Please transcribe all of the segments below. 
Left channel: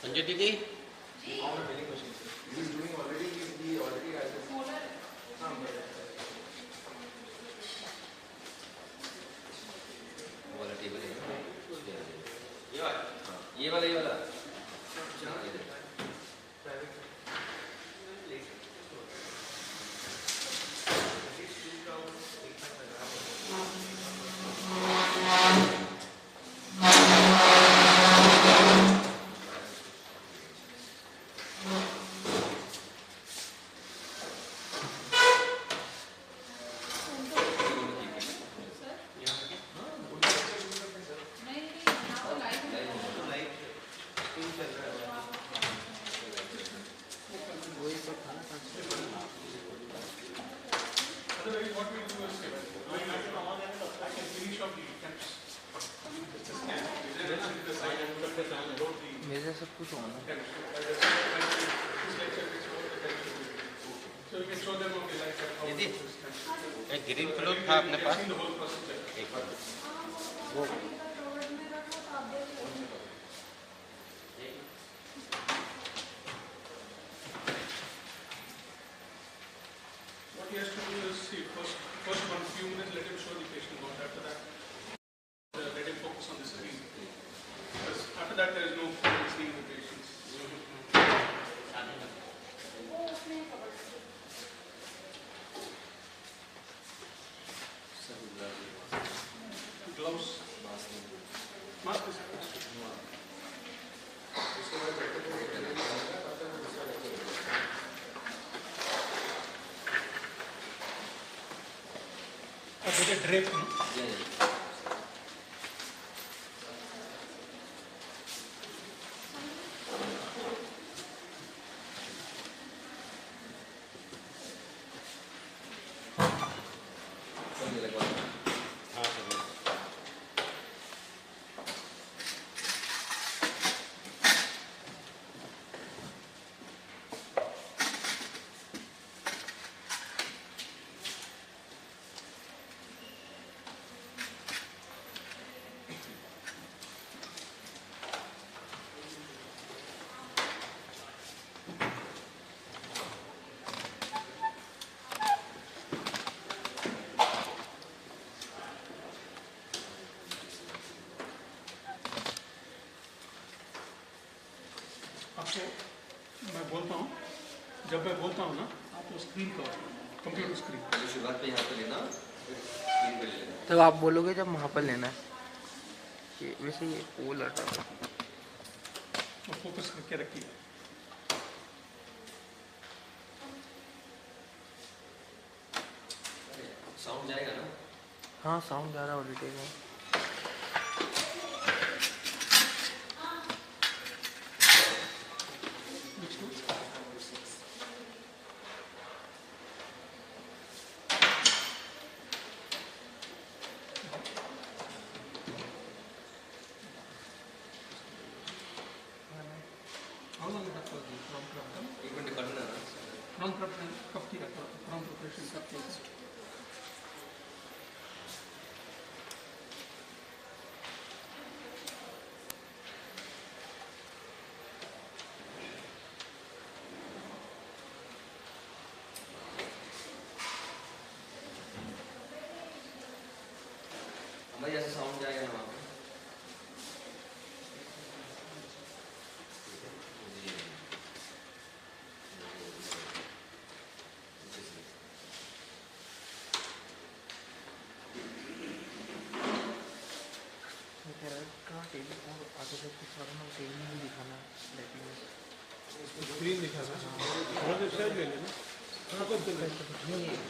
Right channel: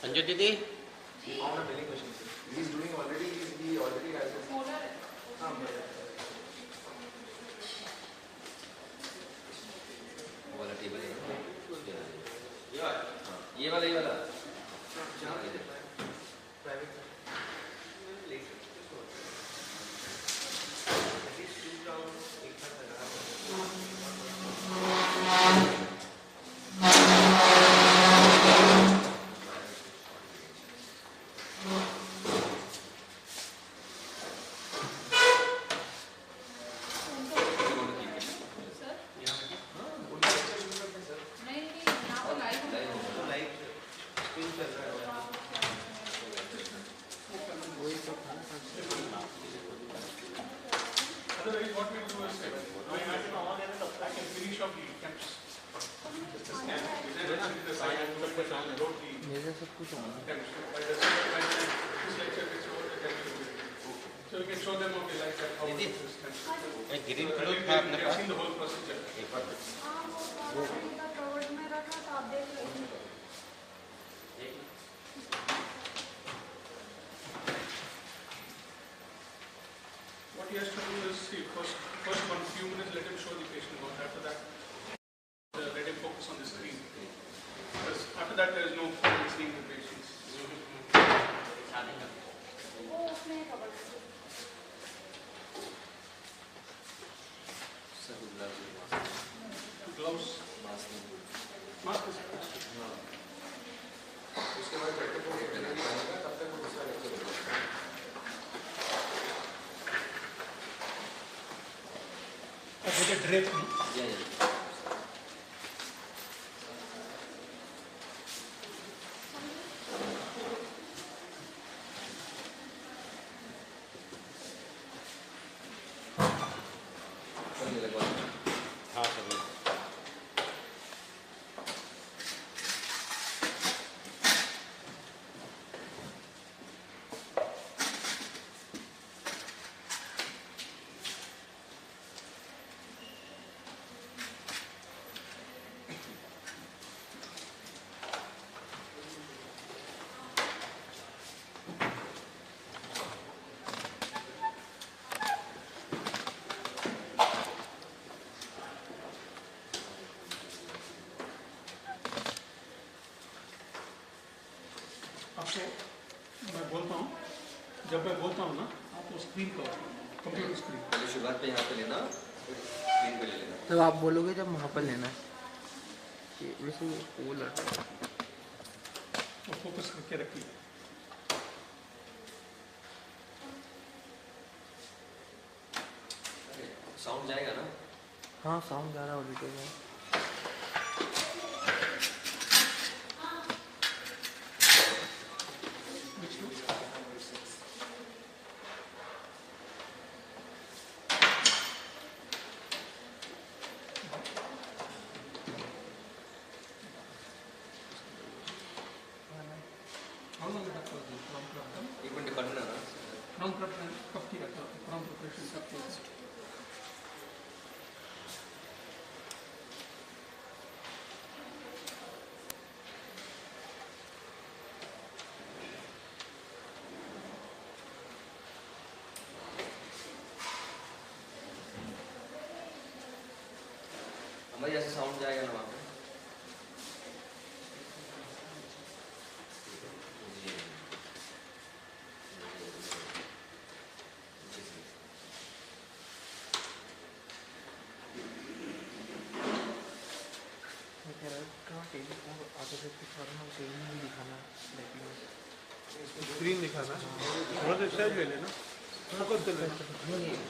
Sanjay Didi? He found a milling machine. He is doing already. He already has it. वो वाला table है ना? ये वाला मेरे सब कुछ होना दीदी एक ग्रीन क्लोथ था अपने पास एक बार वो What he has to do is, see, first one few minutes, let him show the patient what. After that, let him focus on the screen. Because after that, there is no point in seeing the patients. Gloves. Mask is drape. आपको मैं बोलता हूँ, जब मैं बोलता हूँ ना, आप वो स्क्रीन पर कंप्यूटर स्क्रीन पहले शुरुआत पे यहाँ पे लेना स्क्रीन पे ले लेना तब आप बोलोगे जब वहाँ पर लेना है ये वैसे ये पोल है और फोकस करके रखिए। साउंड जाएगा ना? हाँ साउंड जा रहा है ऑलरेडी में एक मिनट करना ना फ्रॉम प्रिपरेशन कब की रखा फ्रॉम प्रिपरेशन कब की हमारे जैसे साउंड जाएगा ना वहाँ पे स्क्रीन दिखाना थोड़ा सा साइड ले लेना थोड़ा बहुत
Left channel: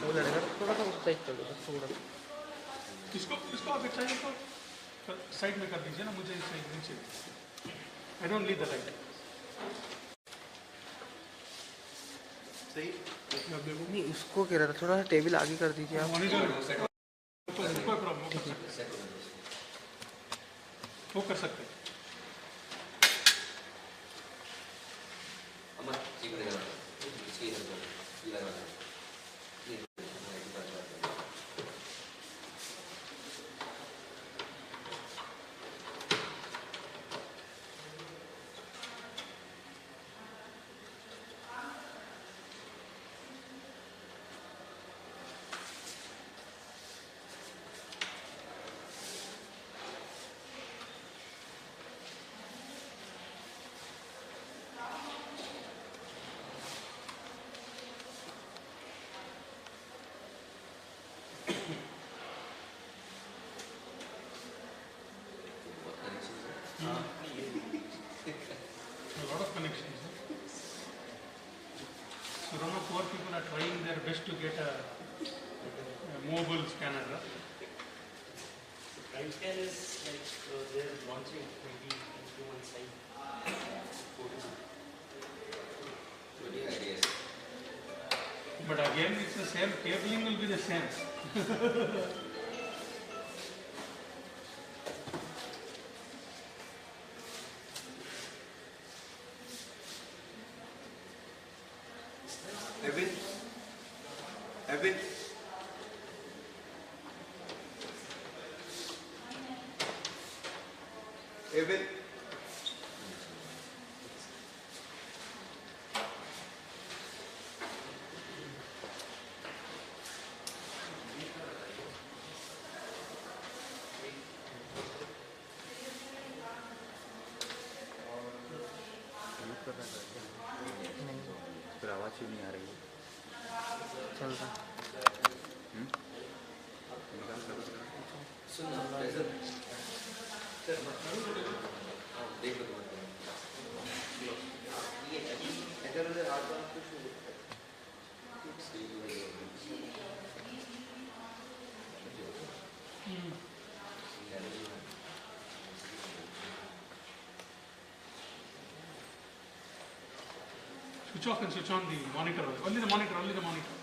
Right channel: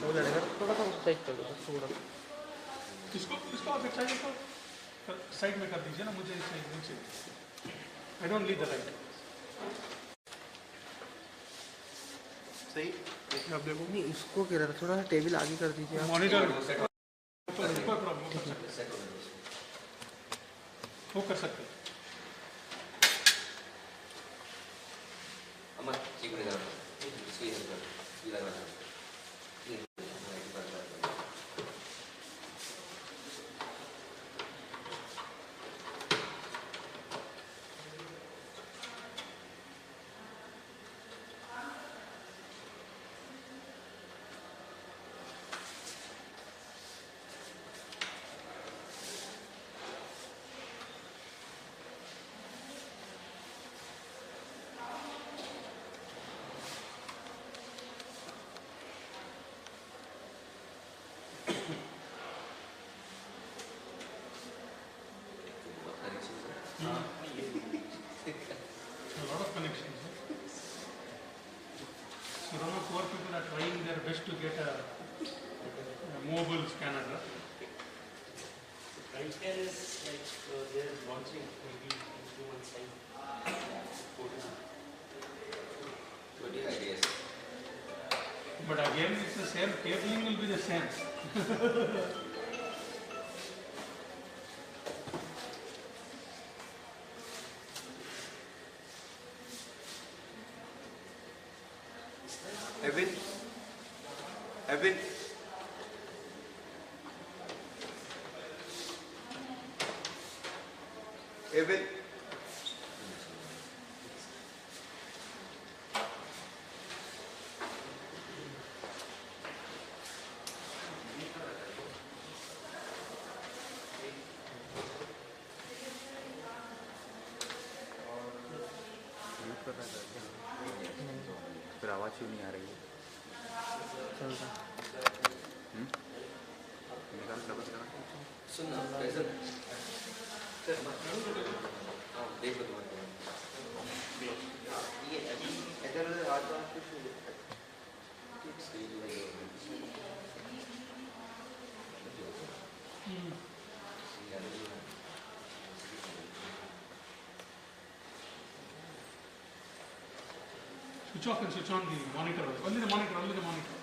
वो लड़ेगा थोड़ा सा उस साइड चलो बस थोड़ा इसको अगर चाहिए तो साइड में कर दीजिए ना मुझे इस साइड नीचे I don't need the light सही आप देखो नहीं उसको कह रहा था थोड़ा सा टेबल आगे कर दीजिए आप मॉनिटर कोई प्रॉब्लम वो कर सकते हैं अमर एक मिनट इसकी ये लगाना connections. So a lot of poor people are trying their best to get a mobile scanner. Prime scan is like they're launching maybe in 2 months time. Totally ideas. But again, it's the same. Cabling will be the same. Evan. Evan. Evan. Mute कर रहा था क्या? नहीं, फिर आवाज़ क्यों नहीं आ रही है? चल रहा निकाल कर बस सुन ना कैसे देख लो तुम्हारे ये इधर उधर हाथ में कुछ Switch off and switch on the monitor. Only the monitor, only the monitor.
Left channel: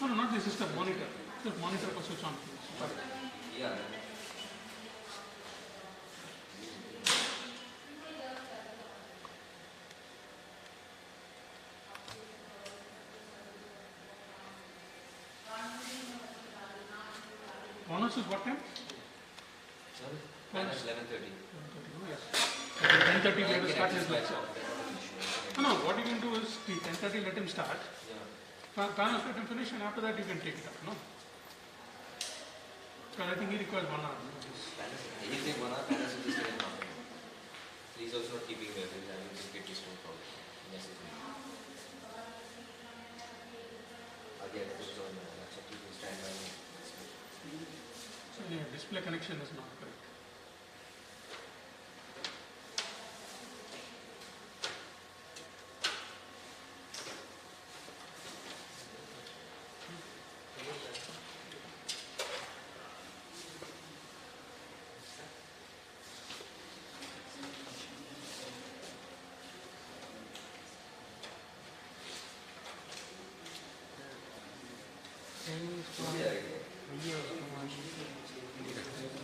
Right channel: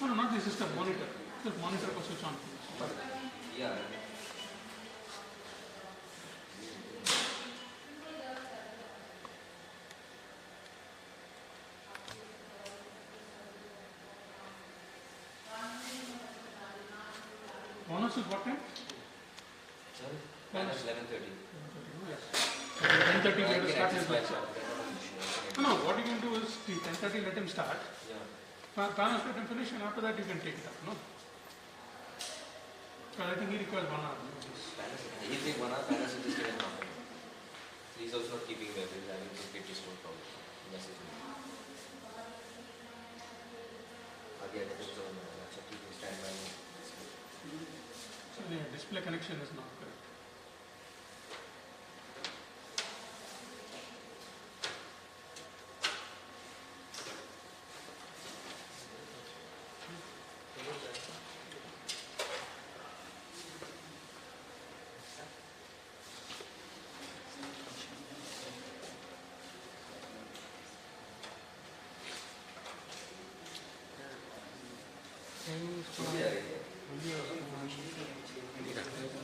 No, no, not the system, monitor. Just monitor को switch on. Yeah. Bonus is what time? Minus 11:30. 10:30 we have to start his lecture. No, what you can do is 10:30 let him start. Yeah. Panels let him finish and after that you can take it up, no? Because I think he requires 1 hour. He'll take 1 hour, Panas will just get half an hour. So he's also not keeping well, he's having to get his phone call. Message me. Again, it's on laptop, you can stand by me. So the display connection is not correct.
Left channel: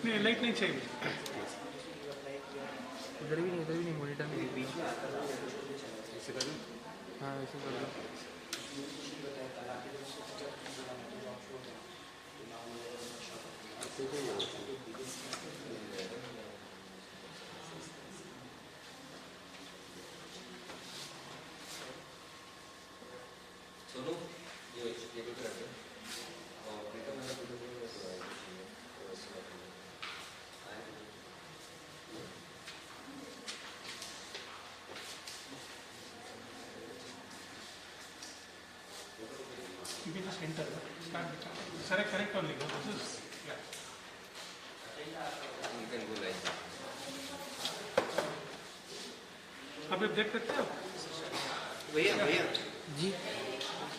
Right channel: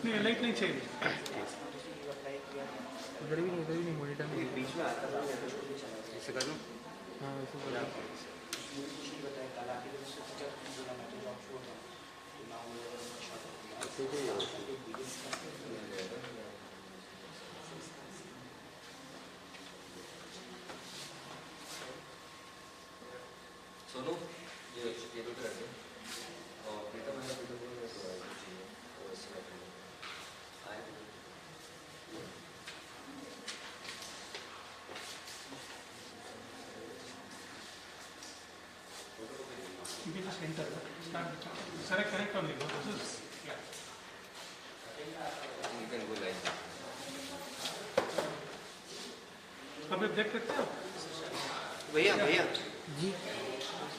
नहीं light नहीं चाहिए इधर भी नहीं monitor में बीच में इसे कर दूँ? हाँ वैसे कर दो सोनू ये टेबल पे रख दो और प्रीतम है प्रीतम को चाहिए तो ऐसे रख दो आए you can just enter start the channel. Select connect only no? This is yeah. you can go like that. अब आप देख सकते हो भैया भैया जी ये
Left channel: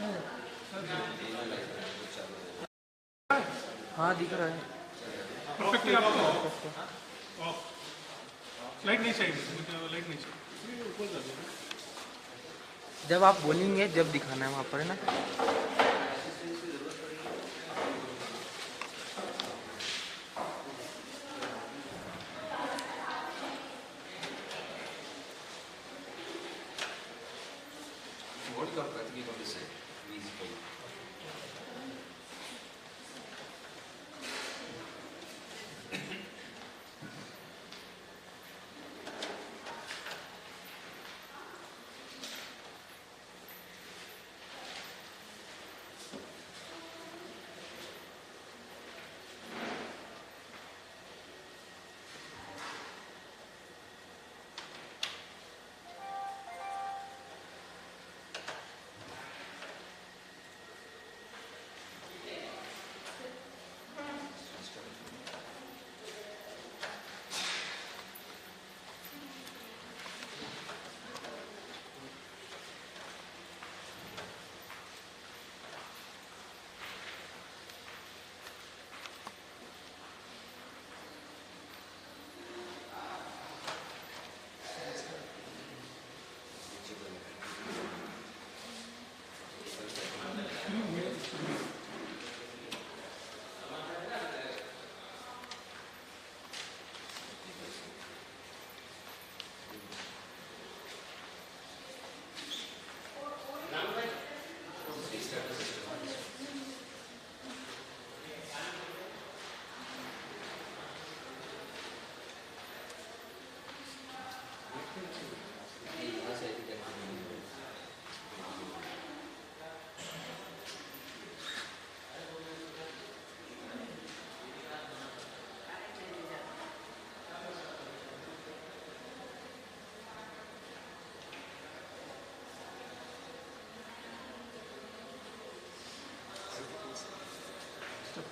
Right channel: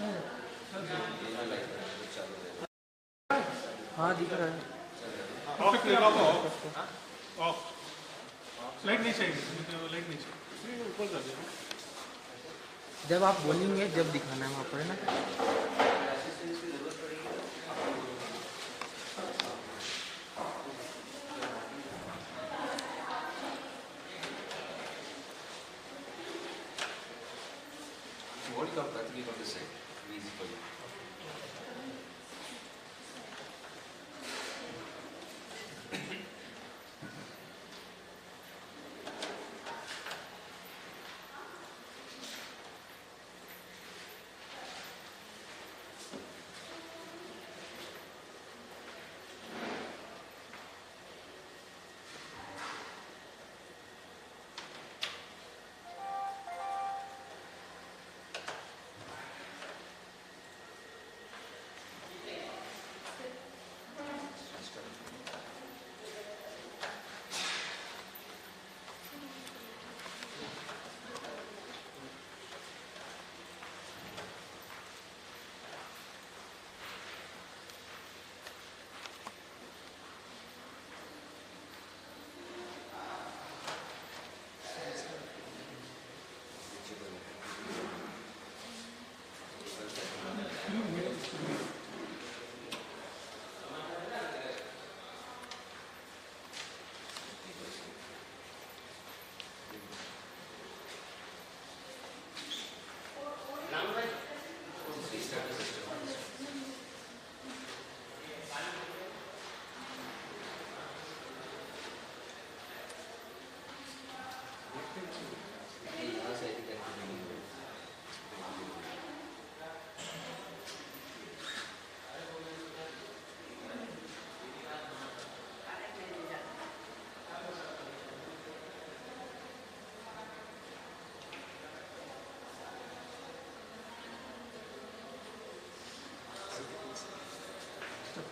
जो लाइट है वो चालू है हाँ दिख रहा है ऑफ लाइट नहीं चाहिए मुझे लाइट नहीं चाहिए ऊपर कर देना जब आप बोलेंगे जब दिखाना है वहाँ पर है ना what you are practically going to say easy for you.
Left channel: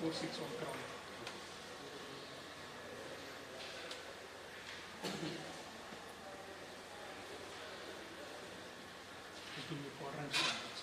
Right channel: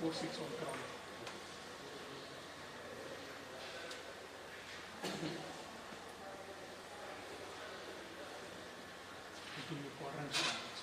4 seats on ground. It will be quadrant standards.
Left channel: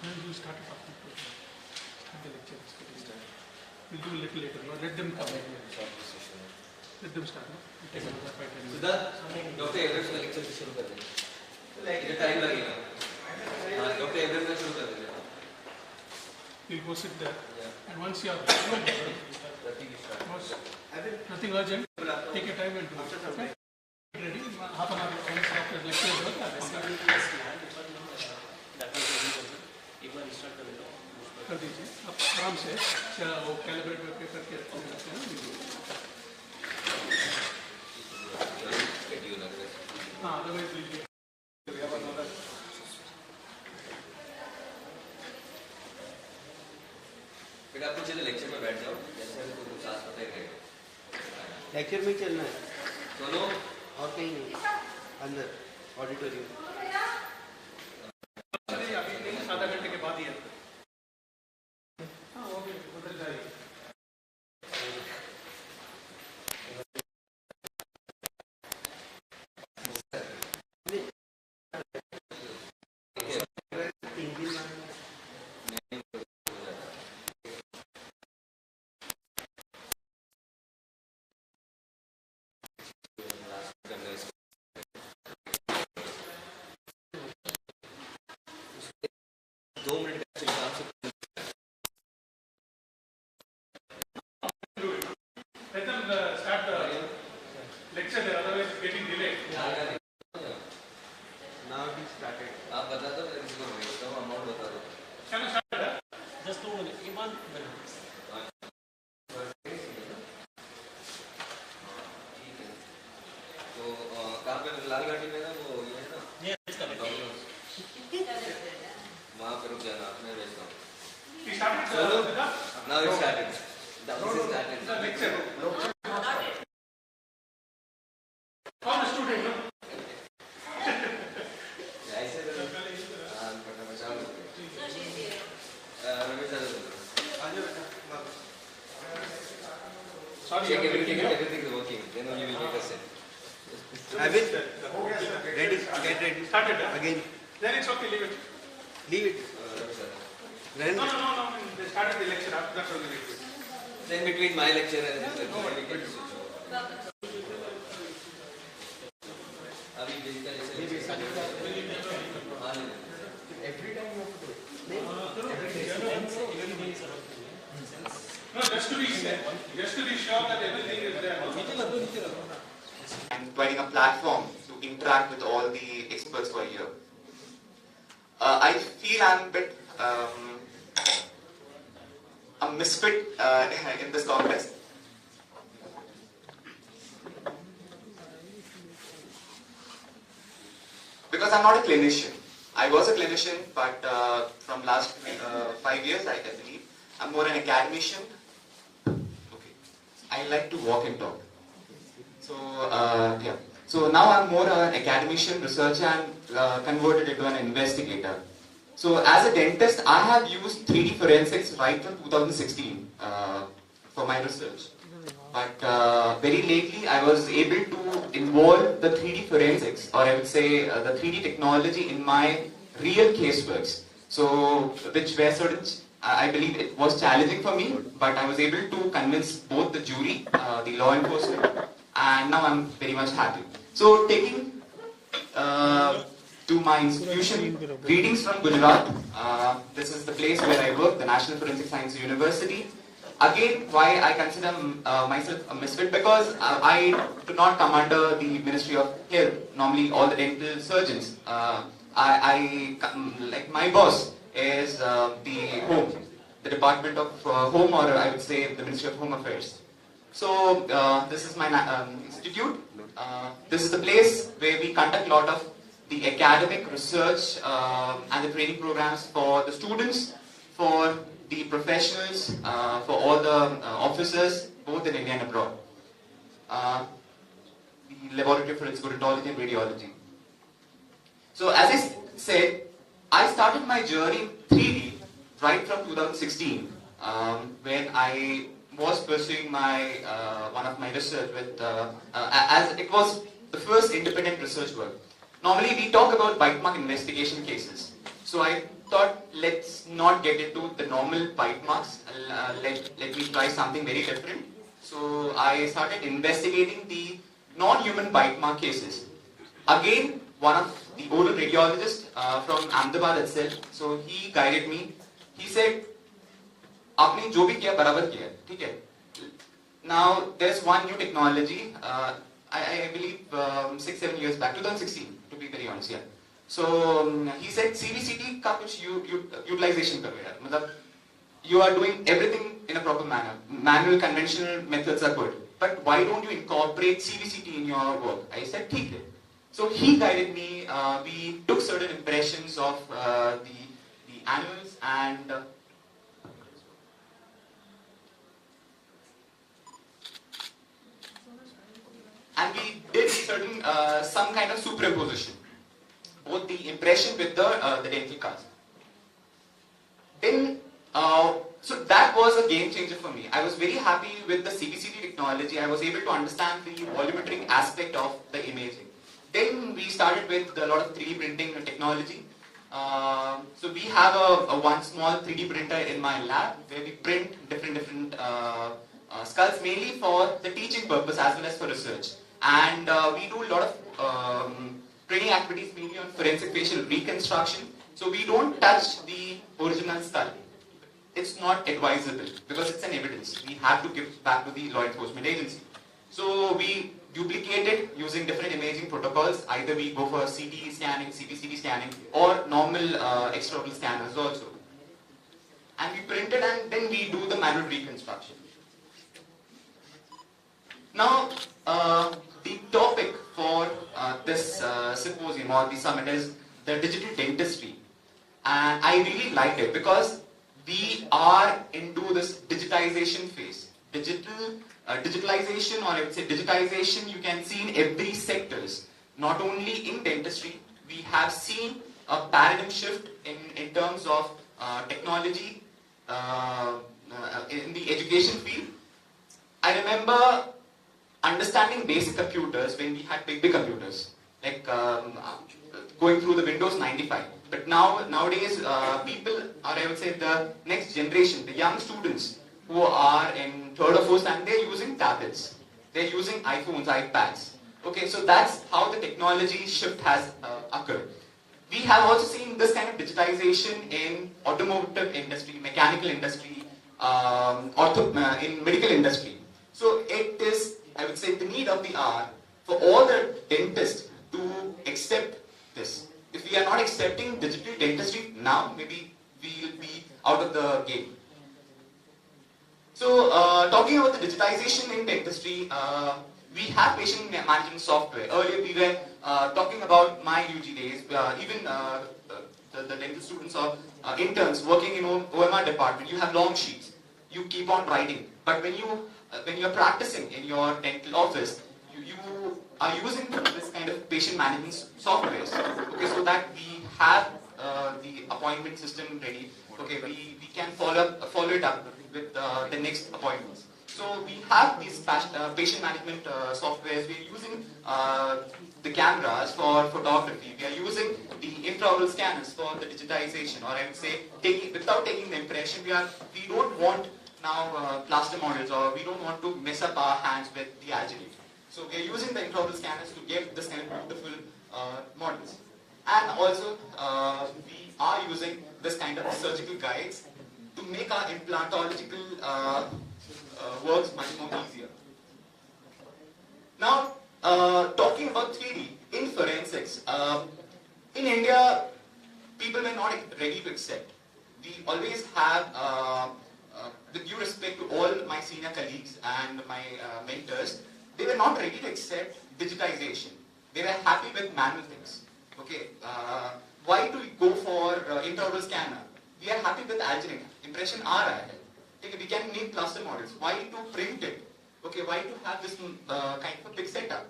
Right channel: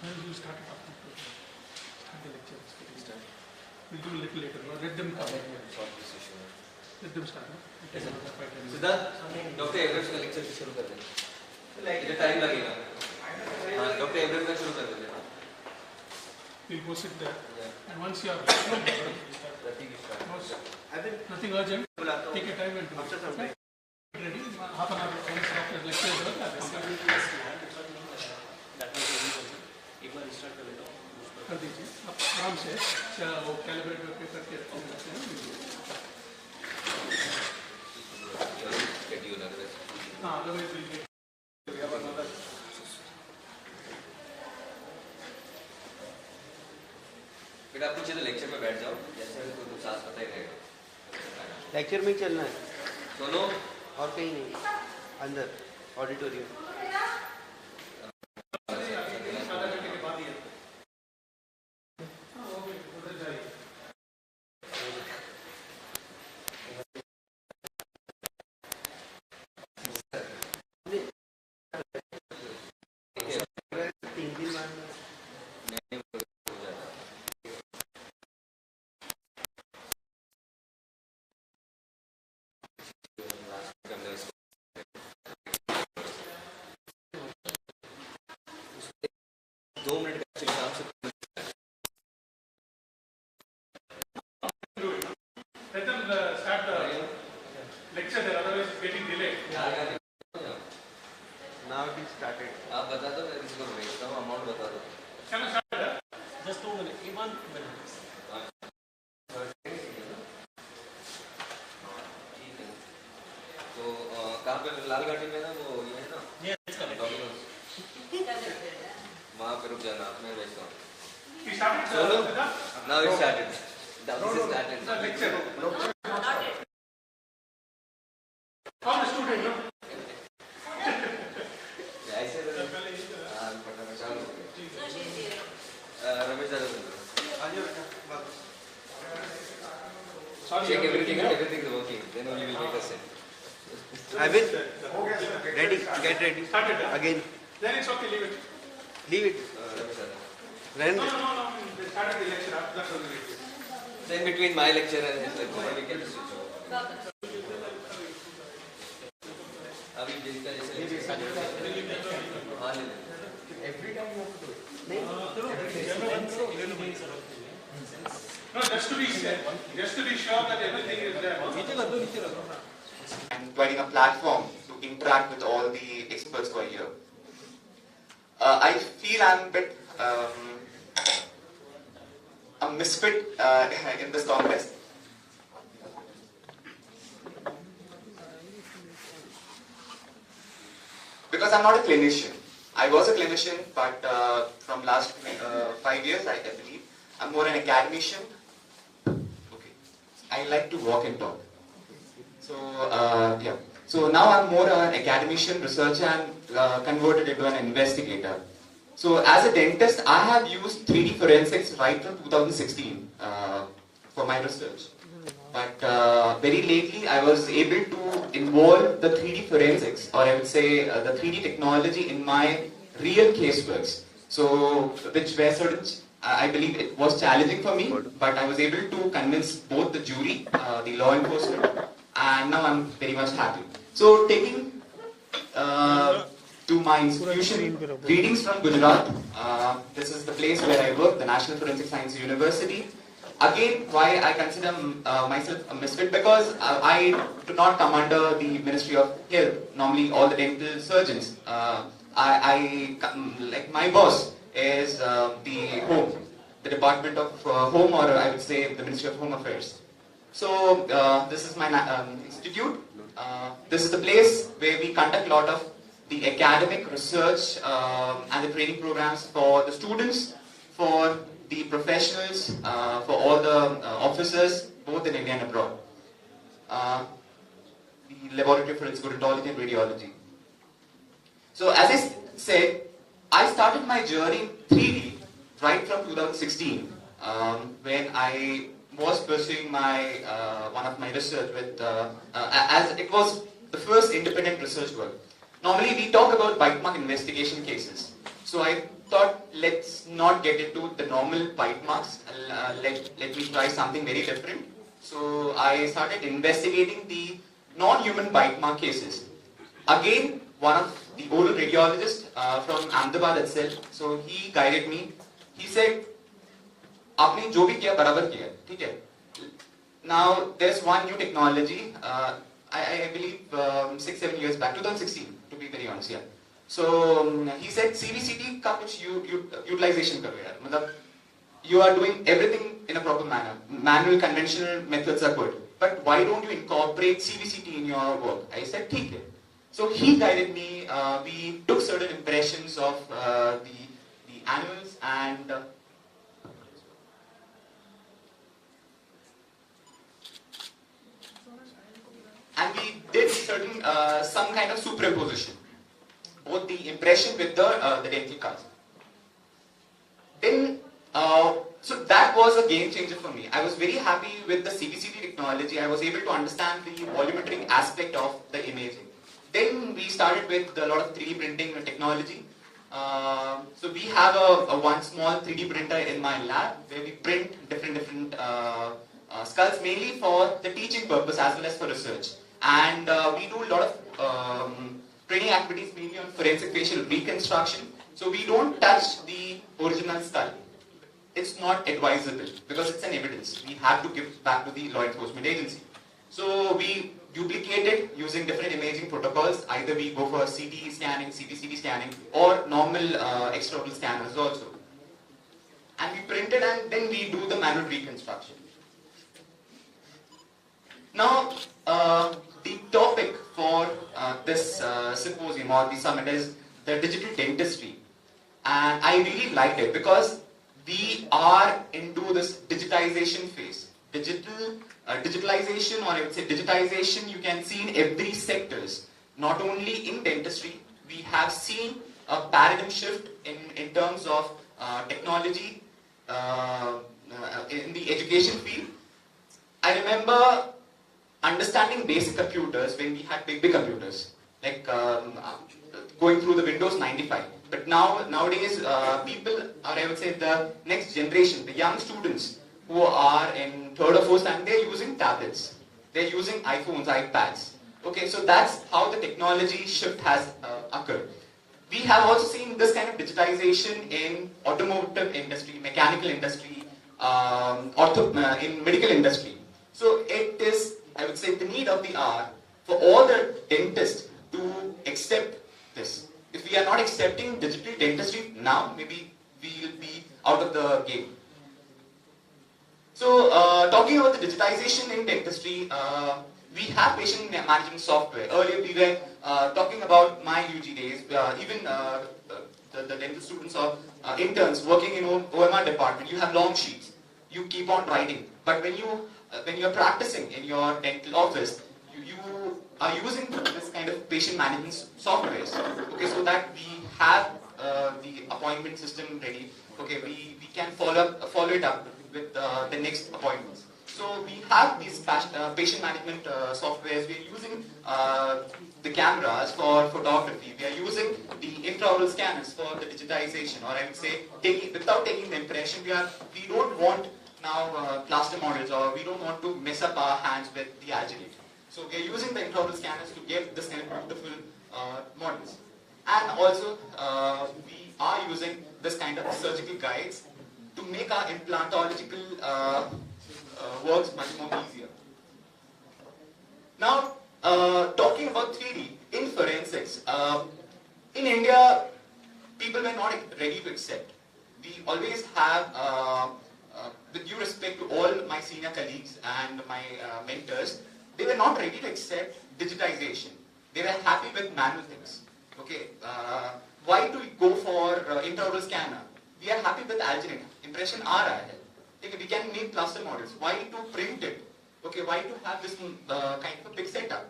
Then we'll start it after start the lecture. We'll do a little later. Let them come. Let them start. We'll take another 5-10 minutes. Siddharth doctor Abraham का lecture शुरू कर देंगे ये time लगेगा हाँ doctor Abraham का शुरू कर देंगे We'll go sit there. And once you are nothing urgent, take your time and do it. Okay? Ready? Half an hour after lecture. कर दीजिए आप आराम से वो कैलिब्रेट पे करके रखते हैं हाँ अदरवाइज बेटा आप पूछे तो लेक्चर में बैठ जाओ जैसे अभी कुछ साथ पता ही रहेगा लेक्चर में चलना है सुनो और कहीं नहीं अंदर ऑडिटोरियम आधा घंटे के बाद ही है हाँ वो भी उधर जाइए Let them start the lecture there, otherwise it's getting delayed. Now it is started. आप बता दो मैं इसको भेजता हूँ अमाउंट बता दो Can I start? Just 2 minutes, 1 minute. तो कहाँ पे लाल घाटी में ना वो ये है ना Yes, correct. वहाँ पे रुक जाना मैं भेजता हूँ He started now it started started the lecture. How the student, no? ऐसे तो हाँ पता चालू रमेश दादा Sorry, check everything is working then only will make a sense I will. Ready. Get ready. Started. Again. Then it's okay, leave it. Leave it. Ramesh दादा Then. No. They started the lecture after that only. then between my lecture and his lecture we can switch over अभी जिसका जैसे हाँ Every time you have to do it. No, just to be sure that everything is there. And providing a platform to interact with all the experts who are here. I feel I'm a bit a misfit in this contest. Because I'm not a clinician. I was a clinician, but from last 5 years, I believe, I'm more an academician. Okay. I like to walk and talk. So, yeah. So now I'm more an academician, researcher, and converted into an investigator. So as a dentist, I have used 3D forensics right from 2016 for my research. But very lately, I was able to involve the 3D forensics, or I would say the 3D technology in my real caseworks. So, which were sort of I believe it was challenging for me, but I was able to convince both the jury, the law enforcement, and now I'm very much happy. So taking to my institution, greetings from Gujarat. This is the place where I work, the National Forensic Science University. Again, why I consider myself a misfit, because I do not come under the Ministry of Health. Normally, all the dental surgeons. Like my boss is the Home, the Department of Home, or I would say the Ministry of Home Affairs. So this is my institute. This is the place where we conduct a lot of the academic research and the training programs for the students, for the professionals, for all the officers, both in India and abroad. The Laboratory of Forensic Odontology and Radiology. So as I said, I started my journey in 3D right from 2016, when I was pursuing my one of my research with, as it was the first independent research work. Normally we talk about bite mark investigation cases. So I thought, let's not get into the normal bite marks. Let me try something very different. So I started investigating the non-human bite mark cases. Again, one of the oral radiologists from Ahmedabad itself, so he guided me. He said, "Aapne jo bhi kiya, barabar kiya, theek hai." Now there's one new technology. I believe 6-7 years back, 2016, to be very honest, yeah. So he said, CVCT का कुछ utilization करो यार. मतलब you are doing everything in a proper manner. Manual, conventional methods are good, but why don't you incorporate CVCT in your work? I said, ठीक है. So he guided me. We took certain impressions of the animals and we did certain some kind of superimposition, both the impression with the dental cast. Then, so that was a game changer for me. I was very happy with the CVCT technology. I was able to understand the volumetric aspect of the imaging. Then we started with a lot of 3D printing technology. So we have a one small 3D printer in my lab where we print different skulls, mainly for the teaching purpose as well as for research. And we do a lot of training activities mainly on forensic facial reconstruction. So we don't touch the original skull. It's not advisable because it's an evidence. We have to give back to the law enforcement agency. So we duplicate it using different imaging protocols. Either we go for CT scanning, CT scanning, or normal extraoral scanners also. And we print it and then we do the manual reconstruction. Now, the topic for this symposium or the summit is the digital dentistry. And I really liked it because we are into this digitization phase. Digitalization, or I would say digitization, you can see in every sectors. Not only in dentistry, we have seen a paradigm shift in terms of technology in the education field. I remember understanding basic computers when we had big computers, like going through the Windows 95. But nowadays, people, or I would say the next generation, the young students who are in 3rd or 4th standard, they're using tablets. They're using iPhones, iPads. Okay, so that's how the technology shift has occurred. We have also seen this kind of digitization in automotive industry, mechanical industry, in medical industry. So it is, I would say, the need of the hour for all the dentists to accept this. If we are not accepting digital dentistry now, maybe we will be out of the game. So, talking about the digitization in dentistry, we have patient management software. Earlier we were talking about my UG days, even the dental students or interns working in OMR department, you have long sheets. You keep on writing. But when you are practicing in your dental office, you are using this kind of patient management softwares. Okay, so that we have the appointment system ready. Okay, we can follow it up with the next appointments. So we have these patient management softwares. We are using the cameras for photography. We are using the intraoral scanners for the digitization, or I would say, without taking the impression, we don't want now plaster models, or we don't want to mess up our hands with the algae. So we are using the intraoral scanners to get this kind of beautiful models. And also, we are using this kind of surgical guides to make our implantological works much more easier. Now, talking about 3D in forensics, in India, people were not ready to accept. We always have, with due respect to all my senior colleagues and my mentors, they were not ready to accept digitization. They were happy with manual things. Okay, why to go for intraoral scanner? We are happy with algorithmic. Impression aa raha hai. Okay, we can make plaster models. Why to print it? Okay, why to have this kind of a big setup?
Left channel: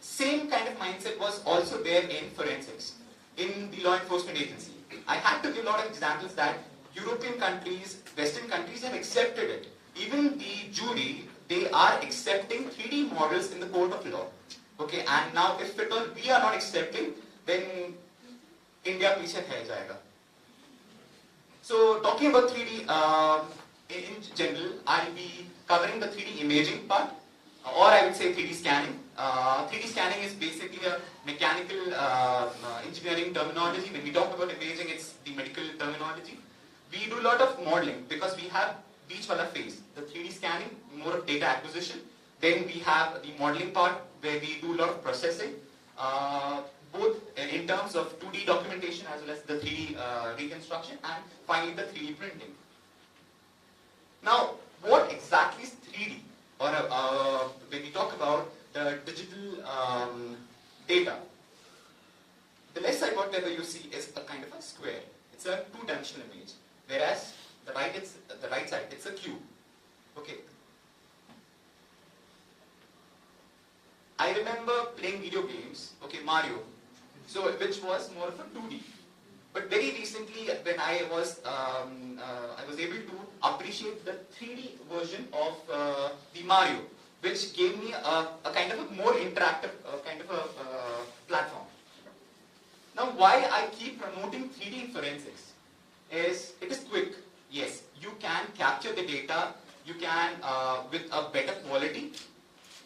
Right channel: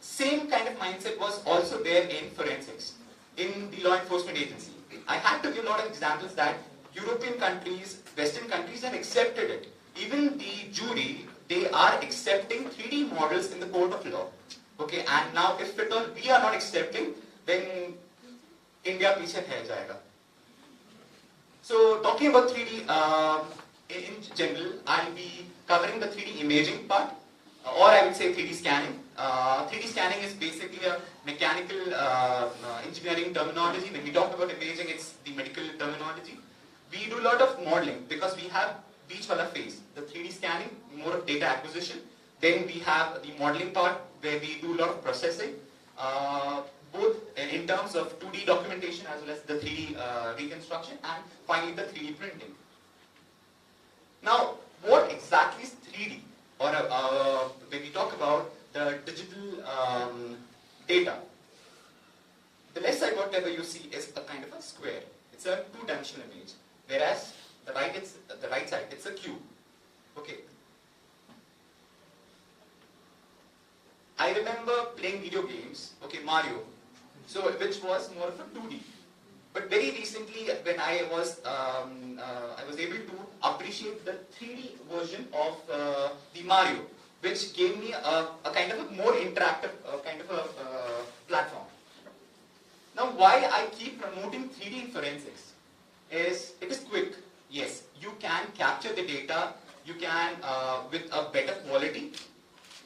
Same kind of mindset was also there in forensics, in the law enforcement agency. I had to give a lot of examples that European countries, Western countries have accepted it. Even the jury, they are accepting 3D models in the court of law. Okay, and now if at all we are not accepting, then India piche hai jayega. So talking about 3D in general, I'll be covering the 3D imaging part, or I would say 3D scanning. 3D scanning is basically a mechanical engineering terminology. When we talk about imaging, it's the medical terminology. We do a lot of modeling because we have beach wala phase. The 3D scanning, more of data acquisition. Then we have the modeling part where we do a lot of processing, both in terms of 2D documentation as well as the 3D reconstruction, and finally the 3D printing. Now, what exactly is 3D? Or when we talk about the digital data, the left side, whatever you see, is a kind of a square. It's a two-dimensional image, whereas the right side, it's a cube. Okay. I remember playing video games, okay, Mario, so which was more of a 2D. But very recently, when I was able to appreciate the 3D version of the Mario, which gave me a kind of a more interactive kind of a platform. Now, why I keep promoting 3D in forensics is it is quick. Yes, you can capture the data. You can with a better quality,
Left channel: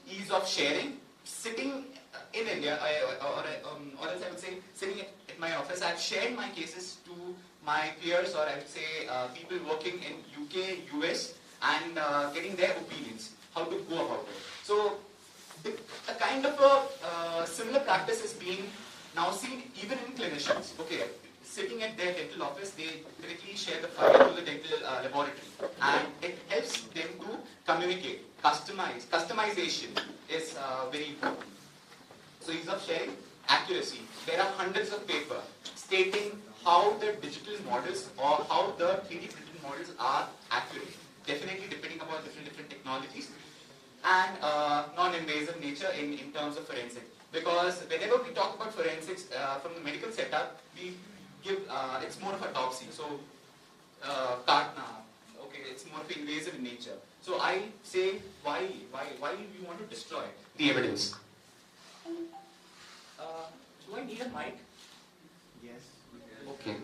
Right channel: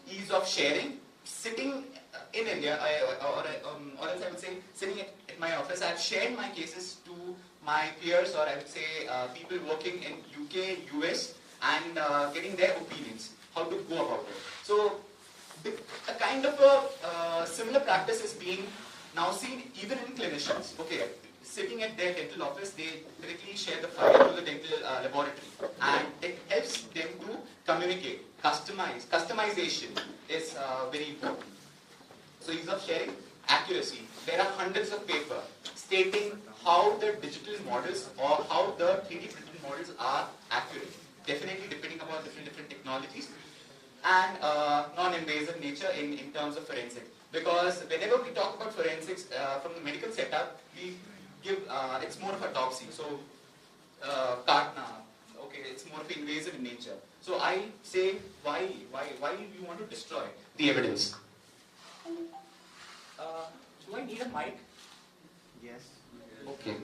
ease of sharing. Sitting in India, or else I would say sitting at my office, I've shared my cases to my peers, or I would say people working in UK, US, and getting their opinions, how to go about it. So a kind of a similar practice is being now seen even in clinicians. Okay, sitting at their dental office, they directly share the file to the dental laboratory, and it helps them to communicate, customize. Customization is very important. So ease of sharing, accuracy. There are hundreds of papers stating how the digital models or how the 3D printed models are accurate. Definitely depending upon different technologies, and non-invasive nature in terms of forensics. Because whenever we talk about forensics from the medical setup, we give it's more of a autopsy. So Kartna, okay, it's more of invasive in nature. So I say, why you want to destroy the evidence? Do I need a mic? Yes. Okay.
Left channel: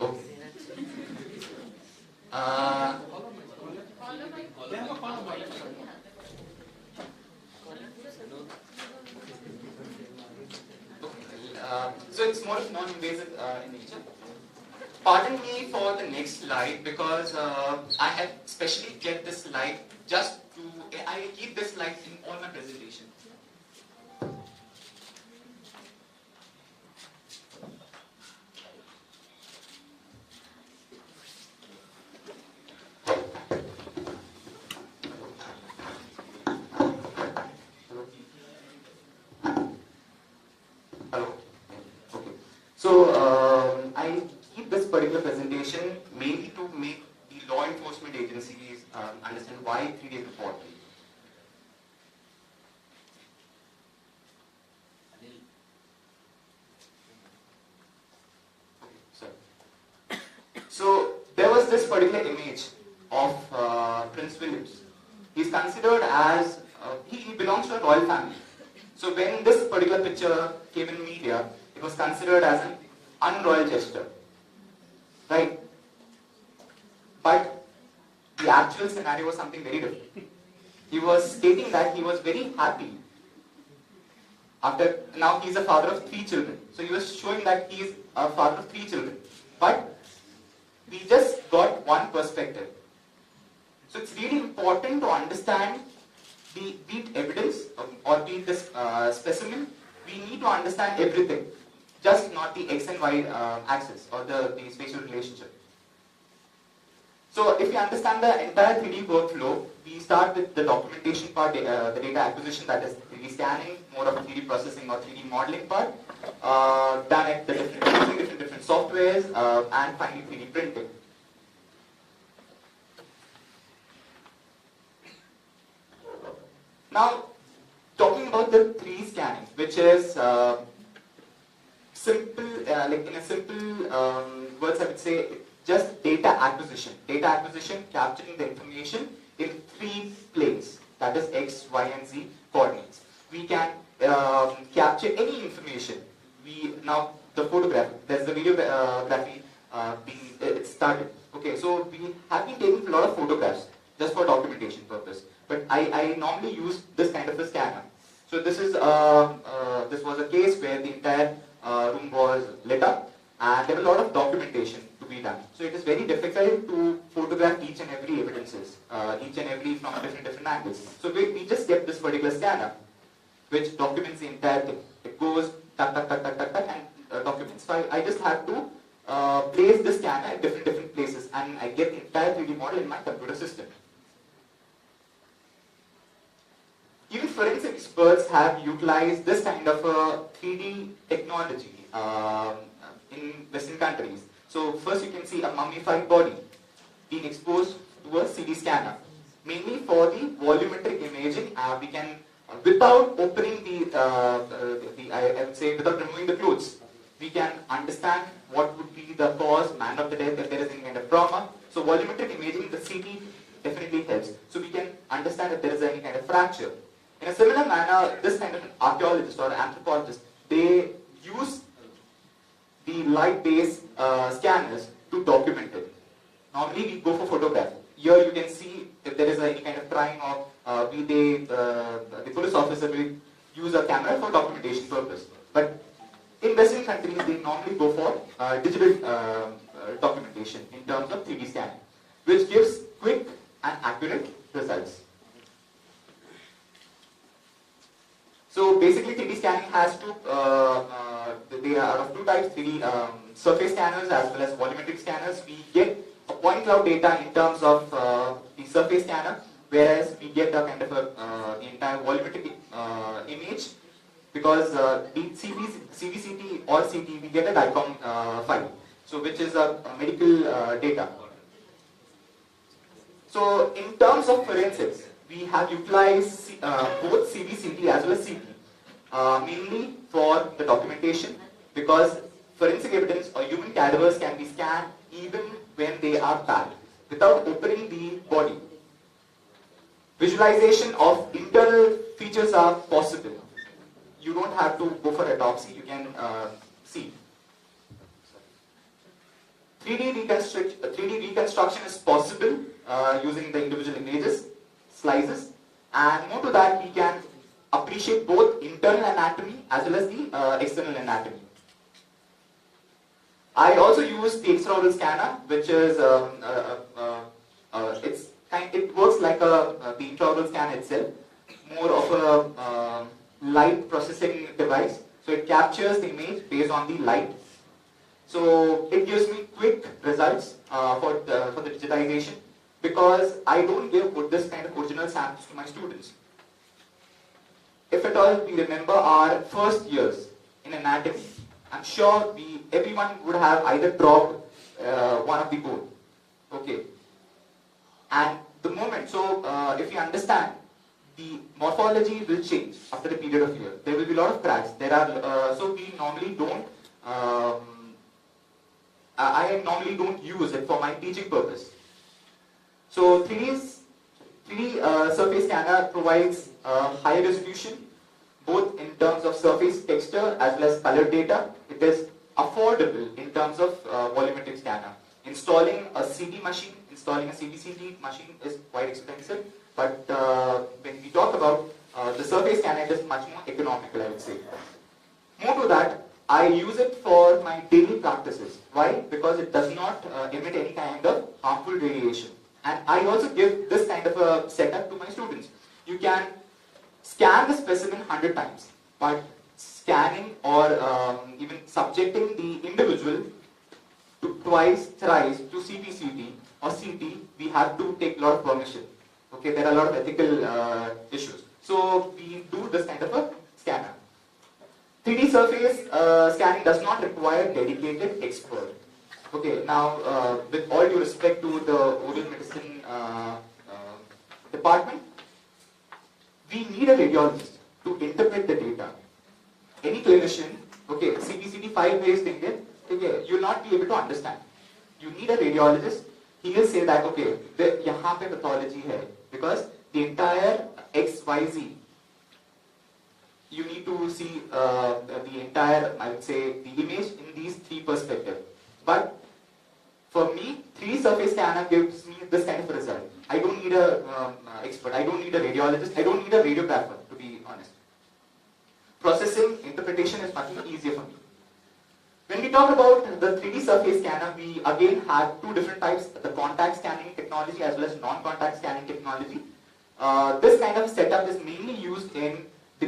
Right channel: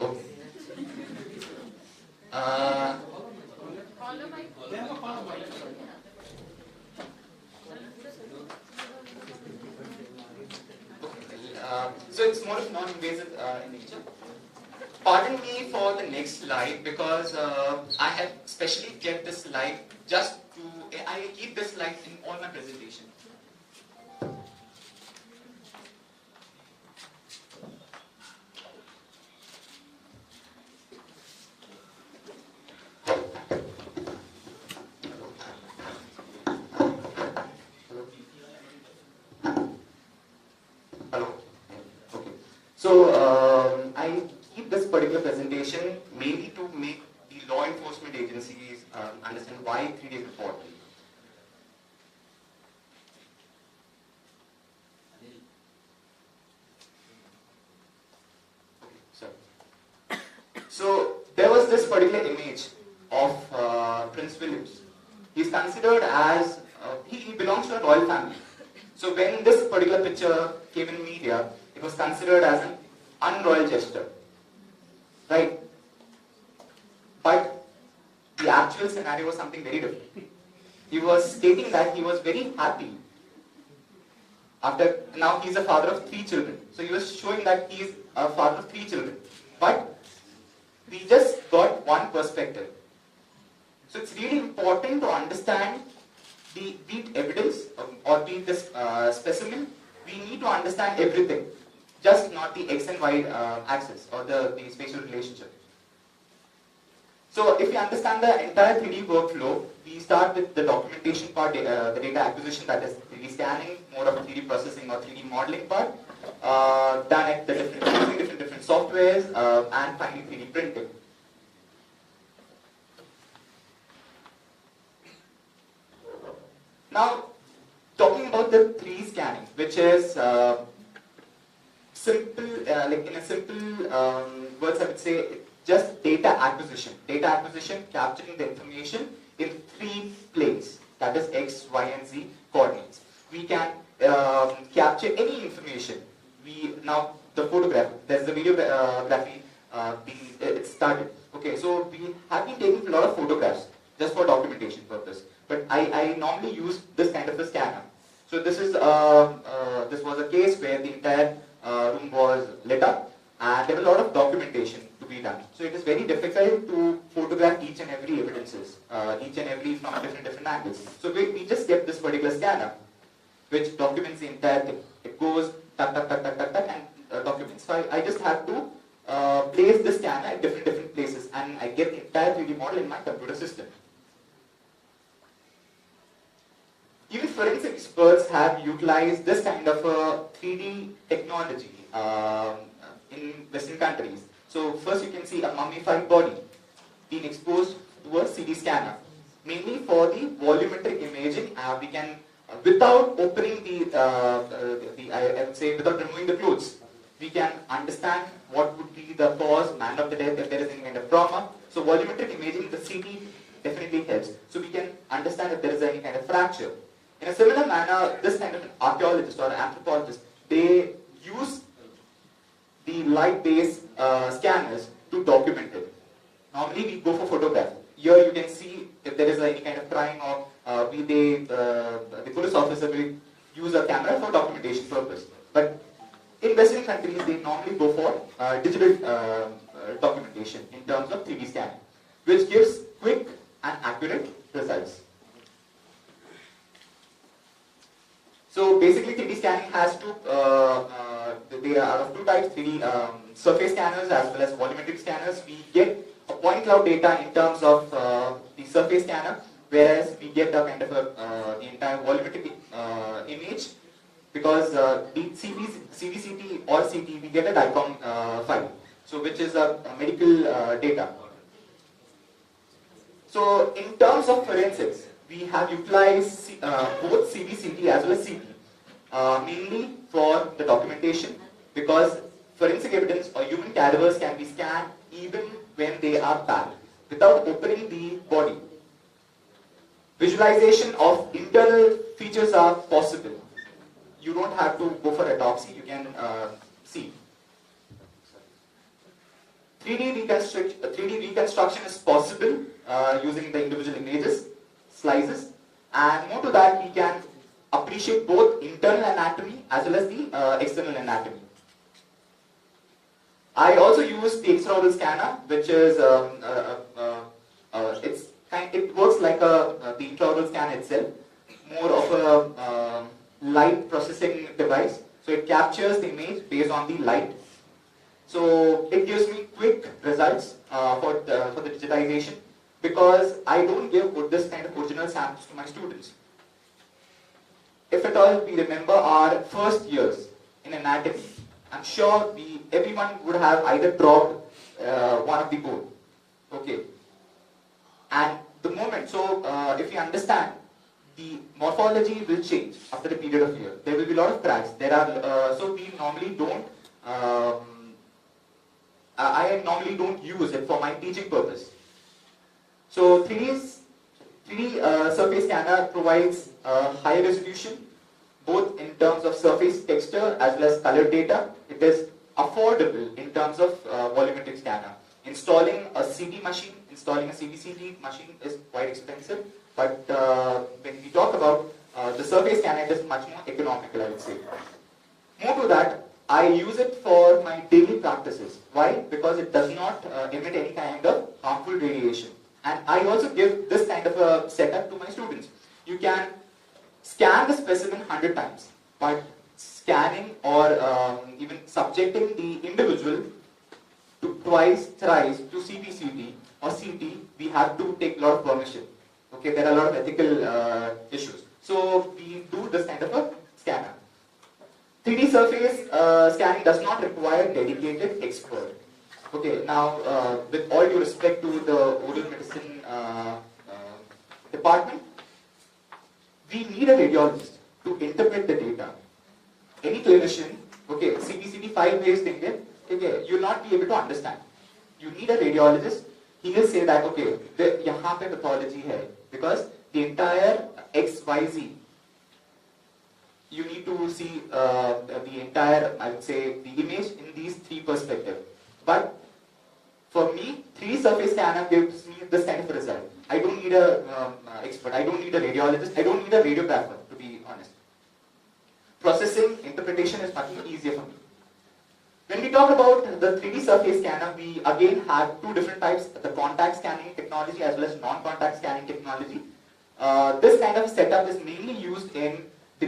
So it's more of non-invasive in nature. Pardon me for the next slide, because I have specially kept this slide just to, I keep this slide in all my presentation. So I keep this particular presentation mainly to make the law enforcement agencies understand why 3D is important. So there was this particular image of Prince Williams. He's considered as, he belongs to a royal family. So when this particular picture came in media, it was considered as an unroyal gesture, right? But the actual scenario was something very different. He was stating that he was very happy. Now he's a father of 3 children. So he was showing that he is a father of 3 children. But we just got one perspective. So it's really important to understand be it evidence or be it this specimen. We need to understand everything, just not the x and y axis or the spatial relationship. So if we understand the entire 3D workflow, we start with the documentation part, the data acquisition, that is 3D scanning, more of a 3D processing or 3D modeling part, done at the different softwares, and finally 3D printing. Now, talking about the 3D scanning, which is simple, like in a simple words, I would say just data acquisition. Data acquisition, capturing the information in 3 planes, that is X, Y, and Z coordinates. We can capture any information. Now the photograph, there's the videography it started. Okay, so we have been taking a lot of photographs just for documentation purpose. But I normally use this kind of a scanner. So this is this was a case where the entire room was lit up, and there was a lot of documentation to be done. So it is very difficult to photograph each and every evidences, each and every from different angles. So we just kept this particular scanner, which documents the entire thing. It goes tuck, and documents. So I just have to place the scanner at different places, and I get the entire 3D model in my computer system. Even forensic experts have utilized this kind of a 3D technology in Western countries. So first you can see a mummified body being exposed to a CD scanner. Mainly for the volumetric imaging, we can, without opening I would say without removing the clothes, we can understand what would be the cause, manner of the death, if there is any kind of trauma. So volumetric imaging, the CD definitely helps. So we can understand if there is any kind of fracture. In a similar manner, this kind of an archaeologist or anthropologist, they use the light-based scanners to document it. Normally we go for photograph. Here you can see if there is any kind of crime or the police officer will use a camera for documentation purpose. But in Western countries, they normally go for digital documentation in terms of 3D scanning, which gives quick and accurate results. So basically 3D scanning has they are of 2 types, 3D surface scanners as well as volumetric scanners. We get a point cloud data in terms of the surface scanner, whereas we get a kind of the entire volumetric image, because the CVCT or CT, we get a DICOM file, so which is a medical data. So in terms of forensics, we have utilized both CVCT as well as CT, mainly for the documentation, because forensic evidence or human cadavers can be scanned even when they are packed, without opening the body. Visualization of internal features are possible. You don't have to go for autopsy, you can see. 3D reconstruction is possible using the individual images, slices, and more to that, we can appreciate both internal anatomy as well as the external anatomy. I also use the extraoral scanner, which is it works like the intraoral scan itself, more of a light processing device. So it captures the image based on the light. So it gives me quick results for the digitization, because I don't give this kind of original samples to my students. If at all we remember our first years in anatomy, I'm sure everyone would have either dropped one of the bone. Okay. And the moment, so if you understand, the morphology will change after a period of year. There will be a lot of cracks. There are so we normally don't. I normally don't use it for my teaching purpose. So 3D 3D surface scanner provides high resolution, both in terms of surface texture as well as color data. It is affordable in terms of volumetric scanner. Installing a CT machine, installing a CBCT machine is quite expensive, but when we talk about the surface scanner, it is much more economical, I would say. More to that, I use it for my daily practices. Why? Because it does not emit any kind of harmful radiation. And I also give this kind of a setup to my students. You can scan the specimen 100 times, but scanning or even subjecting the individual to twice, thrice to CBCT or CT, we have to take a lot of permission. Okay, there are a lot of ethical issues. So we do this kind of a scanner. 3D surface scanning does not require dedicated expert. Okay, now with all due respect to the oral medicine department, we need a radiologist to interpret the data. Any clinician, okay, CBCT 5 days thing there, okay, you will not be able to understand. You need a radiologist. He will say that, okay, यहाँ पे pathology है, because the entire XYZ, you need to see the entire, I would say, the image in these 3 perspectives. But for me, 3D surface scanner gives me this kind of result. I don't need a expert. I don't need a radiologist. I don't need a radiographer, to be honest. Processing, interpretation is much more easier for me. When we talk about the 3D surface scanner, we again have 2 different types: the contact scanning technology as well as non-contact scanning technology. This kind of setup is mainly used in the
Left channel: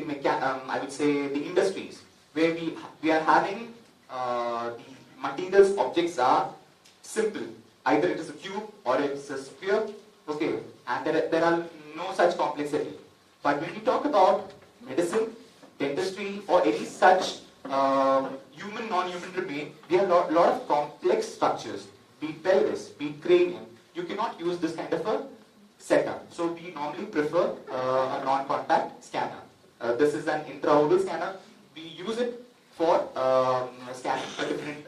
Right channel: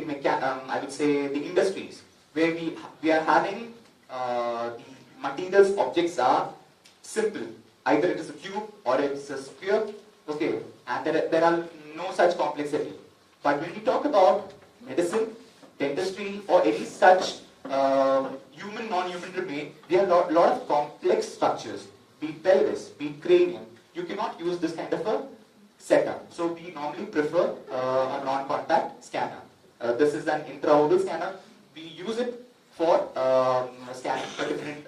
I would say the industries, where we are having the materials, objects are simple. Either it is a cube or it's a sphere, okay, and there are no such complexity. But when we talk about medicine, dentistry, or any such human, non-human domain, there are a lot of complex structures, be it pelvis, be it cranium. You cannot use this kind of a setup. So we normally prefer a non-contact scanner. This is an intraoral scanner. We use it for scanning for different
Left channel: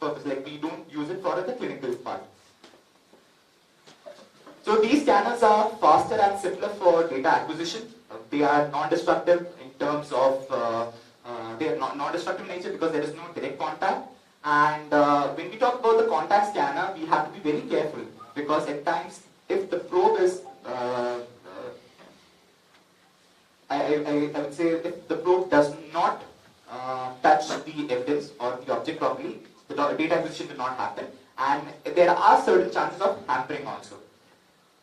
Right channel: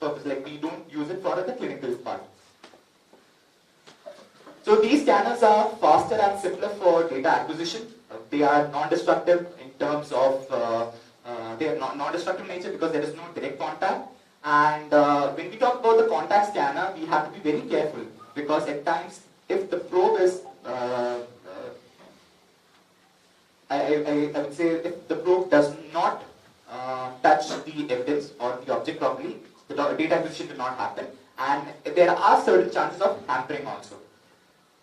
purpose. Like we don't use it for the clinical part. So these scanners are faster and simpler for data acquisition. They are non-destructive in terms of they are non-destructive nature because there is no direct contact. And when we talk about the contact scanner, we have to be very careful because at times, if the probe is I would say if the probe does not touch the evidence or the object properly, the data acquisition will not happen, and there are certain chances of hampering also.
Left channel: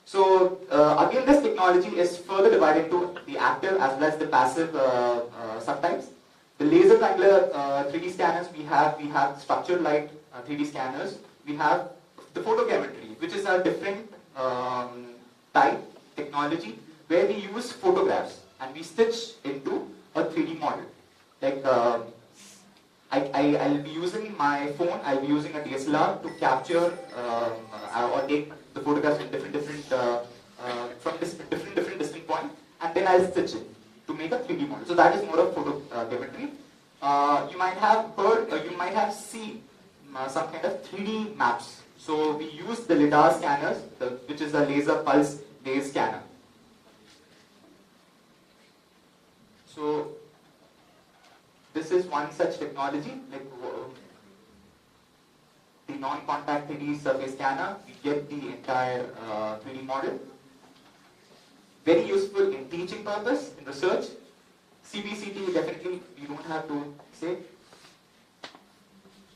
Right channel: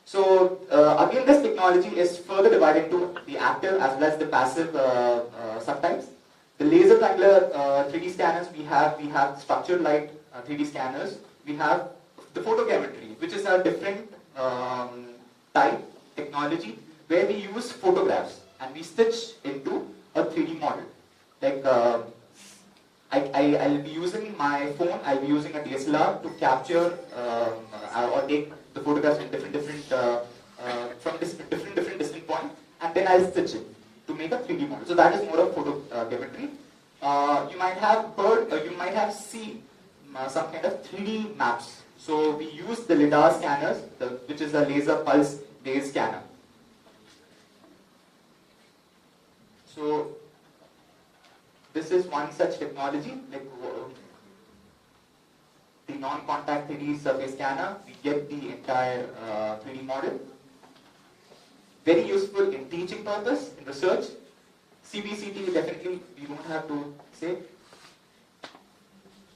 So again, this technology is further divided into the active as well as the passive subtypes. The laser triangular 3D scanners, we have structured light 3D scanners. We have the photogrammetry, which is a different type technology where we use photographs and we stitch into a 3D model. Like I'll be using my phone, I'll be using a DSLR to capture or take the photographs in different distinct points, and then I'll stitch it to make a 3D model. So that is more of photogrammetry. You might have heard, you might have seen some kind of 3D maps. So we use the LiDAR scanners, which is a laser pulse based scanner. So this is one such technology, like the non-contact 3D surface scanner. We get the entire 3D model. Very useful in teaching purpose, in research. CBCT definitely we don't have to say.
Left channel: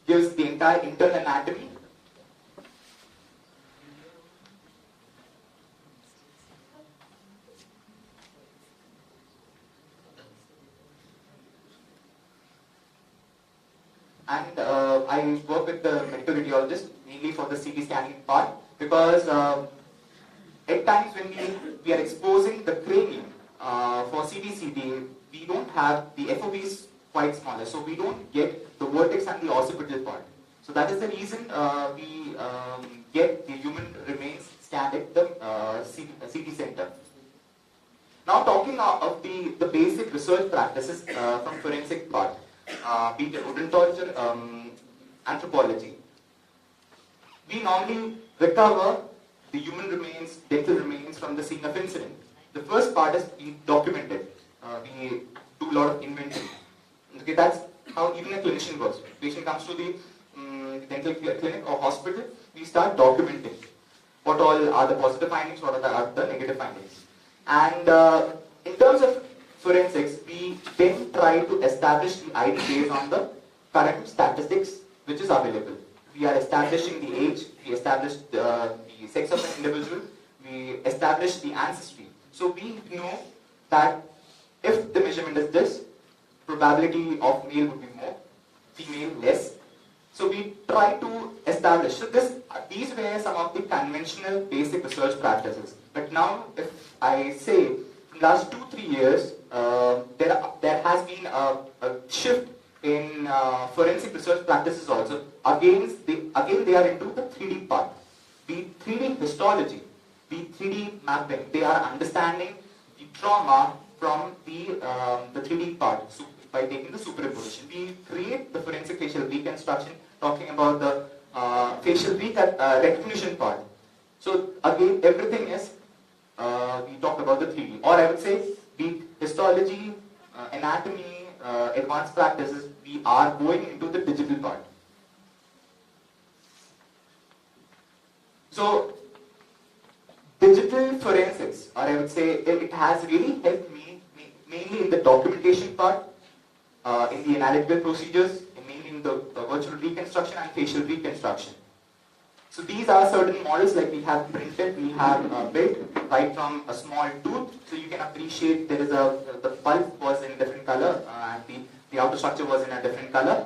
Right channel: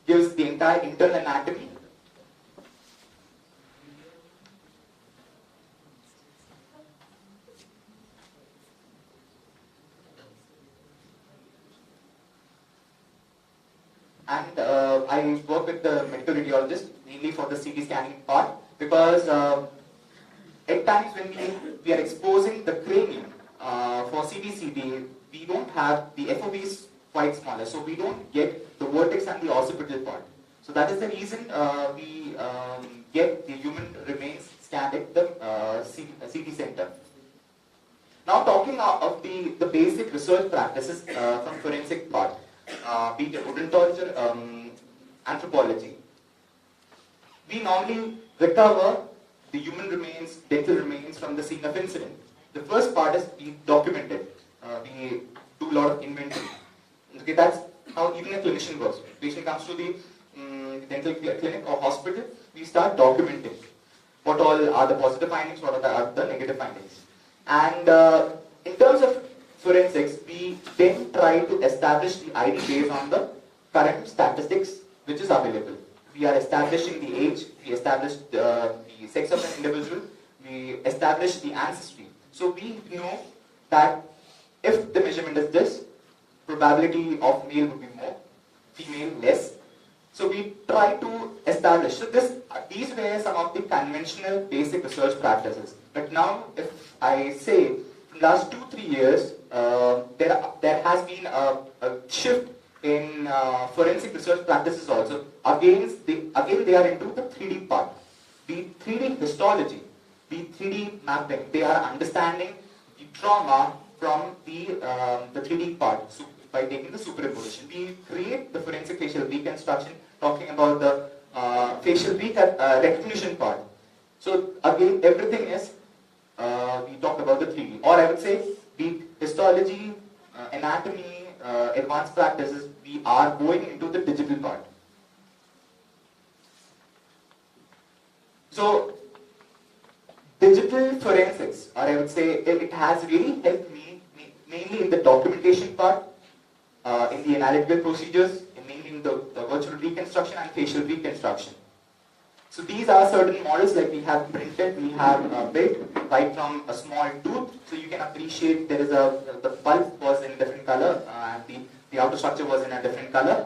Gives the entire internal anatomy. And I work with the medical radiologist mainly for the CT scanning part because at times when we are exposing the cranium for CT, we don't have the FOV is quite smaller, so we don't get the vertex and the occipital part. So that is the reason we get the human remains scanned at the CT center. Now talking of the basic research practices from forensic part. Be it odontology, anthropology. We normally recover the human remains, dental remains from the scene of incident. The first part is we document it. We do a lot of inventory. Okay, that's how even a clinician works. Patient comes to the dental clinic or hospital, we start documenting what all are the positive findings, what are the negative findings. And in terms of forensics, we then try to establish the ID based on the current statistics which is available. We are establishing the age, we establish the sex of an individual, we establish the ancestry. So we know that if the measurement is this, probability of male would be more, female less. So we try to establish. So these were some of the conventional basic research practices. But now, if I say, in the last 2-3 years, there has been a shift in forensic research practices also. Again, they are into the 3D part. Be 3D histology, be 3D mapping. They are understanding the trauma from the 3D part. So by taking the superimposition, we create the forensic facial reconstruction, talking about the facial recognition part. So again, everything is, we talk about the 3D. Or I would say, be histology, anatomy, advanced practices, we are going into the digital part. So, digital forensics, or I would say, it has really helped me mainly in the documentation part, in the analytical procedures, mainly in the virtual reconstruction and facial reconstruction. So these are certain models like we have printed, we have built right from a small tooth. So you can appreciate there is the pulp was in a different color and the outer structure was in a different color.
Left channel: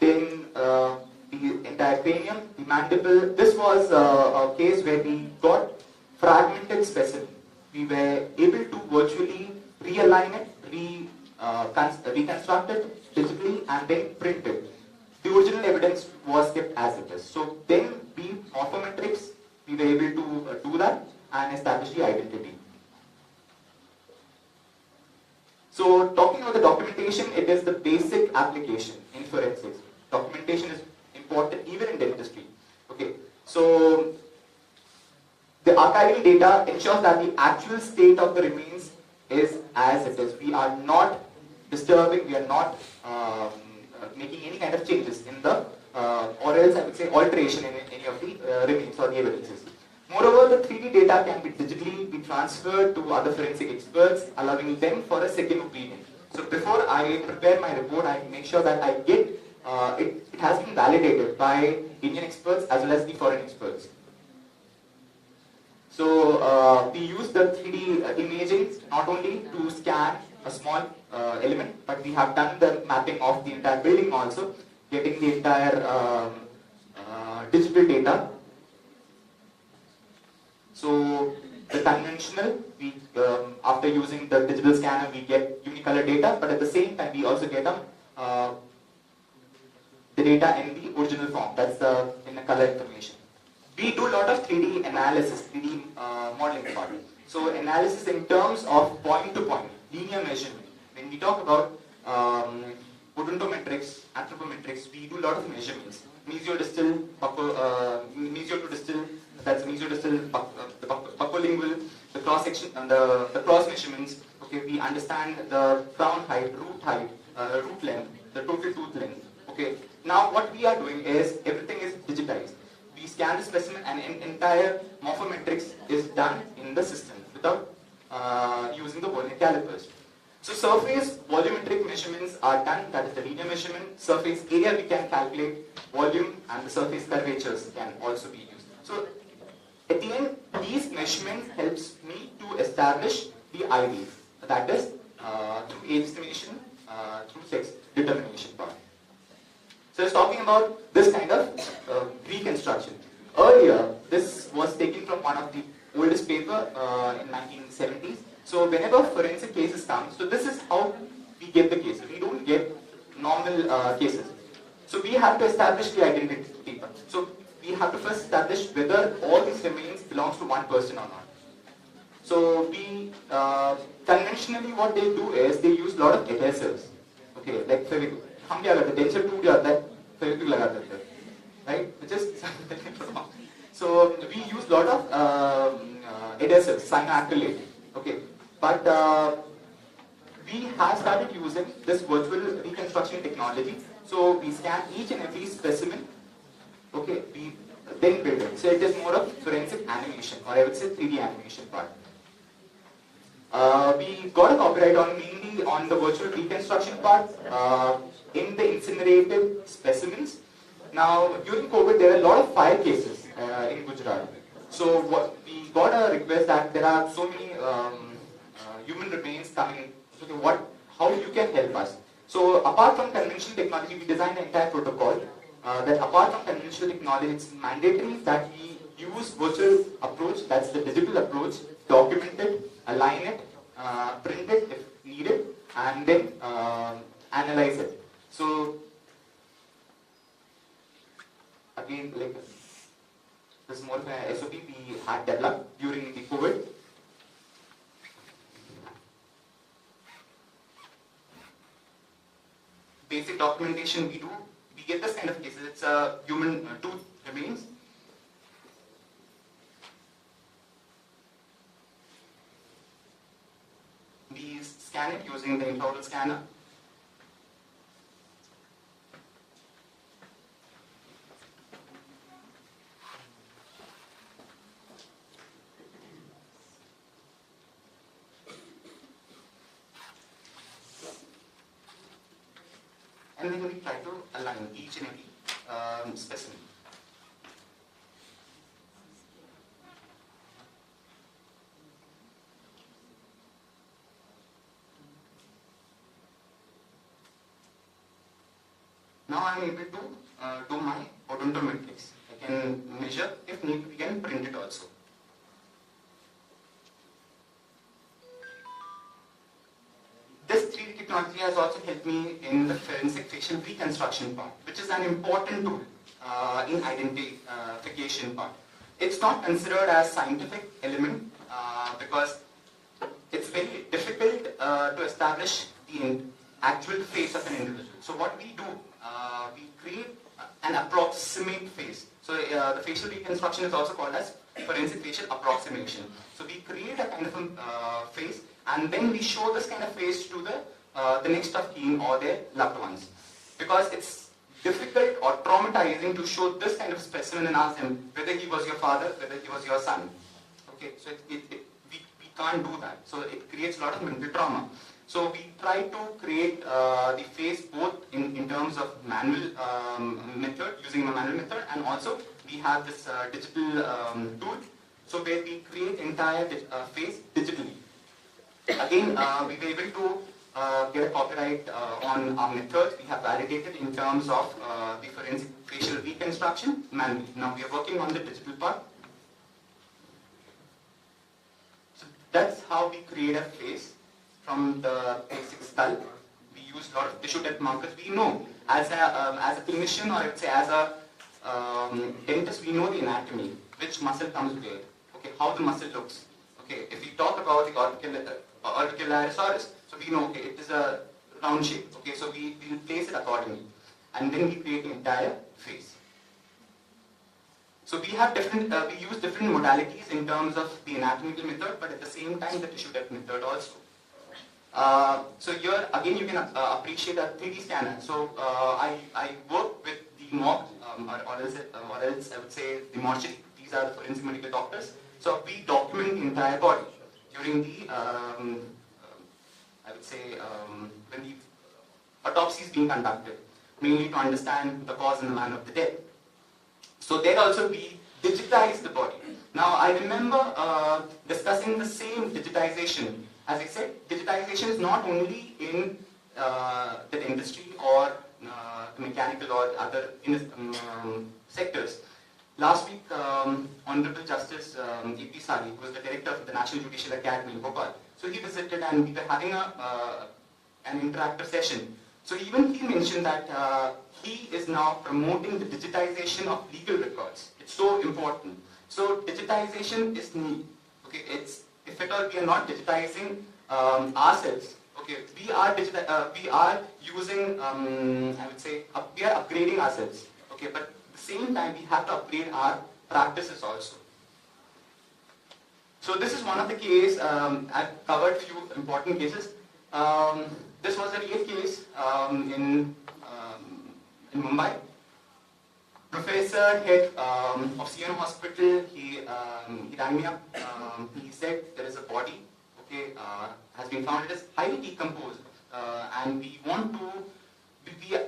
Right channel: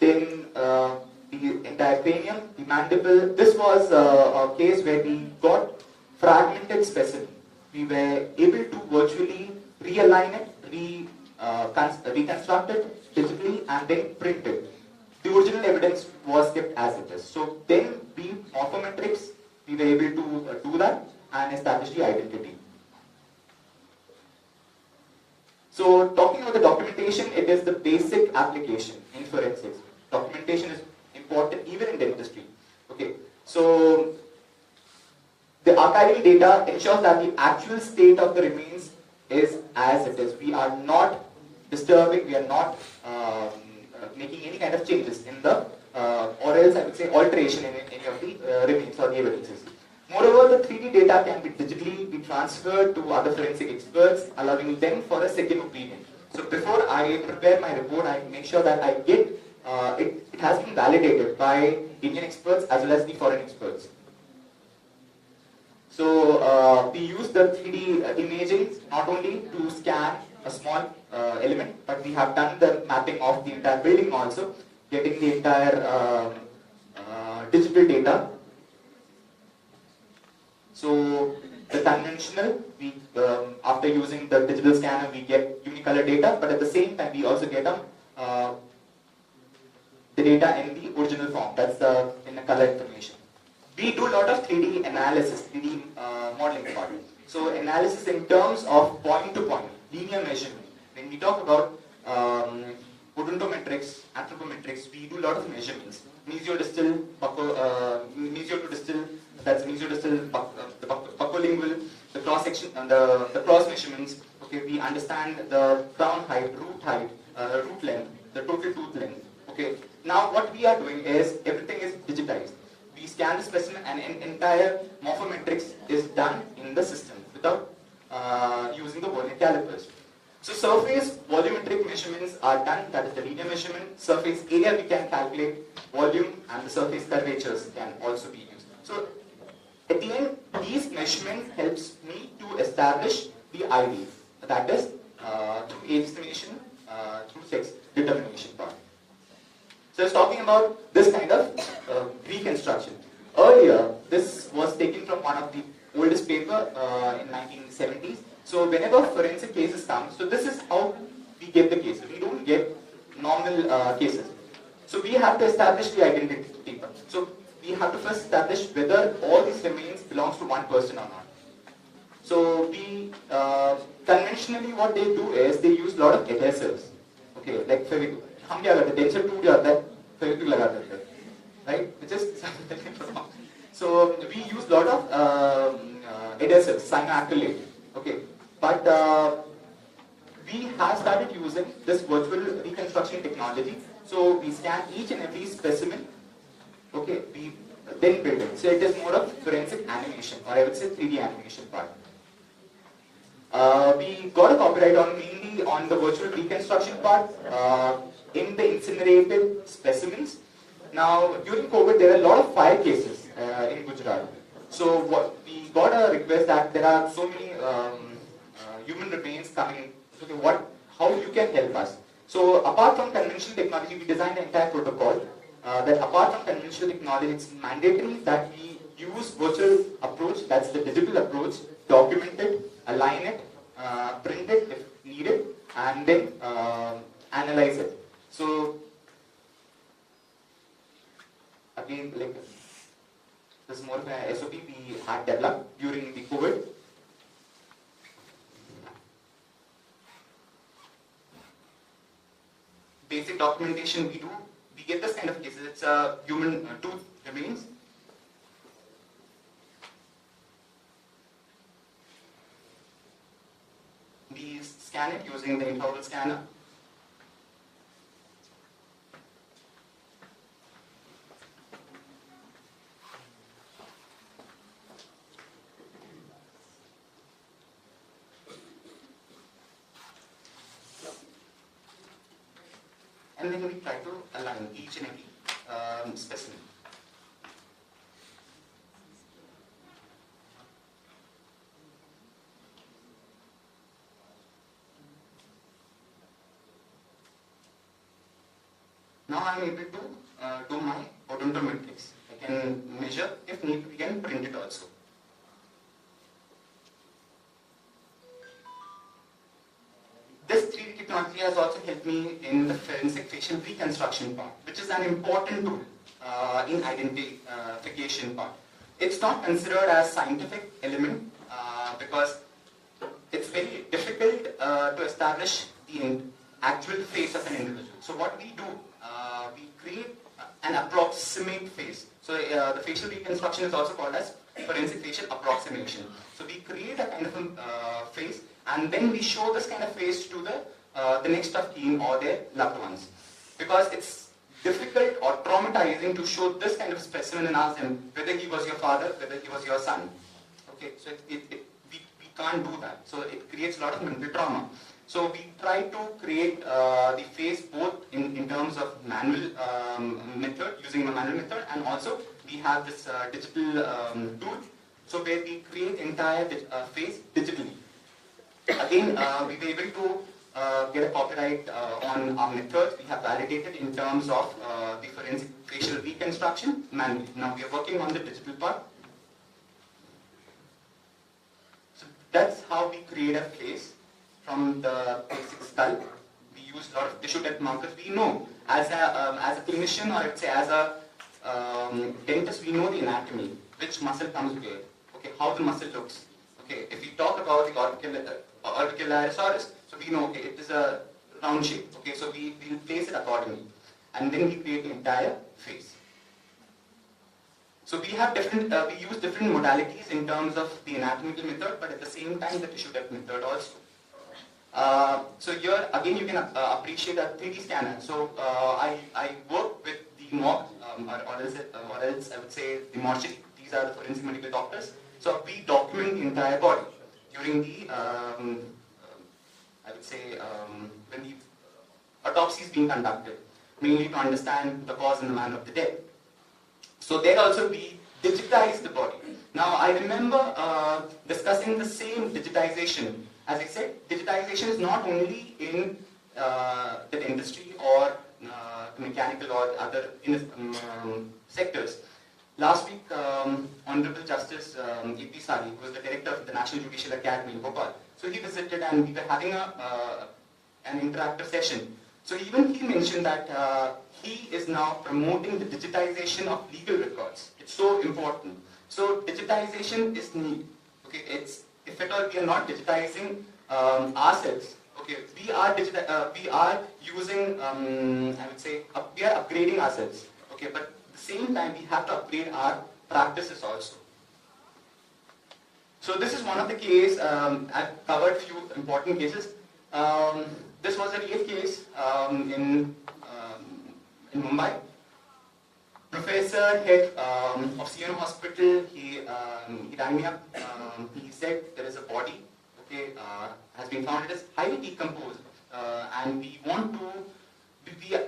Then the entire cranium, the mandible. This was a case where we got fragmented specimen. We were able to virtually realign it, reconstruct it digitally and then print it. The original evidence was kept as it is. So then we morphometrics, we were able to do that and establish the identity. So talking about the documentation, it is the basic application in forensics. Documentation is important even in dentistry. Okay, so the archival data ensures that the actual state of the remains is as it is. We are not disturbing, we are not making any kind of changes in the, or else I would say alteration in any of the remains or the evidences. Moreover, the 3D data can be digitally be transferred to other forensic experts, allowing them for a second opinion. So before I prepare my report, I make sure that I get, it has been validated by Indian experts as well as the foreign experts. So we use the 3D imaging not only to scan a small element, but we have done the mapping of the entire building also, getting the entire digital data. So the conventional, we after using the digital scanner, we get unicolor data, but at the same time we also get the data in the original form. That's in the color information. We do a lot of 3D analysis, 3D modeling part. So analysis in terms of point-to-point, linear measurement. When we talk about odontometrics, anthropometrics, we do a lot of measurements. Mesiodistal, mesiodistal, that's mesiodistal, the buccolingual, the cross section, the cross measurements. Okay, we understand the crown height, root length, the total tooth length. Okay, now what we are doing is everything is digitized. We scan the specimen and entire morphometrics is done in the system without using the vernier calipers. So surface volumetric measurements are done, that is the linear measurement. Surface area we can calculate, volume and the surface curvatures can also be used. So at the end, these measurements helps me to establish the ID, that is through age estimation, through sex determination part. So I was talking about this kind of reconstruction. Earlier, this was taken from one of the oldest paper in 1970s. So whenever forensic cases come, so this is how we get the cases. We don't get normal cases. So we have to establish the identity. So we have to first establish whether all these remains belongs to one person or not. So we conventionally what they do is they use a lot of adhesives. Okay, like Fevikwik. हम क्या करते हैं, denture टूट जाता है, फेविक्विक लगा देते हैं, right? Which is So we use a lot of adhesives, cyanoacrylate. Okay, but we have started using this virtual reconstruction technology. So we scan each and every specimen. Okay, we then build it. So it is more of forensic animation, or I would say 3D animation part. We got a copyright on mainly on the virtual reconstruction part in the incinerated specimens. Now, during COVID, there are a lot of fire cases in Gujarat. So we got a request that there are so many human remains coming. So how you can help us? So apart from conventional technology, we designed an entire protocol that apart from conventional technology, it's mandatory that we use virtual approach, that's the digital approach, document it, align it, print it if needed, and then analyze it. So again, like this is more of an SOP we had developed during the COVID. Basic documentation we do, we get this kind of cases. It's a human tooth remains. We scan it using the intraoral scanner. And then we try to align each and every specimen. Now I am able to do my odontometrics. I can measure, if need, we can print it also. This 3D technology has also helped me in the forensic facial reconstruction part, which is an important tool in identification part. It's not considered as scientific element because it's very difficult to establish the actual face of an individual. So what we do, we create an approximate face. So the facial reconstruction is also called as forensic facial approximation. So we create a kind of a face, and then we show this kind of face to the next of kin or their loved ones. Because it's difficult or traumatizing to show this kind of specimen and ask them whether he was your father, whether he was your son. Okay, so we can't do that. So it creates a lot of mental trauma. So we try to create the face both in terms of manual method, using a manual method, and also we have this digital tool, so where we create entire face digitally. Again, we were able to get a copyright on our methods. We have validated in terms of the forensic facial reconstruction manually. Now we are working on the digital part. So that's how we create a face from the basic skull. We use a lot of tissue depth markers. We know as a clinician, or let's say as a dentist, we know the anatomy, which muscle comes where, okay, how the muscle looks. Okay, if we talk about the auricularis, so we know, okay, it is a round shape. Okay, so we place it accordingly, and then we create the entire face. So we have different, we use different modalities in terms of the anatomical method, but at the same time the tissue depth method also. So here again you can appreciate a 3D scanner. So I work with the morgue, or else I would say the mortuary. These are the forensic medical doctors. So we document the entire body during the, I would say, when the autopsy is being conducted, mainly to understand the cause and the manner of the death. So there also we digitize the body. Now I remember discussing the same digitization. As I said, digitization is not only in the dentistry or mechanical or other sectors. Last week, Honorable Justice A.P. Sali, who was the director of the National Judicial Academy in Bhopal, so he visited and we were having an interactive session. So even he mentioned that he is now promoting the digitization of legal records. It's so important. So digitization is neat. Okay, it's, if at all we are not digitizing ourselves, okay, we are using, I would say, we are upgrading ourselves. Okay, but at the same time, we have to upgrade our practices also. So this is one of the cases. I've covered few important cases. This was a real case in Mumbai. Professor head of CM hospital, he rang me up. He said there is a body, okay, has been found. It is highly decomposed, and we want to.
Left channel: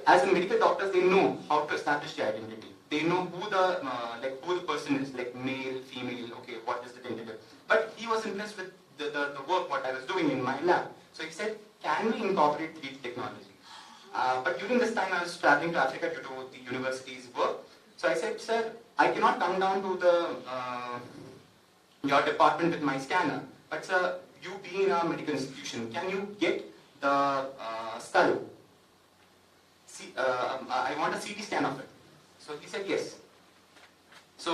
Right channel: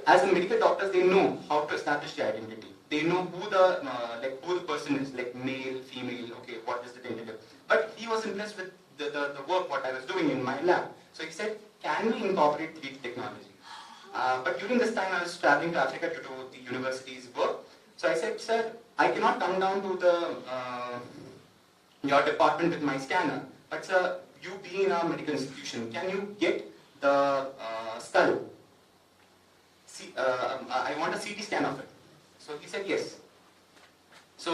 As a medical doctors, they know how to establish the identity. They know who the person is, like male, female. Okay, what is the tentative? But he was impressed with the work what I was doing in my lab. So he said, can we incorporate 3D technology? But during this time, I was traveling to Africa to do the university's work. So I said, sir, I cannot come down to your department with my scanner. But sir, you being in a medical institution, can you get the skull? I want a CT scan of it. So he said yes. So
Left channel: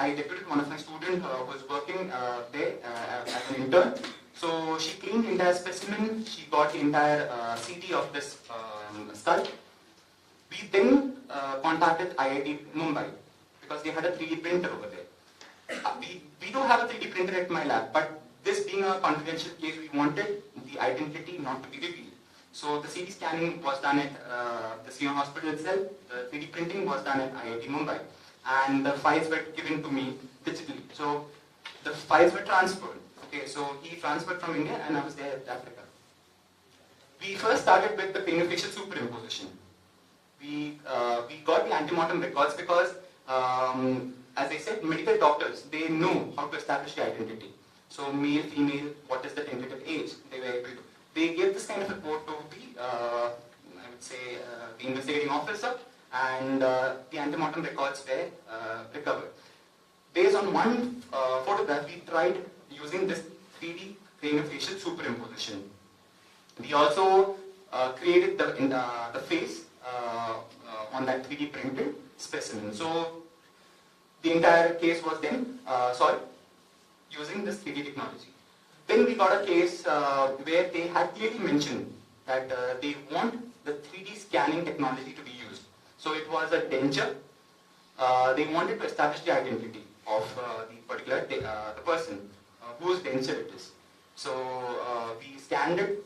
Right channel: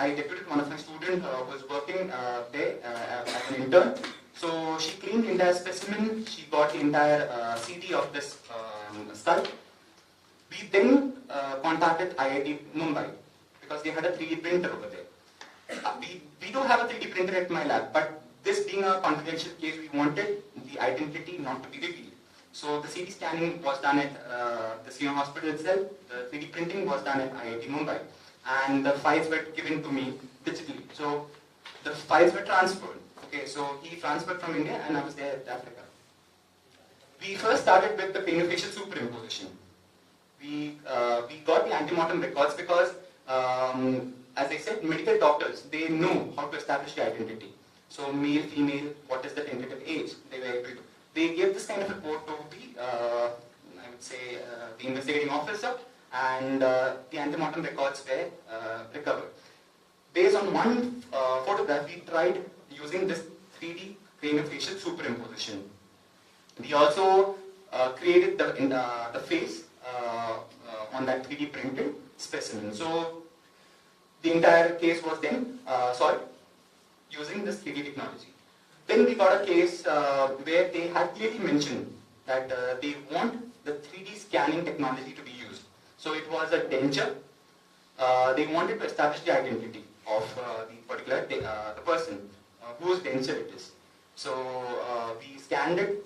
I deputed one of my students who was working there as an intern. So she cleaned the entire specimen. She got the entire CD of this skull. We then contacted IIT Mumbai because they had a 3D printer over there. We do have a 3D printer at my lab, but this being a confidential case, we wanted the identity not to be revealed. So the CD scanning was done at the CM hospital itself. The 3D printing was done at IIT Mumbai, and the files were given to me digitally. So the files were transferred. Okay, so he transferred from India, and I was there at Africa. We first started with the craniofacial superimposition. We got the antemortem records because, as I said, medical doctors, they know how to establish the identity. So male, female, what is the tentative age? They were able to. They gave this kind of report to the, I would say, the investigating officer, and the antemortem records were recovered. Based on one photograph, we tried using this 3D craniofacial superimposition. We also created the face on that 3D printed specimen. So the entire case was then solved using this 3D technology. Then we got a case where they had clearly mentioned that they want the 3D scanning technology to be used. So it was a denture. They wanted to establish the identity of the particular the person whose denture it is. So we scanned it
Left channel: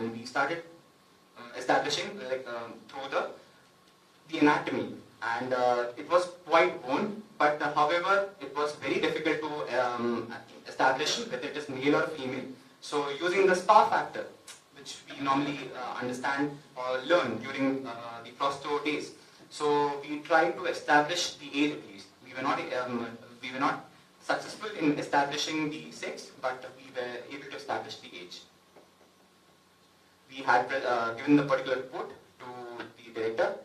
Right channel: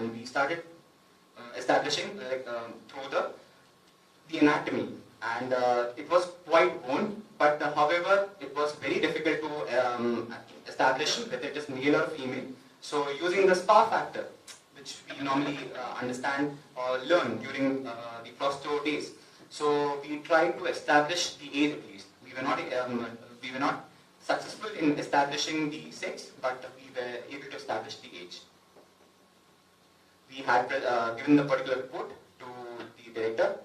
and we started establishing through the anatomy, and it was quite worn, but however it was very difficult to establish whether it is male or female. So using the spa factor, which we normally understand or learn during the prostro days, so we tried to establish the age at least. We were not successful in establishing the sex, but we were able to establish the age. We had given the particular report to the director.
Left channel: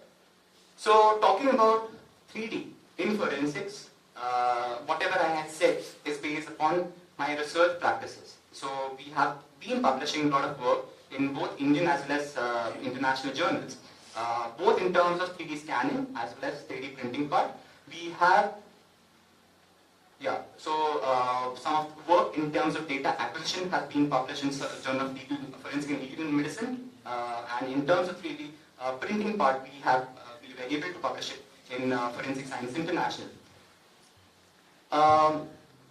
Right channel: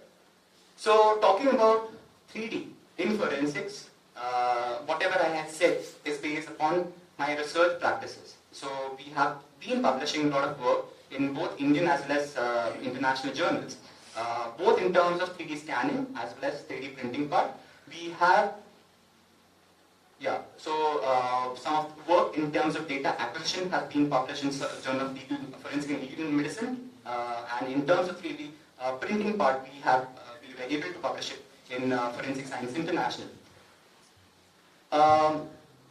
So talking about 3D in forensics, whatever I had said is based upon my research practices. So we have been publishing a lot of work in both Indian as well as international journals, both in terms of 3D scanning as well as 3D printing part. We have, some of the work in terms of data acquisition has been published in Journal of Legal Forensic and Legal Medicine, and in terms of 3D printing part, we were able to publish it in Forensic Science International.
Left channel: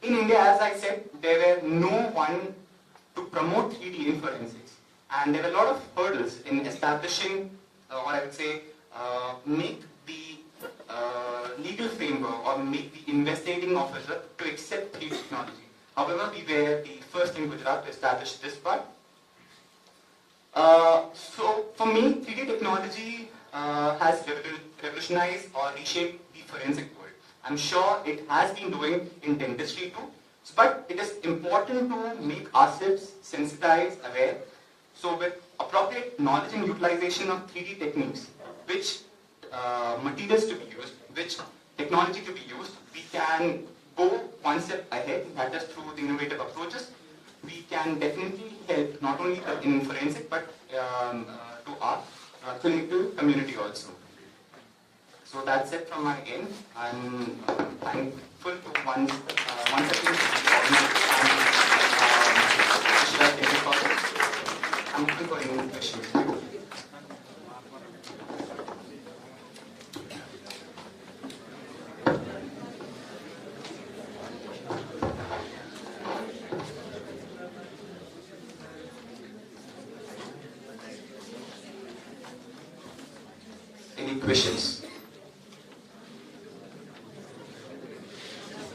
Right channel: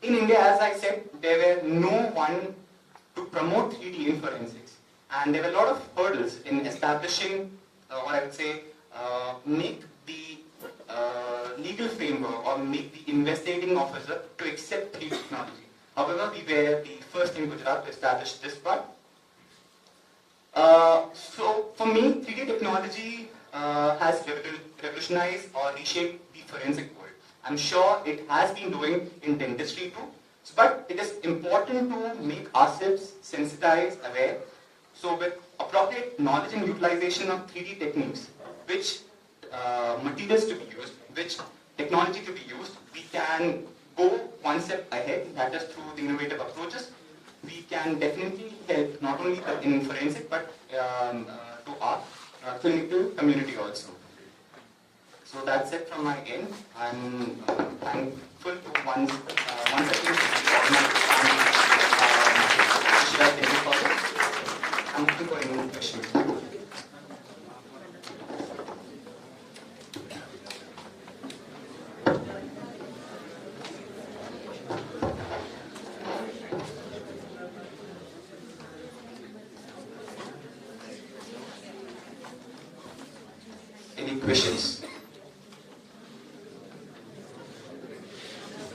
In India, as I said, there were no one to promote 3D in forensics, and there were a lot of hurdles in establishing, or I would say, make the legal framework or make the investigating officer to accept 3D technology. However, we were the first in Gujarat to establish this part. So for me, 3D technology has revolutionized or reshaped the forensic world. I'm sure it has been doing in dentistry too, but it is important to make ourselves sensitized, aware. So with appropriate knowledge and utilization of 3D techniques, which materials to be used, which technology to be used, we can go one step ahead, that is through the innovative approaches. We can definitely help not only in forensic but to our clinical community also. So that's it from my end. I'm thankful to once again I'm looking for any questions. clinicians.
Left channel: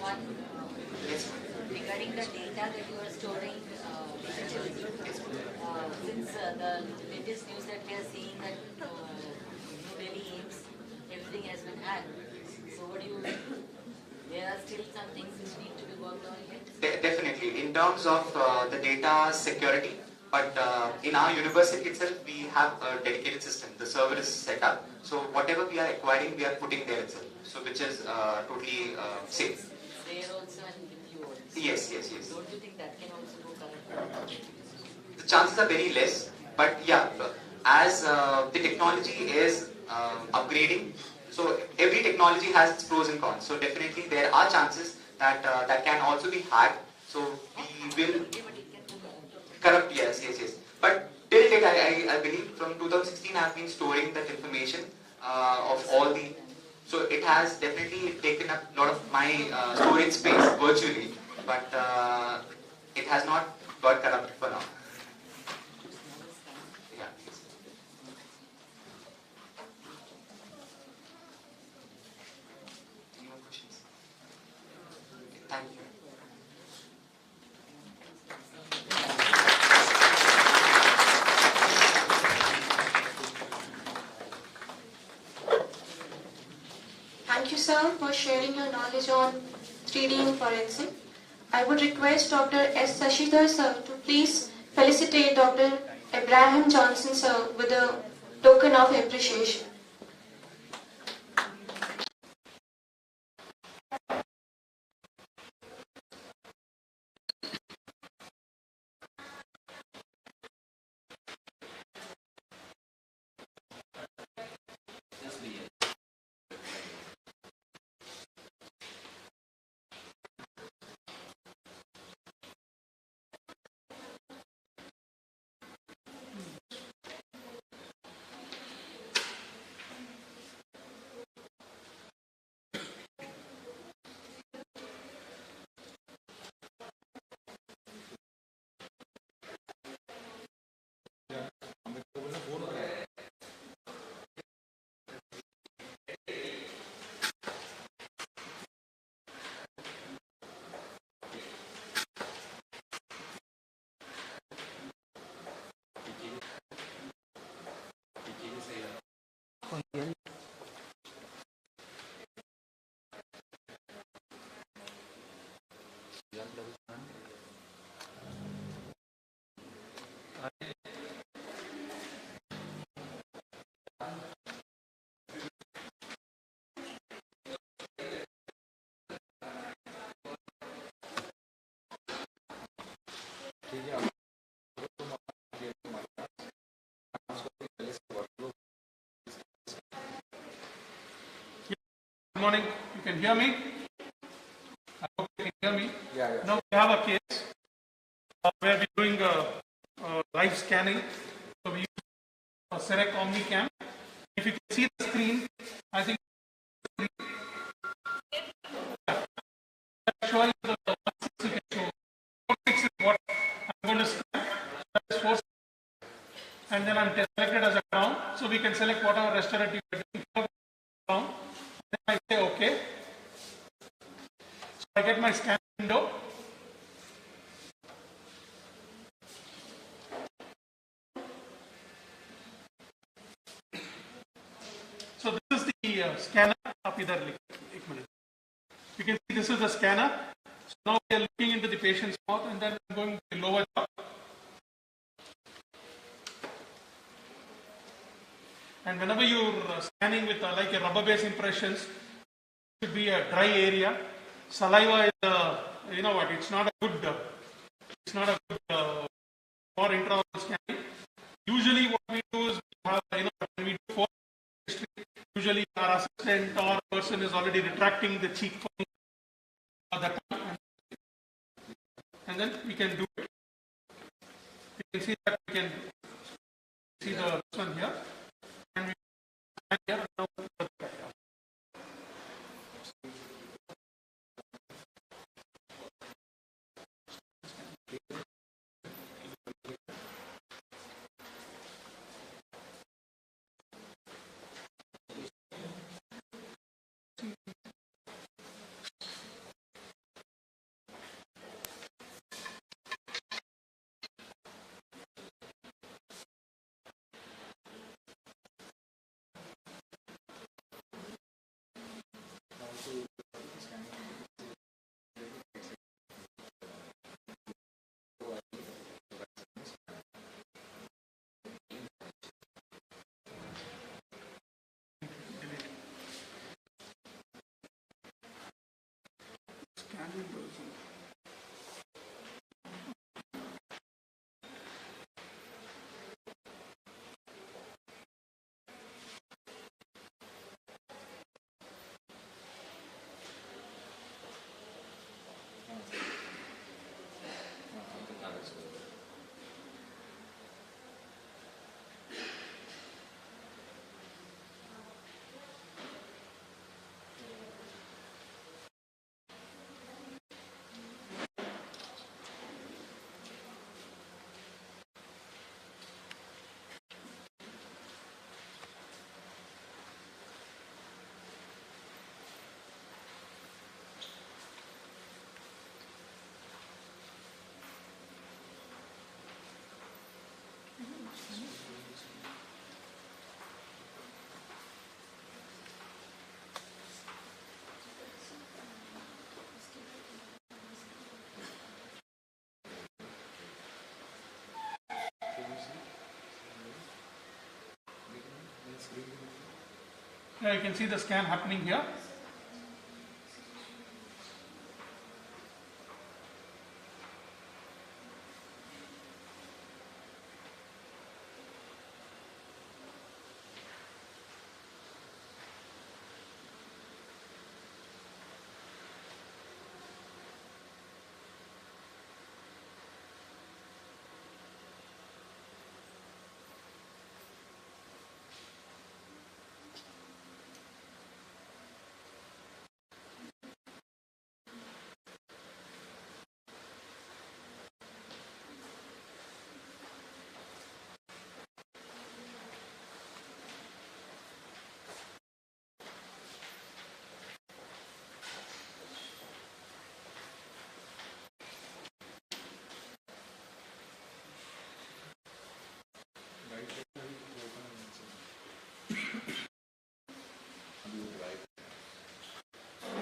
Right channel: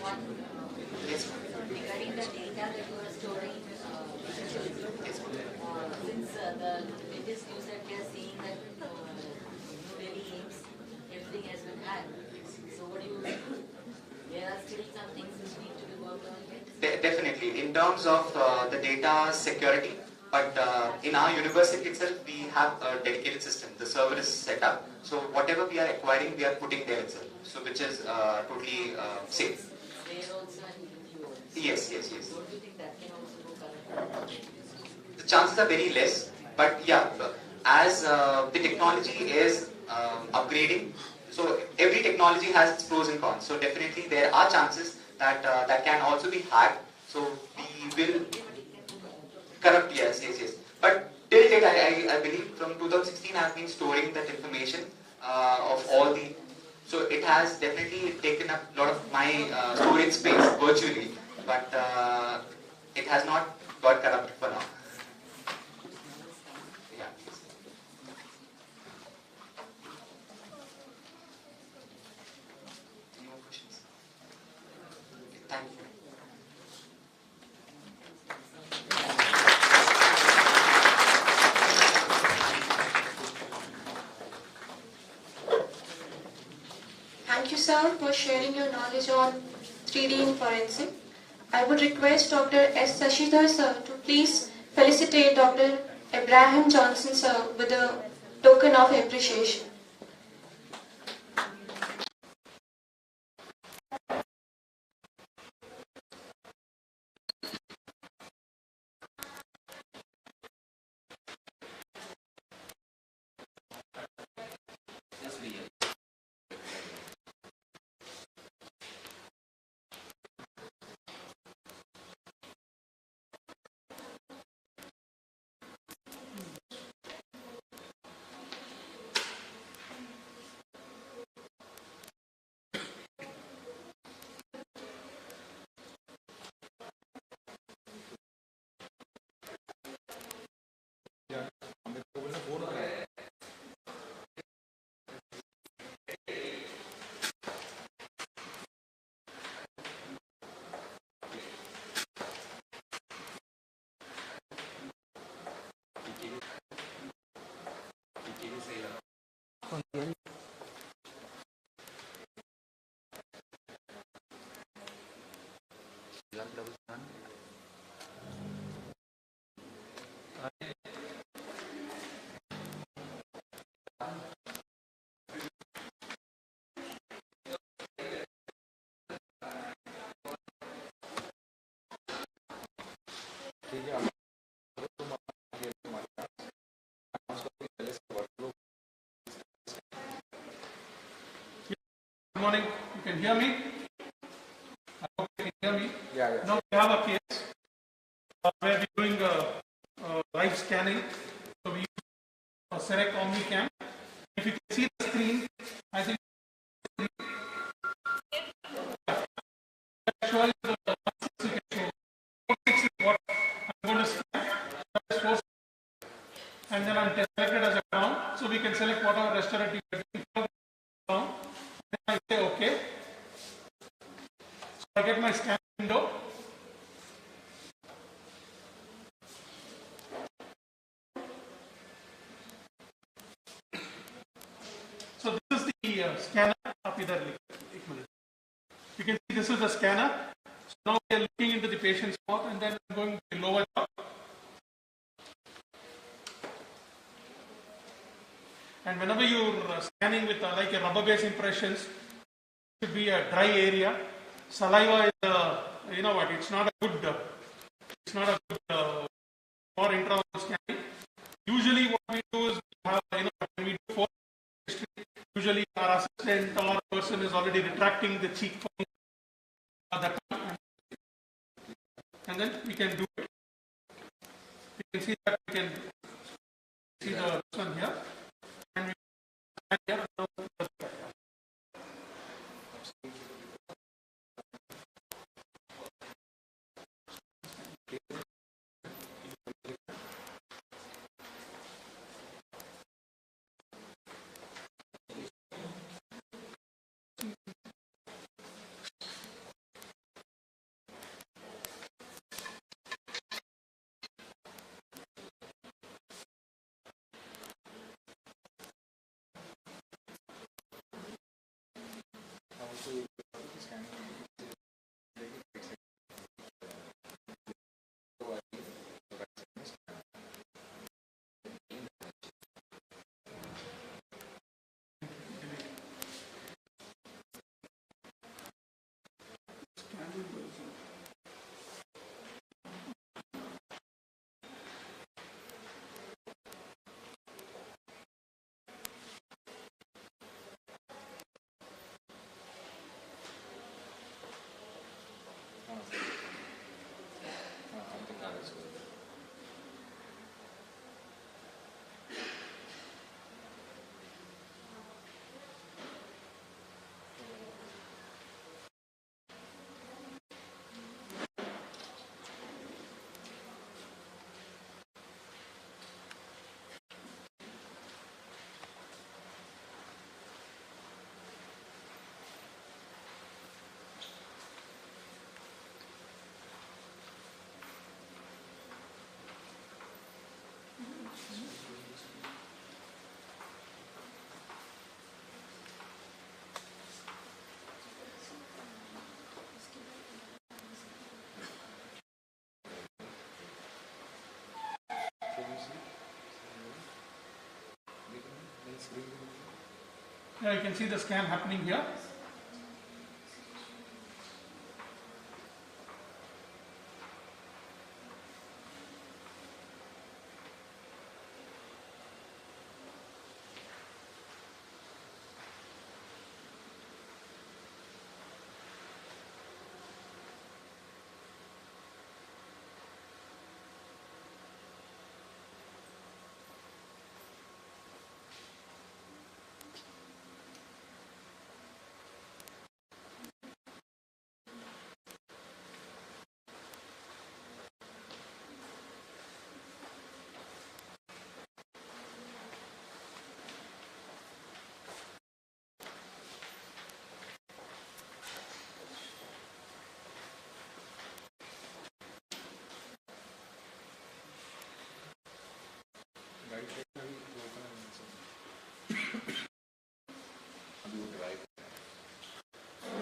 One, Yes. regarding the data that you are storing digitally, Yes. since the latest news that we are seeing that New Delhi aims, everything has been hacked. So what do you think? There are still some things which need to be worked on yet? Definitely, in terms of the data security, but in our university itself, we have a dedicated system. The server is set up, so whatever we are acquiring, we are putting there itself. So which is totally safe. It's there also and with you also. Yes, yes, yes. Don't you think that can also go correct? The chances are very less, but yeah, as the technology is upgrading, so every technology has its pros and cons. So definitely there are chances that that can also be hacked. So we will corrupt. Yes, yes, yes. But till date, I believe from 2016 I have been storing that information of all the. So it has definitely taken up a lot of my storage space virtually, but it has not got corrupted for now. Yeah. Any more questions? Thank you. Thank you, sir, for sharing your knowledge on 3D in forensic. I would request Dr. S. Sashidhar, sir, to please felicitate Dr. Abraham Johnson, sir, with a token of appreciation. Good morning. You can hear me? I hope you can hear me. Yeah. Now we have a case where we're doing live scanning. So we use a Serec OmniCam. If you can see the screen, I think showing the 160 can show. 46 is what I'm going to scan. That is 4, and then I'm selected as a ground. So we can select whatever restaurant you are doing. Ground. Then I say OK. So I get my scan window. So this is the scanner. You can see this is the scanner. So now we are looking into the patient's mouth, and then I'm going to the lower jaw. And whenever you're scanning with like a rubber-based impressions, it should be a dry area. Saliva is, you know what? It's not a good for intraoral scanning. Usually, what we do is we have, you know, when we do history, usually our assistant or person is already retracting the cheek or the tongue, and then we can do it. You can see that we can see the one here, and we can here now. Yeah, you can see the scan happening here.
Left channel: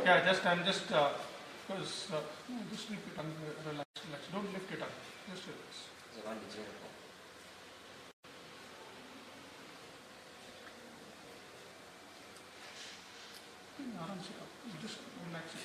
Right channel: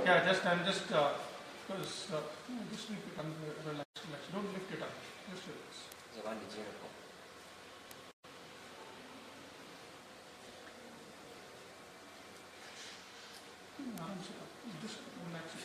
Yeah, I'm just because just leave it relax. Don't lift it up. Just relax. Just relax it.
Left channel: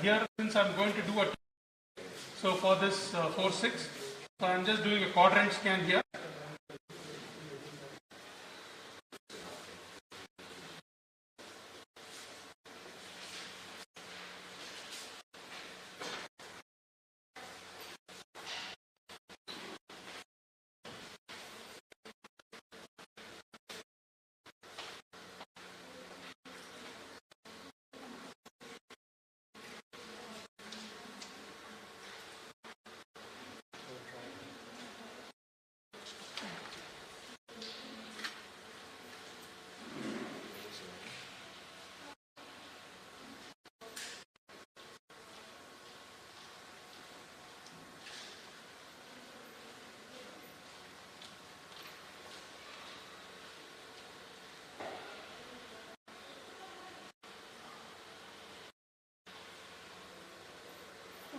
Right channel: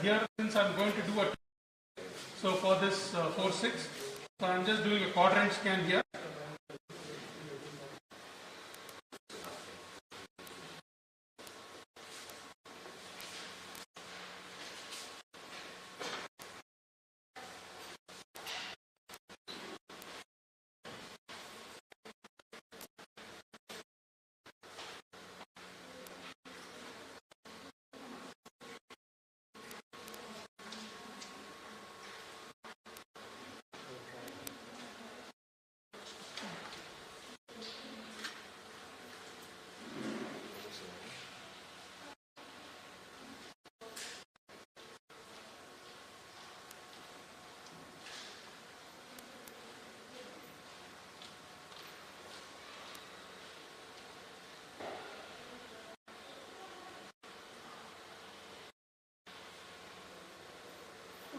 Here, since I'm going to do a so for this 4-6, so I'm just doing a quadrant scan here.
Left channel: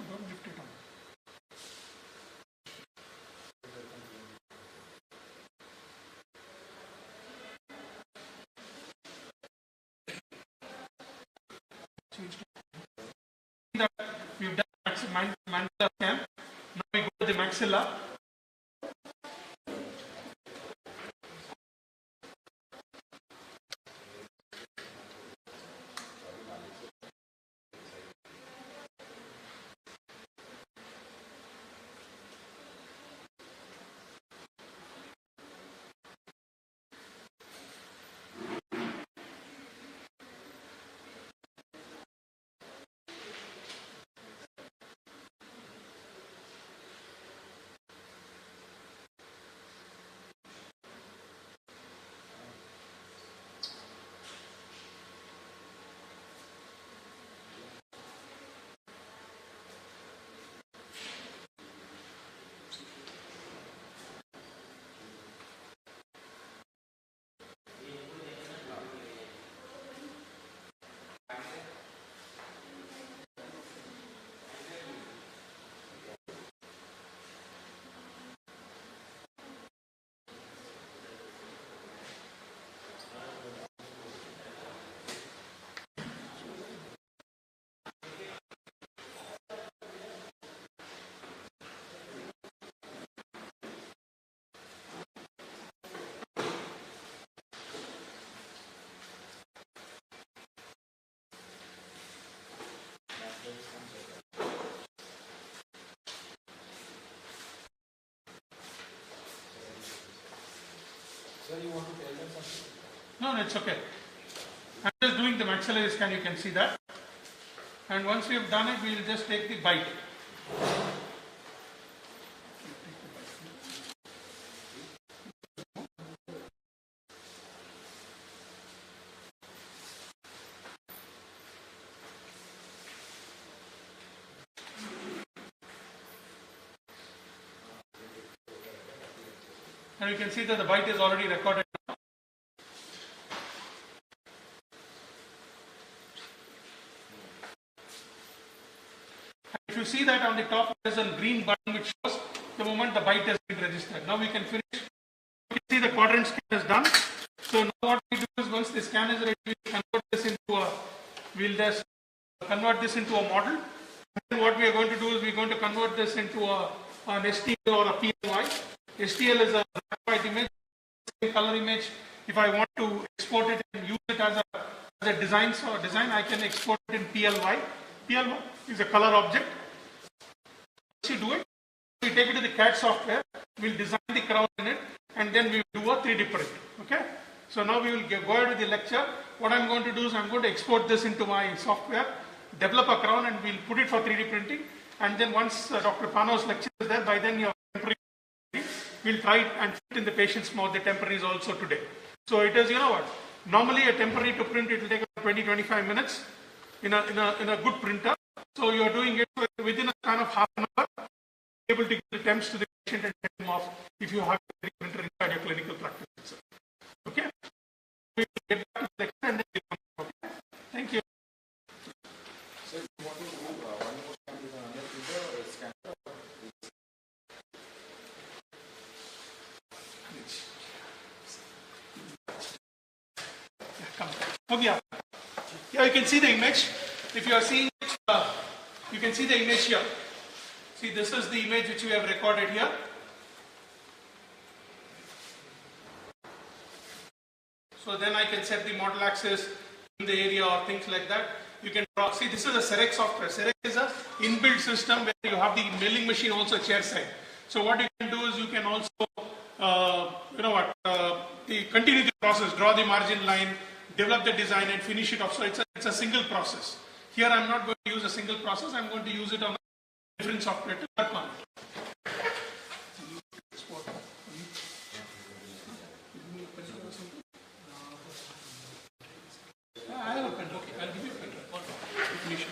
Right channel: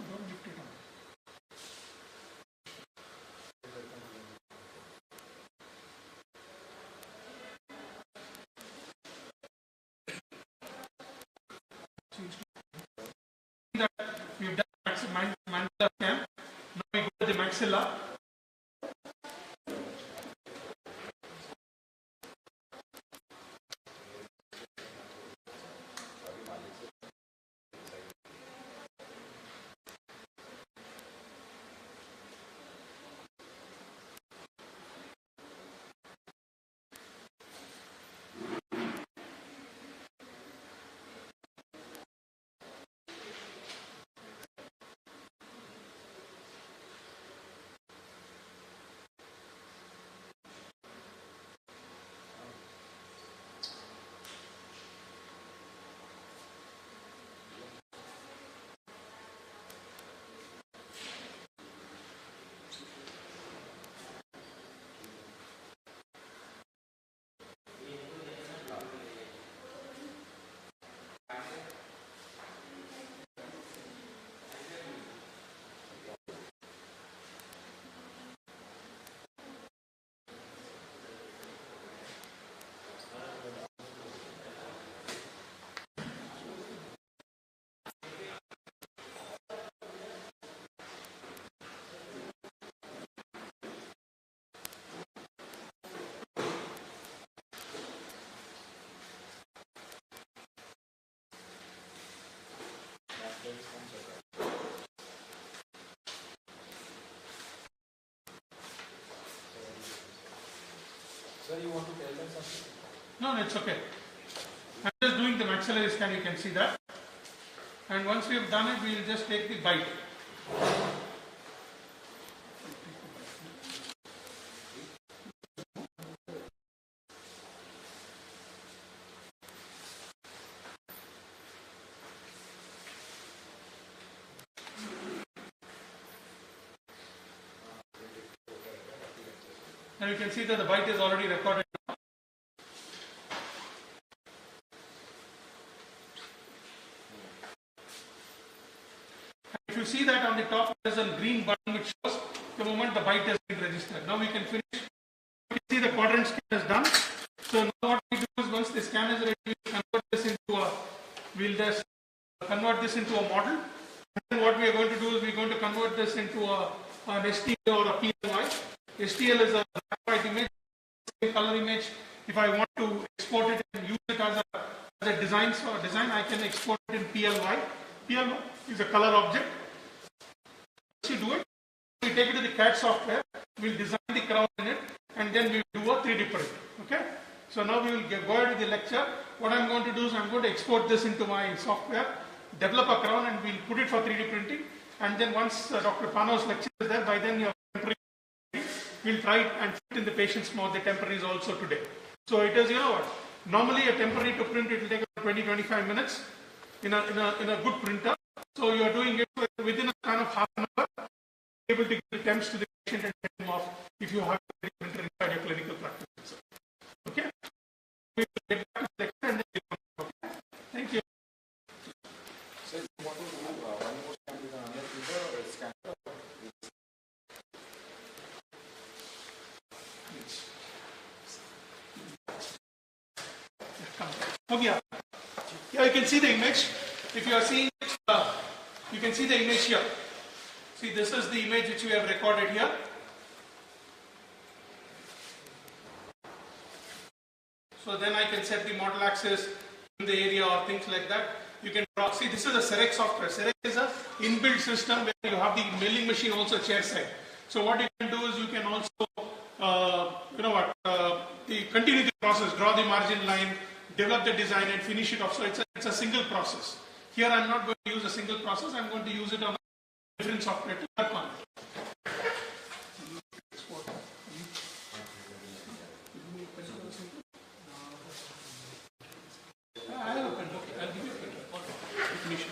Don't lift it up. That we've done mandala scan. Now we the maxilla. Sir, you want to tell them something? No, it's okay. I'm just doing the maxillary scan, you can see that. And once we have done it, we will just take the bite. And you can see that the bite is already recorded. If you see that on the top, there is a green button which shows the moment the bite has been registered. Now we can finish. You can see the quadrant scan is done. So now what we do is once the scan is ready, we convert this into a, we'll just convert this into a model. And then what we are going to do is we're going to convert this into an STL or a PLY. STL is a black white image, color image. If I want to export it and use it as a design, I can export it in PLY. PLY is a color object. Once you do it, we take it to the CAD software, we'll design the crown in it, and then we will do a 3D print. Okay? So now we will go ahead with the lecture. What I'm going to do is I'm going to export this into my software, develop a crown, and we'll put it for 3D printing. And then once Dr. Pano's lecture is there, by then your temporary, we'll try it and fit in the patient's mouth. The temporary is also today. So it is, you know what? Normally a temporary to print, it will take about 20-25 minutes in a good printer. So you are doing it within a span of half an hour, able to give the temps to the patient and get them off if you have a printer inside your clinical practice. Okay? We will get back to the lecture and then we come back. Okay? Thank you. So you want to do one more scan with another printer or scan? Okay. Here you can see the image. If you are seeing it, you can see the image here. See, this is the image which we have recorded here. So then I can set the model axis in the area or things like that. You can draw. See, this is a Serec software. Serec is a inbuilt system where you have the milling machine also chair side. So what you can do is you can also, continue the process, draw the margin line, develop the design and finish it off. So it's a single process. Here I'm not going to use a single process. I'm going to use it on a different software to work on it. I have a pen. Okay, I'll give you a pen. Finish it.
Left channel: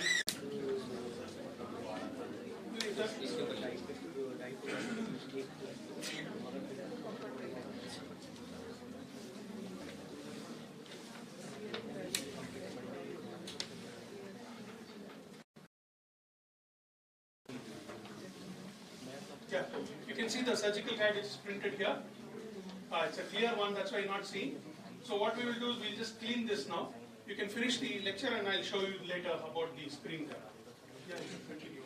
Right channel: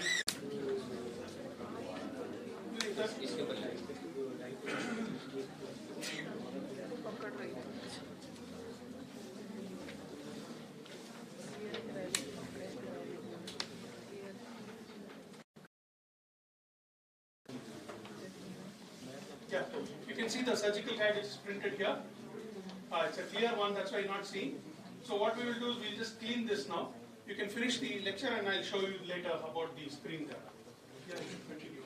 Yeah, you can see the surgical guide is printed here. It's a clear one, that's why you're not seeing. So what we will do is we'll just clean this now. You can finish the lecture and I'll show you later about the screen there. Yeah, you can continue.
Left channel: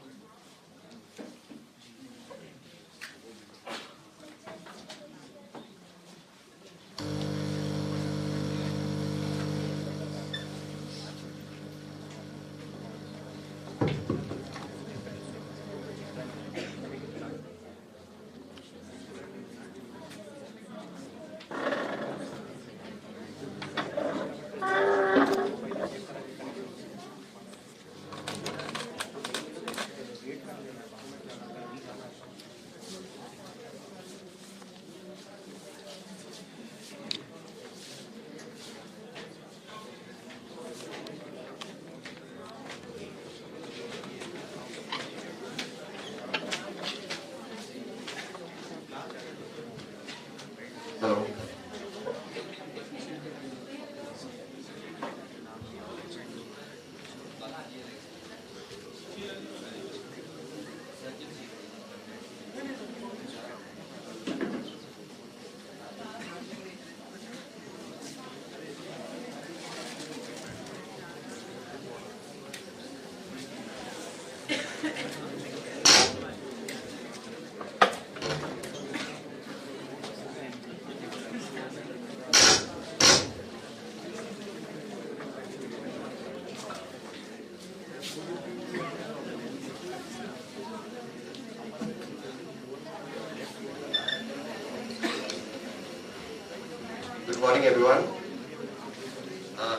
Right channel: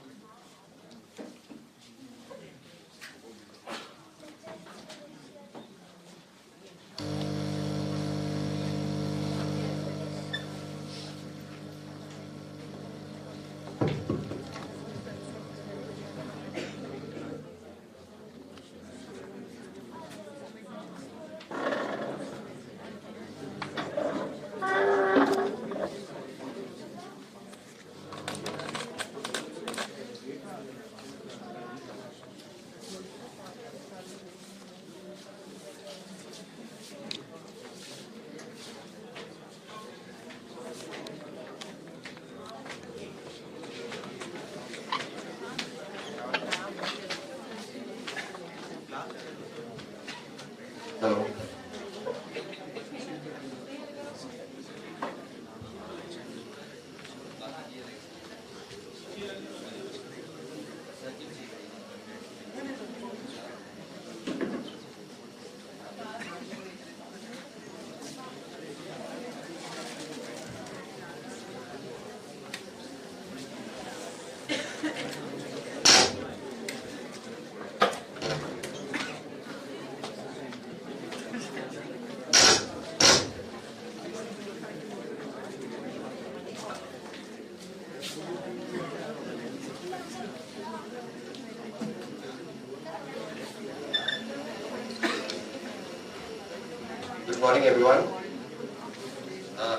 morning, everyone.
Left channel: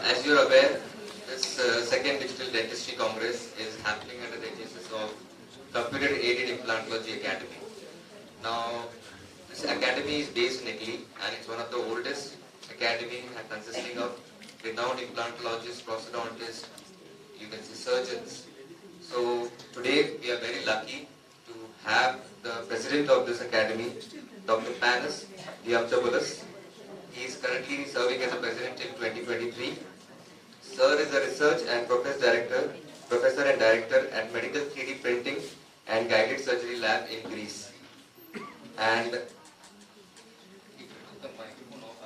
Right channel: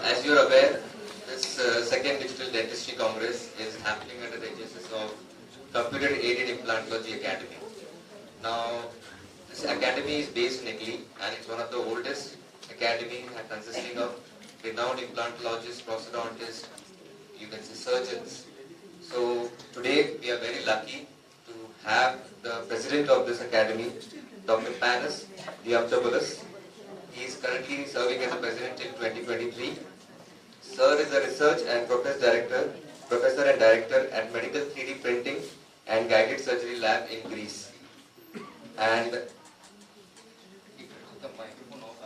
As you are aware, this second Digital Dentistry Congress is happening under the aegis of Computer Aided Implantology Academy. Now, this academy is based in Italy and it's one of the oldest academies consisting of renowned implantologists, prosthodontists, you can say surgeons. So today we are very lucky to have the president of this academy, Dr. Panos Diamantopoulos. He is currently serving as the president till 2023. Sir is a research and professor and director at Medical 3D Printing and Guided Surgery Lab in Greece. And the microphone off.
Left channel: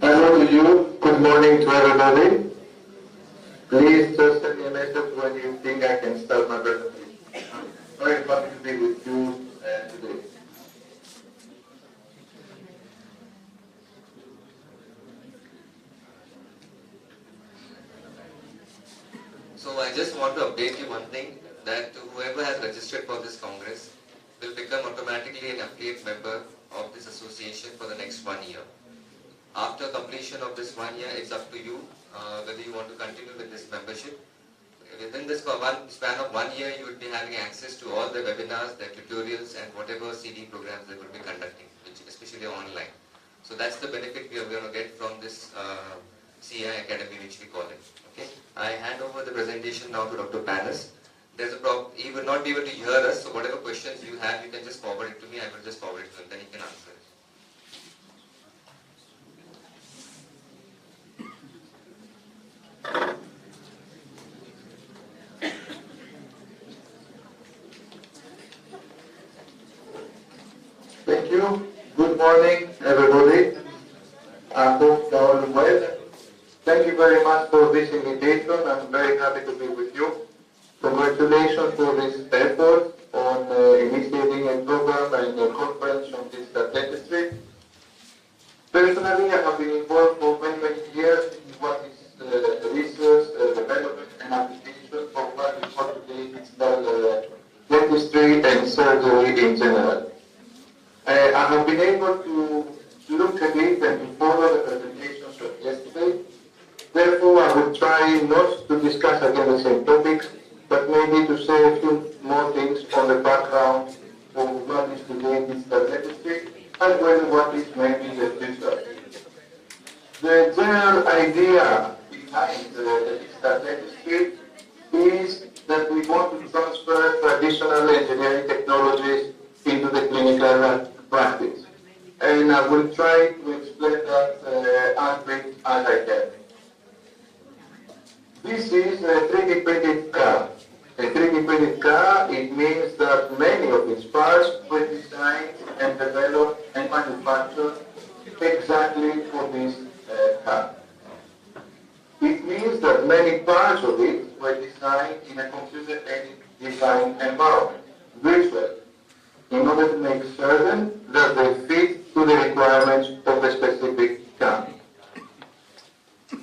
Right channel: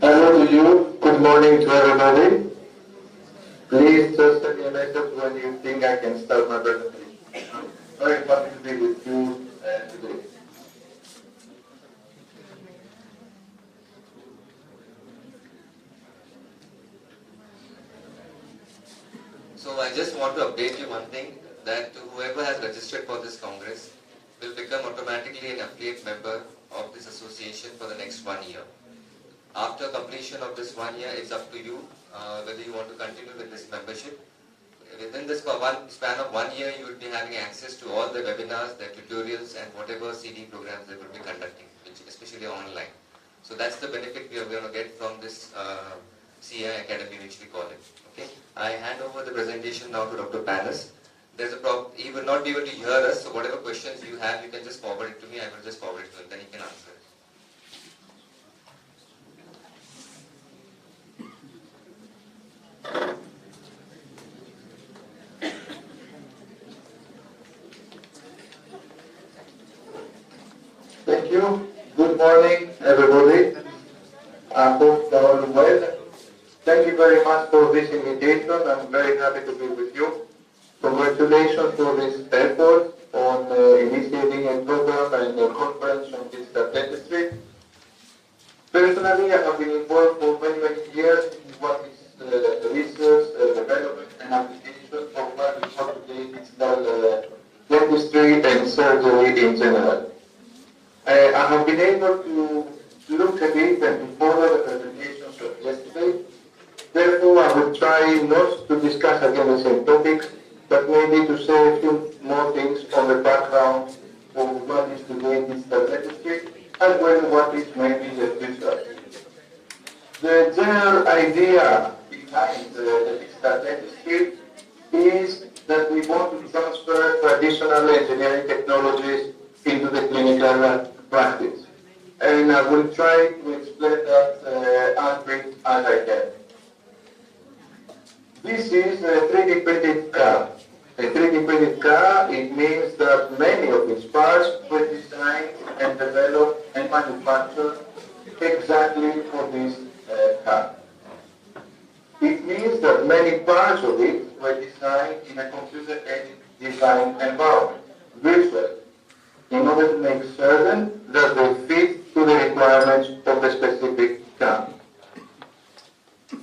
Hello to you. Good morning to everybody. Please just send me a message when you think I can start my presentation. I'm very happy to be with you today. So I just want to update you one thing, that whoever has registered for this Congress will become automatically an affiliate member of this association for the next 1 year. After completion of this 1 year, it's up to you whether you want to continue with this membership. Within this span of 1 year, you will be having access to all the webinars, the tutorials, and whatever CD programs they will be conducting, especially online. So that's the benefit we are going to get from this CI Academy, which we call it. Okay. I hand over the presentation now to Dr. Panos. There's a problem. He will not be able to hear us, so whatever questions you have, you can just forward it to me. I will just forward it to him, then he can answer it. Thank you. Good morning, everybody. I hope you're all well. Thank you very much for this invitation. I'm very happy to be with you. Congratulations for this effort on initiating a program and a conference on digital dentistry. Personally, I have been involved for many years in what is research, development, and application of what we call today digital dentistry and surgery in general. I have been able to look at it and to follow the presentations of yesterday. Therefore, I will try not to discuss again the same topics, but maybe to say a few more things on the background of what is today digital dentistry, as well as what is maybe the future. The general idea behind the digital dentistry is that we want to transfer traditional engineering technologies into the clinical practice. And I will try to explain that as brief as I can. This is a 3D printed car. A 3D printed car, it means that many of its parts were designed and developed and manufactured exactly for this car. It means that many parts of it were designed in a computer-aided design environment, virtual, in order to make certain that they fit to the requirements of a specific car.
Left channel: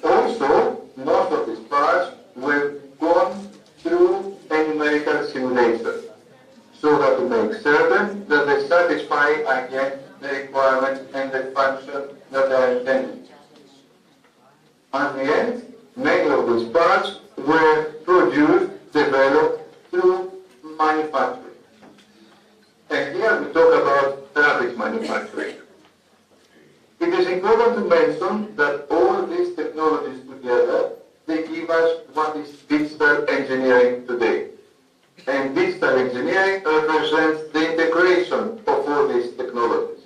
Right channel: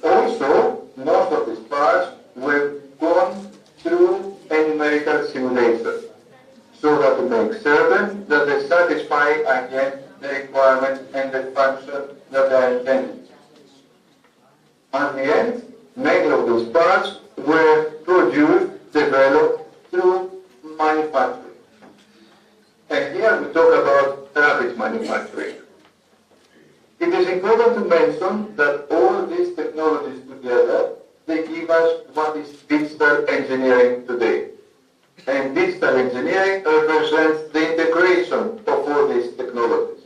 Also, most of these parts were gone through a numerical simulation, so that to make certain that they satisfy again the requirements and the function that they are intended. At the end, many of these parts were produced, developed through manufacturing. And here we talk about rapid manufacturing. It is important to mention that all these technologies together, they give us what is digital engineering today. and digital engineering represents the integration of all these technologies.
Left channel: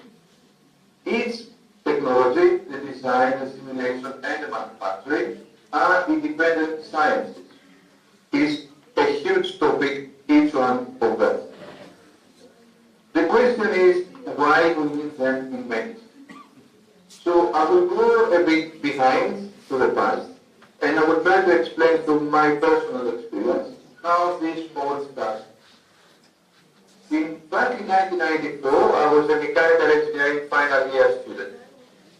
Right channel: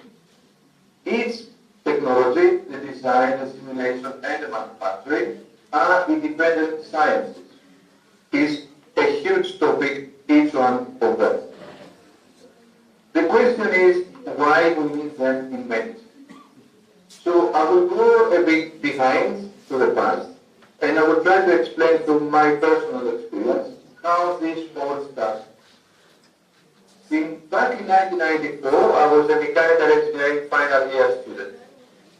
Each technology, the design, the simulation, and the manufacturing, are independent sciences. It's a huge topic, each one of them. The question is, why we need them in medicine? So I will go a bit behind to the past, and I will try to explain from my personal experience how this all started. Back in 1994, I was a mechanical engineering final year student,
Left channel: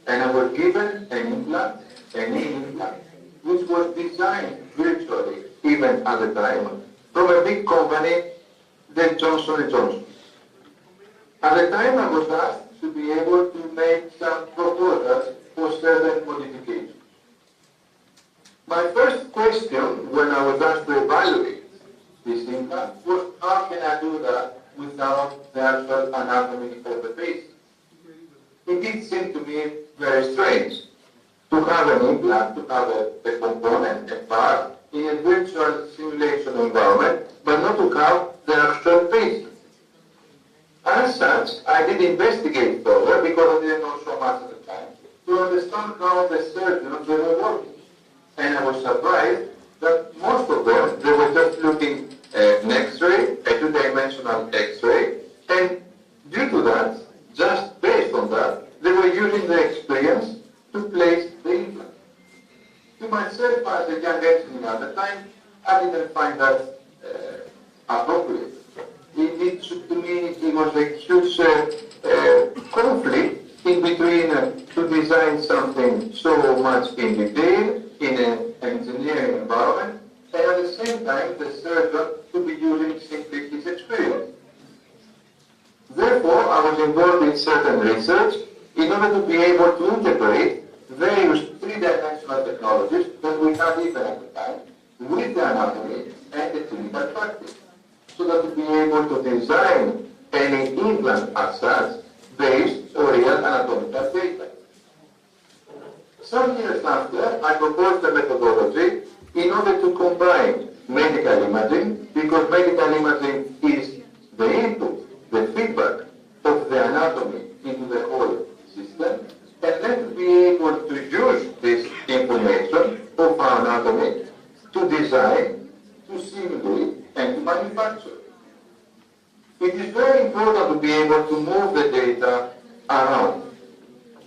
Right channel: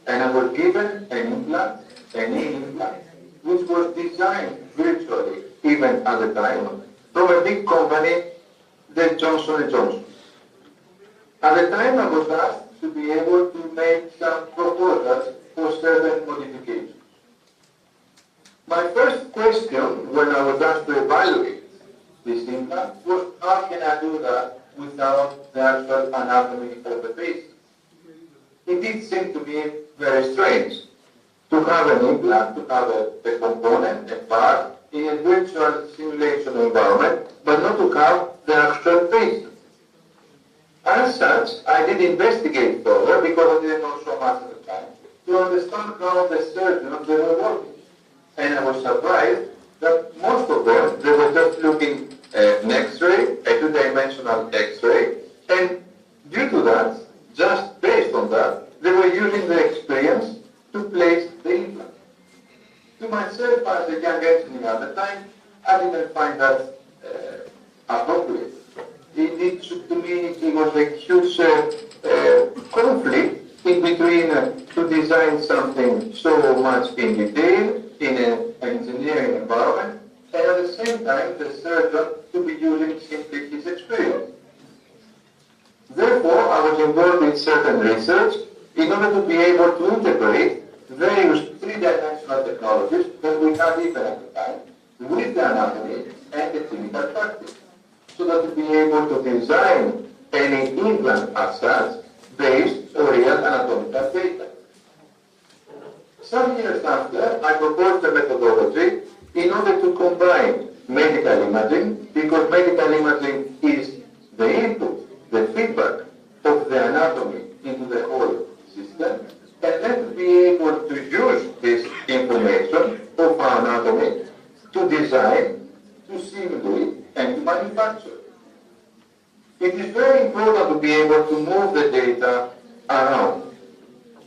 and I was given an implant, a knee implant, which was designed virtually, even at the time, from a big company, the Johnson & Johnson. At the time, I was asked to be able to make some proposals for certain modifications. My first question when I was asked to evaluate this implant was, how can I do that without the actual anatomy of the patient? It did seem to me very strange to have an implant, to have a component, a part, in a virtual simulation environment, but not to have the actual patient. As such, I did investigate further, because I didn't know so much at the time, to understand how the surgeons they were working. And I was surprised that most of them, they were just looking at an X-ray, a two-dimensional X-ray, and due to that, just based on that, they were using the experience to place the implant. To myself, as a young engineer at the time, I didn't find that appropriate. To me, it was a huge conflict in between to design something so much in detail in an engineering environment, and at the same time, the surgeon to be using simply his experience. Therefore, I was involved in certain research in order to be able to integrate various three-dimensional technologies that we had even at the time with the anatomy and the clinical practice, so that to be able to design any implant as such based on real anatomical data. Some years after, I proposed a methodology in order to combine medical imaging, because medical imaging is the input, the feedback of the anatomy into the whole system, and then to be able to use this information of our anatomy to design, to simulate, and to manufacture. It is very important to be able to move the data around.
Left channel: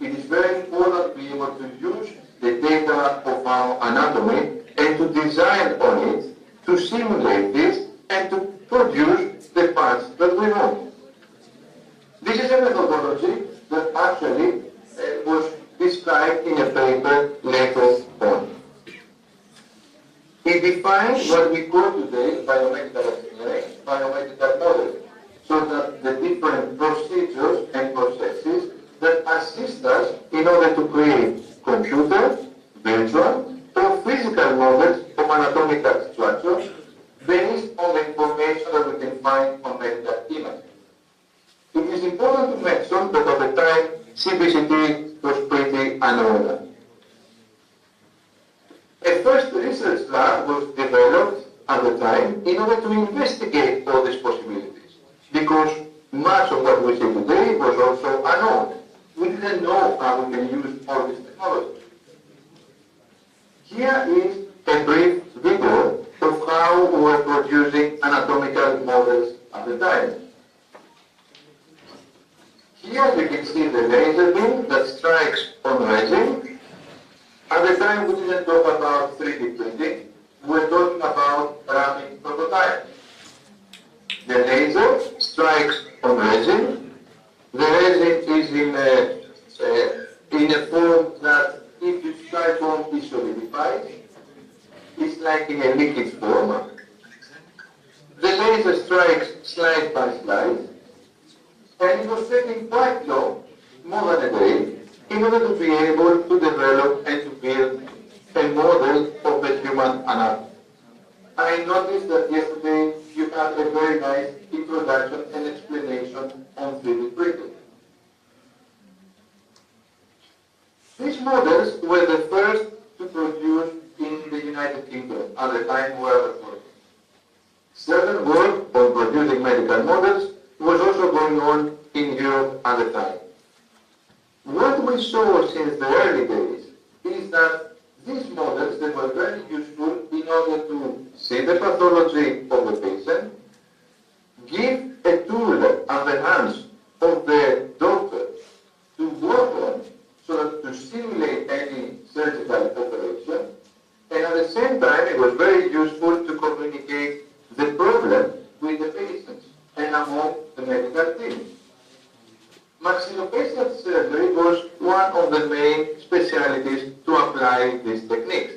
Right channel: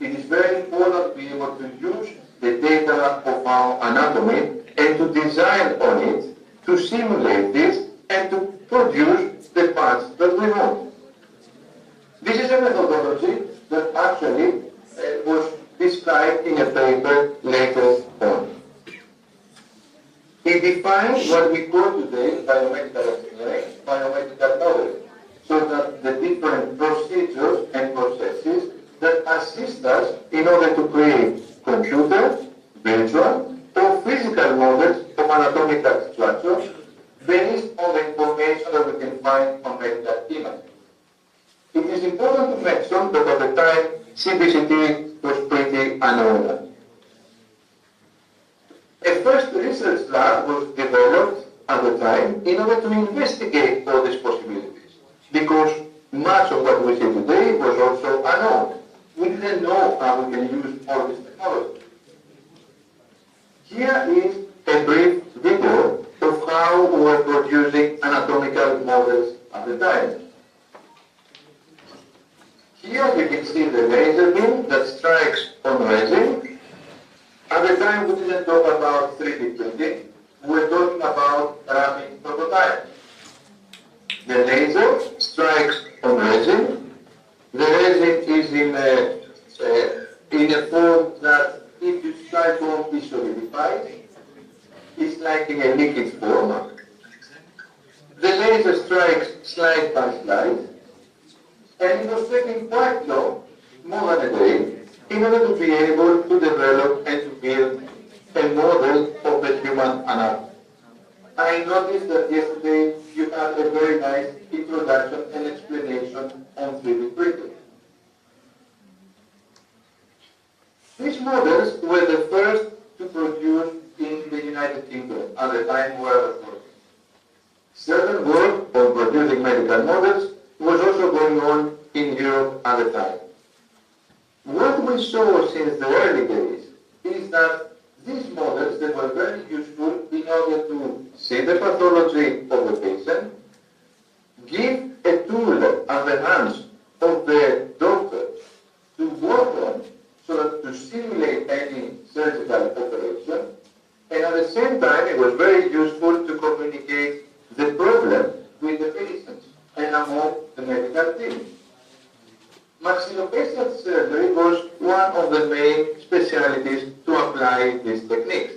It is very important to be able to use the data of our anatomy and to design on it, to simulate this, and to produce the parts that we want. This is a methodology that actually was described in a paper later on. It defines what we call today biomedical engineering, biomedical modeling, so that the different procedures and processes that assist us in order to create computer, virtual, or physical models of anatomical structures based on the information that we can find on medical imaging. It is important to mention that at the time, CBCT was pretty unknown. A first research lab was developed at the time in order to investigate all these possibilities, because much of what we see today was also unknown. We didn't know how we can use all this technology. Here is a brief video of how we were producing anatomical models at the time. Here you can see the laser beam that strikes on resin. At the time we didn't talk about 3D printing, we were talking about rapid prototyping. The laser strikes on resin. The resin is in a form that if you strike on is solidified. It's like in a liquid form. The laser strikes slide by slide, and it was taking quite long, more than a day, in order to be able to develop and to build a model of the human anatomy. I noticed that yesterday you had a very nice introduction and explanation on 3D printing. These models were the first to produce in the United Kingdom at the time where I was working. Certain work on producing medical models was also going on in Europe at the time. What we saw since the early days is that these models, they were very useful in order to see the pathology of the patient, give a tool at the hands of the doctor to work on so that to simulate any surgical operation, and at the same time it was very useful to communicate the problem with the patients and among the medical team. Maxillofacial surgery was one of the main specialties to apply these techniques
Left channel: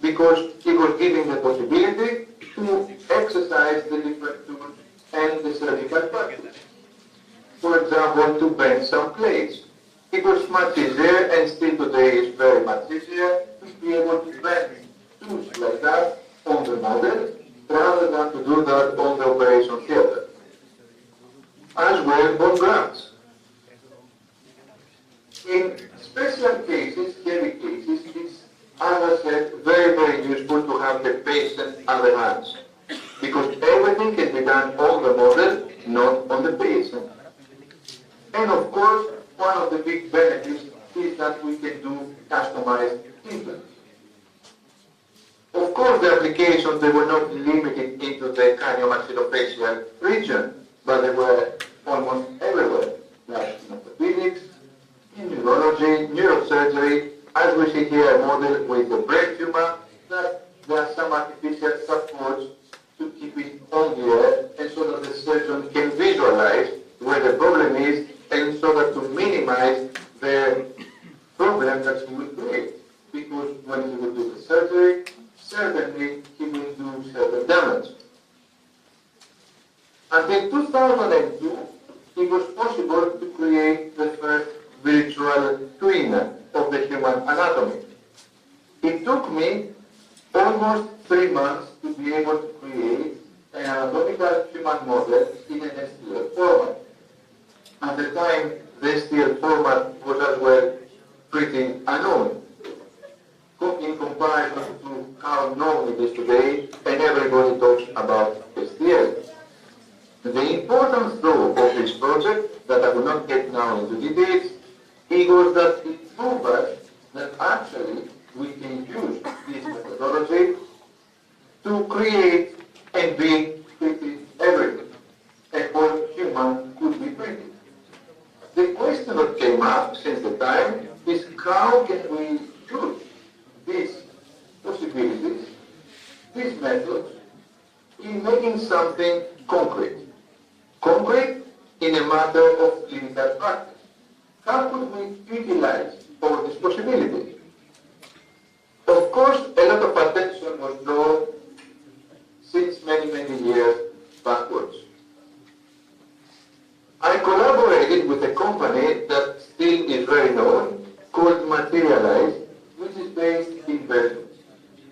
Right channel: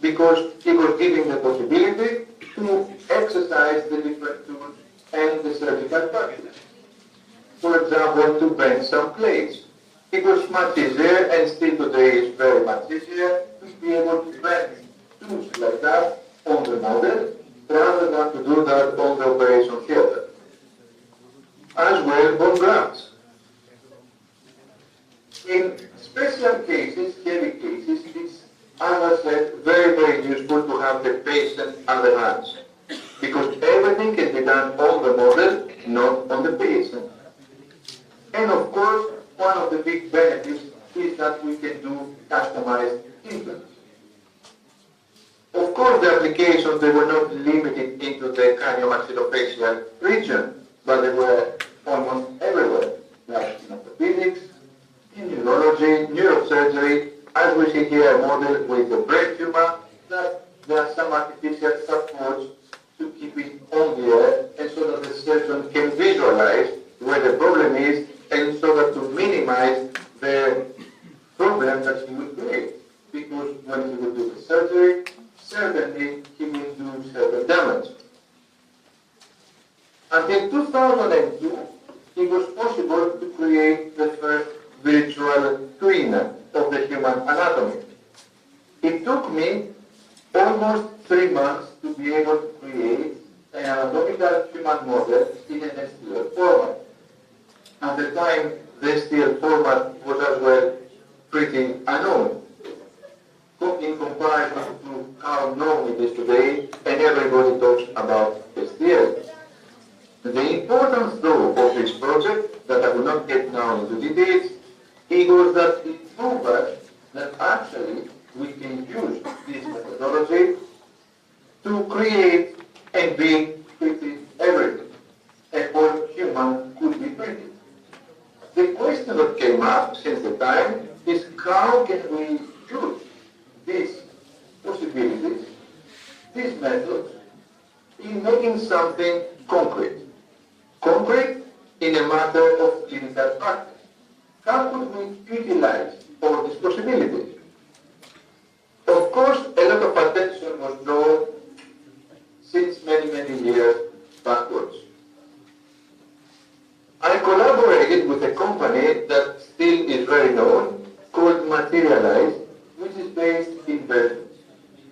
because it was giving the possibility to exercise the different tools and the surgical practice. For example, to bend some plates. It was much easier, and still today is very much easier, to be able to bend tools like that on the model rather than to do that on the operation theater. As well, bone grafts. In special cases, heavy cases, it's, as I said, very, very useful to have the patient at the hands because everything can be done on the model, not on the patient. And of course, one of the big benefits is that we can do customized implants. Of course, the applications, they were not limited into the craniomaxillofacial region, but they were almost everywhere, like in orthopedics, in neurology, neurosurgery, as we see here a model with the brain tumor, that there are some artificial supports to keep it on the air, and so that the surgeon can visualize where the problem is, and so that to minimize the problem that he will create. Because when he will do the surgery, certainly he will do certain damage. Until 2002, it was possible to create the first virtual twin of the human anatomy. It took me almost 3 months to be able to create an anatomical human model in an STL format. At the time, the STL format was as well pretty unknown in comparison to how known it is today, and everybody talks about STL. The importance, though, of this project, that I will not get now into details, it was that it proved us that actually we can use this methodology to create and build pretty everything, and all human could be printed. The question that came up since the time is how can we use these possibilities, these methods, in making something concrete. Concrete in a matter of clinical practice. How could we utilize all these possibilities? Of course, a lot of attention was drawn since many, many years backwards. I collaborated with a company that still is very known, called Materialize, which is based in Belgium.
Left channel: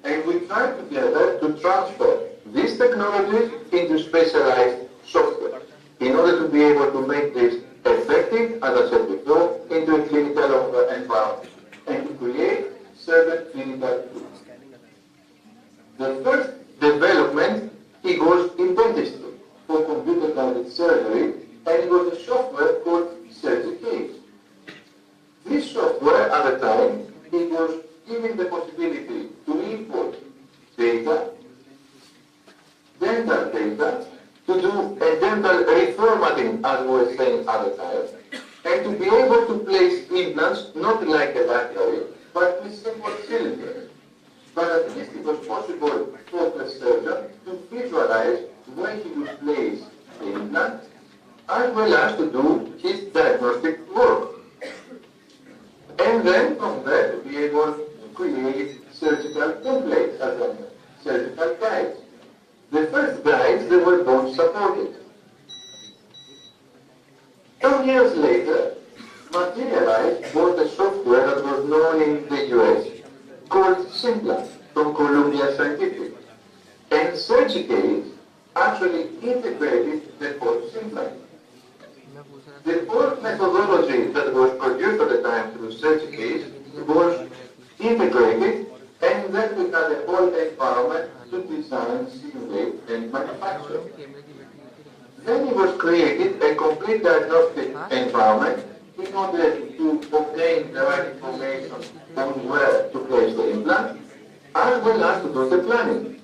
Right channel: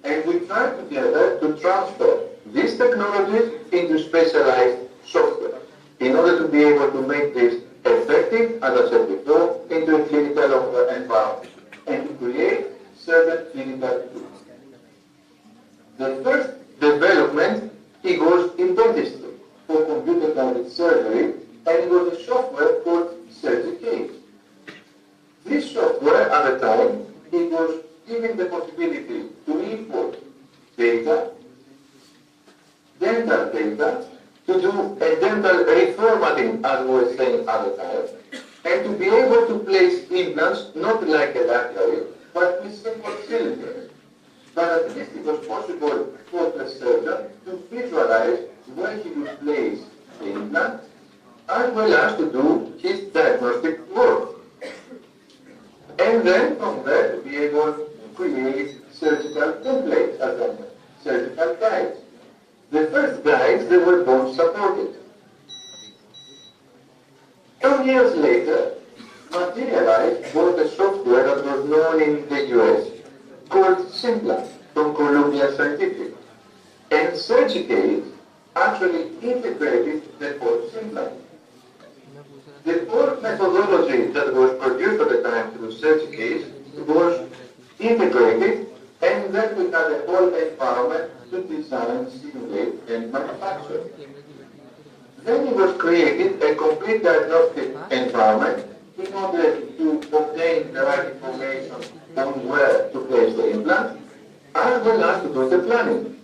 And we tried together to transfer these technologies into specialized software in order to be able to make this effective, as I said before, into a clinical environment and to create certain clinical tools. The first development, it was in dentistry for computer-guided surgery, and it was a software called SurgiCase. This software at the time, it was giving the possibility to import data, dental data, to do a dental reformatting, as we were saying at the time, and to be able to place implants, not like a lateral, but with simple cylinders. But at least it was possible for the surgeon to visualize where he would place the implant, as well as to do his diagnostic work. And then from there to be able to create surgical templates, as I said, surgical guides. The first guides, they were both supported. 2 years later, Materialize bought a software that was known in the US called Simpla from Columbia Scientific. And SurgiCase actually integrated the whole Simpla. The whole methodology that was produced at the time through SurgiCase was integrated, and then we had a whole environment to design, simulate, and manufactured. Then it was created a complete diagnostic environment in order to obtain the right information on where to place the implant, as well as to do the planning.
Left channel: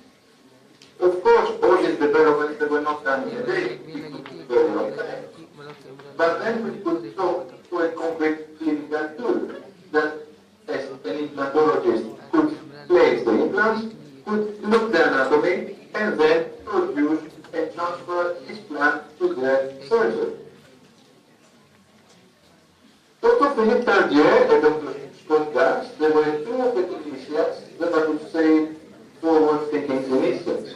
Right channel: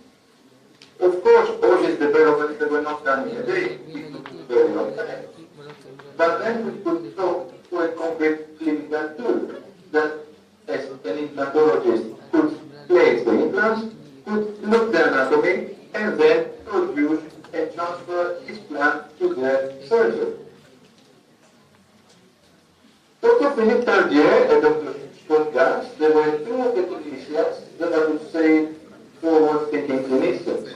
Of course, all these developments that were not done in a day, it took a very long time. But then we could talk to a concrete clinical tool that, as an implantologist, could place the implants, could look the anatomy, and then produce and transfer his plan to the surgeon. Dr. Philippe Tardier and Dr. Scott Gans, they were two of the clinicians that I would say forward-thinking clinicians.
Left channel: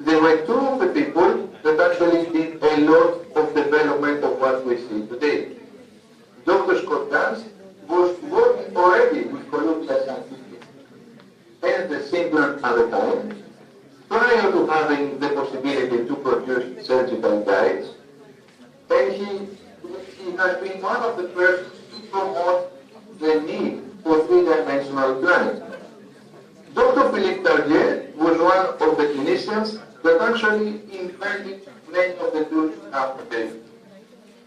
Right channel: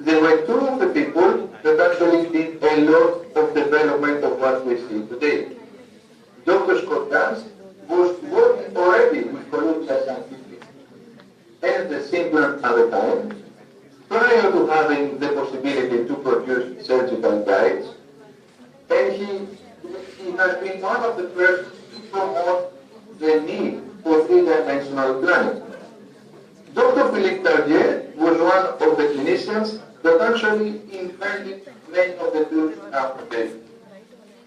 They were two of the people that actually did a lot of development of what we see today. Dr. Scott Gans was working already with Columbia Scientific and the Simplant at the time, prior to having the possibility to produce surgical guides, and he has been one of the first to promote the need for three-dimensional planning. Dr. Philippe Tardier was one of the clinicians that actually invented many of the tools we have today.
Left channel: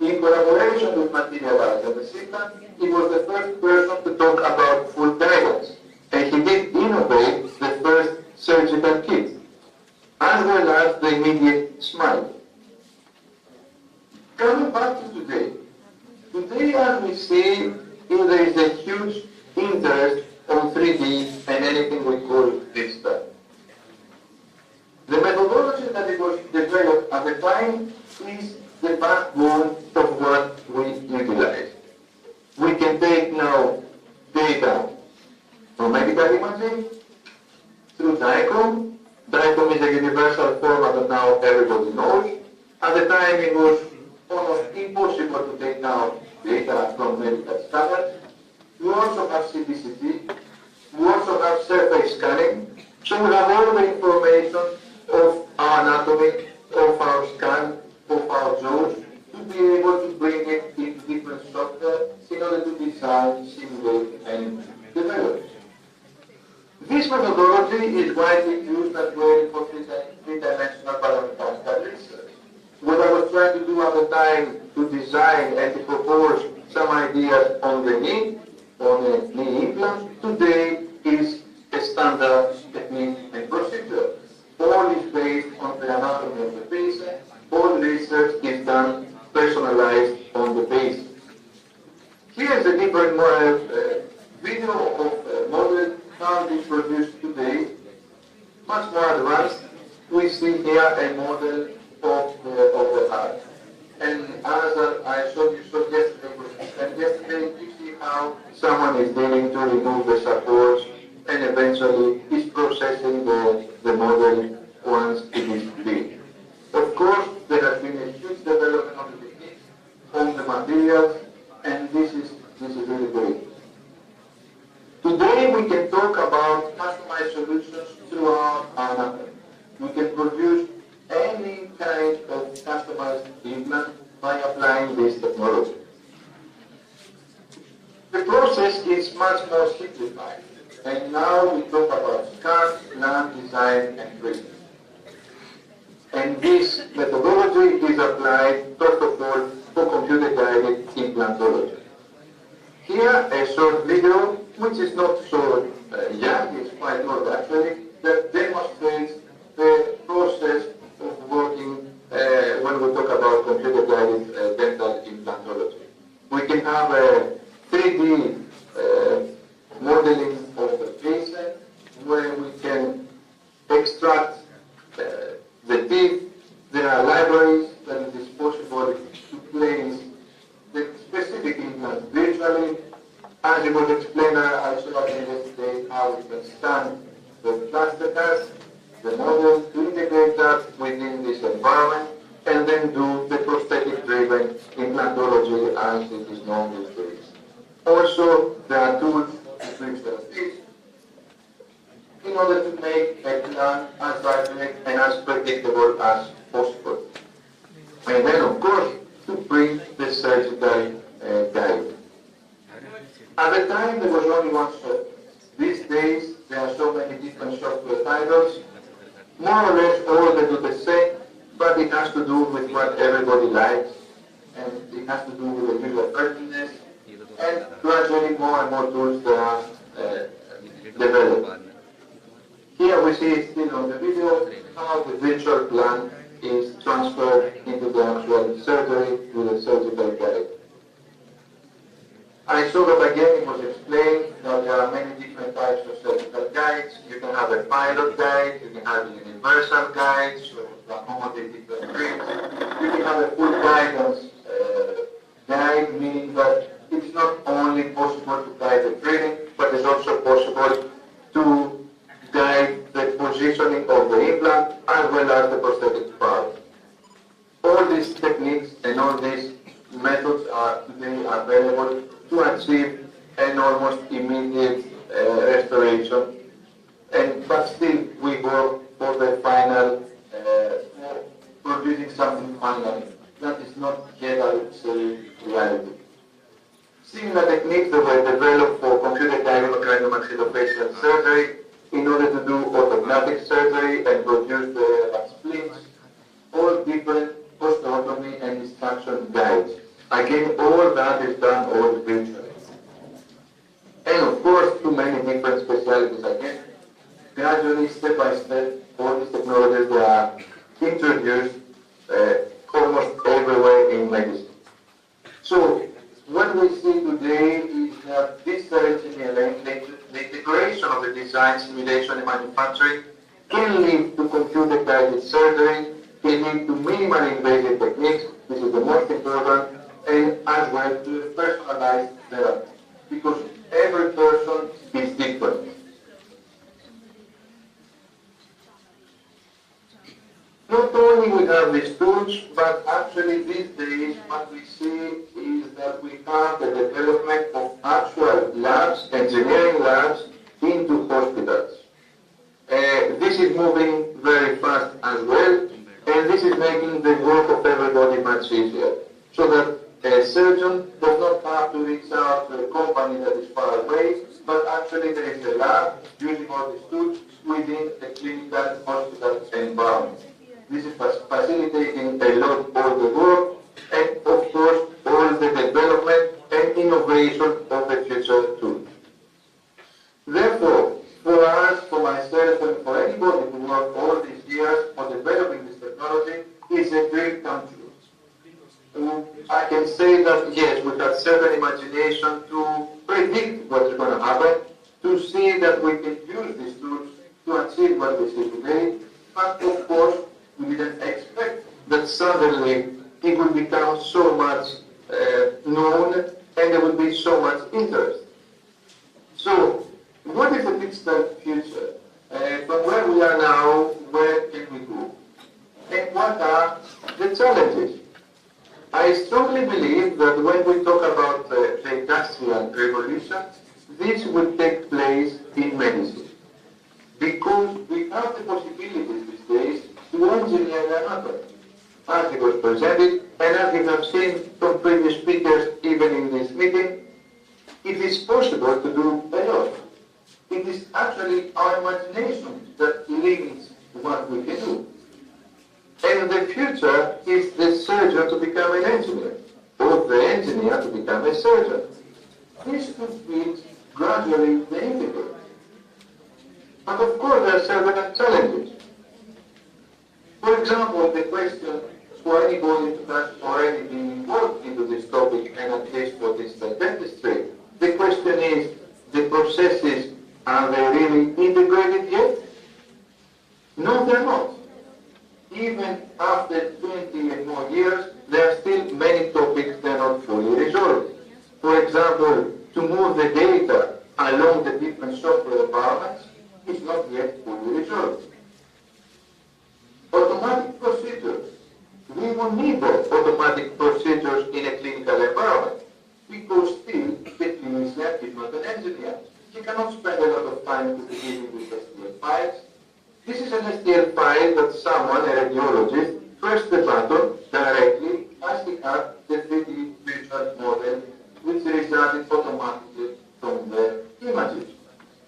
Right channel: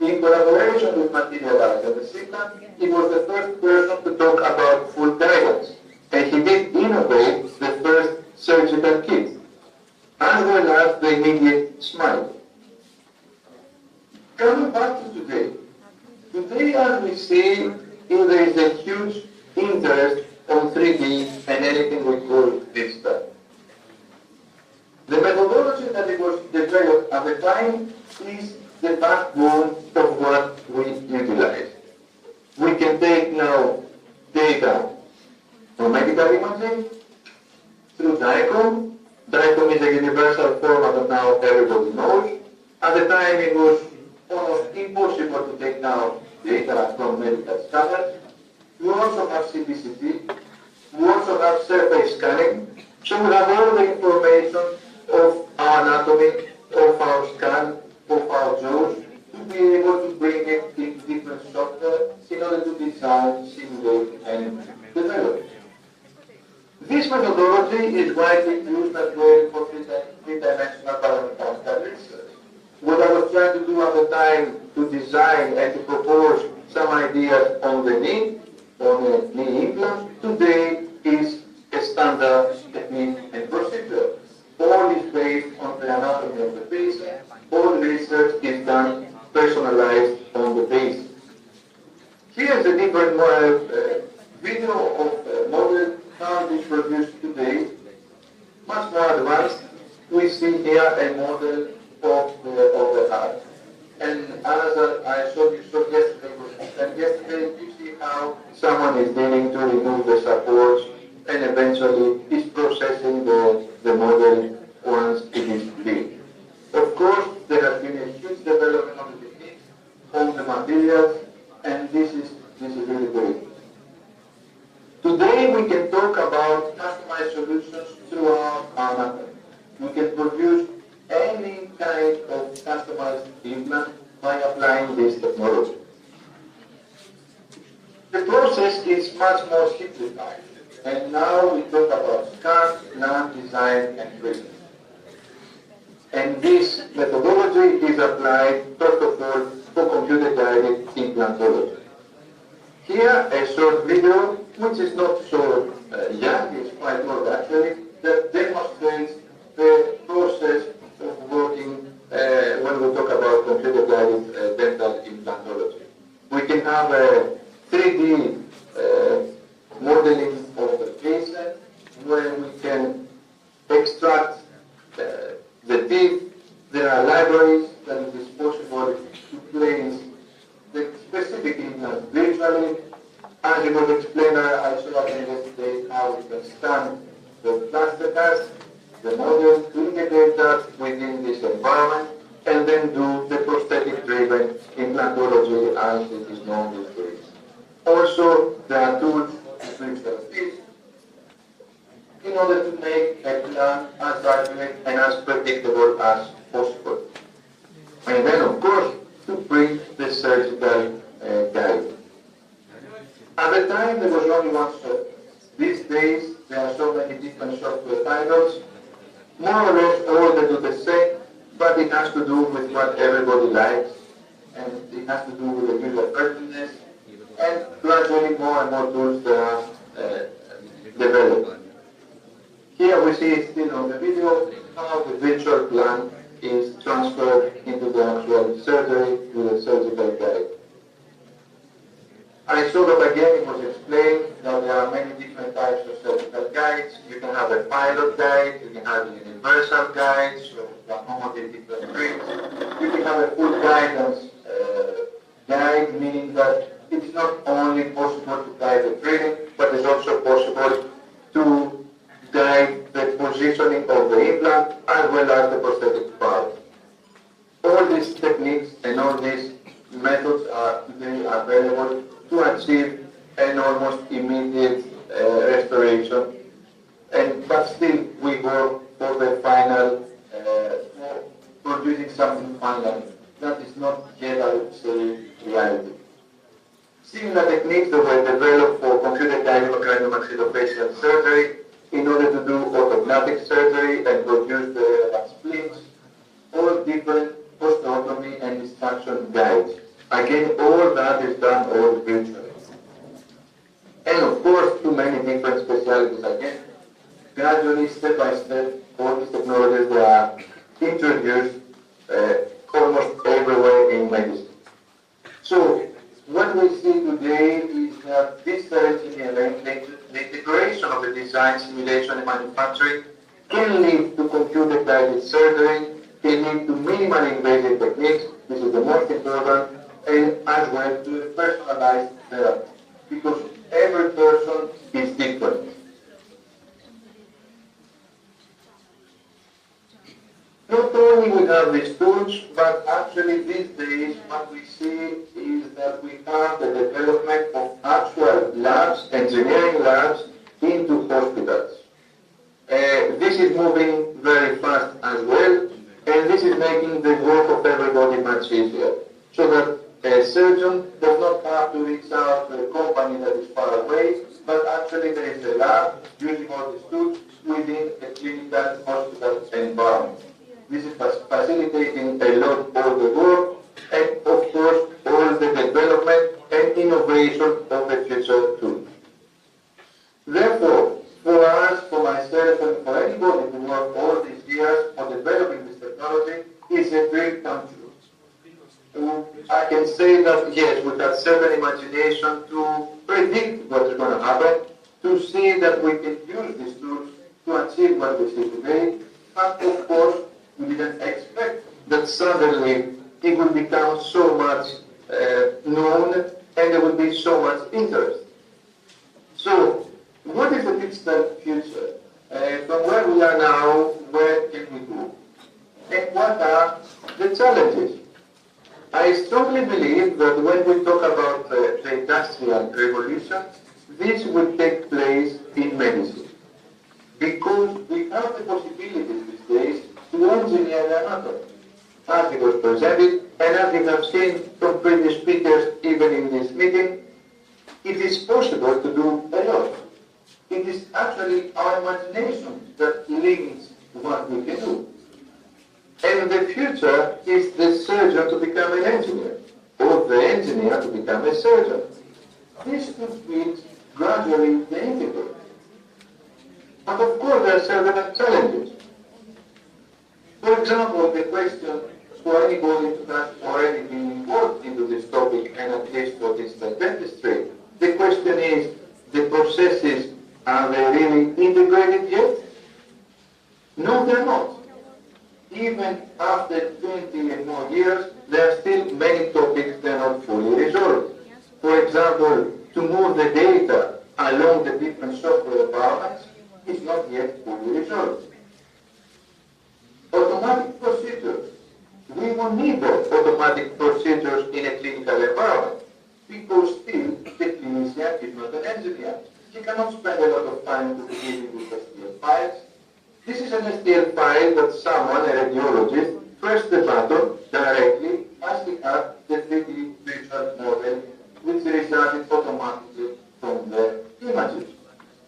In collaboration with Materialize and the Simplant, he was the first person to talk about full guidance, and he did innovate the first surgical kit, as well as the immediate smile. Coming back to today, as we see, there is a huge interest on 3D and anything we call digital. The methodology that it was developed at the time is the backbone of what we utilize. We can take now data from medical imaging through DICOM. DICOM is a universal format that now everybody knows. At the time it was almost impossible to take now data from medical scanners. We also have CBCT. We also have surface scanning. So we have all the information of our anatomy, of our scan, of our jaws, to be able to bring it in different software in order to design, simulate, and develop. This methodology is widely used as well for three-dimensional biomechanical research. What I was trying to do at the time to design and to propose some ideas on the knee, on the knee implant, today is a standard technique and procedure. All is based on the anatomy of the patient. All research is done personalized on the patient. Here is a different video of a model how it is produced today, much more advanced. We see here a model of the heart. And as I showed you yesterday, you see how someone is needing to remove the supports and eventually is processing the model once it is built. Of course, there has been a huge development of the techniques, on the materials, and this is really great. Today we can talk about customized solutions throughout our anatomy. We can produce any kind of customized implant by applying this technology. The process is much more simplified, and now we talk about scan, plan, design, and treatment. And this methodology is applied, first of all, for computer-guided implantology. Here, a short video, which is not so young, it's quite old actually, that demonstrates the process of working when we talk about computer-guided dental implantology. We can have a 3D modeling of the patient where we can extract the teeth. There are libraries that it is possible to place the specific implant virtually. As it was explained, I showed yesterday how we can scan the plaster cast, the model, to integrate that within this environment, and then do the prosthetic-driven implantology as it is known these days. Also, there are tools to fix the teeth in order to make a plan as accurate and as predictable as possible. And then, of course, to bring the surgical guide. At the time, there was only one software. These days, there are so many different software titles. more or less all they do the same, but it has to do with what everybody likes, and it has to do with the user friendliness, and gradually more and more tools are developed. Here we see still on the video how the virtual plan is transferred into the actual surgery with a surgical guide. I saw that again it was explained that there are many different types of surgical guides. You can have a pilot guide, you can have a universal guide, so to accommodate different treats. You can have a full guidance guide, meaning that it's not only possible to guide the breathing, but it's also possible to guide the positioning of the implant as well as the prosthetic part. All these techniques and all these methods are today available to achieve an almost immediate restoration, but still we work for the final, producing something final that is not yet, I would say, reality. Similar techniques that were developed for computer-guided craniomaxillofacial surgery in order to do orthodontic surgery and produce the splints, all different osteotomy and extraction guides. Again, all that is done all virtually. And of course, too many different specialties again. Gradually, step by step, all these technologies are introduced almost everywhere in medicine. So, what we see today is that this engineering, the integration of the design, simulation, and manufacturing can lead to computer-guided surgery, can lead to minimally invasive techniques, this is the most important, and as well to personalized therapy, because every person is different. Not only we have these tools, but actually these days what we see is that we have the development of actual labs, engineering labs, into hospitals. This is moving very fast as well, and this is making the work of everybody much easier, so that a surgeon does not have to reach out to a company that is far away, but actually there is a lab using all these tools within the clinical hospital environment. This is facilitating a lot all the work, and of course all the development and innovation of the future too. Therefore, for us, for myself, and for anybody who worked all these years on developing this technology, is a dream come true. I can say that yes, we have certain imagination to predict what is going to happen, to see that we can use these tools to achieve what we see today, but of course, we didn't expect that suddenly it would become so much known and there would be so much interest. So, what is the distant future? From where we are now, where can we go? And what are the challenges? I strongly believe that when we talk about the industrial revolution, this will take place in medicine. Because we have the possibilities these days to engineer the anatomy. As it was presented, and as you have seen from previous speakers, even in this meeting, it is possible to do a lot. It is actually our imagination that limits what we can do. And the future is the surgeon to become an engineer, or the engineer to become a surgeon. This could be gradually the integrate. But of course there are several challenges. For example, the question for anybody who has already been involved into this topic, and at least for this dentistry, the question is, the processes, are they really integrated yet? No, they're not. Even after 20 and more years, there are still many topics that are not fully resolved. For example, to move the data along the different software environments is not yet fully resolved. Automatic procedures. We will need those automatic procedures in a clinical environment because still the clinician is not an engineer. He cannot spend a lot of time to deal with STL files. This is an STL file that someone, a radiologist, pressed the button directly as he had the 3D virtual model, which resulted automatically from the images.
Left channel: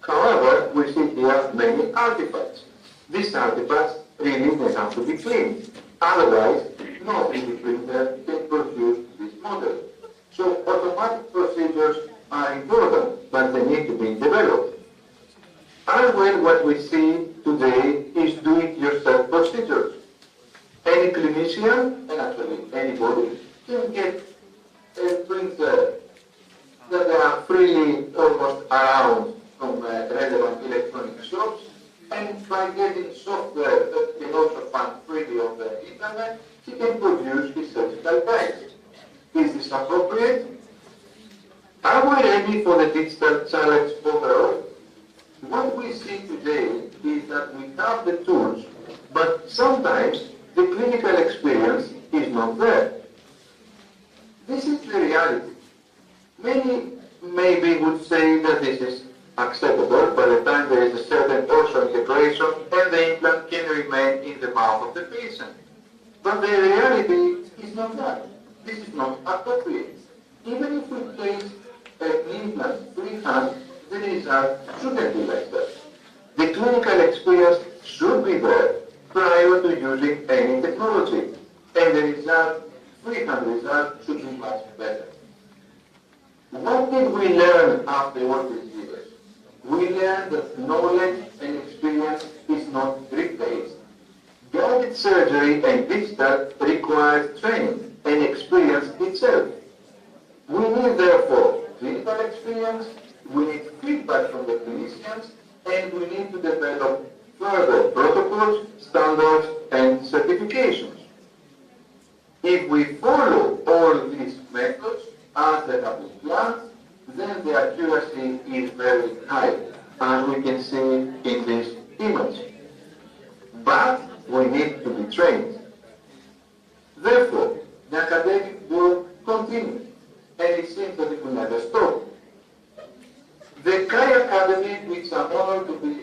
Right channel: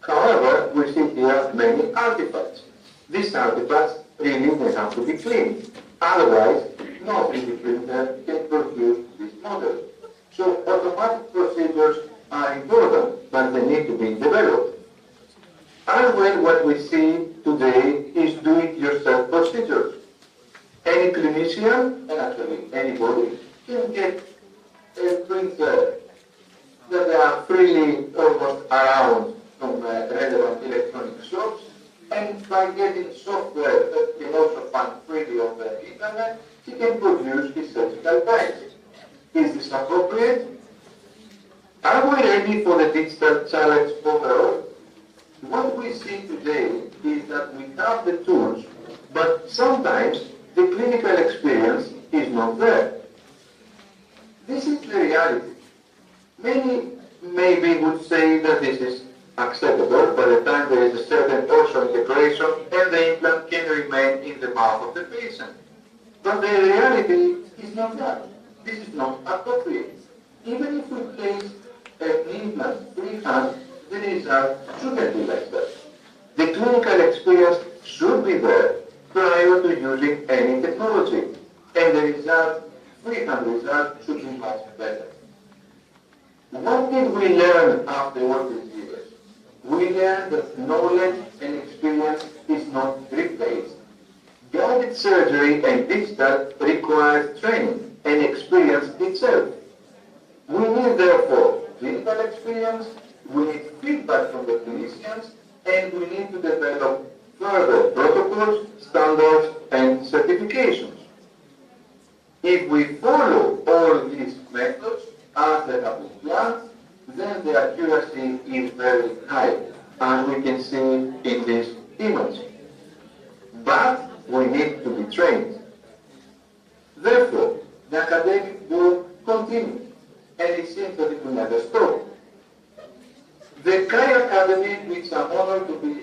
However, we see here many artifacts. These artifacts be clean. Otherwise, no 3D printer can produce this model. So automatic procedures are important, but they need to be developed. As well, what we see today is do-it-yourself procedures. Any clinician, and actually anybody, can get a printer that they are freely almost around from relevant electronic shops, and by getting software that can also find freely on the internet, he can produce his surgical guides. Is this appropriate? Are we ready for the digital challenge overall? What we see today is that we have the tools, but sometimes the clinical experience is not there. This is the reality. Many maybe would say that this is acceptable by the time there is a certain also integration and the implant can remain in the mouth of the patient. But the reality is not that. This is not appropriate. Even if we place an implant freehand, the result shouldn't be like that. The clinical experience should be there prior to using any technology, and the result, freehand result, should be much better. What did we learn after all these years? We learned that knowledge and experience is not replaced. Guided surgery and digital requires training and experience itself. We need therefore clinical experience, we need feedback from the clinicians, and we need to develop further protocols, standards, and certifications. If we follow all these methods as they have been planned, then the accuracy is very high, as we can see in this image. But we need to be trained. Therefore, the academic work continues, and it seems that it will never stop. The Kai Academy, which I'm honored to be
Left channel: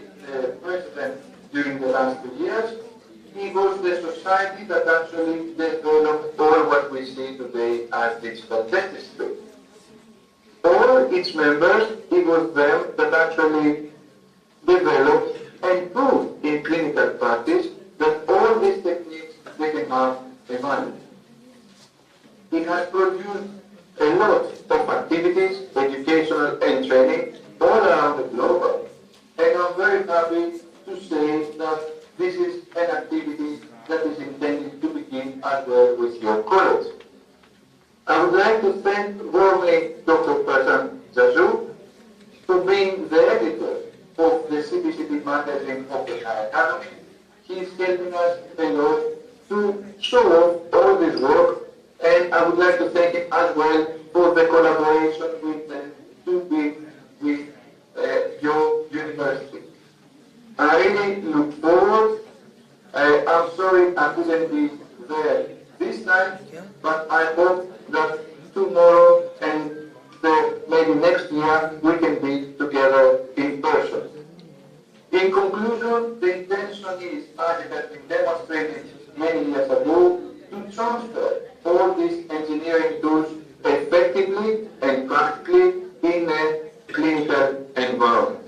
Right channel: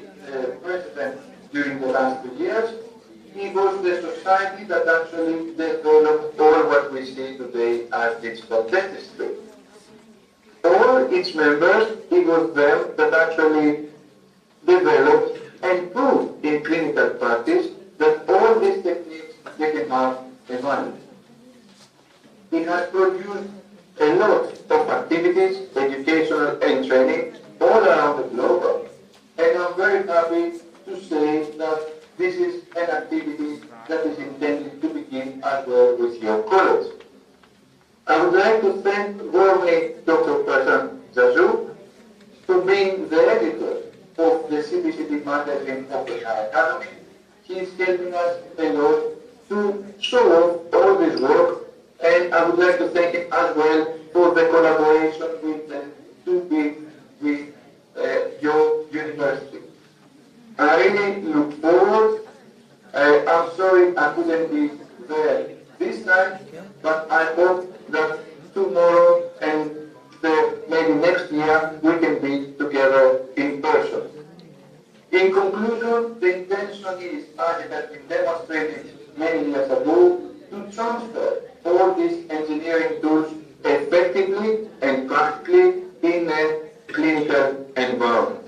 president during the last 2 years, it was the society that actually developed all what we see today as digital dentistry. All its members, it was them that actually developed and proved in clinical practice that all these techniques, they can have a value. It has produced a lot of activities, educational and training, all around the globe. And I'm very happy to say that this is an activity that is intended to begin as well with your college. I would like to thank warmly Dr. Prasan Jazu for being the editor of the CBCT magazine of the Kai Academy. He is helping us a lot to show off all this work, and I would like to thank him as well for the collaboration with your university. I really look forward. I'm sorry I couldn't be there this time, but I hope that tomorrow and maybe next year we can be together in person. In conclusion, the intention is, as it has been demonstrated many years ago, to transfer all these engineering tools effectively and practically in a clinical environment.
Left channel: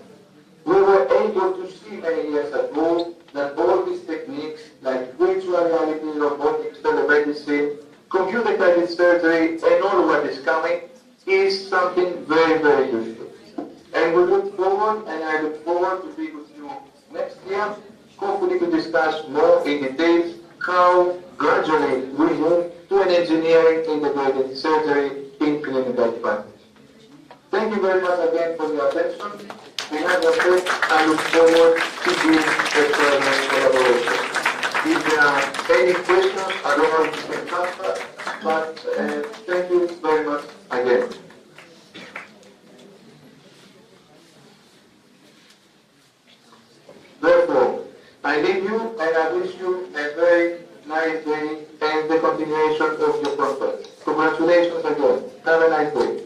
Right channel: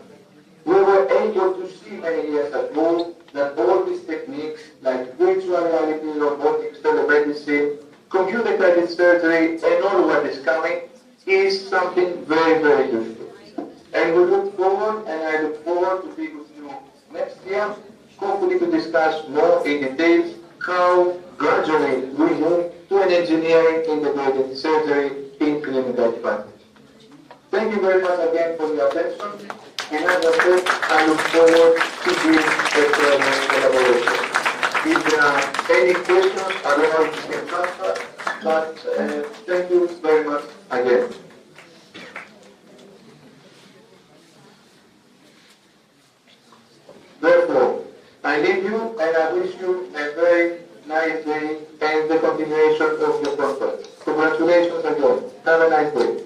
We were able to see many years ago that all these techniques like virtual reality, robotics, telemedicine, computer-guided surgery, and all what is coming is something very, very useful. And we look forward, and I look forward to be with you next year, hopefully to discuss more in details how gradually we move to an engineering integrated surgery in clinical practice. Thank you very much again for your attention. And as I said, I look forward to being a further collaboration. If there are any questions, I don't know if you can answer, but thank you very much again. Therefore, I leave you and I wish you a very nice day and the continuation of your conference. Congratulations again. Have a nice day.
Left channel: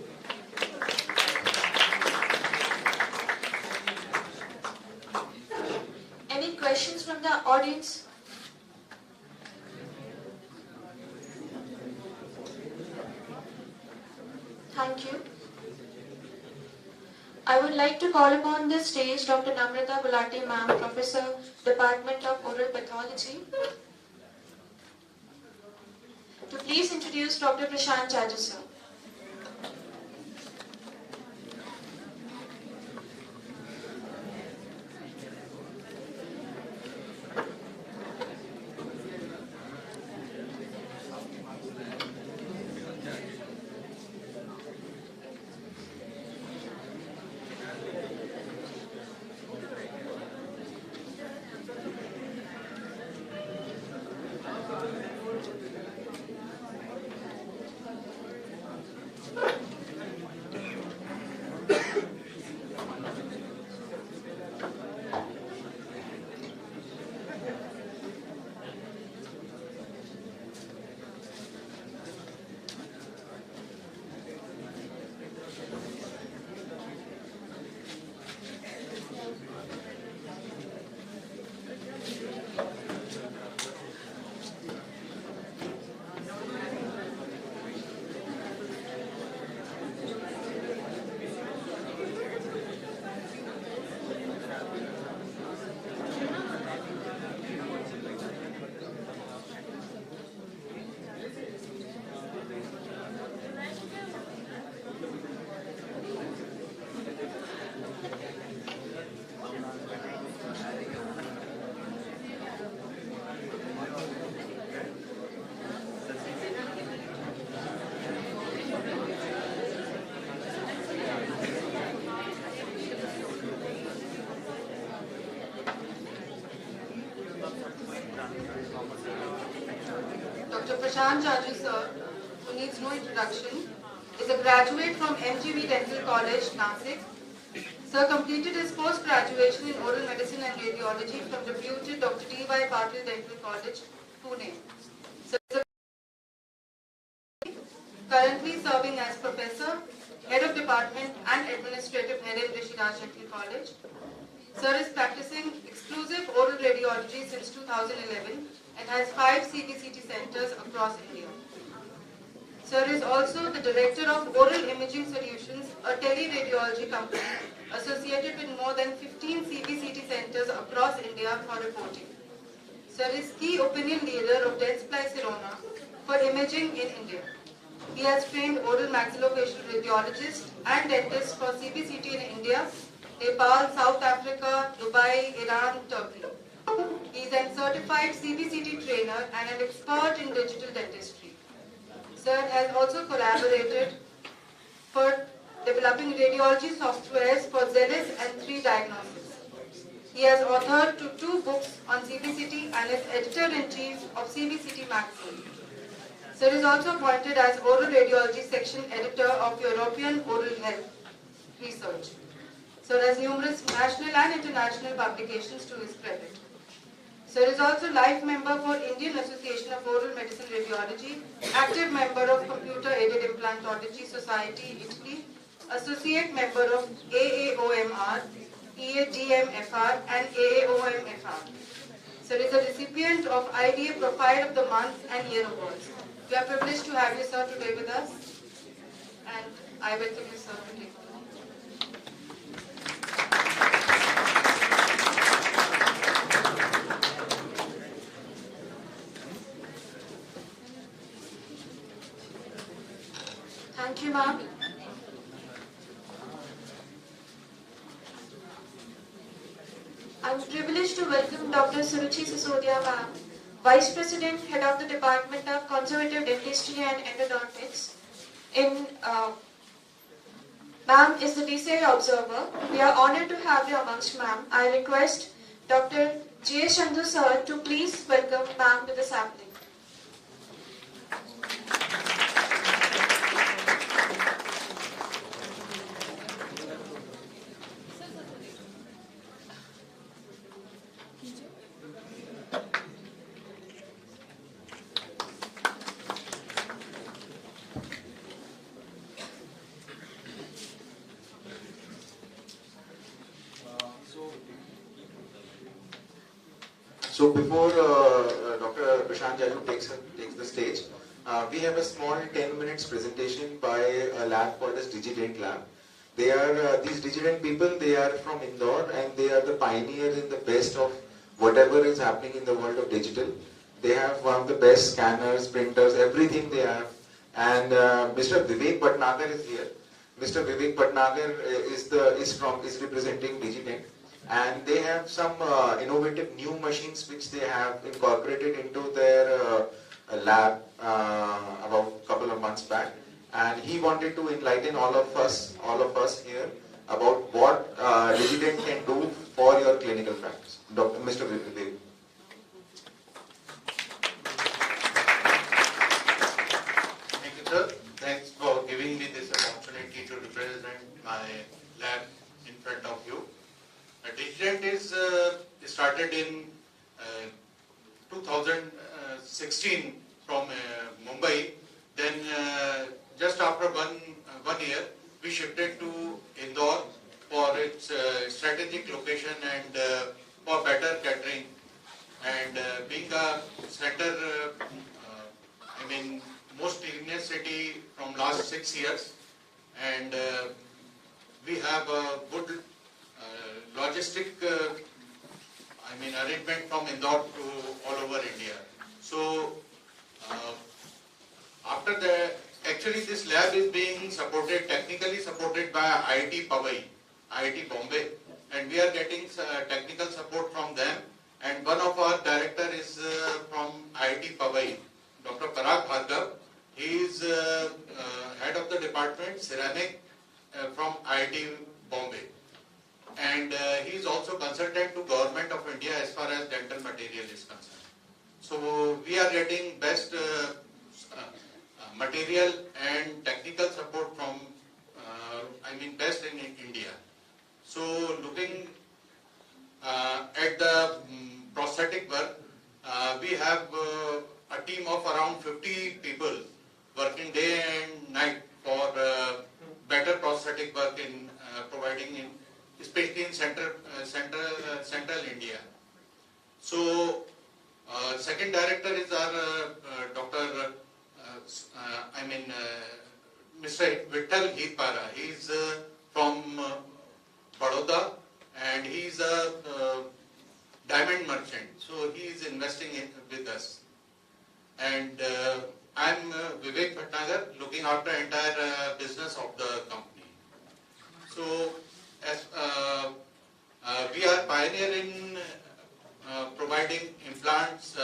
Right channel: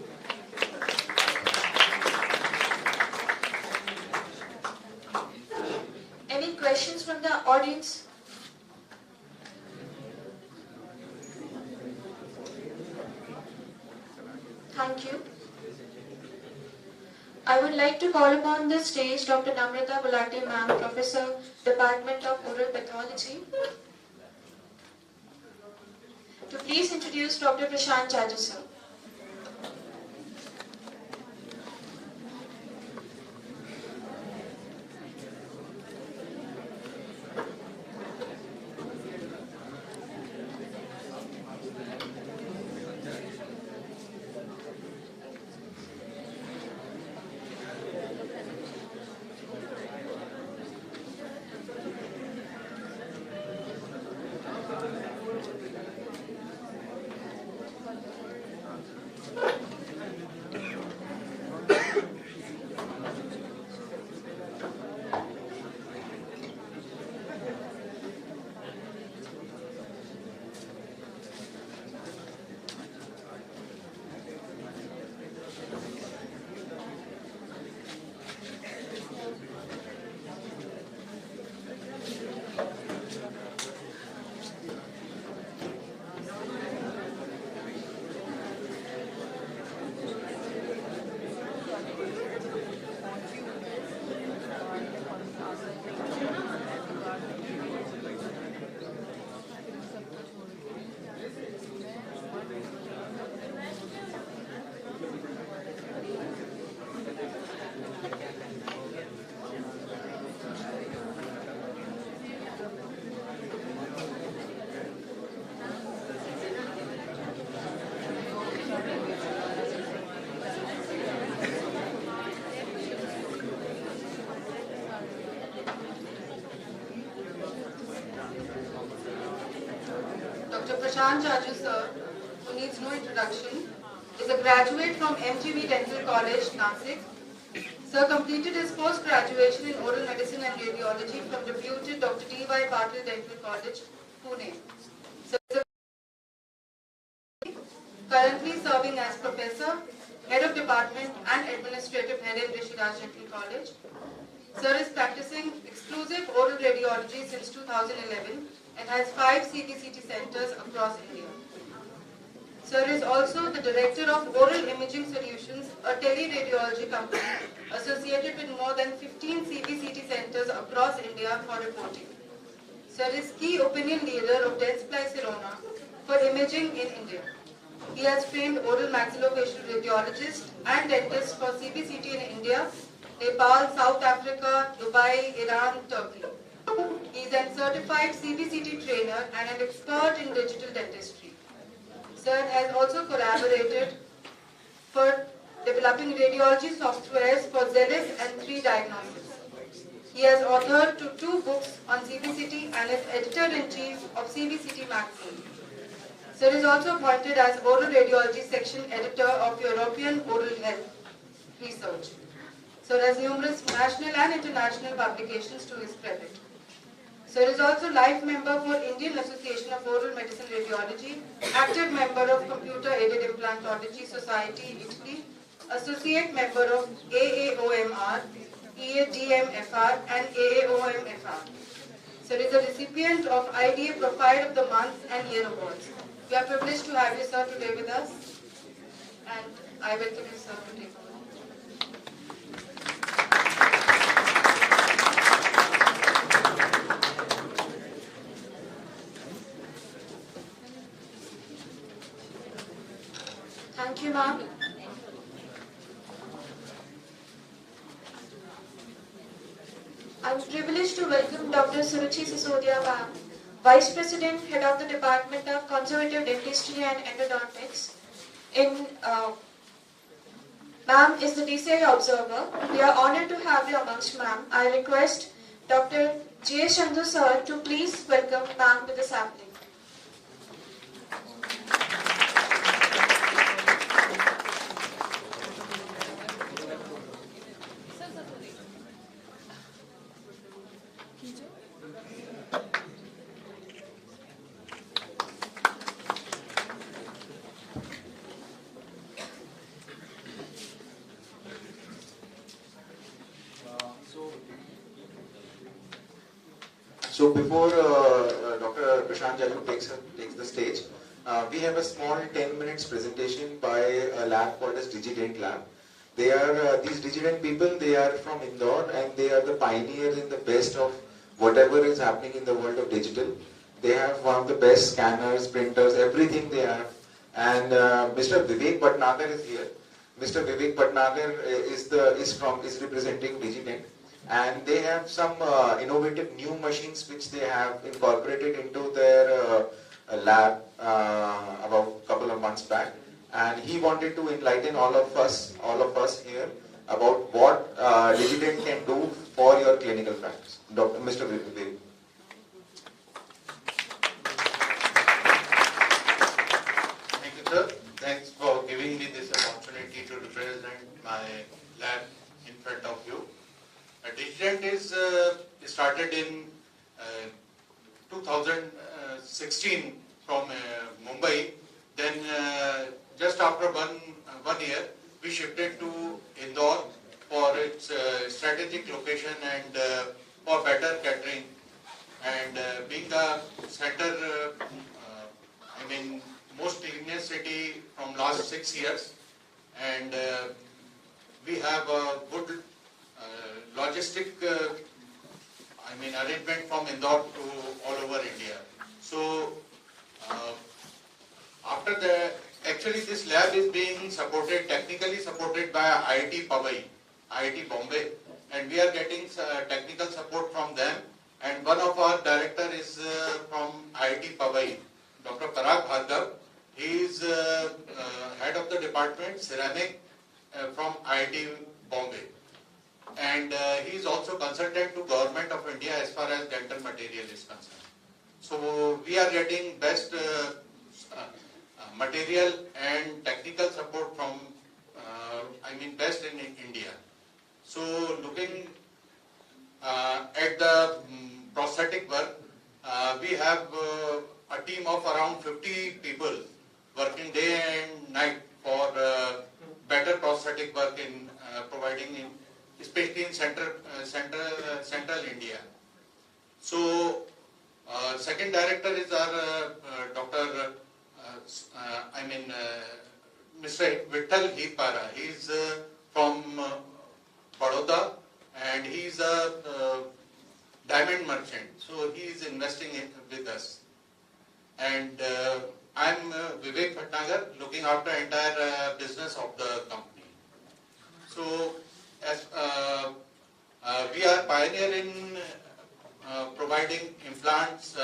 Any questions from the audience? Thank you. I would like to call upon the stage Dr. Namrata Gulati ma'am, Professor, Department of Oral Pathology. introduce Dr. Prashant Jaju, sir. Dr. Prashant Jaju, sir, who needs no introduction, is a graduate from MGV Dental College, Nasik. Sir completed his post-graduation in oral medicine and radiology from reputed Dr. D.Y. Patil Dental College, Pune. Sir is currently serving as professor, head of department and administrative head in Rishiraj Dental College. Sir is practicing exclusive oral radiology since 2011 and has 5 CBCT centers across India. Sir is also the director of Oral Imaging Solutions, a teleradiology company associated with more than 15 CBCT centers across India for reporting. Sir is key opinion leader of Dentsply Sirona for imaging in India. He has trained oral maxillofacial radiologists and dentists for CBCT in India, Nepal, South Africa, Dubai, Iran, Turkey. He is a certified CBCT trainer and an expert in digital dentistry. Sir has also collaborated for developing radiology softwares for Zelis and 3 Diagnosis. He has authored 2 books on CBCT and is editor-in-chief of CBCT magazine. Sir is also appointed as oral radiology section editor of European Oral Health Research. Sir has numerous national and international publications to his credit. Sir is also life member for Indian Association of Oral Medicine Radiology, active member of Computer Aided Implantology Society, Italy, associate member of AAOMR, EADMFR and AAOMFR. Sir is a recipient of IDA Profile of the Month and Year Awards. We are privileged to have you, sir, today with us, and I welcome you, sir, to take over. Thank you, ma'am. I'm privileged to welcome Dr. Suruchi Sisodia, ma'am, Vice President, Head of the Department of Conservative Dentistry and Endodontics. Ma'am is the DCI observer. We are honored to have you amongst ma'am. I request Dr. G. S. Chandru, sir, to please welcome ma'am to the sampling. So before Dr. Prashant Jaju takes the stage, we have a small 10 minutes presentation by a lab called as DigiDent Lab. They are these DigiDent people. They are from Indore and they are the pioneers in the best of whatever is happening in the world of digital. They have one of the best scanners, printers, everything they have. And Mr. Vivek Bhatnagar is here. Mr. Vivek Bhatnagar is representing Digident, and they have some innovative new machines which they have incorporated into their lab about a couple of months back. And he wanted to enlighten all of us here about what Digident can do for your clinical practice. Mr. Vivek. Thank you, sir. Thanks for giving me this opportunity to represent my lab in front of you. Digident is started in 2016 from Mumbai. Then just after one year, we shifted to Indore for its strategic location and for better catering. And being a center, most cleanest city from last 6 years, and we have a good logistic arrangement from Indore to all over India. So after the, actually this lab is being supported, technically supported by IIT Powai, IIT Bombay, and we are getting technical support from them. And one of our director is from IIT Powai, Dr. Parag Bhargav. He is head of the department ceramic from IIT Bombay, and he is also consultant to Government of India as far as dental material is concerned. So we are getting best material and technical support from best in India. So looking at the prosthetic work, we have a team of around 50 people working day and night for better prosthetic work in providing in, especially in central India. So second director is our Dr. Mr. Vittal Hipara. He is from Baroda, and he is a diamond merchant. So he is investing with us. And I am Vivek Bhatnagar, looking after entire business of the company. So as we are pioneer in providing implants.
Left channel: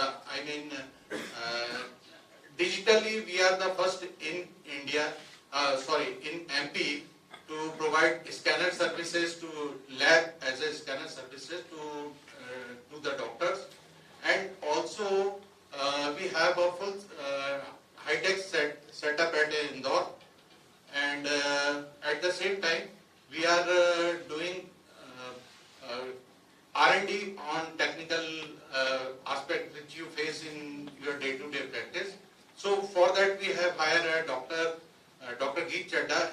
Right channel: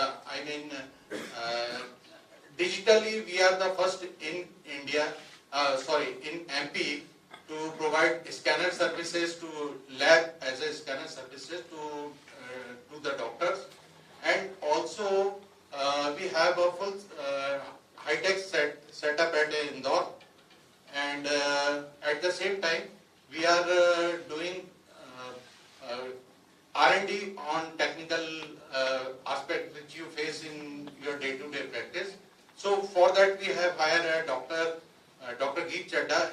Digitally we are the first in India, in MP, to provide scanner services to lab as a scanner services to the doctors, and also we have a full high-tech setup at Indore, and at the same time we are doing R&D on technical aspect which you face in your day-to-day practice. So for that we have hired a Dr. Geet Chadda.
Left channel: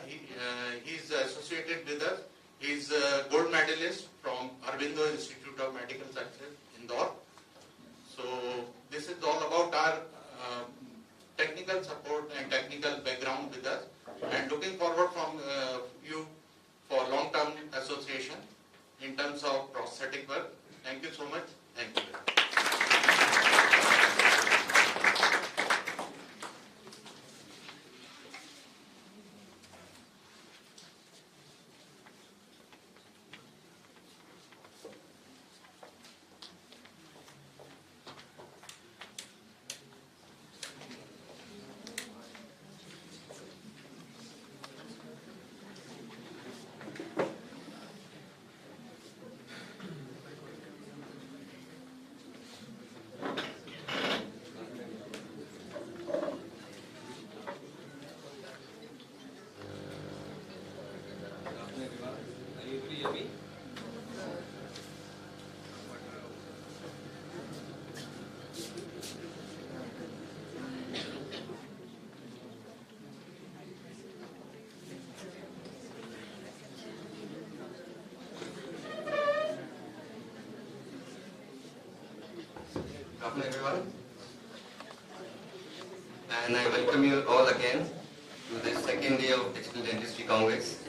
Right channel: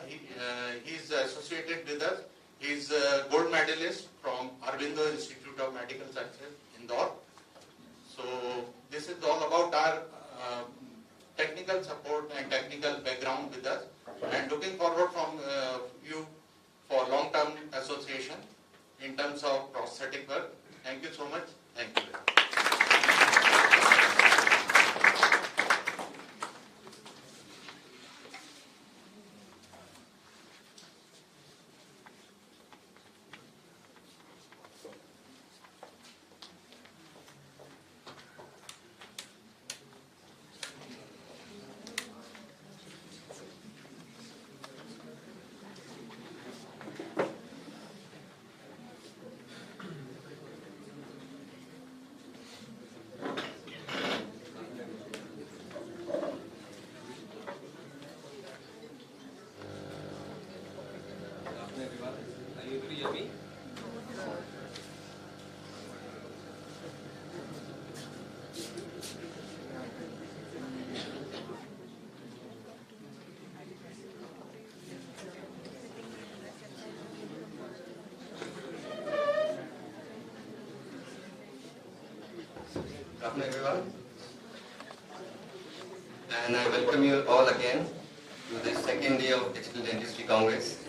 He is associated with us. He is a gold medalist from Aurobindo Institute of Medical Sciences, Indore. So this is all about our technical support and technical background with us, and looking forward from you for long-term association in terms of prosthetic work. Thank you so much. Thank you. Good afternoon, everyone. And I welcome you all again to the second day of Digital Dentistry Congress.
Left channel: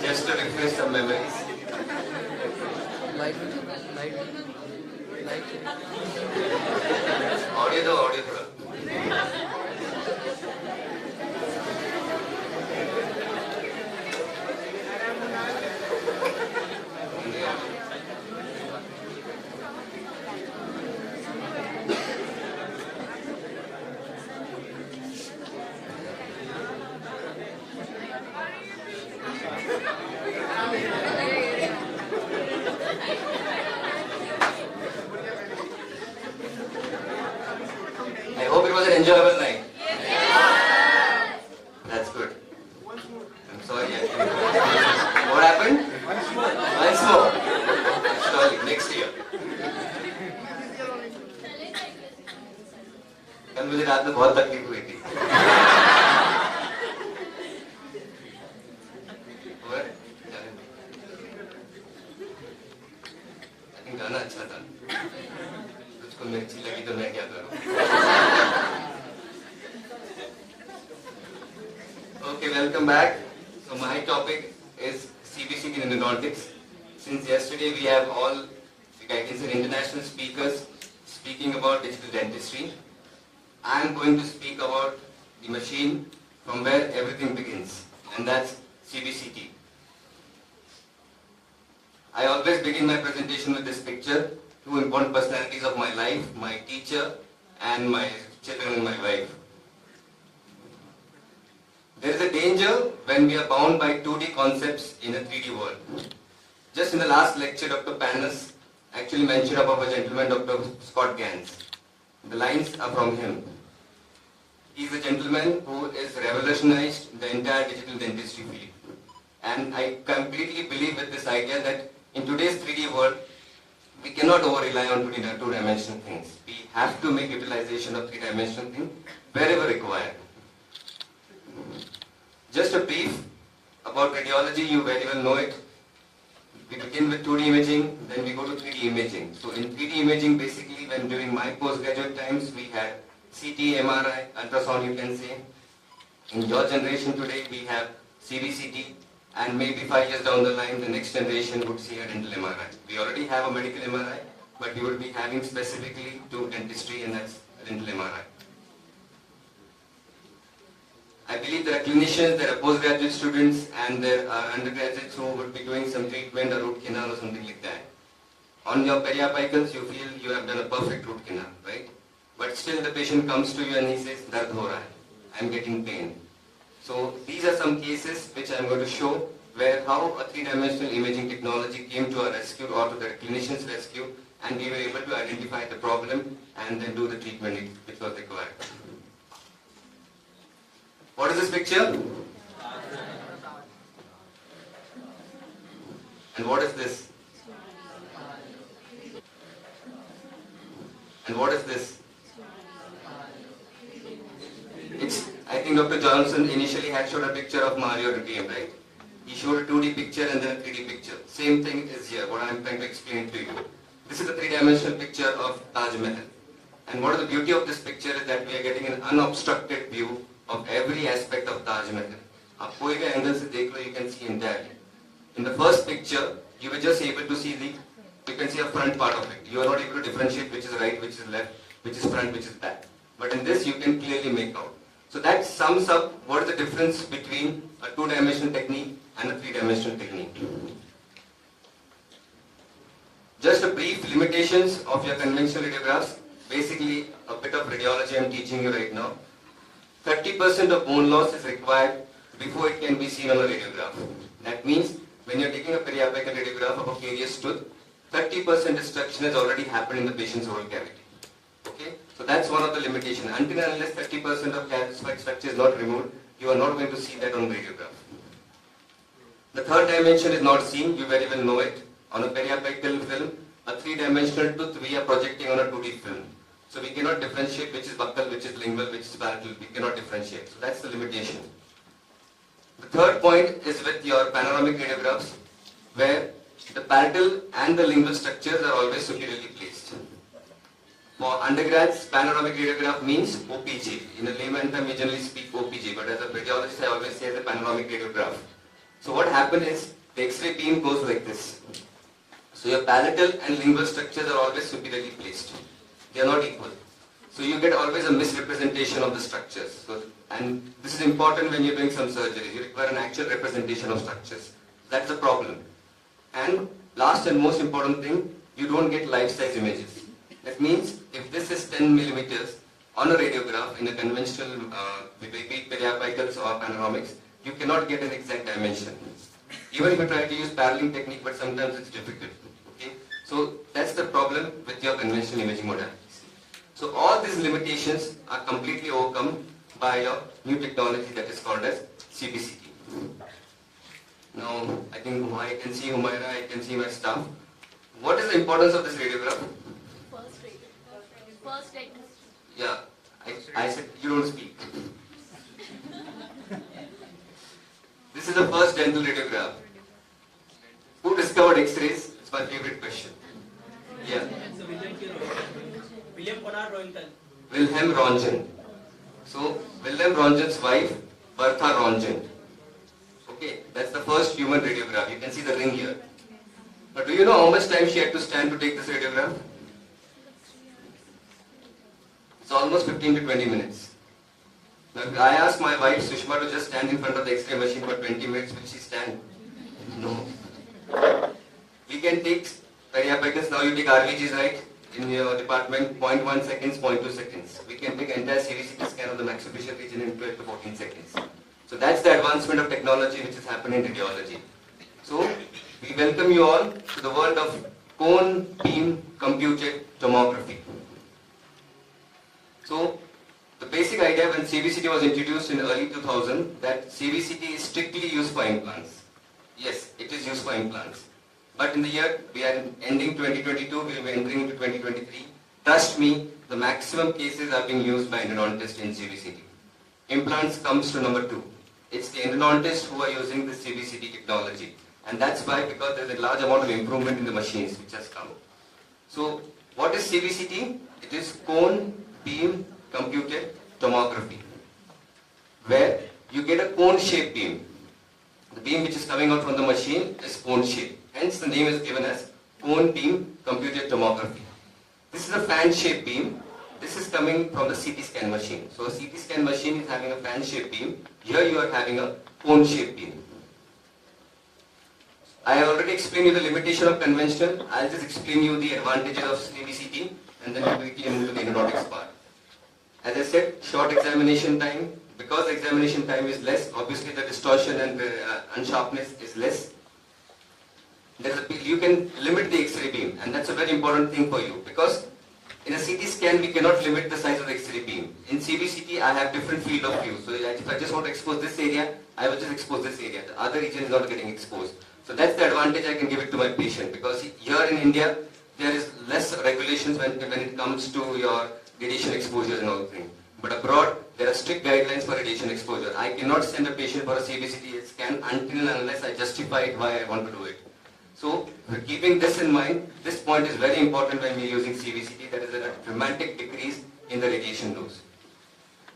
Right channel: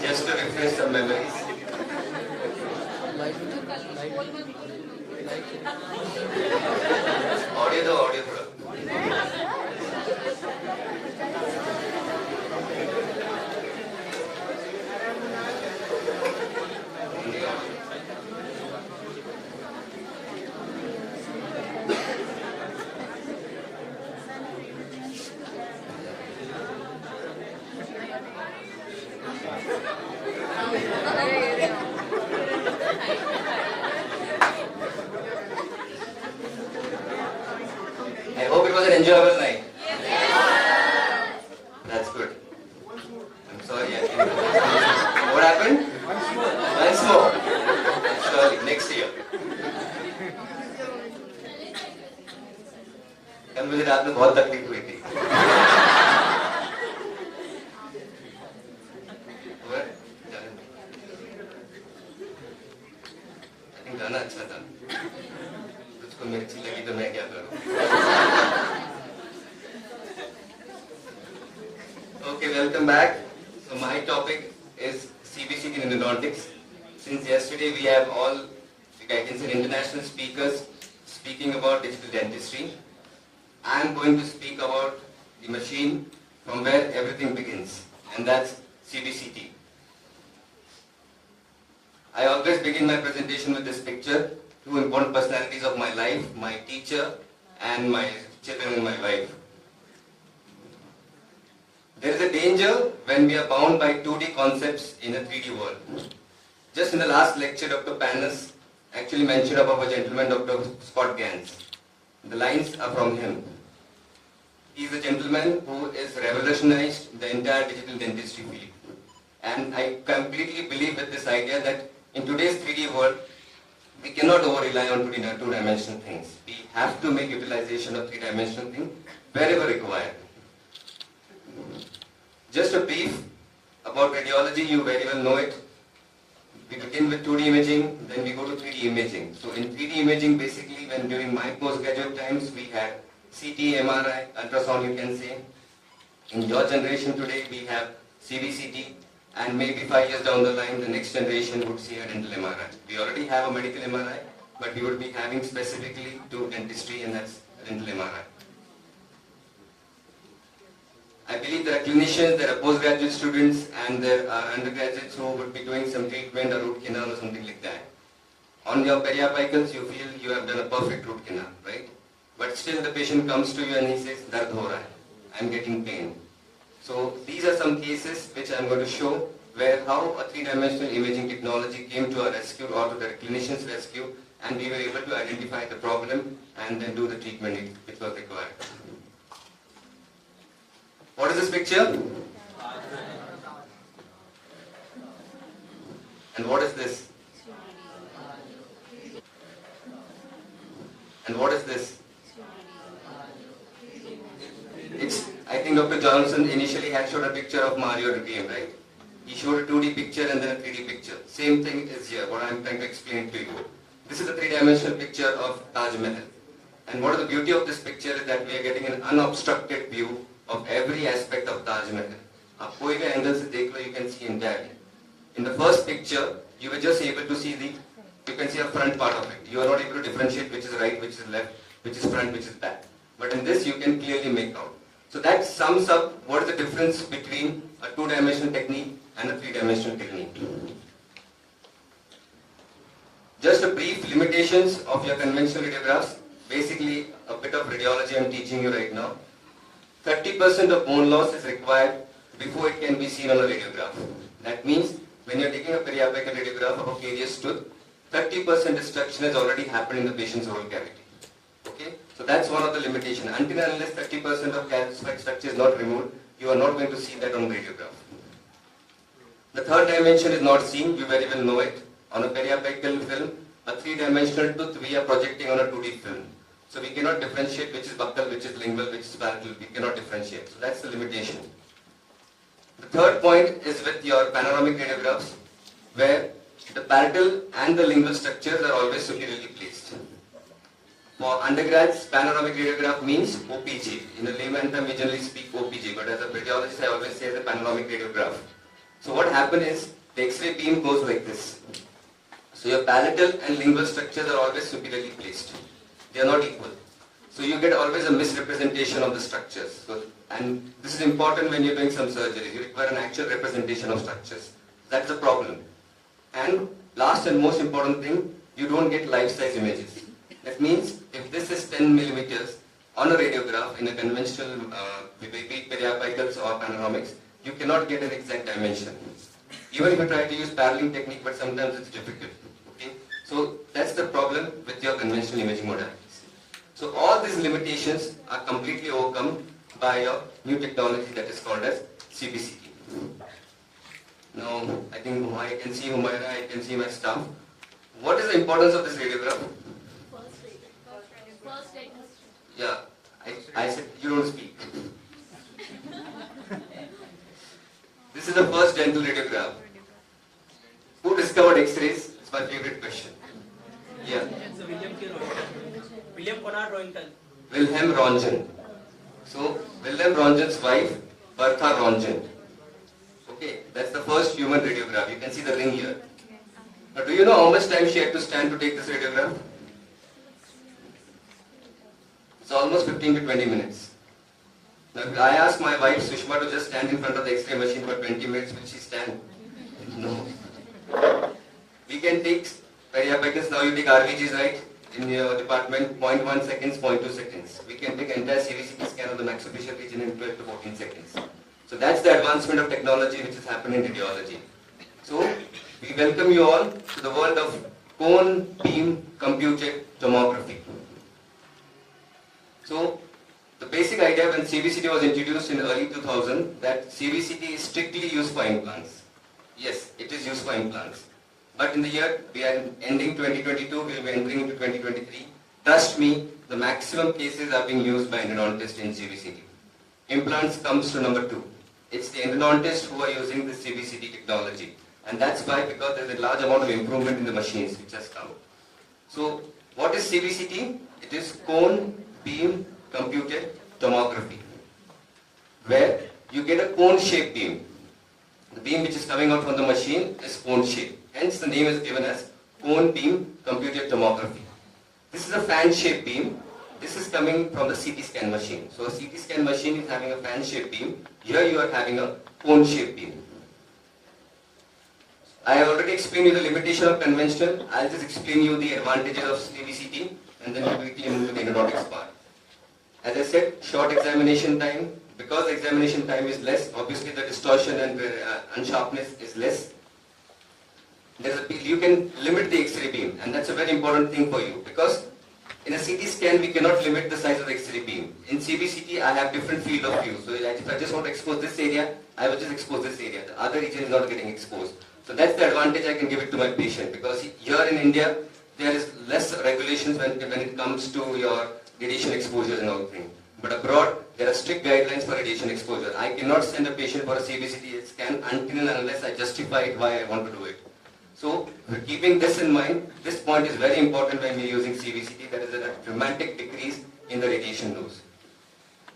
Just to refresh some memories. Audio दो, audio थोड़ा. I hope it was an enjoyable night. That's good. I'm sorry. What happened? Once more. Surely, next year. कल मुझे रात में बहुत तकलीफ हुई थी. I think गाना अच्छा था. तुझको मिर्ची लगी तो मैं क्या करूं? Okay, welcome back. So my topic is CBCT in aeronautics. Since yesterday we have all, I can say, international speakers speaking about digital dentistry. I am going to speak about the machine from where everything begins, and that's CBCT. I always begin my presentation with this picture, two important personalities of my life, my teacher and my children and my wife. There is a danger when we are bound by 2D concepts in a 3D world. Just in the last lecture, Dr. Panas actually mentioned about a gentleman, Dr. Scott Gans. The lines are from him. He is a gentleman who has revolutionized the entire digital dentistry field. And I completely believe with this idea that in today's 3D world, we cannot over-rely on two-dimensional things. We have to make utilization of three-dimensional things wherever required. Just a brief about radiology, you very well know it. We begin with 2D imaging, then we go to 3D imaging. So in 3D imaging, basically, when during my postgraduate times, we had CT, MRI, ultrasound, you can say. In your generation today, we have CBCT, and maybe 5 years down the line, the next generation would see a dental MRI. We already have a medical MRI, but we would be having specifically to dentistry, and that's dental MRI. I believe there are clinicians, there are postgraduate students, and there are undergraduates who would be doing some treatment or root canal or something like that. On your periapicals, you feel you have done a perfect root canal, right? But still the patient comes to you and he says, "Dard ho raha hai, I'm getting pain." So these are some cases which I'm going to show where how a three-dimensional imaging technology came to our rescue or to the clinician's rescue, and we were able to identify the problem and then do the treatment which was required. What is this picture? And what is this? And what is this? I think Dr. Johnson initially had showed a picture of Mario at the game, right? He showed a 2D picture and then a 3D picture. Same thing is here, what I am trying to explain to you. This is a three-dimensional picture of Taj Mahal. And what is the beauty of this picture is that we are getting an unobstructed view of every aspect of Taj Mahal. आप कोई भी angle से देख लो, you can see entirely. In the first picture, you were just able to see you can see a front part of it. You are not able to differentiate which is right, which is left, which is front, which is back. But in this, you can clearly make out. So that sums up what is the difference between a two-dimensional technique and a three-dimensional technique. Just a brief limitations of your conventional radiographs. Basically, a bit of radiology I'm teaching you right now. 30% of bone loss is required before it can be seen on a radiograph. That means when you're taking a periapical radiograph of a carious tooth, 30% destruction has already happened in the patient's oral cavity. Okay? So that's one of the limitations. Until and unless 30% of calcified structure is not removed, you are not going to see that on radiograph. The third dimension is not seen, you very well know it. On a periapical film, a three-dimensional tooth we are projecting on a 2D film. So we cannot differentiate which is buccal, which is lingual, which is palatal. We cannot differentiate. So that's the limitation. The third point is with your panoramic radiographs, where the palatal and the lingual structures are always superiorly placed. For undergrads, panoramic radiograph means OPG. In a layman term, we generally speak OPG, but as a radiologist, I always say the panoramic radiograph. So what happens is, the X-ray beam goes like this. So your palatal and lingual structures are always superiorly placed. They are not equal. So you get always a misrepresentation of the structures. So, and this is important when you're doing some surgery. You require an actual representation of structures. That's the problem. And last and most important thing, you don't get life-size images. That means if this is 10 millimeters on a radiograph in a conventional periapicals or panoramics, you cannot get an exact dimension. Even if you try to use paralleling technique, but sometimes it's difficult. Okay? So that's the problem with your conventional imaging modalities. So all these limitations are completely overcome by your new technology that is called as CBCT. Now, I think I can see Humaira, I can see my staff. What is the importance of this radiograph? First aid. Yeah, I said you don't speak. This is the first dental radiograph. Who discovered X-rays? It's my favorite question. Yeah. Wilhelm Röntgen. So, Wilhelm Röntgen's wife, Bertha Röntgen. Okay, that's the first human radiograph. You can see the ring here. Now, do you know how much time she had to stand to take this radiograph? It's almost 15 to 20 minutes. Now, I asked my wife Sushma to just stand in front of the X-ray machine for 20 minutes. Will she stand? No. We can take periapicals. Now you take RVGs, right? In your department, 0.1 seconds, 0.2 seconds. We can take entire CVCT scan of the maxillofacial region in 12 to 14 seconds. So that's the advancement of technology which is happening in radiology. So we welcome you all to the world of cone beam computed tomography. So the basic idea when CVCT was introduced in early 2000 that CVCT is strictly used for implants. Yes, it is used for implants. But in the year we are ending 2022, we will be entering into 2023. Trust me, the maximum cases are being used by endodontists in CVCT. Implants comes to number 2. It's the endodontists who are using the CVCT technology. And that's why, because there's a large amount of improvement in the machines which has come. So, what is CVCT? It is cone beam computed tomography, where you get a cone-shaped beam. The beam which is coming out from the machine is cone-shaped. Hence, the name is given as cone beam computed tomography. This is a fan-shaped beam. This is coming from the CT scan machine. So, a CT scan machine is having a fan-shaped beam. Here, you are having a cone-shaped beam. I have already explained you the limitation of conventional. I'll just explain you the advantages of CBCT and then we'll quickly move to the endodontics part. As I said, short examination time. Because the examination time is less, obviously the distortion and the unsharpness is less. You can limit the X-ray beam, and that's a very important thing for you because in a CT scan we cannot limit the size of the X-ray beam. In CBCT I have different field of view. So if I just want to expose this area, I will just expose this area. The other region is not getting exposed. So that's the advantage I can give it to my patient because here in India there is less regulations when it comes to your radiation exposure and all things. But abroad there are strict guidelines for radiation exposure. I cannot send a patient for a CBCT scan until and unless I justify it why I want to do it. So keeping this in mind, this point is very important when we are using CBCT. There is a dramatic decrease in the radiation dose.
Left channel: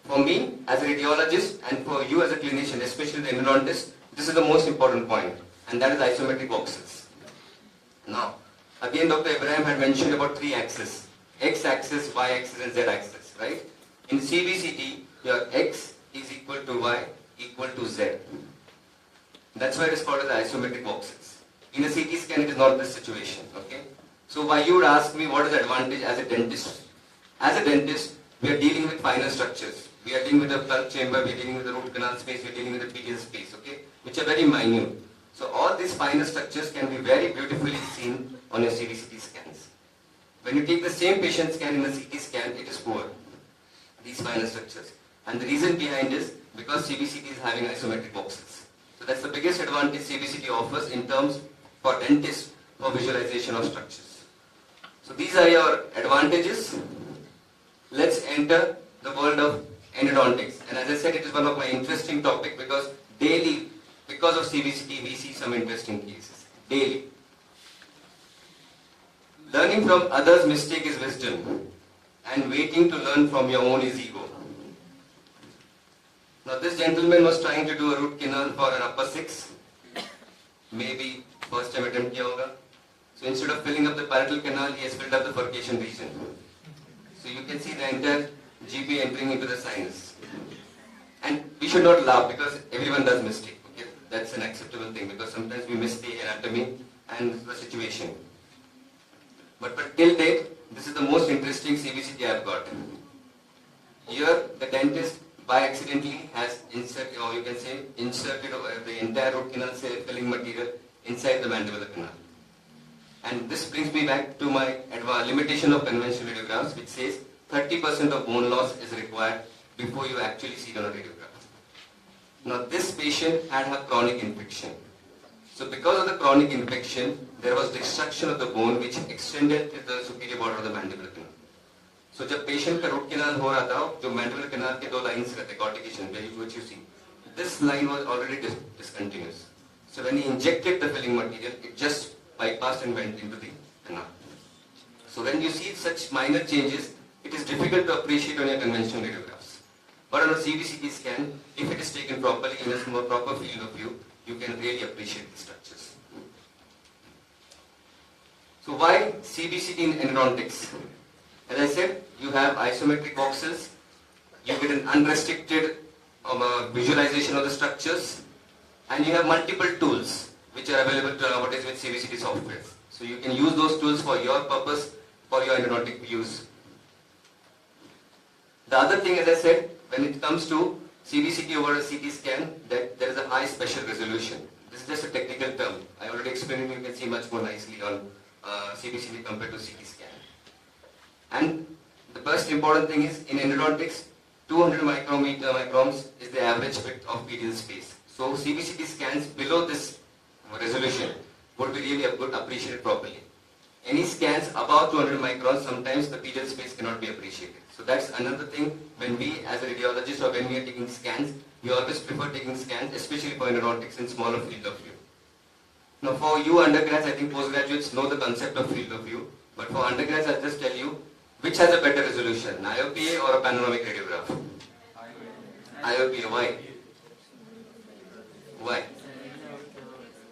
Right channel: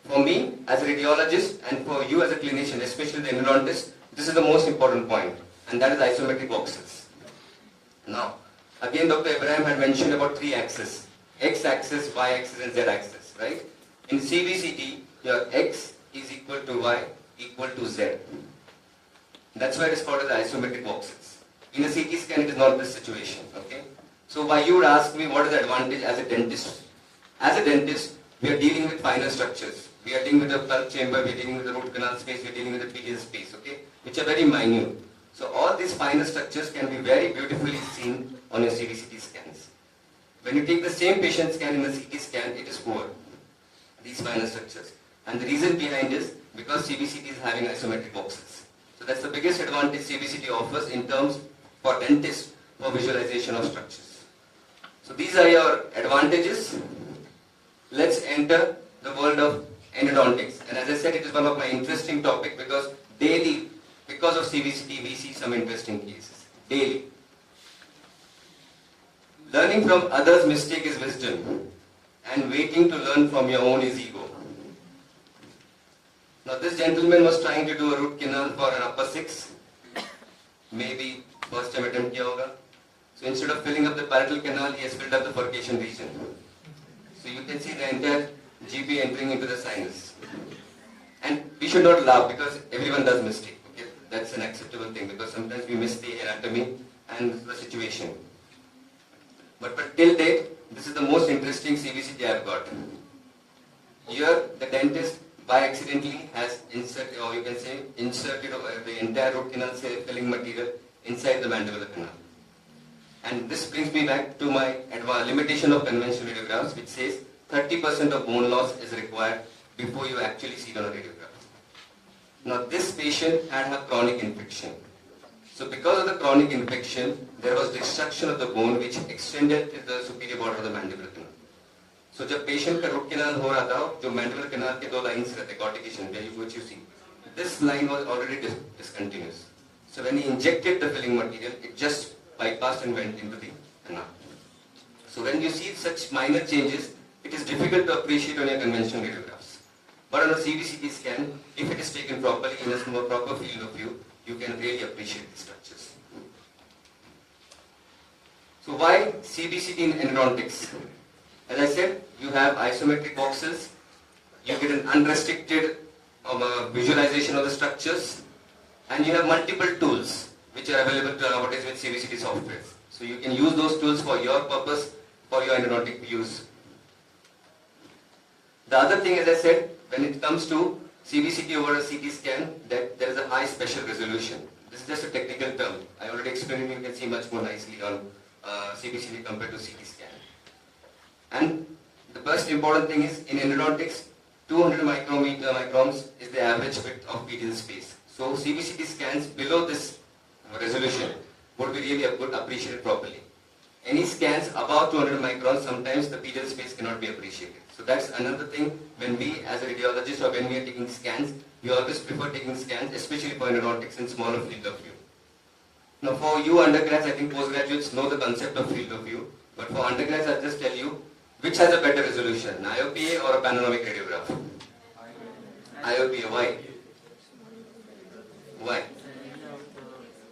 For me as a radiologist and for you as a clinician, especially the endodontist, this is the most important point. And that is isometric boxes. Now, again Dr. Abraham had mentioned about 3 axes. X-axis, Y-axis and Z-axis, right? In CBCT, your X is equal to Y equal to Z. That's why it is called as isometric boxes. In a CT scan, it is not this situation, okay? So why you would ask me what is the advantage as a dentist? As a dentist, we are dealing with finer structures. We are dealing with the plug chamber, we are dealing with the root canal space, we are dealing with the PDL space, okay? Which are very minute. So all these finer structures can be very beautifully seen on your CBCT scans. When you take the same patient scan in a CT scan, it is poor, these finer structures. And the reason behind is because CBCT is having isometric boxes. So that's the biggest advantage CBCT offers in terms for dentists for visualization of structures. So these are your advantages. Let's enter the world of endodontics. And as I said, it is one of my interesting topics because daily, because of CBCT, we see some interesting cases. Daily. Learning from others' mistake is wisdom. And waiting to learn from your own is ego. Now this gentleman was trying to do a root canal for an upper 6. Maybe first time attempt kiya hoga. So instead of filling up the parietal canal, he has filled up the furcation region. So you can see the entire GB entering into the sinus. And we should not laugh because everyone does mistake. Okay? That's an acceptable thing because sometimes we miss the anatomy and the situation. But till date, this is the most interesting CBCT I have got. Here, the dentist by accidentally has inserted, or you can say inserted the entire root canal filling material inside the mandibular canal. And this brings me back to my limitation of conventional radiographs, which says 30% of bone loss is required before you actually see it on a radiograph. Now this patient had a chronic infection. So because of the chronic infection, there was destruction of the bone which extended to the superior border of the mandibular canal. So जब patient का root canal हो रहा था, जो mandibular canal के दो lines रहते, cortication, which you see, this line was already discontinuous. So when he injected the filling material, it just bypassed and went into the canal. So when you see such minor changes, it is difficult to appreciate on your conventional radiographs. But on a CBCT scan, if it is taken properly in a more proper field of view, you can really appreciate the structures. So why CBCT in endodontics? As I said, you have isometric boxes, you get an unrestricted visualization of the structures, and you have multiple tools which are available to nowadays with CBCT software. So you can use those tools for your purpose, for your endodontic use. The other thing, as I said, when it comes to CBCT over a CT scan, that there is a high spatial resolution. This is just a technical term. I already explained it, you can see much more nicely on CBCT compared to CT scan. And the most important thing is, in endodontics, 200 microns is the average width of pedial space. So CBCT scans below this resolution would be really appreciated properly. Any scans above 200 microns, sometimes the pedial space cannot be appreciated. So that's another thing when we as a radiologist or when we are taking scans, we always prefer taking scans, especially for endodontics in smaller field of view. Now for you undergrads, I think postgraduates know the concept of field of view. But for undergrads, I'll just tell you, which has a better resolution, an IOPA or a panoramic radiograph? IOPA, why? Why?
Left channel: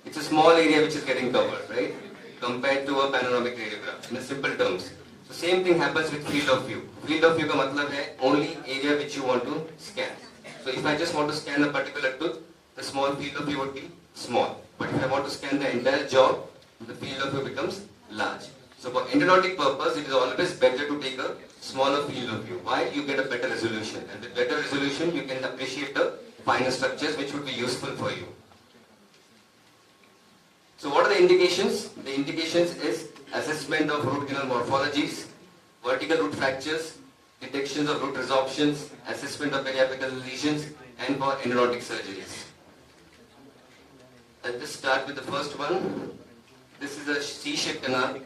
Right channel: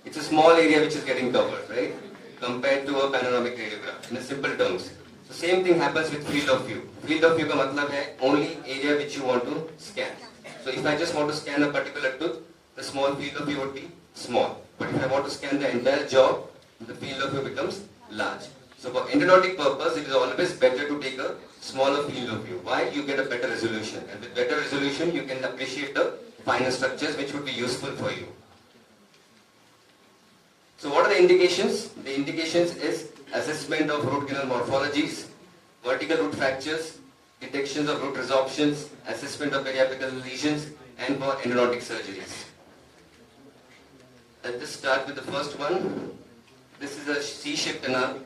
It's a small area which is getting covered, right? Compared to a panoramic radiograph, in a simple terms. So same thing happens with field of view. Field of view ka matlab hai only area which you want to scan. So if I just want to scan a particular tooth, the small field of view would be small. But if I want to scan the entire jaw, the field of view becomes large. So for endodontic purpose, it is always better to take a smaller field of view. Why? You get a better resolution. And with better resolution, you can appreciate the finer structures which would be useful for you. So what are the indications? The indications is assessment of root canal morphologies, vertical root fractures, detections of root resorptions, assessment of periapical lesions, and for endodontic surgeries. I'll just start with the first one. This is a C-shaped canal.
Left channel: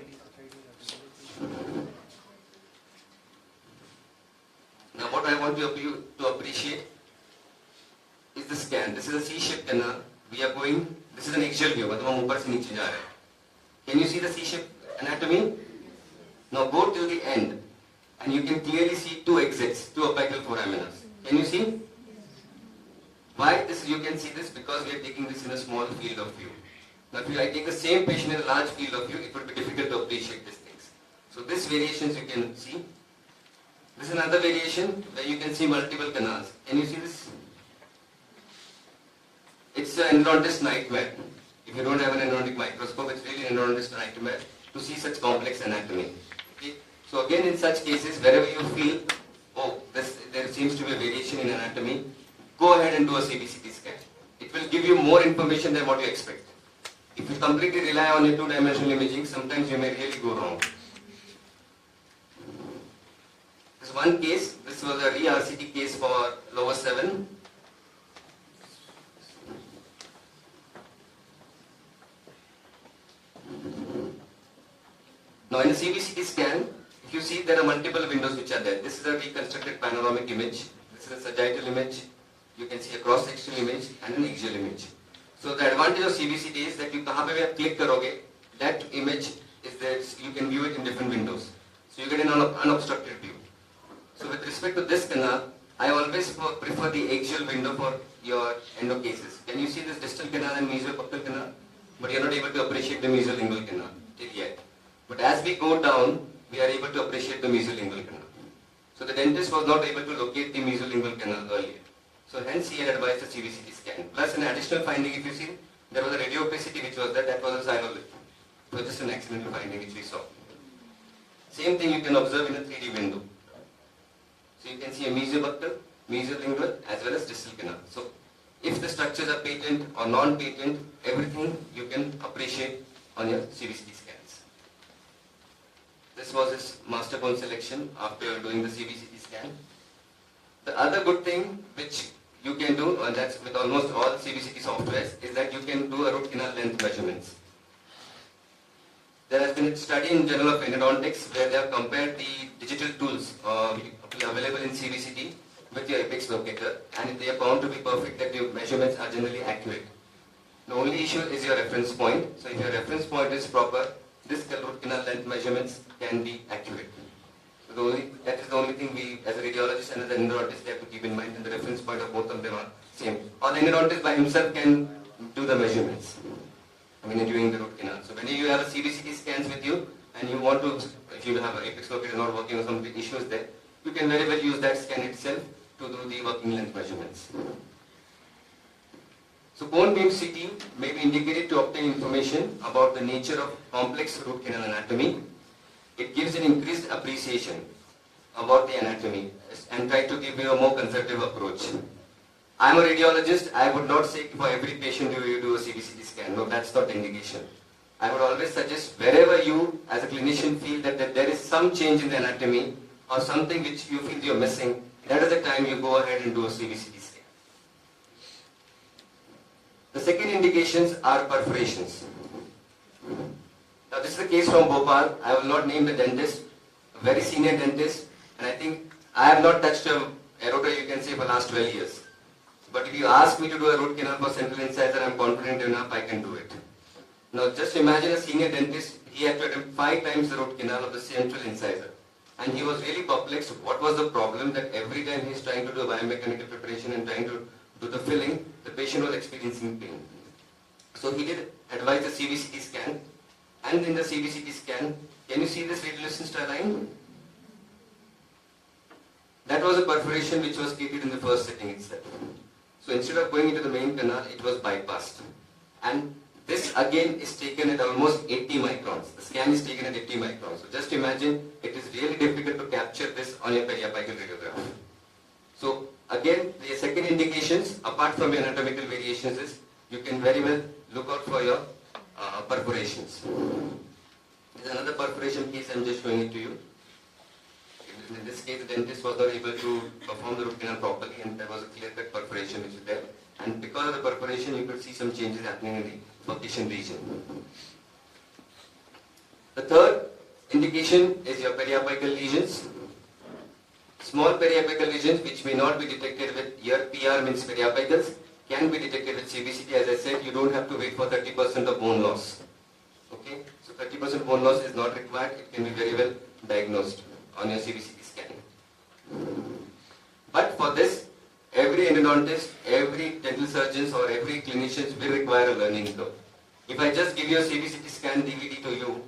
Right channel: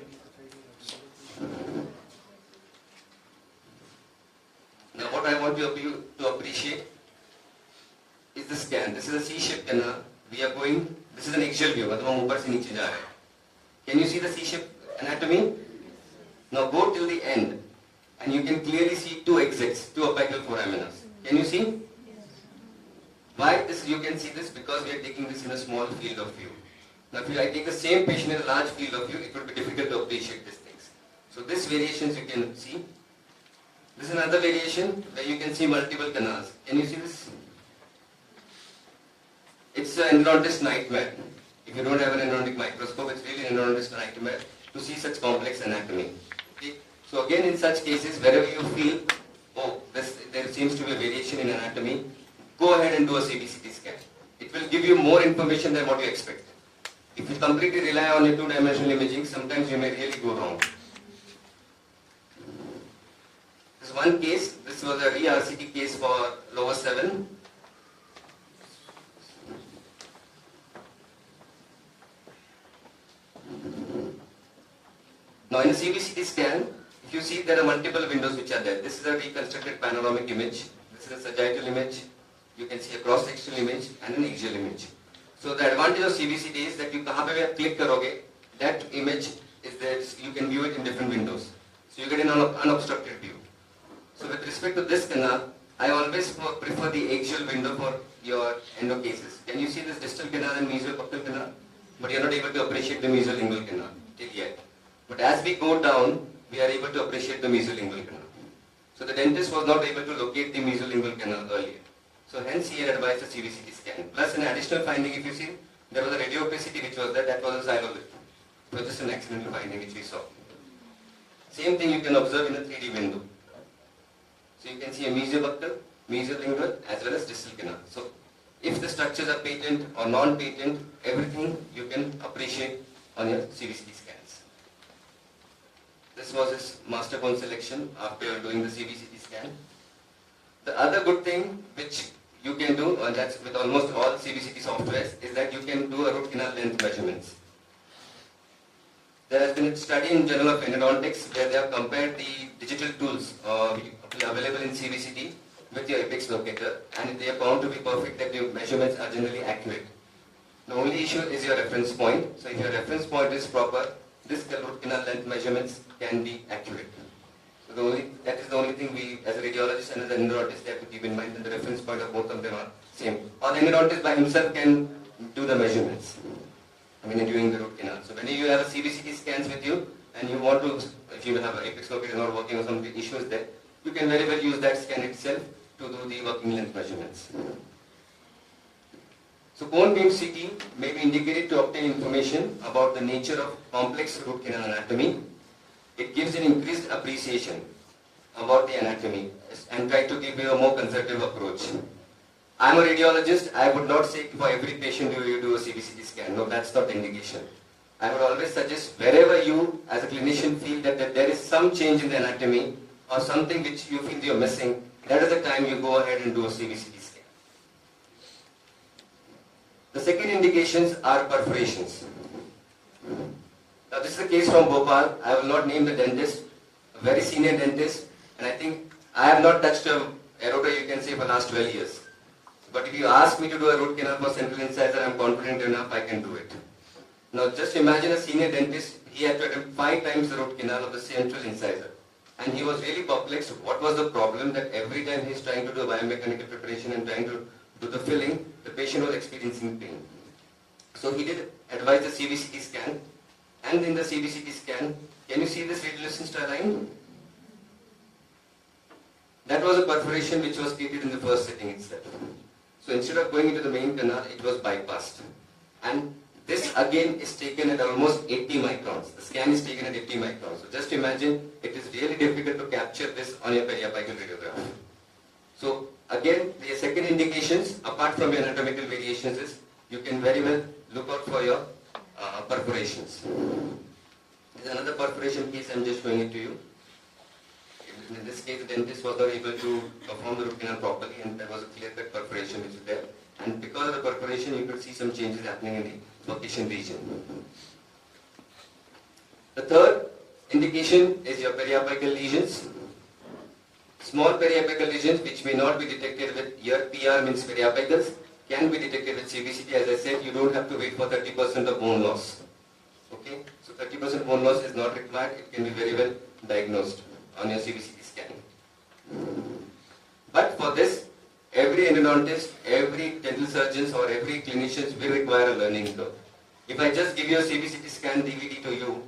Now what I want you to appreciate is the scan. This is a C-shaped canal. We are going, this is an axial view, मतलब हम ऊपर से नीचे जा रहे हैं. Can you see the C-shaped anatomy? Now go till the end and you can clearly see two exits, two apical foraminers. Can you see? Why this? You can see this because we are taking this in a small field of view. Now if I take the same patient in a large field of view, it would be difficult to appreciate these things. So this variations you can see. This is another variation where you can see multiple canals. Can you see this? It's an endodontist nightmare. If you don't have an endodontic microscope, it's really an endodontist nightmare to see such complex anatomy. Okay? So again, in such cases, wherever you feel, oh, there seems to be a variation in anatomy, go ahead and do a CBCT scan. It will give you more information than what you expect. If you completely rely on your two-dimensional imaging, sometimes you may really go wrong. This one case, this was a RCT case for lower 7. Now in a CBCT scan, if you see there are multiple windows which are there. This is a reconstructed panoramic image. This is a sagittal image. You can see a cross-sectional image and an axial image. So the advantage of CBCT is that you kahan pe bhi click karoge, that image is there. You can view it in different windows. So you get an unobstructed view. So with respect to this canal, I always prefer the axial window for your endo cases. Can you see this distal canal and mesiobuccal canal? But you are not able to appreciate the mesiolingual canal. till yet. But as we go down, we are able to appreciate the mesolingual canal. So the dentist was not able to locate the mesolingual canal earlier. So hence he had advised the CBCT scan. Plus an additional finding, if you see, there was a radiopacity which was there, that was a xylolith. It was just an accidental finding which we saw. Same thing you can observe in a 3D window. So you can see a mesobuccal, mesolingual as well as distal canal. So if the structures are patent or non-patent, everything you can appreciate on your CBCT scans. This was his master bone selection after doing the CBCT scan. The other good thing which you can do, and that's with almost all CBCT softwares, is that you can do a root canal length measurements. There has been a study in Journal of Endodontics where they have compared the digital tools available in CBCT with your apex locator, and they are found to be perfect, that your measurements are generally accurate. The only issue is your reference point. So if your reference point is proper, this root canal length measurements can be accurate. So that is the only thing we, as a radiologist and as an endodontist, have to keep in mind, that the reference point of both of them are same. Or the endodontist by himself can do the measurements, during the root canal. So when you have a CBCT scans with you, and you want to, if you have an apex locator not working or some issues there, you can very well use that scan itself to do the working length measurements. So cone beam CT may be indicated to obtain information about the nature of complex root canal anatomy. It gives an increased appreciation about the anatomy and try to give you a more conservative approach. I am a radiologist. I would not say for every patient you do a CBCT scan. No, that's not the indication. I would always suggest wherever you as a clinician feel that there is some change in the anatomy or something which you feel you're missing, that is the time you go ahead and do a CBCT scan. The second indications are perforations. Now this is a case from Bhopal. I will not name the dentist, a very senior dentist, and I think I have not touched a eroder, you can say, for the last 12 years. But if you ask me to do a root canal for central incisor, I am confident enough I can do it. Now just imagine a senior dentist, he had to attempt 5 times the root canal of the central incisor. And he was really perplexed. What was the problem that every time he is trying to do a biomechanical preparation and trying to do the filling, the patient was experiencing pain. So he did advise the CBCT scan. And in the CBCT scan, can you see this radiolucent line? That was a perforation which was treated in the first setting itself. So instead of going into the main canal, it was bypassed. And this again is taken at almost 80 microns. The scan is taken at 80 microns. So just imagine, it is really difficult to capture this on your periapical radiograph. So again, the second indications, apart from your anatomical variations, is you can very well look out for your perforations. There is another perforation case, I am just showing it to you. In this case, the dentist was not able to perform the root canal properly, and there was a clear-cut perforation which was there. And because of the perforation, you could see some changes happening in the percussion region. The third indication is your periapical lesions. Small periapical lesions which may not be detected with your PR means periapicals can be detected with CBCT. As I said, you don't have to wait for 30% of bone loss. Okay, so 30% bone loss is not required. It can be very well diagnosed on your CBCT scanning. But for this, every endodontist, every dental surgeon or every clinician will require a learning curve. If I just give you a CBCT scan DVD to you,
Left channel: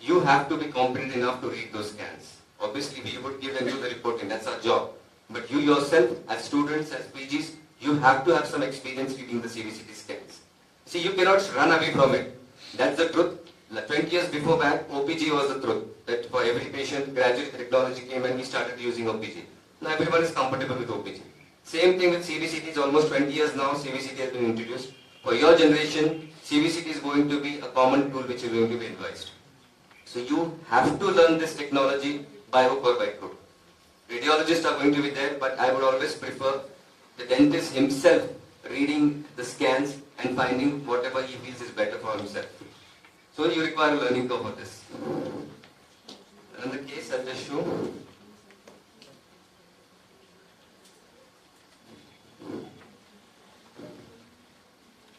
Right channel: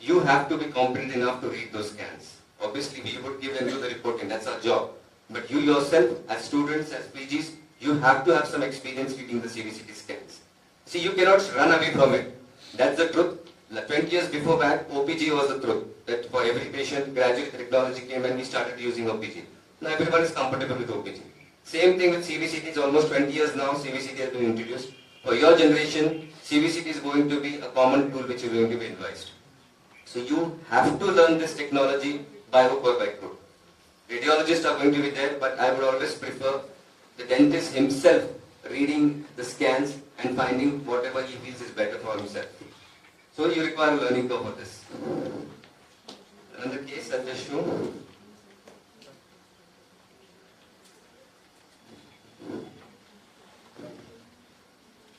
you have to be competent enough to read those scans. Obviously, we would give and do the reporting, that's our job. But you yourself, as students, as PGs, you have to have some experience reading the CBCT scans. See, you cannot run away from it. That's the truth. 20 years before that, OPG was the truth. That for every patient, gradually technology came and we started using OPG. Now everyone is comfortable with OPG. Same thing with CBCT. It's almost 20 years now CBCT has been introduced. For your generation, CBCT is going to be a common tool which is going to be advised. So you have to learn this technology by hook or by crook. Radiologists are going to be there, but I would always prefer the dentist himself reading the scans and finding whatever he feels is better for himself. So you require a learning curve for this. Another case I'll just show.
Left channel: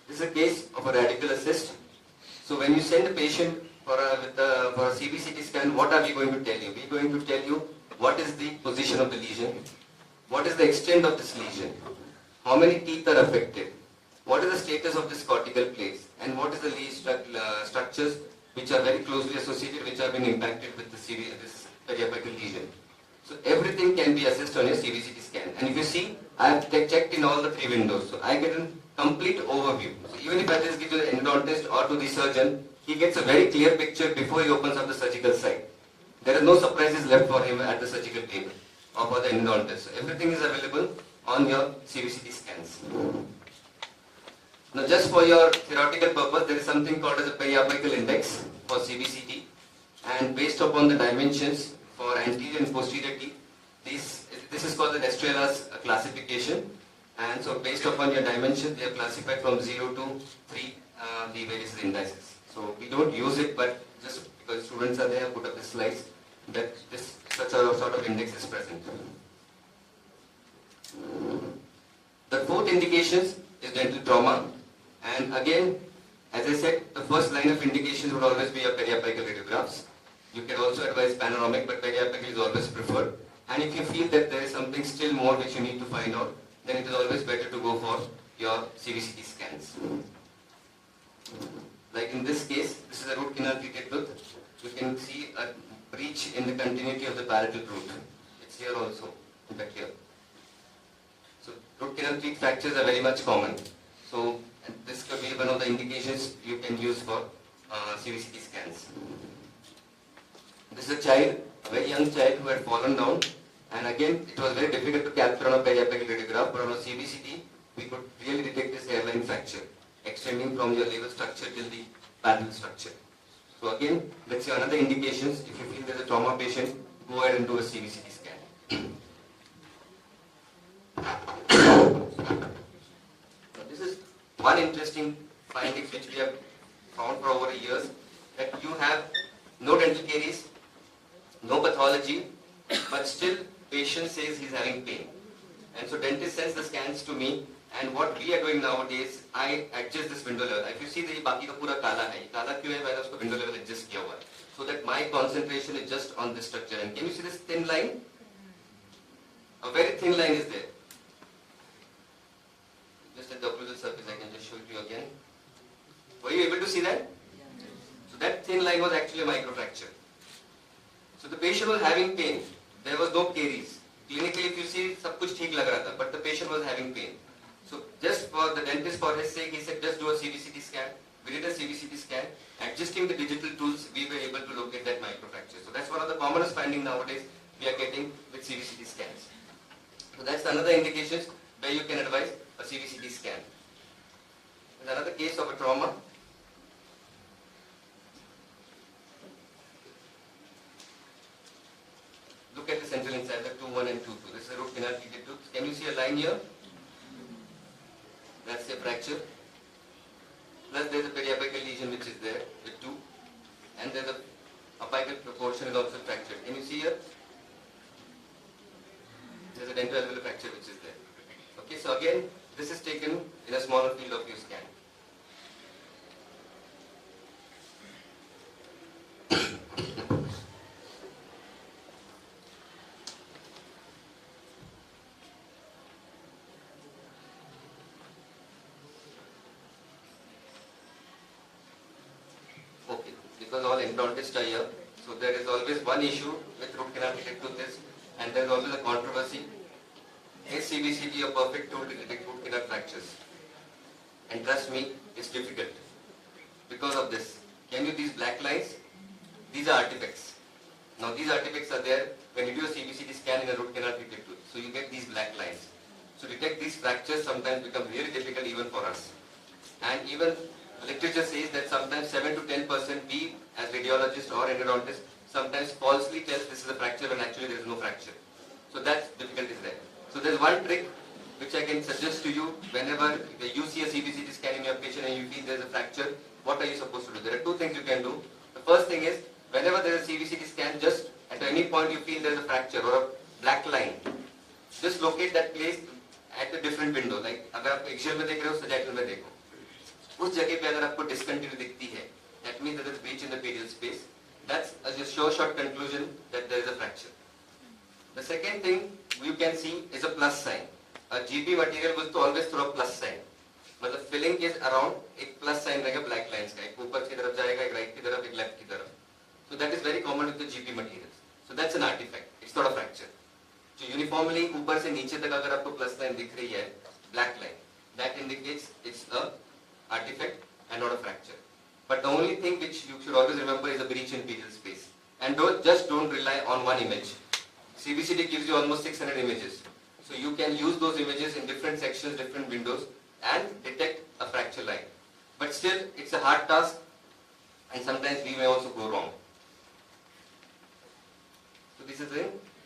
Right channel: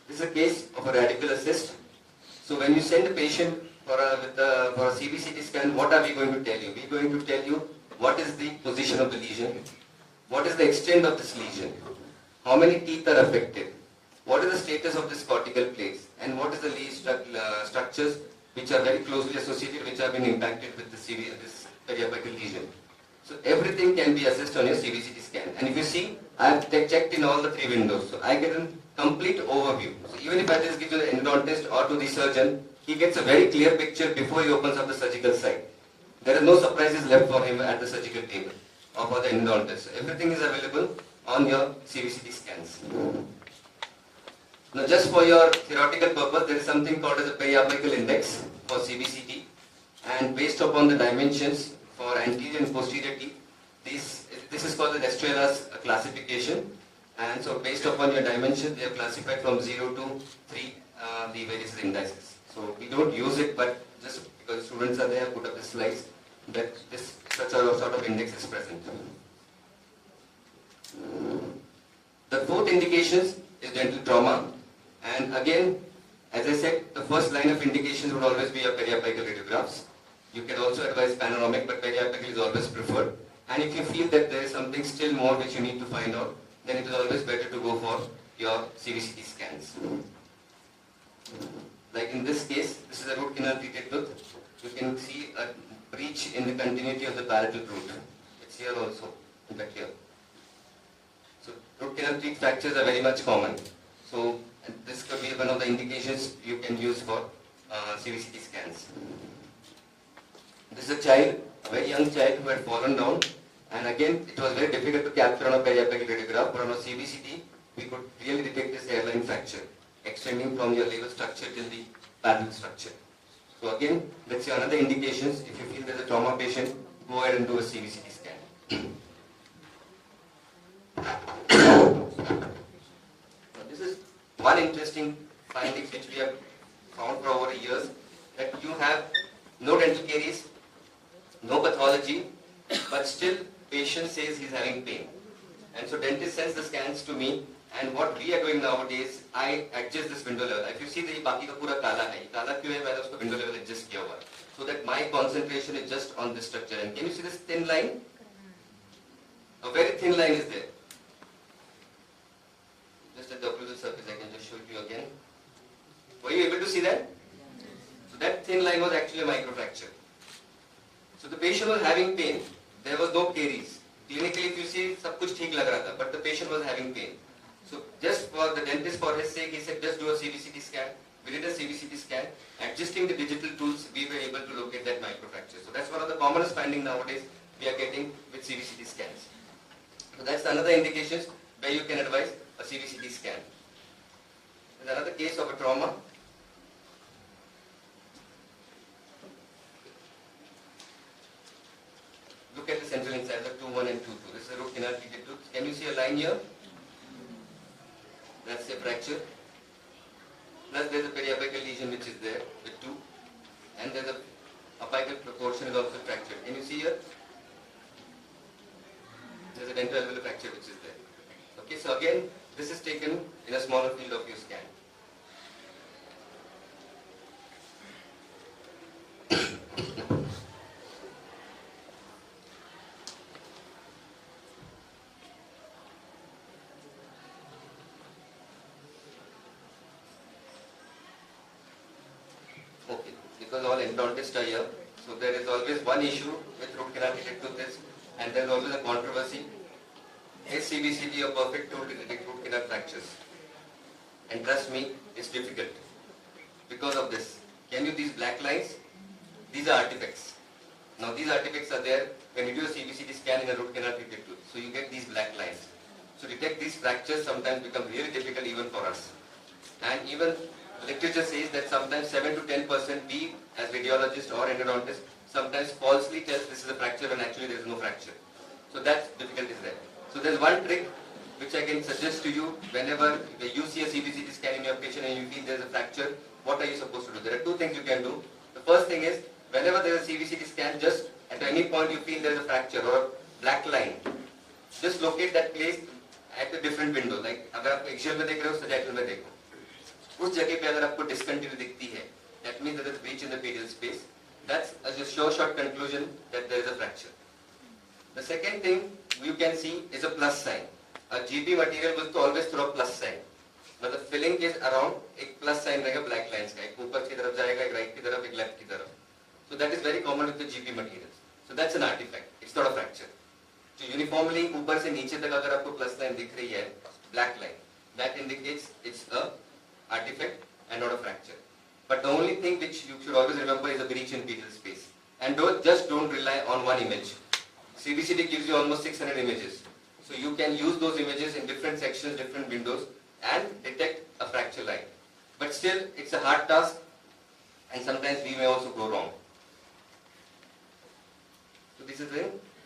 This is a case of a radical assist. So when you send a patient for a CBCT scan, what are we going to tell you? We are going to tell you what is the position of the lesion, what is the extent of this lesion, how many teeth are affected, what is the status of this cortical plates, and what is the lead structures which are very closely associated, which have been impacted with this periapical lesion. So everything can be assessed on your CBCT scan. And if you see, I have checked in all the 3 windows. So I get a complete overview. So even if I just give to the endodontist or to the surgeon, he gets a very clear picture before he opens up the surgical site. There are no surprises left for him at the surgical table or for the endodontist. So everything is available on your CBCT scans. Now just for your theoretical purpose, there is something called as a periapical index for CBCT, and based upon the dimensions for anterior and posterior teeth, this is called the Estrela's classification, and so based upon your dimensions, they are classified from 0 to 3, the various indices. So we don't use it, but just because students are there, put up the slides that this such a sort of index is present. The 4th indications is dental trauma, and again, as I said, the first line of indications would always be your periapical radiographs. You can also advise panoramic, but periapical is always preferred. And if you feel that there is something still more which you need to find out, then it is always better to go for your CBCT scans. Like in this case, this is a root canal treated tooth. You can see a breach in the continuity of the palatal root. It's here also, back here. So root canal teeth fractures are very much common. So this could be one of the indications you can use for CBCT scans. This is a child, a very young child who had fallen down, and again it was very difficult to capture on a periapical radiograph, but on a CBCT we could really detect this hairline fracture extending from your level structure till the palatal structure. So again, let's say another indications, if you feel there's a trauma patient, go ahead and do a CBCT scan. This is one interesting finding which we have found for over years, that you have no dental caries, no pathology, but still patient says he's having pain. And so dentist sends the scans to me, and what we are doing nowadays, I adjust this window level. If you see the बाकी का पूरा काला है, काला क्यों है? मैंने उसको window level adjust किया हुआ है, so that my concentration is just on this structure. And can you see this thin line? A very thin line is there. Just at the occlusal surface, I can just show it to you again. Were you able to see that? So that thin line was actually a microfracture. So the patient was having pain. There was no caries. Clinically, if you see, सब कुछ ठीक लग रहा था, but the patient was having pain. So just for the dentist, for his sake, he said, just do a CBCT scan. We did a CBCT scan. Adjusting the digital tools, we were able to locate that microfracture. So that's one of the commonest findings nowadays we are getting with CBCT scans. So that's another indications where you can advise a CBCT scan. There's another case of a trauma. Look at the central incisor 2-1 and 2-2. This is a root canal treated tooth. Can you see a line here? That's a fracture. Plus there is a periapical lesion which is there with 2. And there's a apical proportion is also fractured. Can you see here? There's a dental alveolar fracture which is there. Okay, so again, this is taken in a smaller field of view scan. Okay, because all endodontists are here, so there is always one issue with root canal treated tooth, and there is always a controversy. Is CBCT a perfect tool to detect root canal fractures? And trust me, it's difficult. Because of this, can you these black lines? These are artifacts. Now these artifacts are there when you do a CBCT scan in a root canal treated tooth. So you get these black lines. So detect these fractures sometimes become really difficult even for us. And even literature says that sometimes 7 to 10% we as radiologists or endodontists sometimes falsely tell this is a fracture when actually there is no fracture. So that difficulty is there. So there's one trick which I can suggest to you whenever you see a CBCT scan in your patient and you feel there's a fracture, what are you supposed to do? There are two things you can do. The first thing is, whenever there is a CBCT scan, just at any point you feel there is a fracture or a black line, just locate that place at a different window. Like अगर आप axial में देख रहे हो, sagittal में देखो. उस जगह पे अगर आपको discontinuity दिखती है, that means there is breach in the pedial space. That's a sure shot conclusion that there is a fracture. The second thing you can see is a plus sign. A GP material will always throw a plus sign. मतलब filling is around एक plus sign रहेगा black lines का, एक ऊपर की तरफ जाएगा, एक right की तरफ, एक left की तरफ. So that is very common with the GP materials. So that's an artifact. It's not a fracture. So uniformly ऊपर से नीचे तक अगर आपको plus line दिख रही है, black line, that indicates it's a artifact and not a fracture. But the only thing which you should always remember is a breach in pedial space. And don't rely on one image. CBCT gives you almost 600 images. So you can use those images in different sections, different windows and detect a fracture line. But still, it's a hard task and sometimes we may also go wrong. So this is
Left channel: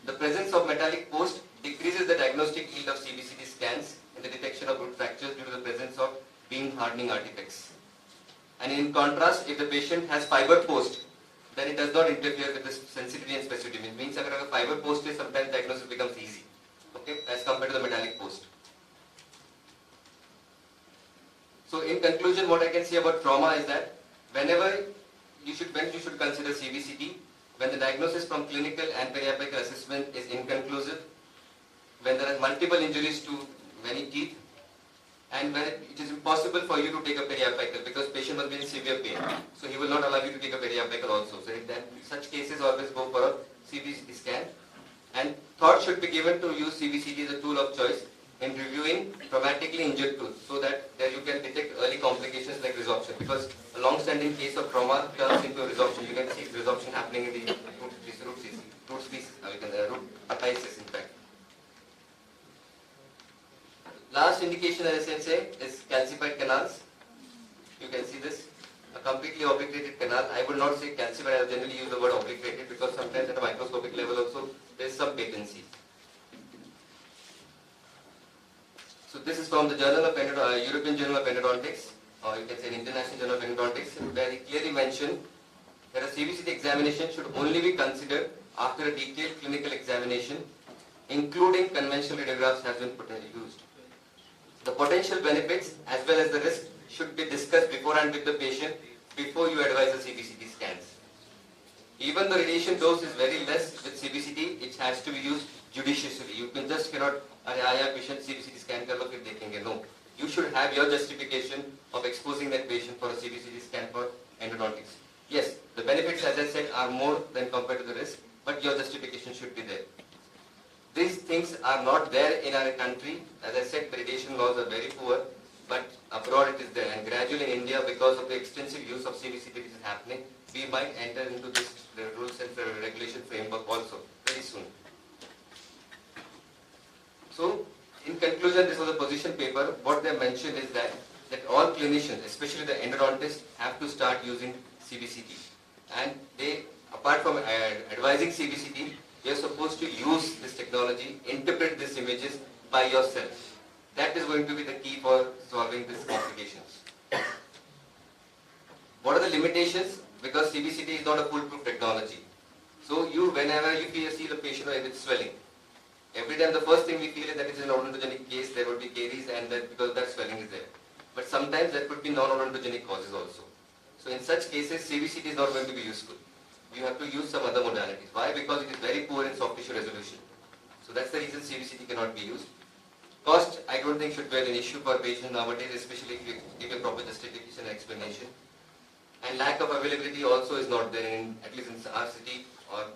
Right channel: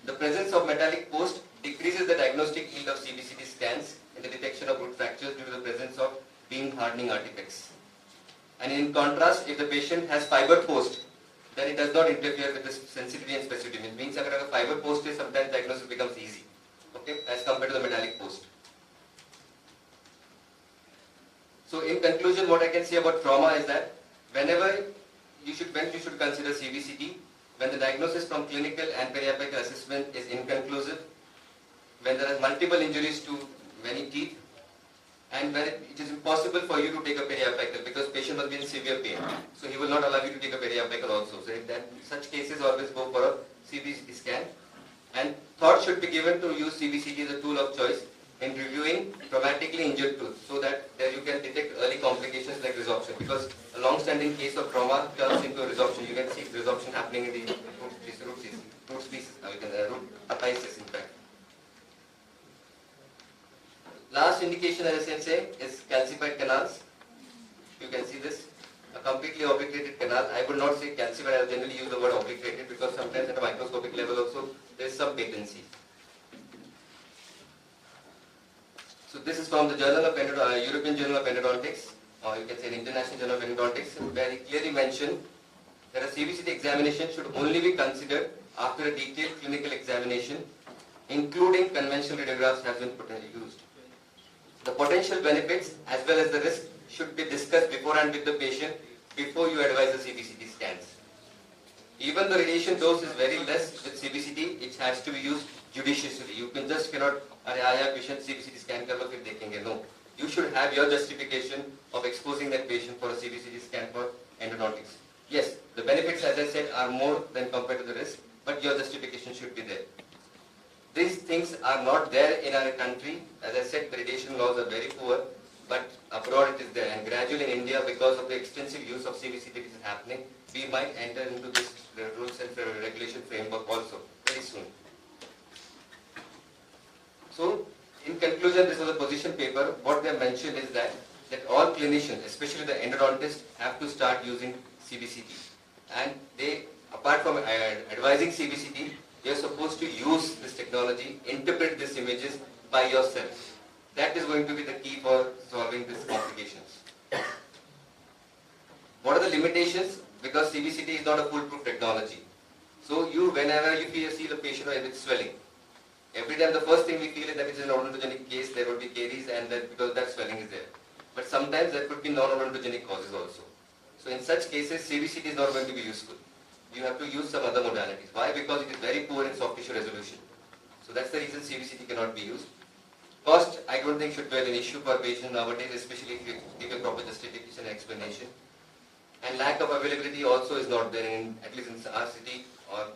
the presence of metallic post decreases the diagnostic yield of CBCT scans in the detection of root fractures due to the presence of beam hardening artifacts. And in contrast, if the patient has fiber post, then it does not interfere with the sensitivity and specificity. It means that if a fiber post is, sometimes diagnosis becomes easy, okay, as compared to the metallic post. So in conclusion, what I can say about trauma is that when you should consider CBCT, when the diagnosis from clinical and periapical assessment is inconclusive, when there are multiple injuries to many teeth, and when it is impossible for you to take a periapical because patient must be in severe pain. So he will not allow you to take a periapical also. So in such cases, always go for a CBCT scan. And thought should be given to use CBCT as a tool of choice in reviewing traumatically injured tooth so that you can detect early complications like resorption. Because a long-standing case of trauma turns into a resorption. You can see resorption happening in the root apices, in fact. Last indication, as I can say, is calcified canals. You can see this, a completely obliterated canal. I would not say calcified, I generally use the word obliterated because sometimes at a microscopic level also there is some patency. So this is from the Journal of European Journal of Endodontics, or you can say International Journal of Endodontics, where he clearly mentioned that a CBCT examination should only be considered after a detailed clinical examination, including conventional radiographs has been used. The potential benefits as well as the risk should be discussed beforehand with the patient before you advise the CBCT scans. Even the radiation dose is very less with CBCT, it has to be used judiciously. You cannot, patient CBCT scan kar lo fir dekhenge. No. You should have your justification of exposing that patient for a CBCT scan for endodontics. Yes, the benefits, as I said, are more than compared to the risk, but your justification should be there. These things are not there in our country. As I said, the radiation laws are very poor, but abroad it is there. And gradually in India, because of the extensive use of CBCT which is happening, we might enter into this rules and regulation framework also very soon. So, in conclusion, this was a position paper. What they mentioned is that all clinicians, especially the endodontists, have to start using CBCT. And they, apart from advising CBCT, you are supposed to use this technology, interpret these images by yourself. That is going to be the key for solving these complications. What are the limitations? Because CBCT is not a foolproof technology. So whenever you see the patient with swelling, every time the first thing we feel is that it's an odontogenic case, there will be caries and that because that swelling is there. But sometimes there could be non-odontogenic causes also. So in such cases, CBCT is not going to be useful. You have to use some other modalities. Why? Because it is very poor in soft tissue resolution. So that's the reason CBCT cannot be used. Cost, I don't think should be an issue for patients nowadays, especially if you give a proper justification and explanation. And lack of availability also is not there in, at least in RCT or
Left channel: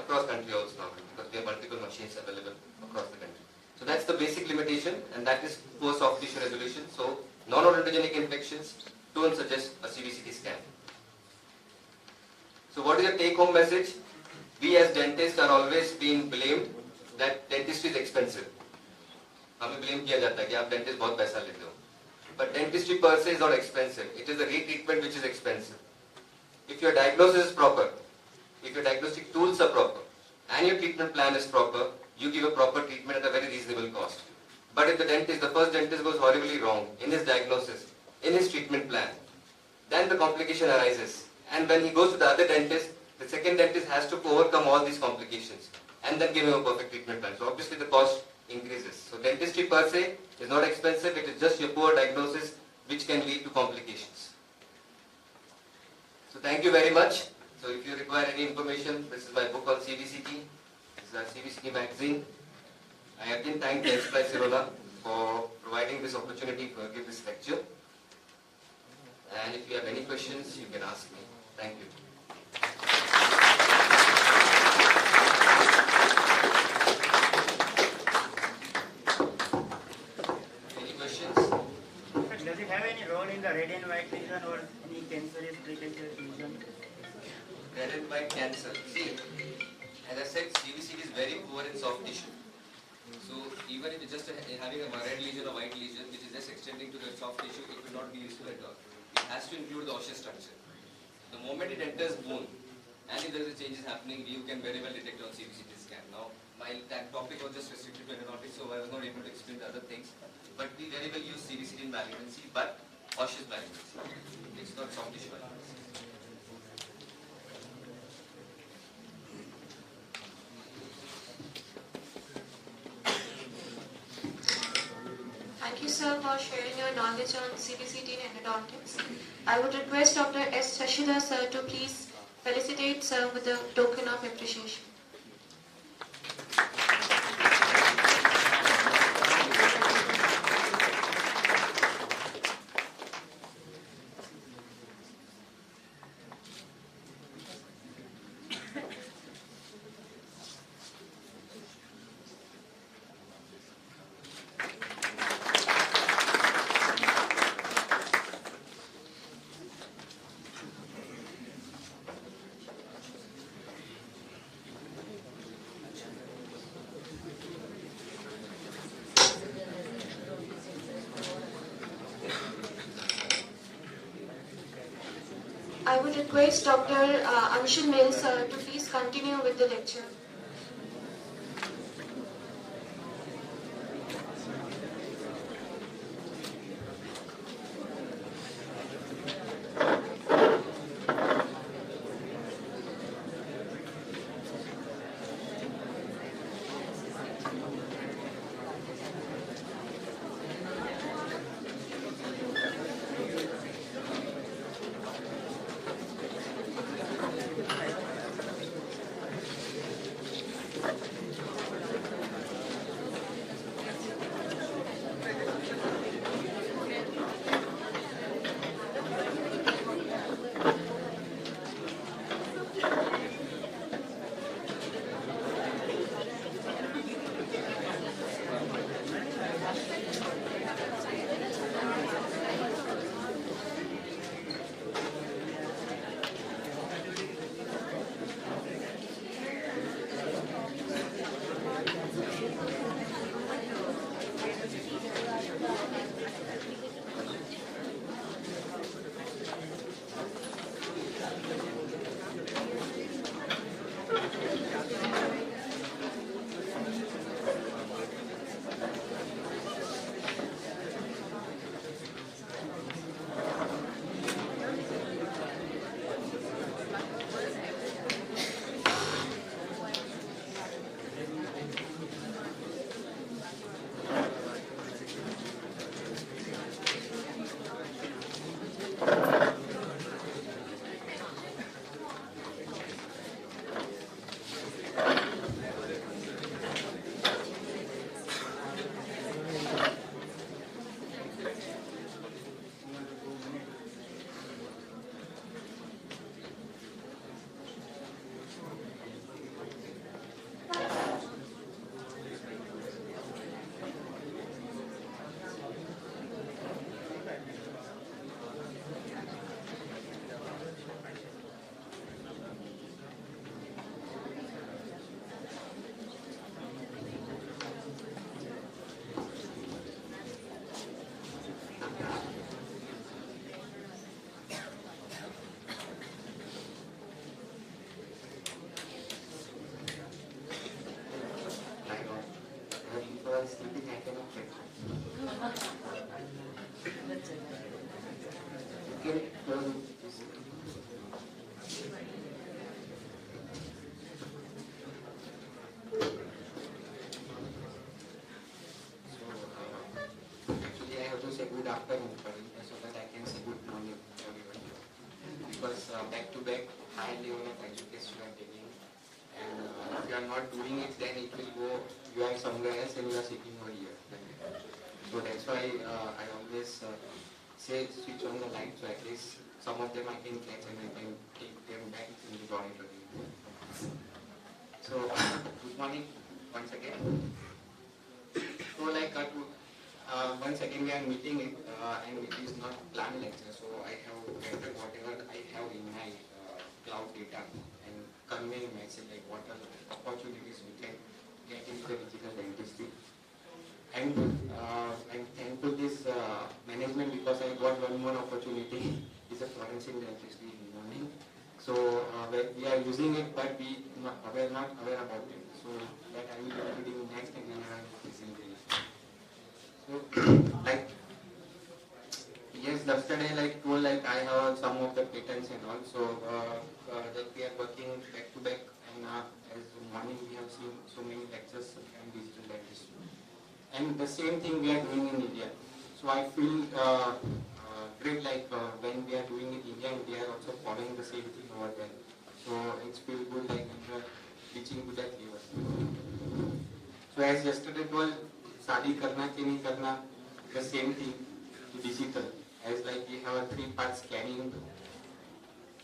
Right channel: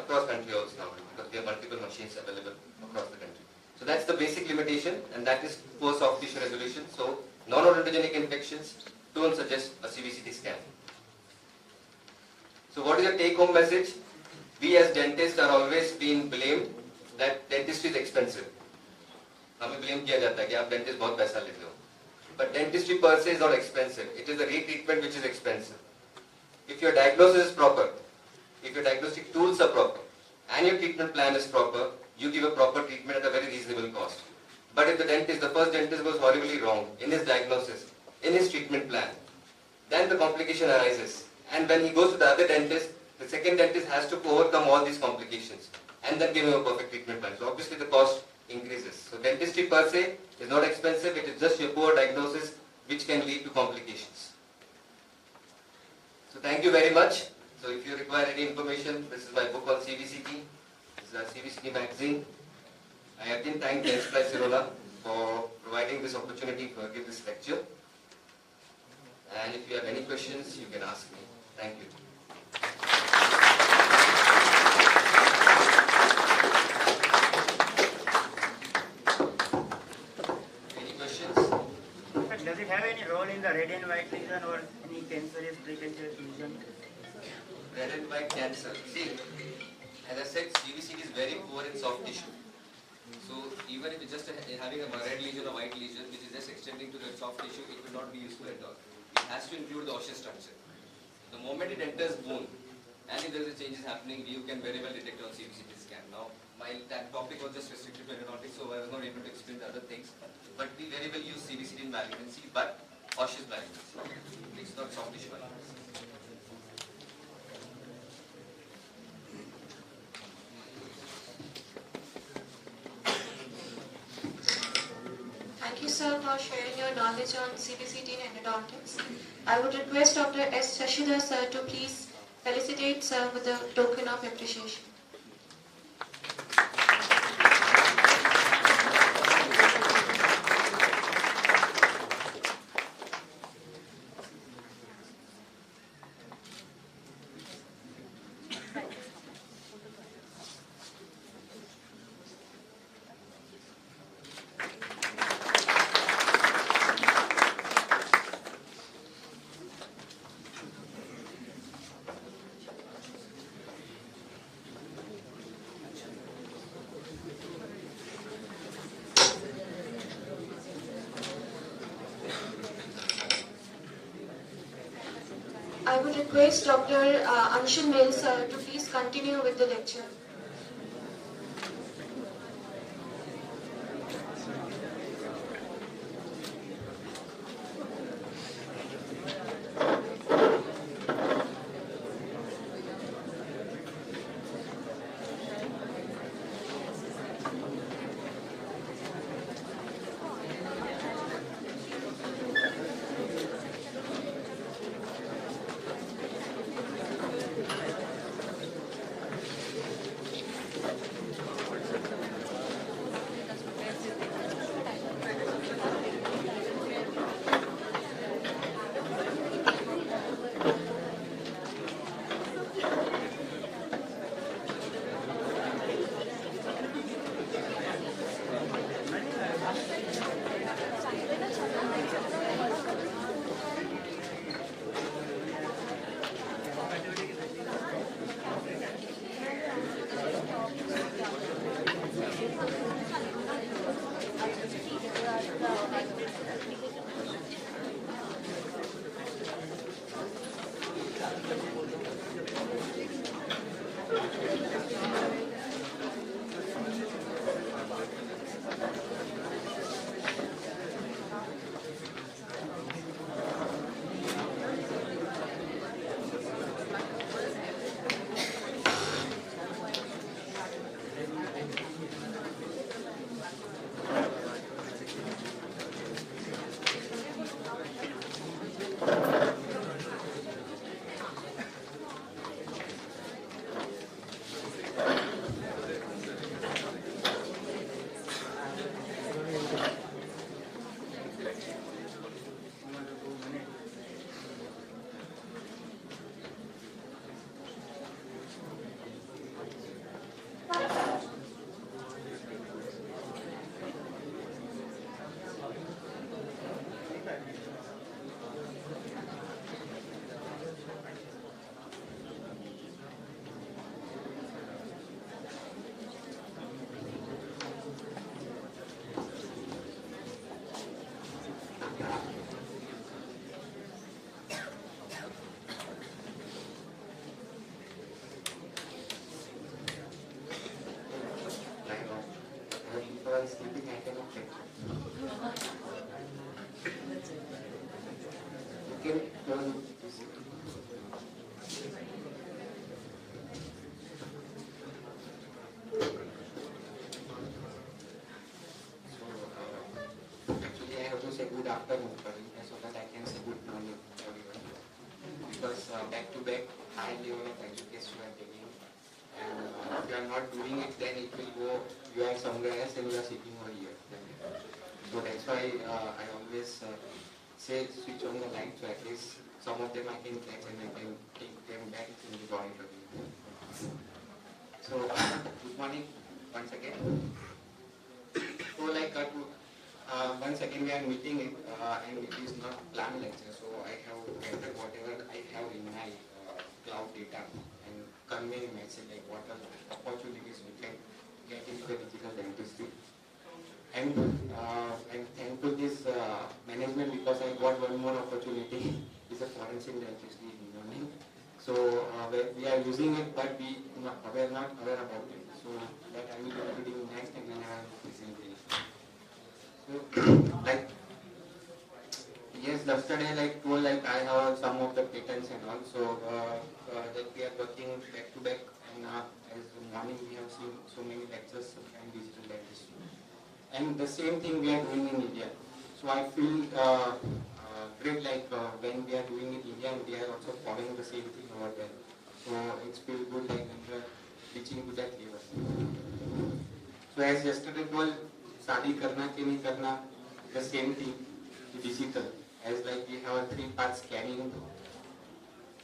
across country also now, because there are multiple machines available across the country. So that's the basic limitation, and that is poor soft tissue resolution. So non-odontogenic infections don't suggest a CBCT scan. So what is the take-home message? We as dentists are always being blamed that dentistry is expensive. हमें blame किया जाता है कि आप dentist बहुत पैसा लेते हो. But dentistry per se is not expensive. It is the retreatment which is expensive. If your diagnosis is proper, if your diagnostic tools are proper, and your treatment plan is proper, you give a proper treatment at a very reasonable cost. But if the first dentist goes horribly wrong in his diagnosis, in his treatment plan, then the complication arises. And when he goes to the other dentist, the second dentist has to overcome all these complications and then give him a perfect treatment plan. So obviously the cost increases. So dentistry per se is not expensive, it is just your poor diagnosis which can lead to complications. So thank you very much. So if you require any information, this is my book on CBCT. This is our CBCT magazine. I again thank the Enterprise Sirona for providing this opportunity to give this lecture. And if you have any questions, you can ask me. Thank you. Any questions? Does it have any role in the red and white lesion or any cancerous precancerous lesion? Red and white cancer. See, as I said, CBCT is very poor in soft tissue. So even if it's just having a red lesion or white lesion, which is just extending to the soft tissue, it will not be useful at all. It has to include the osseous structure. The moment it enters bone, and if there is a changes happening, you can very well detect on CBCT scan. Now, my topic was just restricted to endodontics, so I was not able to explain the other things. But we very well use CBCT in malignancy, but osseous malignancy. It's not soft tissue malignancy. Thank you, sir, for sharing your knowledge on CBCT and endodontics. I would request Dr. S. Shashidhar, sir, to please felicitate sir with a token of appreciation. I would request Dr. Anshul Mills, sir, to please continue with the lecture. sleeping, I cannot check. Okay, actually, I have to say good afternoon for you so that I can say good morning for everyone. Because back to back, high level of education you are taking. And if you are not doing it, then it will go, you are somewhere else and you are sitting over here. So that's why I always say switch on the light, so at least some of them I can catch and I can take them back in the auditorium. So good morning once again. So like once again we are meeting it and it is not planned lecture, so I have entered whatever I have in my cloud data and convey a message like what are the opportunities we can get into the digital dentistry. And I'm thankful this management because I got one more opportunity. It's a forensic dentistry in learning. So we are using it, but we not aware about it. So that I will be reading next and then I will presentation. So like yes, yesterday like told like I have some of the patents and all. So that we are working back to back, and as morning we have seen so many lectures and digital dentistry. And the same thing we are doing in India. So I feel great like when we are doing it in India and they are also following the same thing over there. So it feels good like when we are reaching to that level. So as yesterday told, shadi karna ke nahi karna, the same thing, digital. As like we have a 3 parts: scanning,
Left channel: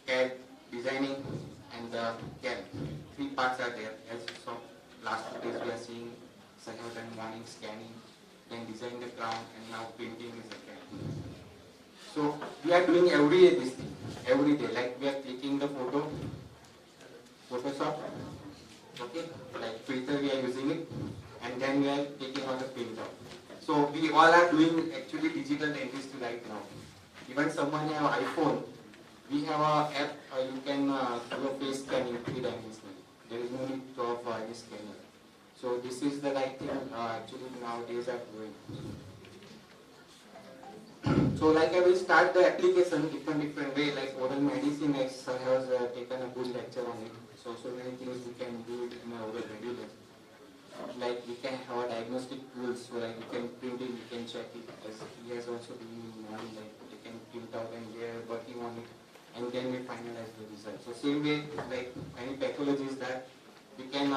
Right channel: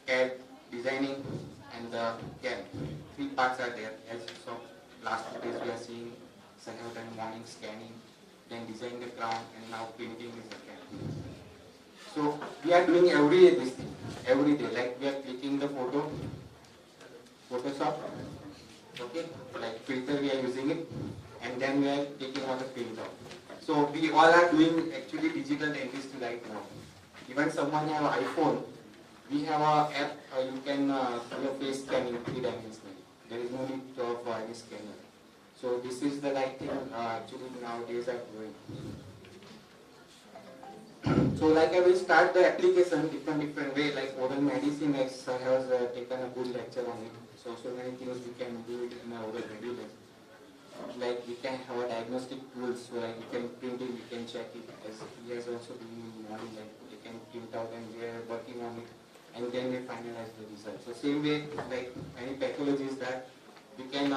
CAD, designing, and the CAD. 3 parts are there. As so last 2 days we are seeing. I have done morning scanning, then design the crown, and now printing is the CAD. So we are doing every day this thing, every day. Like we are clicking the photo, Photoshop, okay, like filter we are using it, and then we are taking out the printout. So we all are doing actually digital dentistry right now. Even someone have an iPhone, we have an app you can do a face scanning 3-dimensionally. There is no need of any scanner. So this is the right thing actually nowadays are doing. So like I will start the application different way, like oral medicine has taken a good lecture on it. So many things we can do it in our oral regular. Like we can have a diagnostic tools, so like we can print it, we can check it, as he has also been in morning, like we can print out and we are working on it, and then we finalize the result. So same way, like any pathologies that we can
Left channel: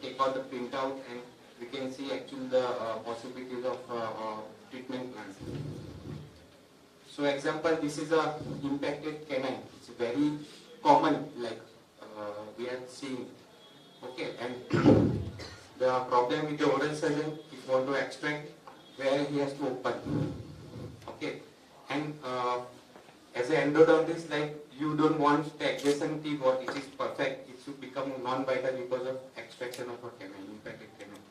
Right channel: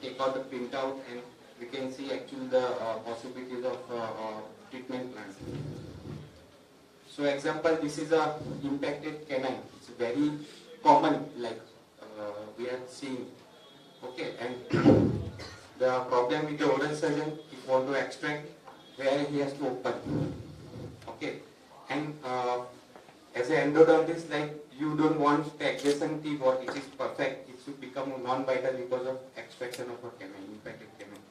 take out the printout and we can see actually the possibilities of treatment plans. So example, this is a impacted canine. It's very common, like we are seeing. Okay, and the problem with the oral surgeon, if you want to extract, where he has to open. Okay, and as an endodontist, like you don't want the adjacent teeth or it is perfect, it should become non-vital because of extraction of a canine, impacted canine.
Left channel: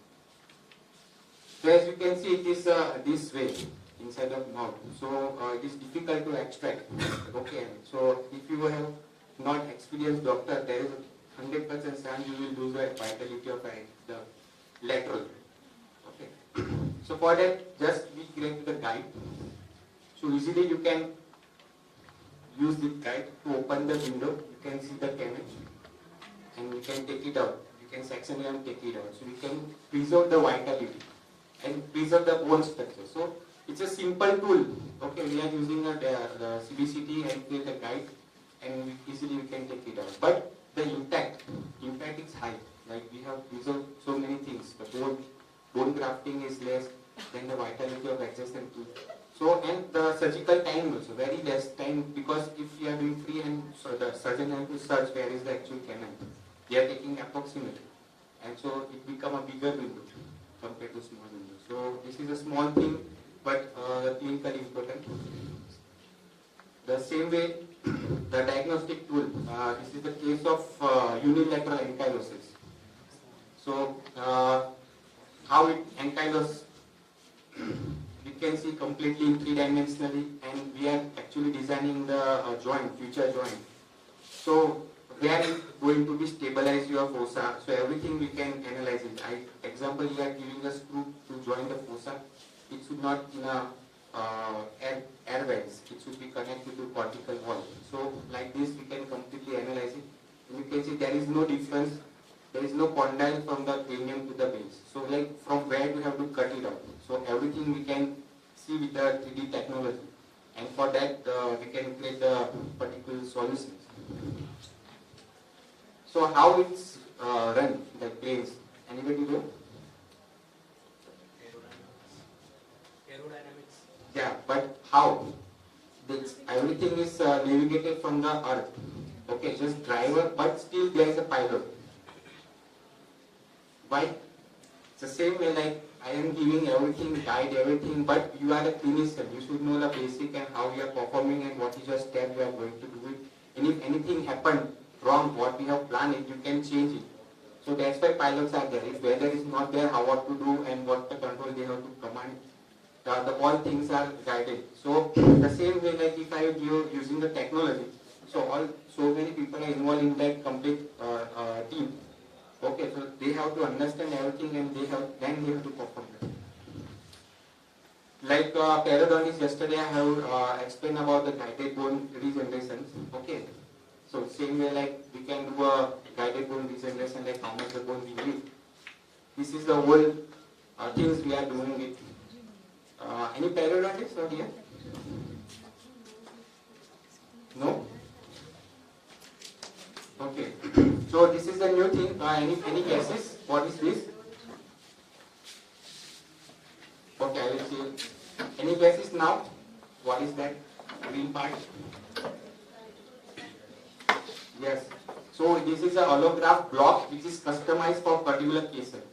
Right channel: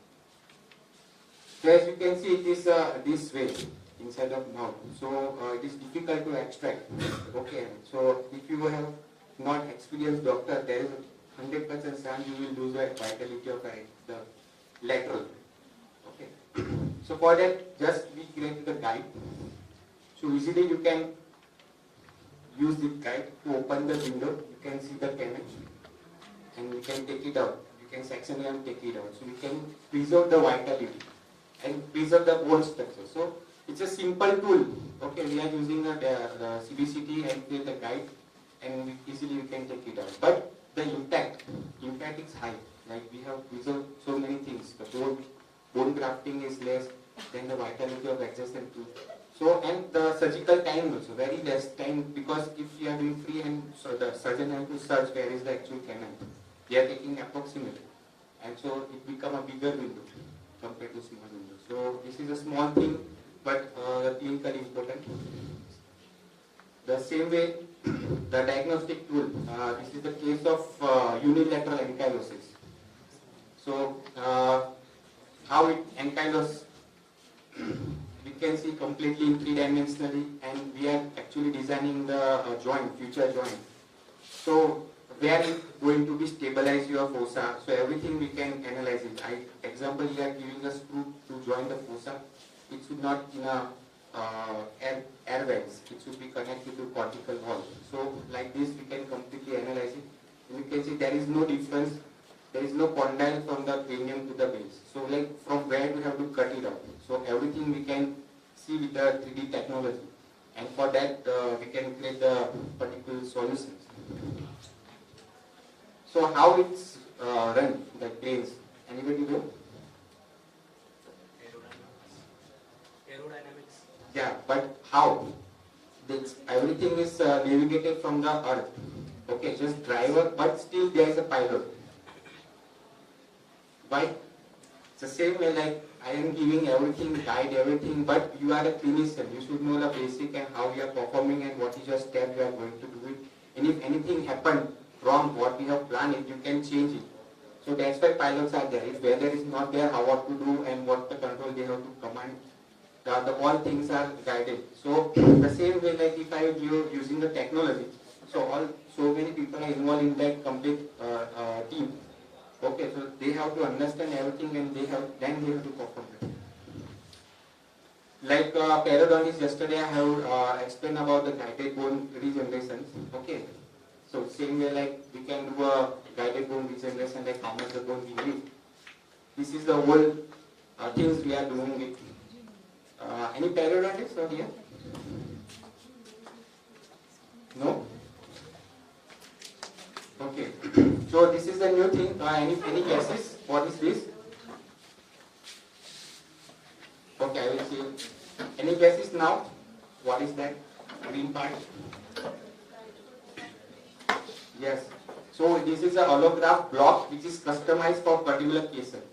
So as you can see, it is this way inside the mouth. So it is difficult to extract. Okay, so if you have not experienced doctor, there is a 100% chance you will lose the vitality of the lateral. Okay. So for that, just we create the guide. So easily you can use the guide to open the window. You can see the canine and you can take it out. You can section it and take it out. So you can preserve the vitality and preserve the bone structure. So it's a simple tool. Okay, we are using the CBCT and create a guide, and easily we can take it out. But the impact is high. Like we have preserved so many things. The bone grafting is less than the vitality of adjacent tooth. So and the surgical time also very less time, because if we are doing free and so the surgeon has to search where is the actual canine. They are taking approximate, and so it become a bigger window compared to small window. So this is a small thing, but clinically important. The same way, the diagnostic tool. This is the case of unilateral ankylosis. So how it ankylose, we can see completely in 3-dimensionally, and we are actually designing the joint, future joint. So where is going to be stabilize your fossa? So everything we can analyze it. Example, you are giving a screw to join the fossa. It should not in a air vents. It should be connected to cortical wall. So like this, we can completely analyze it. And you can see there is no difference. There is no condyle from the cranium to the base. So like from where we have to cut it out. So everything we can see with the 3D technology. And for that, we can create the particular solutions. So how it's run, the planes? Anybody know? fabricated from the earth. Okay, just driver, but still there is a pilot. Why? It's the same way like I am giving everything, guide everything, but you are a clinician. You should know the basic and how you are performing and what is your step you are going to do it. And if anything happened wrong, what we have planned it, you can change it. So that's why pilots are there. If weather is not there, how what to do and what the control they have to command. All things are guided. So the same way like if I give using the technology, so many people are involved in that complete team. Okay, so they have to understand everything and they have to perform it. Like periodontist, yesterday I have explained about the guided bone regeneration. Okay, so same way like we can do a guided bone regeneration, like how much the bone we need. This is the whole things we are doing it. Any periodontists out here? No? Okay. So this is the new thing. Any guesses? What is this? Okay, I will see. Any guesses now? What is that green part? Yes. So this is a holograph block which is customized for particular cases.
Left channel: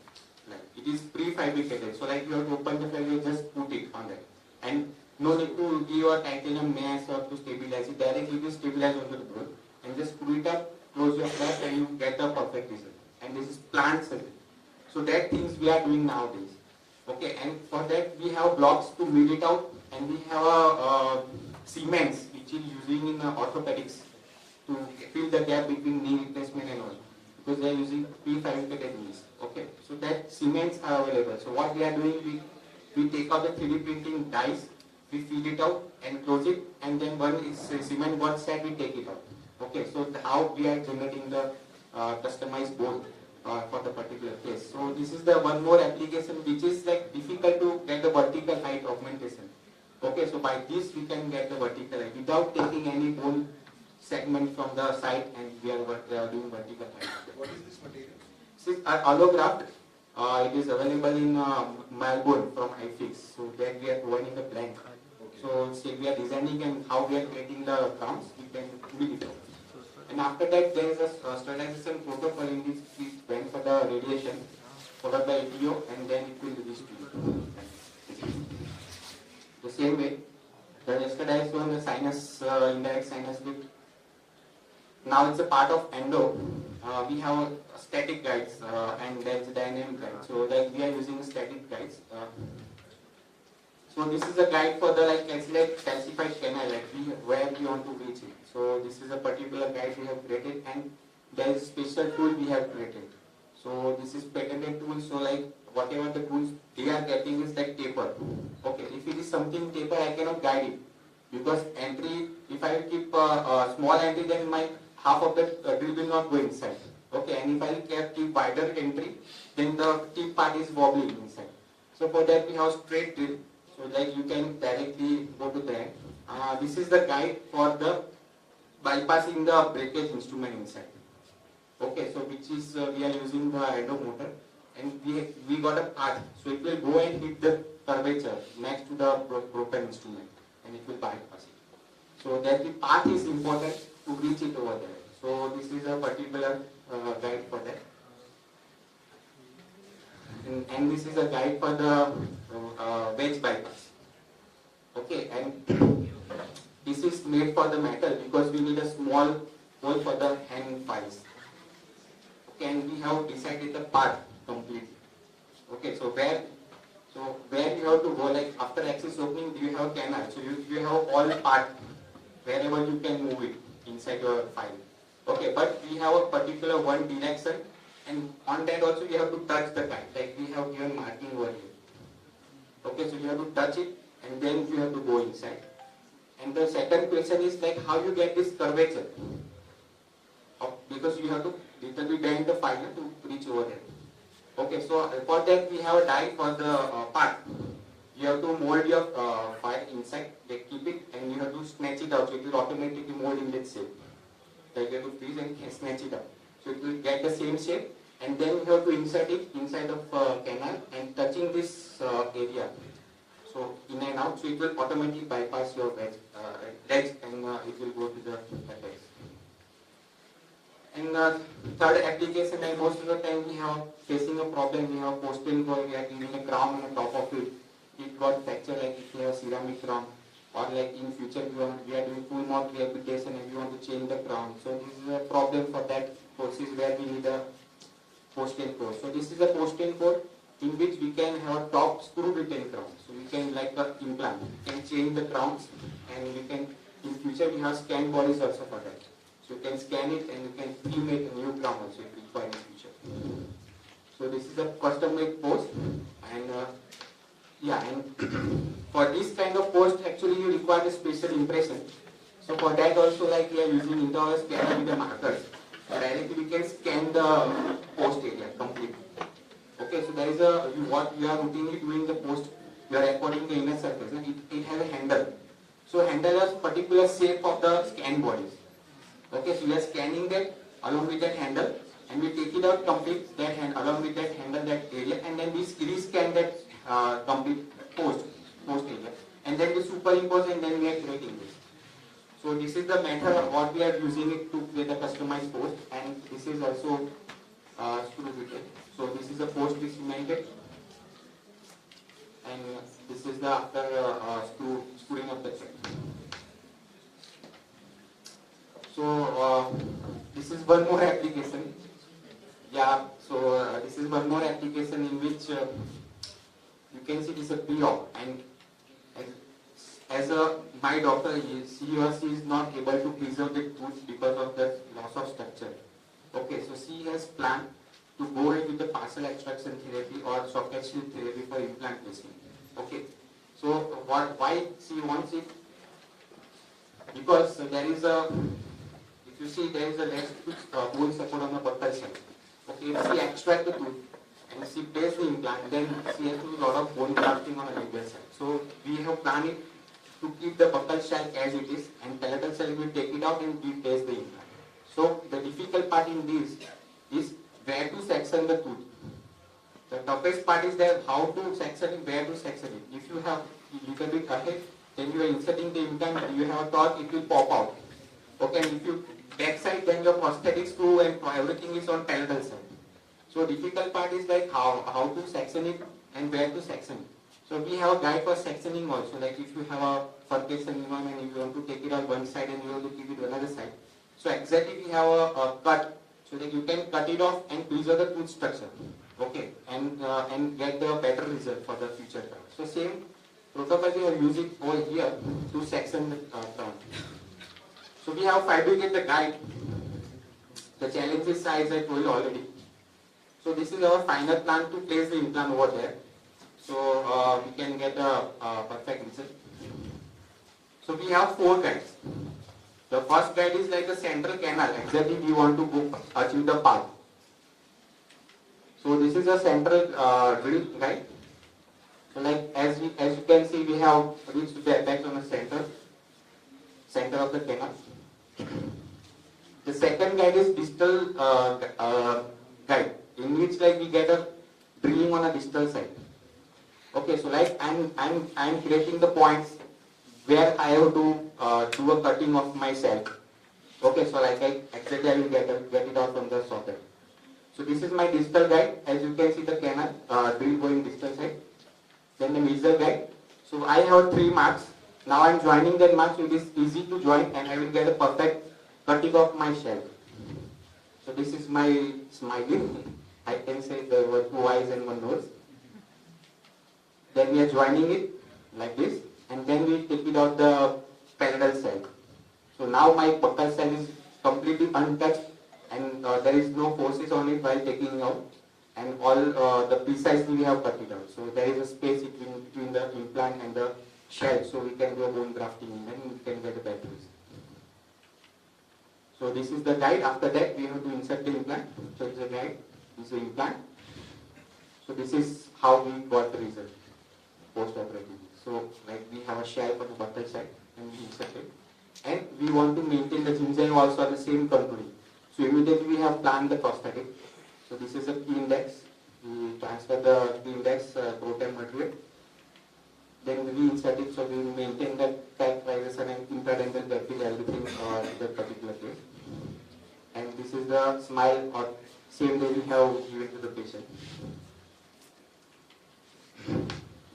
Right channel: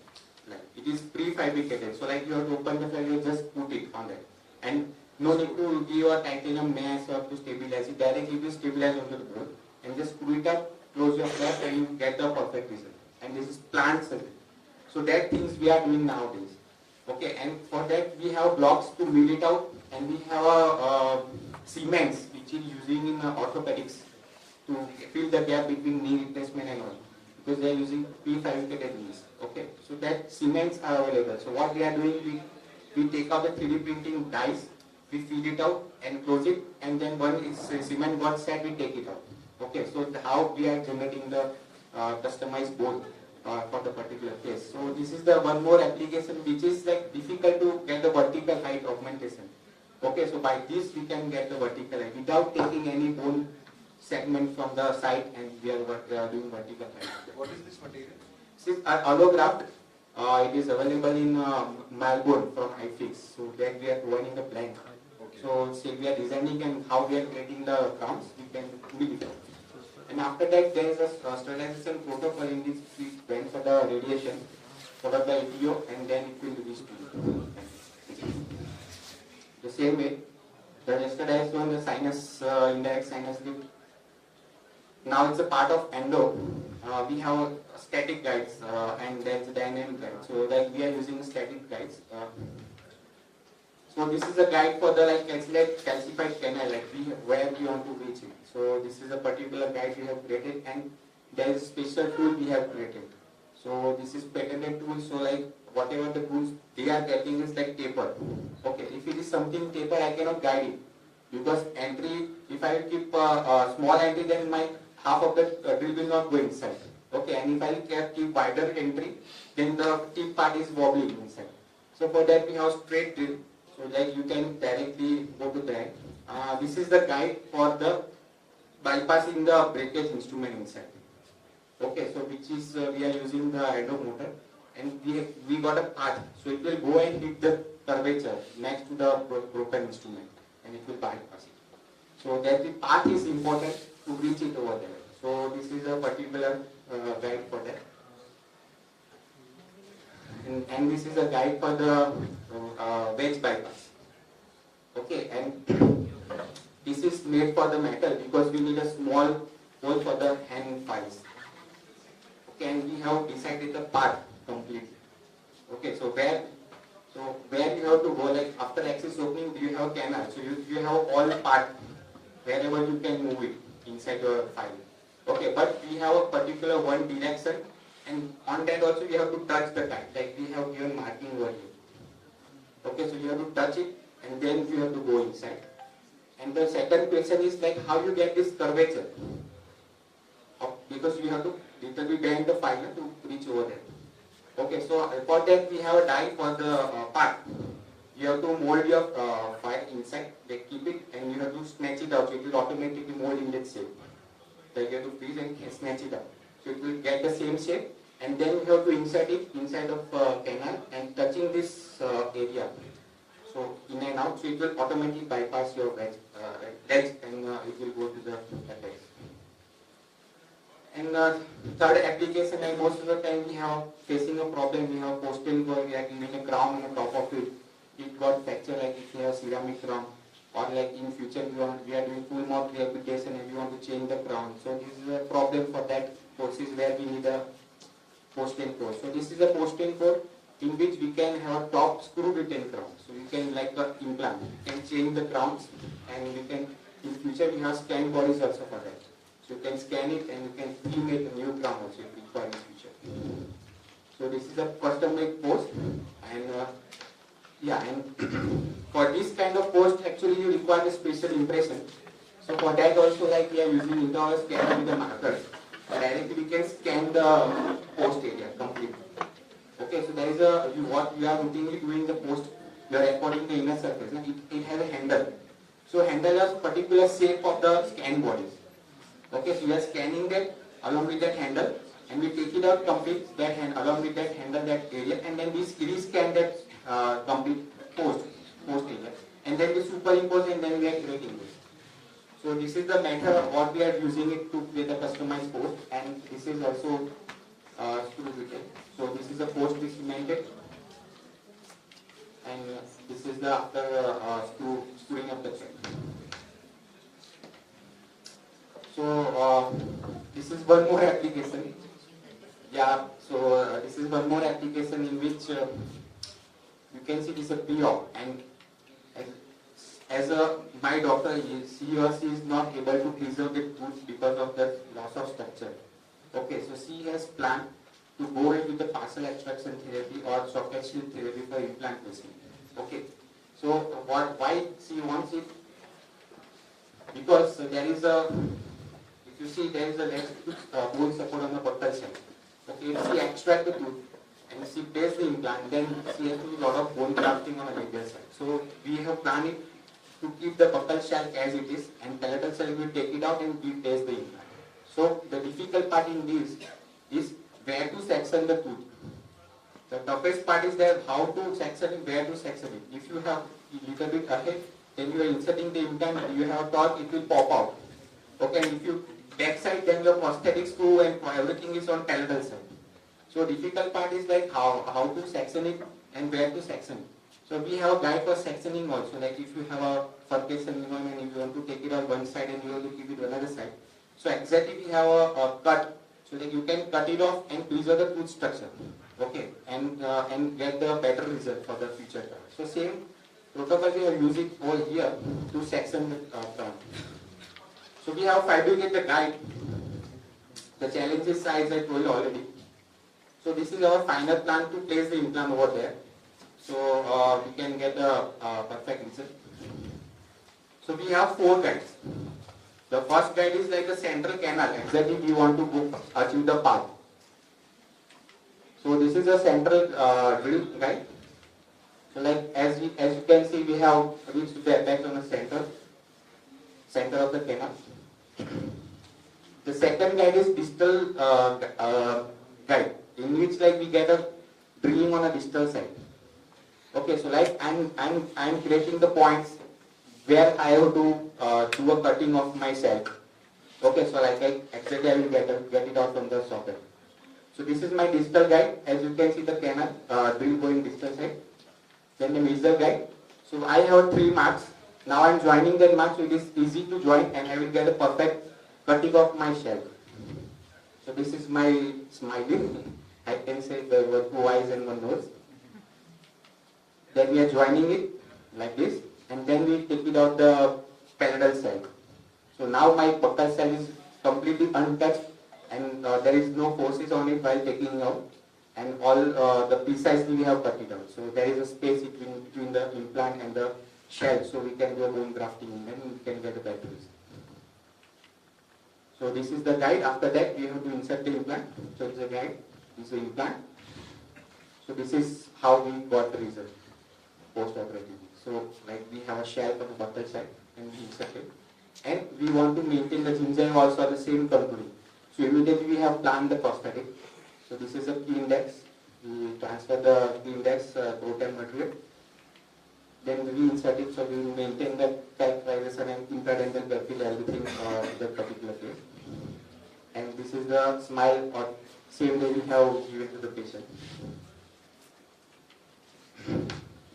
Like it is prefabricated. So like you have to open the file, you just put it on that. And no need to give a titanium mass or to stabilize it. Directly you stabilize onto the board and just screw it up, close your flap and you get the perfect result. And this is plant surgery. So that things we are doing nowadays. Okay, and for that we have blocks to mill it out and we have a cements which is using in orthopedics to fill the gap between knee replacement and all. Because they are using prefabricated knees. Okay, so that cements are available. So what we are doing, we take out the 3D printing dies, we feed it out and close it, and then when it's cement one side, we take it out. Okay, so how we are generating the customized bone for the particular case. So this is the one more application which is like difficult to get the vertical height augmentation. Okay, so by this we can get the vertical height without taking any bone segment from the side, and we are doing vertical height. What is this material? This is allograft. It is available in Melbourne from iFix. So that we are providing the blank. Okay. So say we are designing and how we are creating the crowns, we can build it out. And after that there is a sterilization protocol in this we went for the radiation, followed by EPO, and then it will reach to you. The same way, yesterday I shown the sinus, indirect sinus lift. Now it's a part of endo. We have static guides and there's a dynamic guide. So like we are using static guides. So this is a guide for the like calcified canal, like where we want to reach it. So this is a particular guide we have created, and there is a special tool we have created. So this is patented tool. So like whatever the tools they are getting is like taper. Okay, if it is something taper, I cannot guide it because entry. If I keep a small entry, then my half of the drill will not go inside. Okay, and if I keep wider entry, then the tip part is wobbling inside. So for that we have straight drill. So like you can directly go to that. This is the guide for the bypassing the breakage instrument inside. Okay, so which is we are using the endo motor, and we got a path. So it will go and hit the curvature next to the broken instrument, and it will bypass it. So that the path is important to reach it over there. So this is a particular guide for that. And this is a guide for the wedge bypass. Okay, and this is made for the metal because we need a small hole for the hand files. Okay, and we have decided the path completely. Okay, so where you have to go, like after axis opening, you have canal. So you have all part wherever you can move it inside your file. Okay, but we have a particular one direction, and on that also you have to touch the guide, like we have given marking over here. Okay, so you have to touch it and then you have to go inside. And the second question is like how you get this curvature, because you have to little bit bend the file to reach over there. Okay, so for that we have a die for the part. You have to mold your file inside, like keep it, and you have to snatch it out. So it will automatically mold in that shape. Like you have to freeze and snatch it out. So it will get the same shape, and then you have to insert it inside of canal and touching this area. So in and out, so it will automatically bypass your legs and it will go to the legs. And third application, and most of the time we have facing a problem, we have posting where we are giving a crown on the top of it. It got fractured, like if you have ceramic crown, or like in future we are doing full mouth rehabilitation and we want to change the crown. So this is a problem for that courses where we need a post-in course. So this is a post-in course in which we can have a top screw retain crown. So we can like an implant, we can change the crowns, and we can in future we have scan bodies also for that. So you can scan it and you can pre-make a new crown also if required in future. So this is a custom-made post, and and for this kind of post actually you require a special impression. So for that also, like we are using intraoral scanner with the markers. Directly we can scan the post area completely. Okay, so there is what we are routinely doing the post, we are recording the inner surface. It has a handle. So handle is particular shape of the scan bodies. Okay, so we are scanning that along with that handle, and we take it out complete that hand along with that handle, that area, and then we rescan that complete post area, and then we superimpose and then we are creating this. So this is the method of what we are using it to create a customized post, and this is also screw fitted. So this is the post we cemented, and this is the after screwing up the check. So this is one more application. Yeah. So this is one more application in which you can see this is a pre-op, and as my doctor, he or she is not able to preserve the tooth because of the loss of structure. Okay, so she has planned to go in with the partial extraction therapy or socket shield therapy for implant placement. Okay, so why she wants it? Because there is a, if you see, there is a less bone support on the buccal side. Okay, if she extract the tooth and she places the implant, then she has to do a lot of bone grafting on the labial side. So we have planned it to keep the buccal shell as it is, and palatal shell will take it out and replace the implant. So the difficult part in this is where to section the tooth. The toughest part is that how to section it, where to section it. If you have a little bit ahead, then you are inserting the implant, you have a torque, it will pop out. Okay, and if you backside, then your prosthetic screw and everything is on palatal side. So difficult part is like how to section it and where to section it. So we have a guide for sectioning also, like if you have a furcation and if you want to take it on one side and you want to keep it on another side. So exactly we have a cut, so that you can cut it off and preserve the tooth structure. Okay, and get the better result for the future cut. So same protocol we are using over here to section the crown. So we have fabricated the guide. The challenge is size, I told you already. So this is our final plan to place the implant over there. So we can get a perfect result. So we have 4 guides. The first guide is like a central canal. Exactly we want to go achieve the path. So this is a central drill guide. So like as you can see, we have reached back on the center of the canal. The second guide is distal guide, in which like we get a drilling on a distal side. Okay, so like I'm creating the points where I have to do a cutting of my shell. Okay, so like exactly I will get it out from the socket. So this is my distal guide. As you can see the canal drill going distal side. Then the major guide. So I have 3 marks. Now I'm joining that mark, so it is easy to join and I will get a perfect cutting of my shell. So this is my smiling. I can say there were 2 eyes and 1 nose. Then we are joining it like this, and then we take it out the palatal cell. So now my buccal cell is completely untouched, and there is no forces on it while taking it out, and all the precisely we have cut it out. So there is a space between the implant and the shell, so we can do a bone grafting and then we can get a better result. So this is the guide. After that we have to insert the implant. So it's a guide, this is the implant. So this is how we got the result post-operatively. So like we have a shell for the buccal side and we insert it. And we want to maintain the gingiva also at the same contouring. So immediately we have planned the prosthetic. So this is a key index. We transfer the key index proton material. then we insert it, so we will maintain the characterization and intradental pupil, everything in that particular case. And this is the smile or same day we have given to the patient.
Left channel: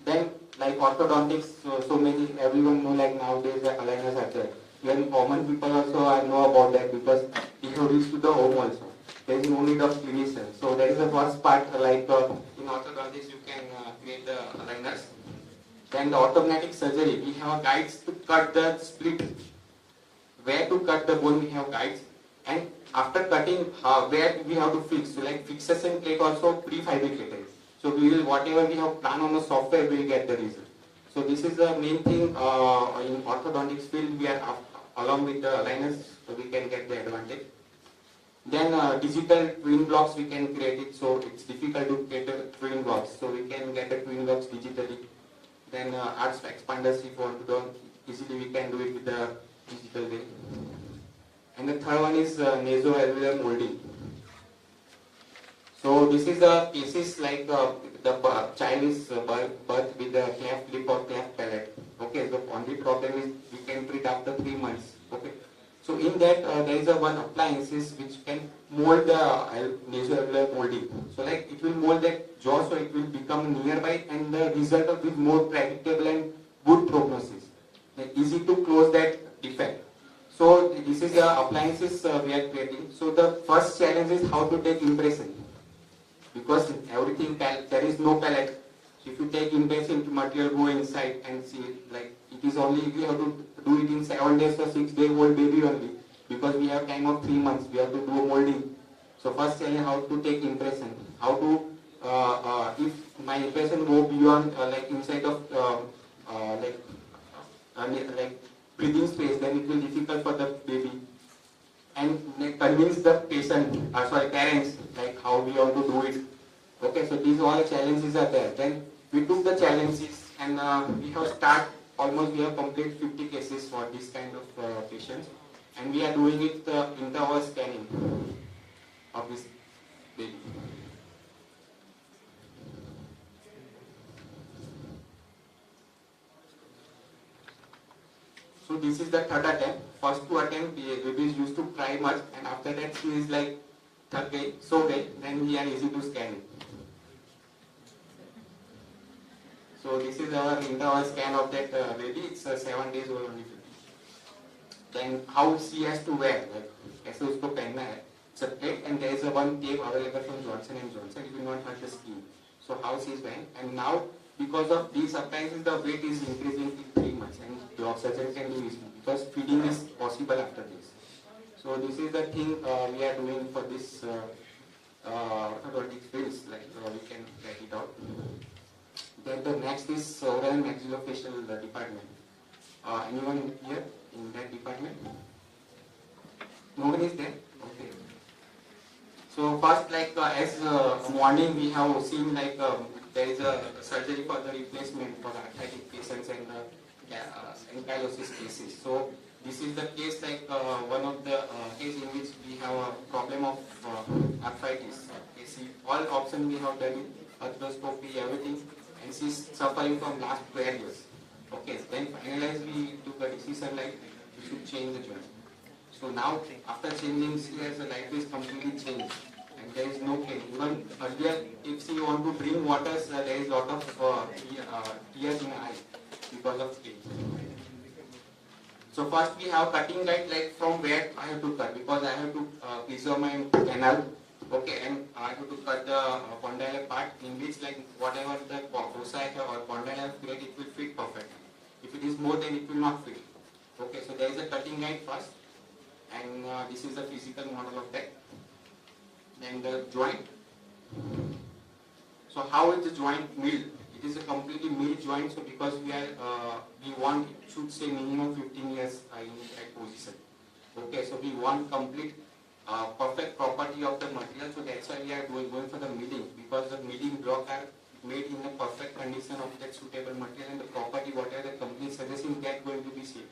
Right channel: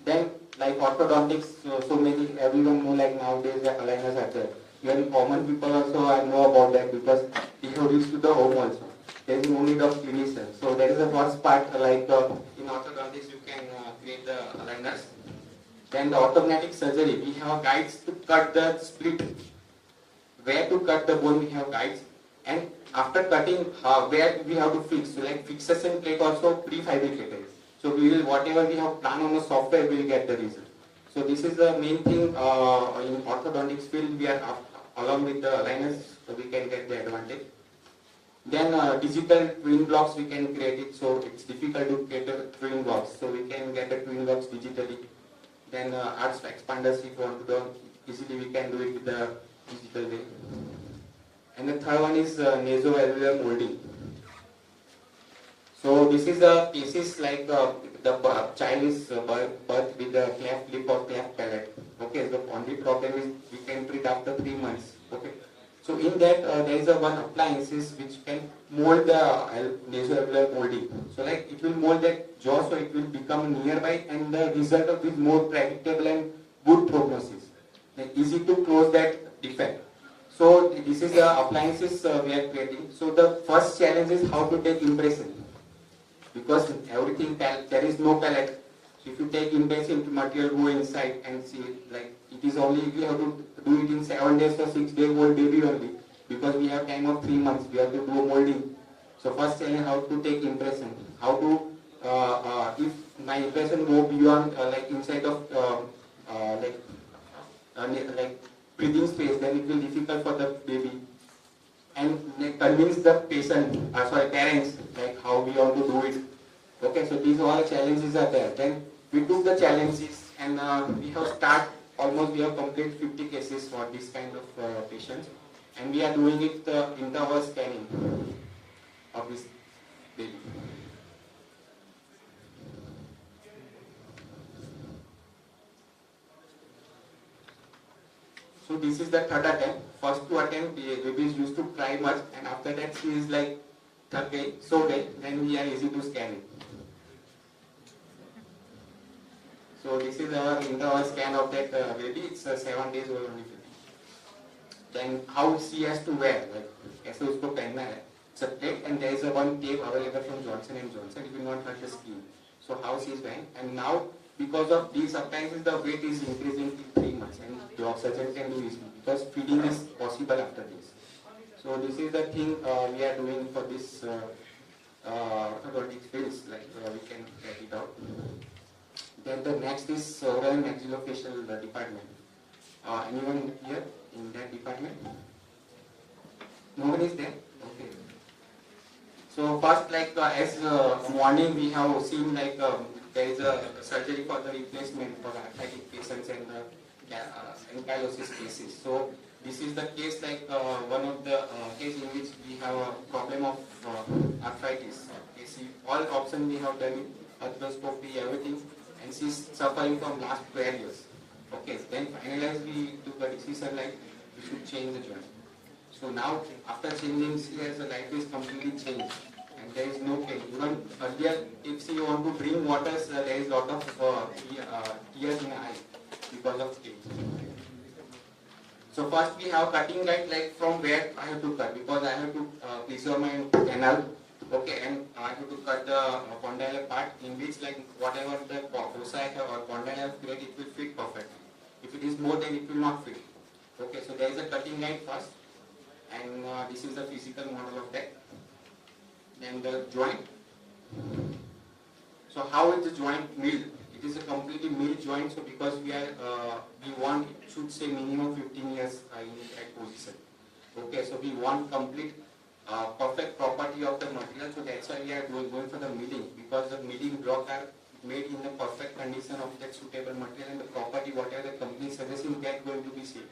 Then, like orthodontics, so many, everyone know, like nowadays the aligners are there. Even common people also I know about that, because we have reached to the home also. There is no need of clinician. So that is the first part, like in orthodontics you can create the aligners. Then the orthodontic surgery, we have guides to cut the split. Where to cut the bone, we have guides. And after cutting, where we have to fix. So like fixation plate also prefabricated. So we will, whatever we have planned on the software, we will get the result. So this is the main thing in orthodontics field. We are along with the aligners, so we can get the advantage. Then digital twin blocks we can create it. So it's difficult to get the twin blocks. So we can get the twin blocks digitally. Then arch expanders, if you want to do easily, we can do it with the digital way. And the third one is nasoalveolar molding. So this is a cases like the child is birth with a cleft lip or cleft palate. Okay, the only problem is we can treat after 3 months. Okay, so in that there is a one appliances which can mold the nasoalveolar molding. So like it will mold that jaw, so it will become nearby, and the result of it more predictable and good prognosis. Like easy to close that defect. So this is the appliances we are creating. So the first challenge is how to take impression, because everything there is no palette. So if you take impression material, go inside and see it, like it is only, we have to do it in 7 days or 6 days old baby only, because we have time of 3 months. We have to do molding. So first challenge, how to take impression, how to if my impression go beyond like inside of like breathing space, then it will be difficult for the baby. And convince the patient, parents, like how we want to do it. Okay, so these all challenges are there. Then we took the challenges, and we have we have completed 50 cases for this kind of patients, and we are doing it intra-hour scanning of this baby. So this is the third attempt. First 2 attempts, babies used to try much, and after that she is like, okay, so okay, then we are easy to scan it. So this is our intra-hour scan of that baby. It's 7 days old only. Then how she has to wear, like ऐसे उसको पहनना है. It's a plate, and there is a one tape available from Johnson & Johnson. It will not hurt the skin. So how she is wearing, and now because of these appliances, the weight is increasing in 3 months, and the surgeon can do easily, because feeding is possible after this. So this is the thing we are doing for this orthodontic fields, like we can get it out. Then the next is oral and maxillofacial department. Anyone here in that department? Nobody is there? Okay. So first, like as morning we have seen, like there is a surgery for the replacement for arthritic patients and ankylosis cases. So this is the case, like one of the case in which we have a problem of arthritis. Okay, see, all options we have done, arthroscopy, everything, and she is suffering from last 12 years. Okay, then finally we took a decision like we should change the joint. So now after changing, she has the life is completely changed, and there is no pain. Even earlier, if she want to drink water, there is lot of tears in the eye because of pain. So first we have cutting guide, like from where I have to cut, because I have to preserve my canal. Okay, and I have to cut the condylar part, in which like whatever the foci or condylar create, it will fit perfectly. If it is more, then it will not fit. Okay, so there is a cutting guide first, and this is the physical model of that. Then the joint. So how is the joint milled? It is a completely milled joint. So because we are we want, it should say minimum 15 years in that position. Okay, so we want complete perfect property of the material. So that's why we are going for the milling, because the milling blocks are made in the perfect condition of that suitable material, and the property whatever the company suggests in that going to be saved.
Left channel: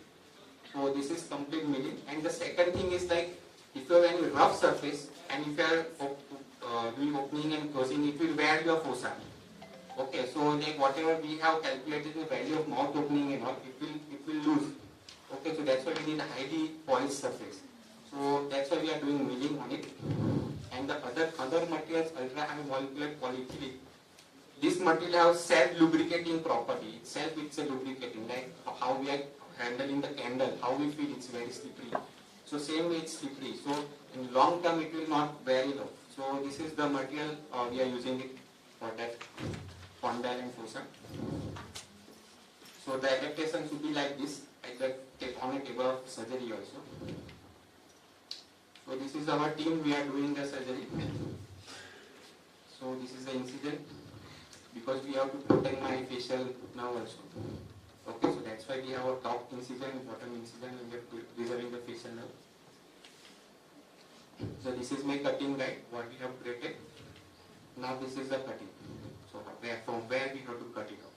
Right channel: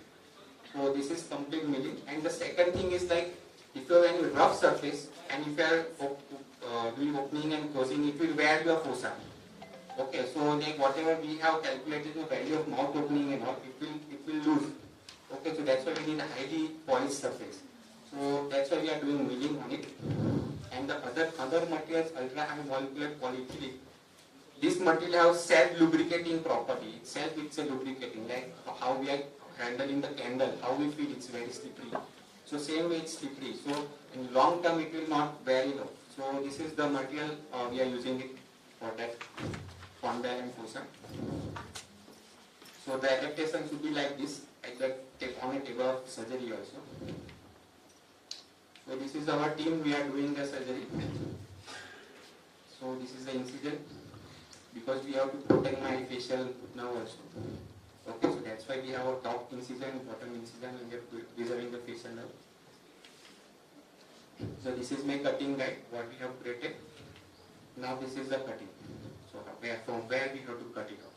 So this is complete milling. And the second thing is, like if you have any rough surface and if you are doing opening and closing, it will wear your foci. Okay, so like whatever we have calculated the value of mouth opening and all, it will lose. Okay, so that's why we need a highly polished surface. So that's why we are doing milling on it. And the other materials, ultra high molecular polyethylene, this material has self-lubricating property. Itself it's a lubricating, like how we are handling the candle, how we feel it's very slippery. So same way it's slippery. So in long term it will not wear it off. So this is the material we are using it for that condyle and fossa. So the adaptation should be like this, like on a table of surgery also. So this is our team, we are doing the surgery. So this is the incision, because we have to protect my facial nerve also. Okay, so that's why we have a top incision, bottom incision, and we are preserving the facial nerve. So this is my cutting guide, what we have created. Now this is the cutting. So from where we have to cut it off.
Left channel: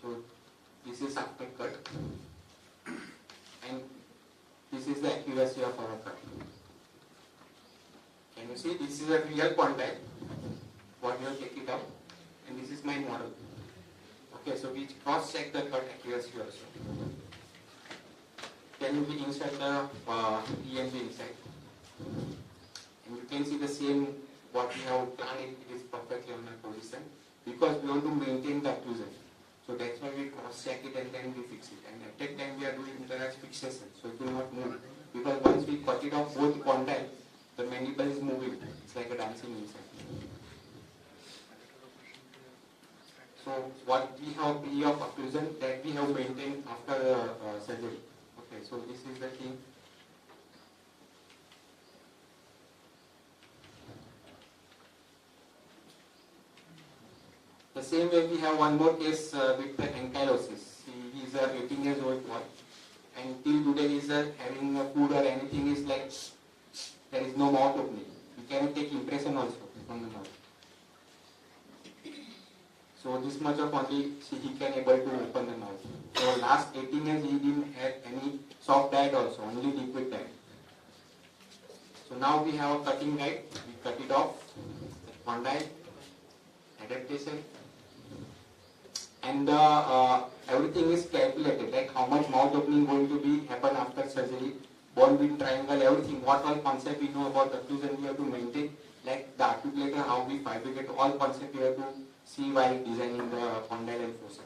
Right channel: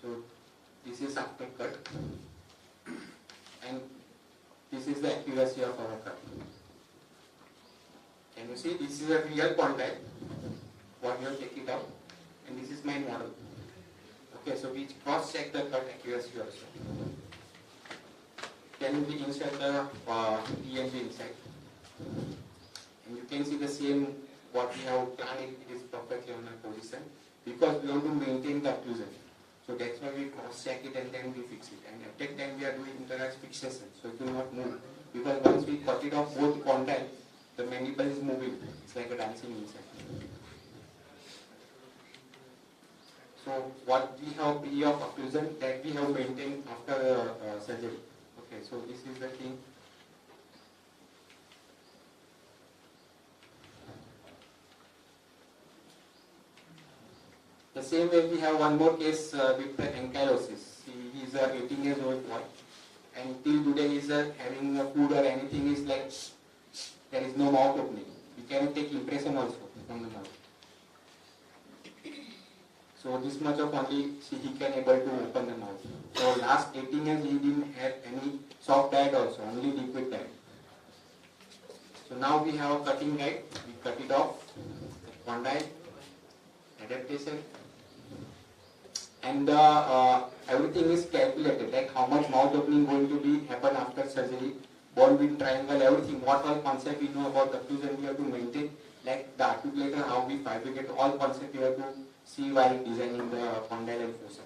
So this is after cut, and this is the accuracy of our cut. Can you see, this is a real condyle, what we have taken it out, and this is my model. Okay, so we cross check the cut accuracy also. Then we insert the EMG inside, and you can see the same what we have planned, it is perfectly on the position, because we want to maintain the occlusion. So that's why we cross check it and then we fix it. And at that time we are doing interact fixation, so it will not move. Because once we cut it off both condyle, the mandible is moving. It's like a dancing inside. So what we have period of occlusion that we have maintained after surgery. Okay, so this is the thing. The same way we have one more case with the ankylosis. He is a 18 years old boy, and till today he is having a food or anything is like there is no mouth opening. We can take impression also from the mouth. So this much of only he can able to open the mouth. So last 18 years he didn't have any soft diet also, only liquid diet. So now we have a cutting guide. We cut it off, condyle, adaptation. And everything is calculated, like how much mouth opening going to be happen after surgery, bone width triangle, everything, what all concept we know about occlusion we have to maintain, like the articulator, how we fabricate, all concept we have to see while designing the condyle and fossa.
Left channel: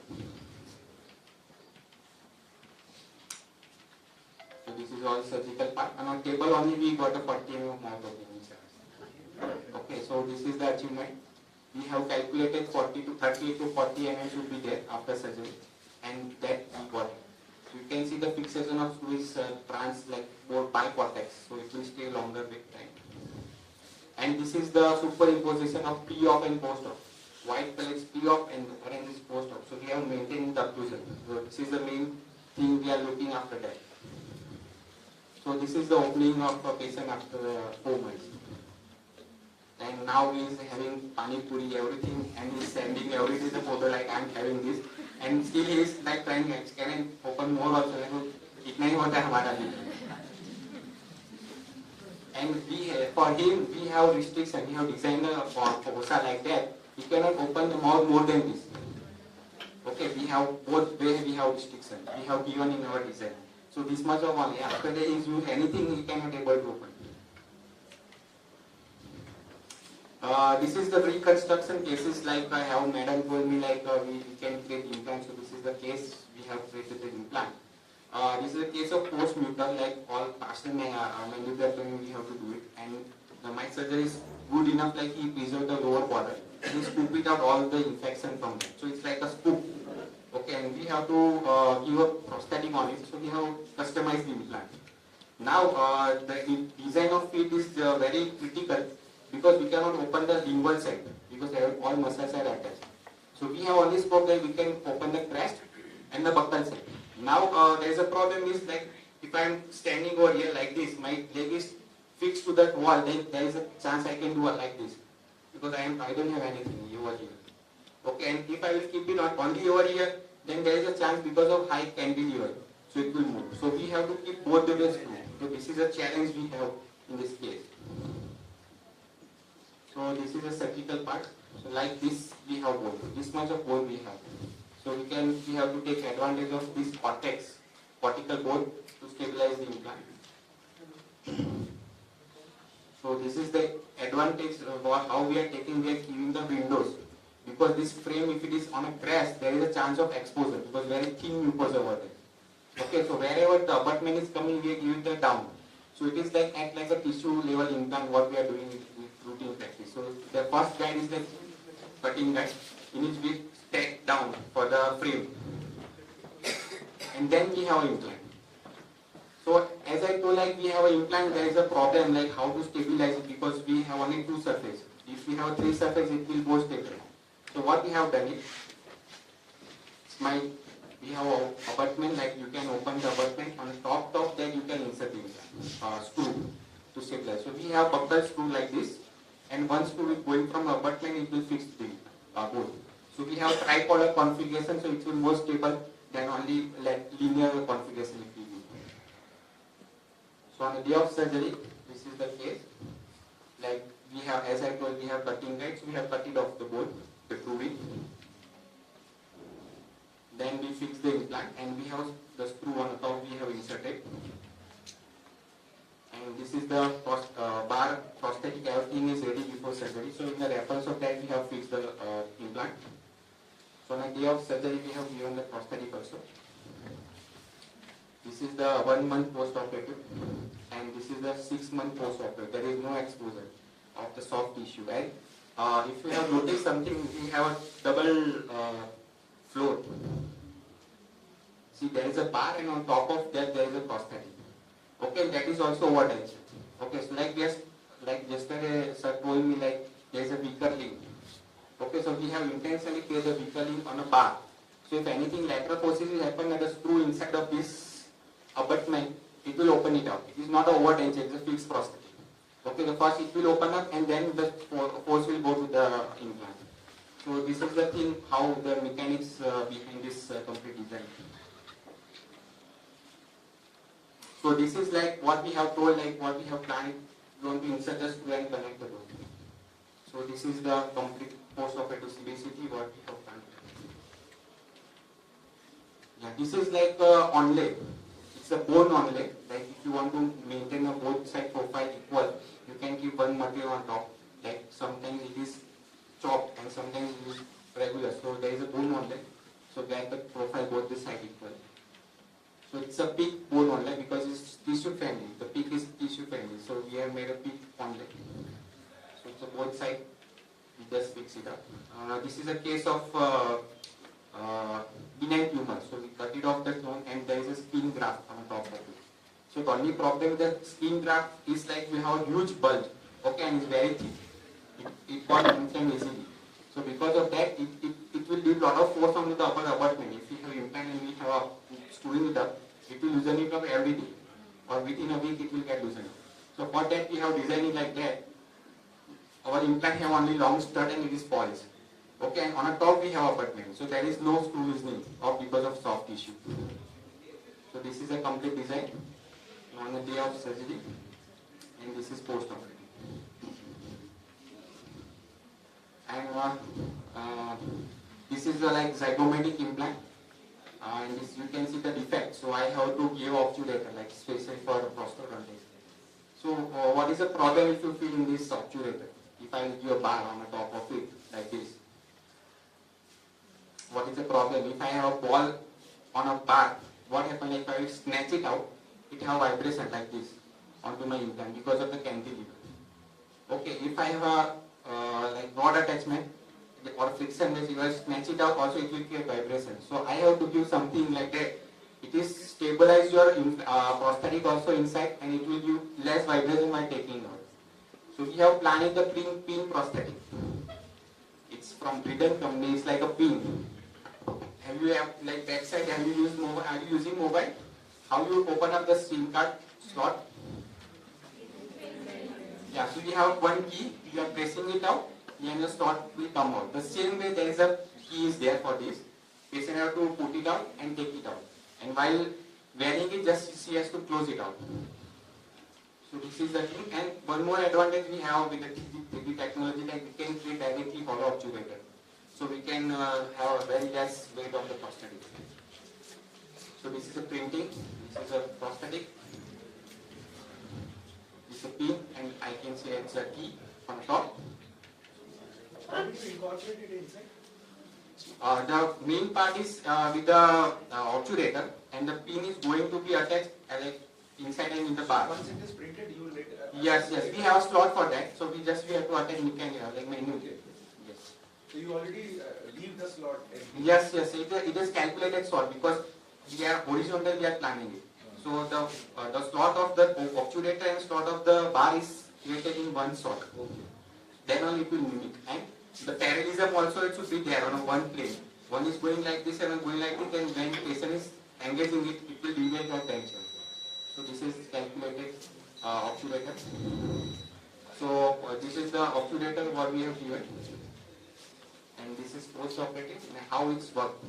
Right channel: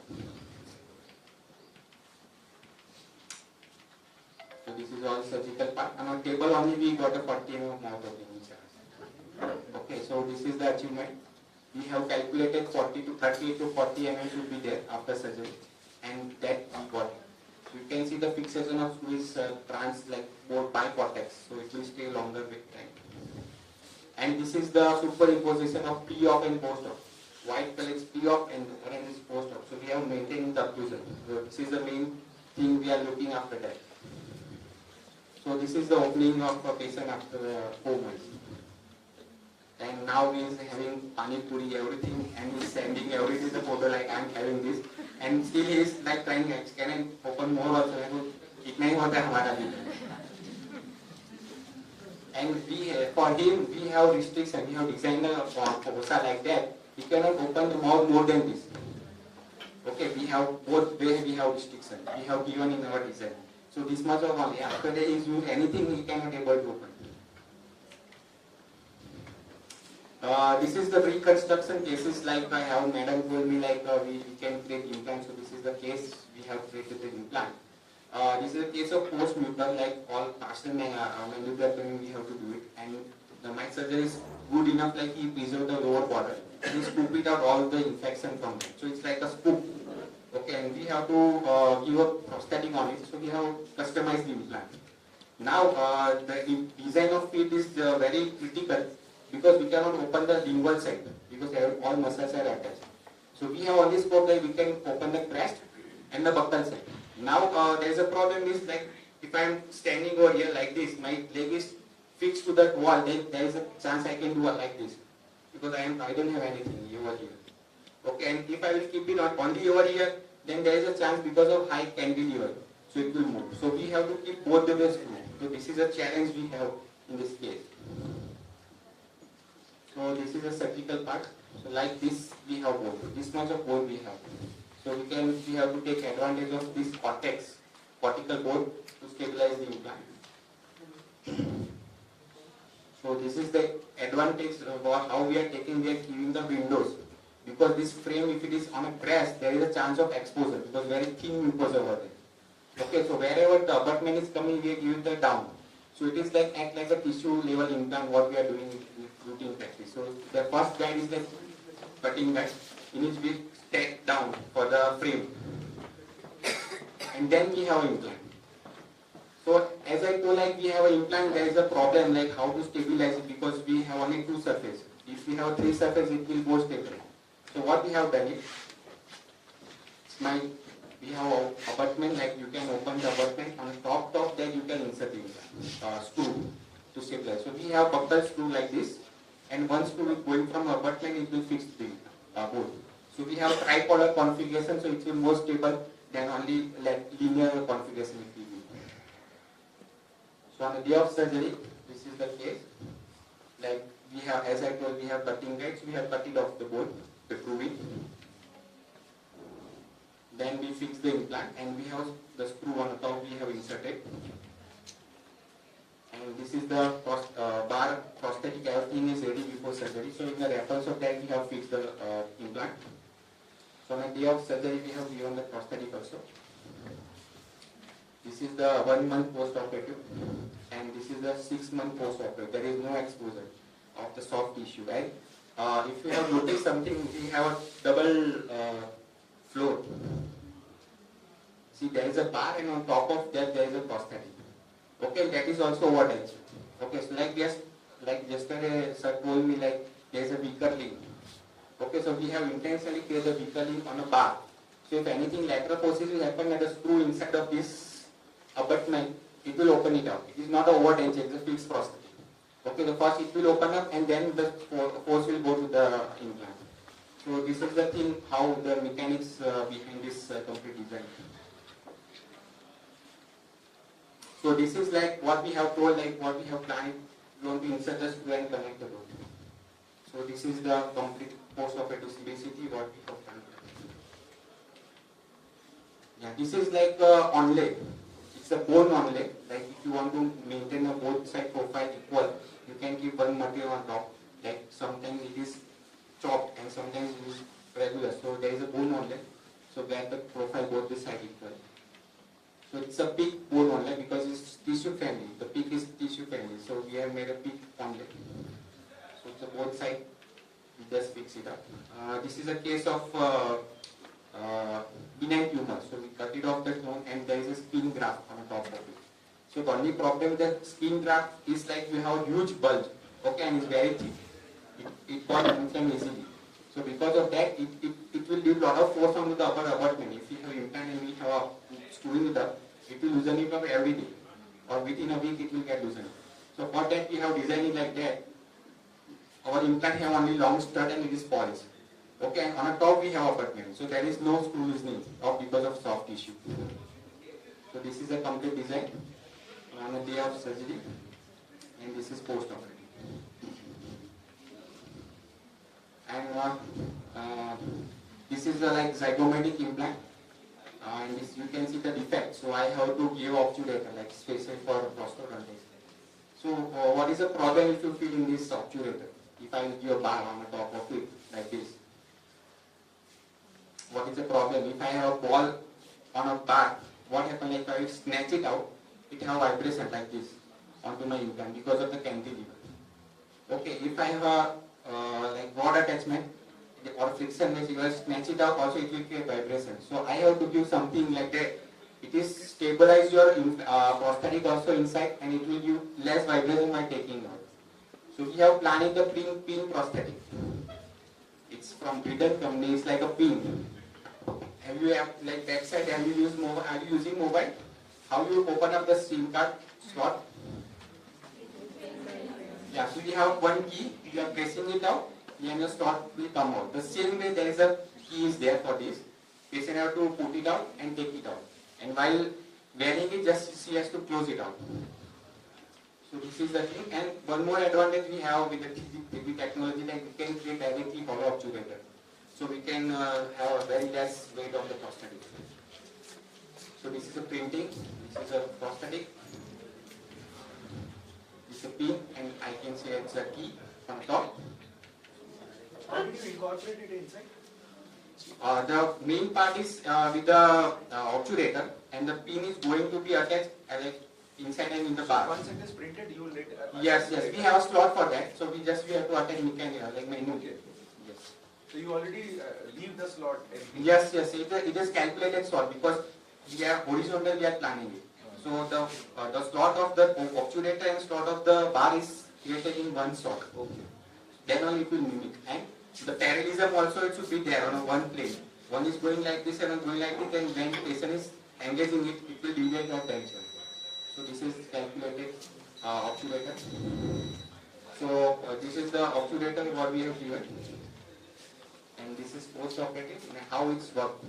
So this is all surgical part, and on table only we got a 40 mm of mouth opening charge. Okay, so this is the achievement. We have calculated 40 to 30 to 40 mm should be there after surgery, and that we got it. So you can see the fixation of screw is trans like both bicortex, so it will stay longer with time. And this is the superimposition of pre-op and post-op. White color is pre-op and orange is post-op. So we have maintained the occlusion. So this is the main thing we are looking after that. So this is the opening of a patient after 4 months. And now he is having pani puri, everything, and he is sending everything the photo like I am having this, and still he is like trying, can I open more also? Itna hi hota hai hamara bhi. And for him we have restriction. We have designed a fossa like that. He cannot open the mouth more than this. Okay, we have both ways we have restriction. We have given in our design. So this much of only. After that is use anything he cannot able to open. This is the reconstruction cases, like I have madam told me like we can create implant. So this is the case we have created the implant. This is a case of post-mutal, like all partial mandibular we have to do it. And the mic surgery is good enough, like he preserved the lower border. He scoop it out all the infection from it. So it's like a scoop. Okay, and we have to give a prosthetic on it. So we have customized the implant. Now the design of it is very critical, because we cannot open the lingual side, because all muscles are attached. So we have only scope that we can open the crest and the buccal side. Now there is a problem is like if I am standing over here like this, my leg is fixed to that wall, then there is a chance I can do like this, because I don't have anything over here. Okay, and if I will keep it only over here, then there is a chance because of high cantilever, so it will move. So we have to keep both the ways moving. So this is a challenge we have in this case. So this is a surgical part. So like this we have bone. This much of bone we have. So we have to take advantage of this cortical bone to stabilize the implant. So this is the advantage of how we are giving the windows. Because this frame, if it is on a crest, there is a chance of exposure because very thin mucosa over there. Okay, so wherever the abutment is coming, we are giving the down. So it is act like a tissue level implant what we are doing with routine practice. So the first guide is the cutting guide in which we take down for the frame. And then we have implant. So as I told, we have an implant, there is a problem how to stabilize it because we have only 2 surfaces. If we have 3 surfaces, it will go stable. So what we have done is, we have an abutment, you can open the abutment. On the top that you can insert the screw to stabilize. So we have buckle screw like this, and one screw is going from abutment, it will fix the board. So we have tripolar configuration, so it will be more stable than only linear configuration if we do. So on the day of surgery, this is the case. We have, as I told, we have cutting guides. We have cut it off the board, the grooving. Then we fix the implant, and we have the screw on the top. We have inserted. And this is the bar prosthetic. Everything is ready before surgery. So in the reference of that, we have fixed the implant. So on the day of surgery, we have given the prosthetic also. This is the 1 month post-operative, and this is the 6 month post-operative. There is no exposure of the soft tissue, right? If you have noticed something, we have a double floor. See, there is a bar, and on top of that, there is a prosthetic. Okay, that is also overtension. Okay, so like yesterday, sir told me there is a weaker link. Okay, so we have intentionally created a weaker link on a bar. So if anything lateral forces will happen at a screw inside of this abutment, it will open it out. It is not an overtension, it is a fixed prosthetic. Okay, the first it will open up and then the force will go to the implant. So this is the thing, how the mechanics behind this complete design. So this is what we have told, what we have planned. We want to insert the screw and connect the board. So this is the complete post-operative CBCT what we have planned. Yeah, this is onlay. It's a bone onlay. If you want to maintain a both side profile equal, you can keep one material on top. Sometimes it is chopped and sometimes it is regular. So there is a bone onlay. So that the profile both the side equal. So it's a peak bone onlay because it's tissue friendly. The peak is tissue friendly. So we have made a peak onlay. So it's a both side. We just fix it up. This is a case of benign tumor. So we cut it off the bone and there is a skin graft on top of it. So the only problem with the skin graft is we have a huge bulge. Okay, and it's very thick. It got inflamed easily. So because of that, it will do a lot of force on the upper abutment. If we have implant and we have screwing it up, it will loosen it up every day. Or within a week it will get loosened. So for that we have designed it like that. Our implant have only long stud and it is polished. Okay, and on the top we have abutment. So there is no screw loosening or because of soft tissue. So this is a complete design on the day of surgery, and this is post-operative. And this is the zygomatic implant, and this you can see the defect. So I have to give obturator special for prosthodontics. So what is the problem if you feel in this obturator? If I give a bar on the top of it like this, what is the problem? If I have a ball on a bar, what happens if I snatch it out? It have vibration like this onto my implant because of the cantilever. Okay, if I have a rod attachment or friction, if I snatch it out, also it will create vibration. So I have to give something like that. It is stabilize your prosthetic also inside, and it will give less vibration while taking out. So we have planned the pin prosthetic. It's from Britain company. It's like a pin. Have you back side? Have you used mobile? Are you using mobile? How you open up the SIM card slot? Yeah. So we have one key. You are pressing it out, and the slot will come out. The same way there is a key is there for this. Patient have to put it out and take it out. And while wearing it, just she has to close it out. this is the thing. And one more advantage we have with the 3D technology, that we can create directly hollow obturator. So we can have a very less weight of the prosthetic. So this is a printing, this is a prosthetic, this is a pin, and I can say it's a key on top. How did you incorporate it inside? The main part is with the obturator, and the pin is going to be attached inside and in the bar. Once it is printed, you will let. Yes, we have a slot for that. So we have to attach like menu. Yes. So you already leave the slot. Yes, it is calculated slot because we are horizontal. We are planning it. So the slot of the obturator and slot of the bar is created in one slot. Okay. Then only it will mimic. And the parallelism also it should be there on one plane. One is going like this and one going like this, and when the patient is engaging it, it will deviate our tension. So this is calculated obturator. So this is the obturator what we have given, and this is post-operative and how it's worked.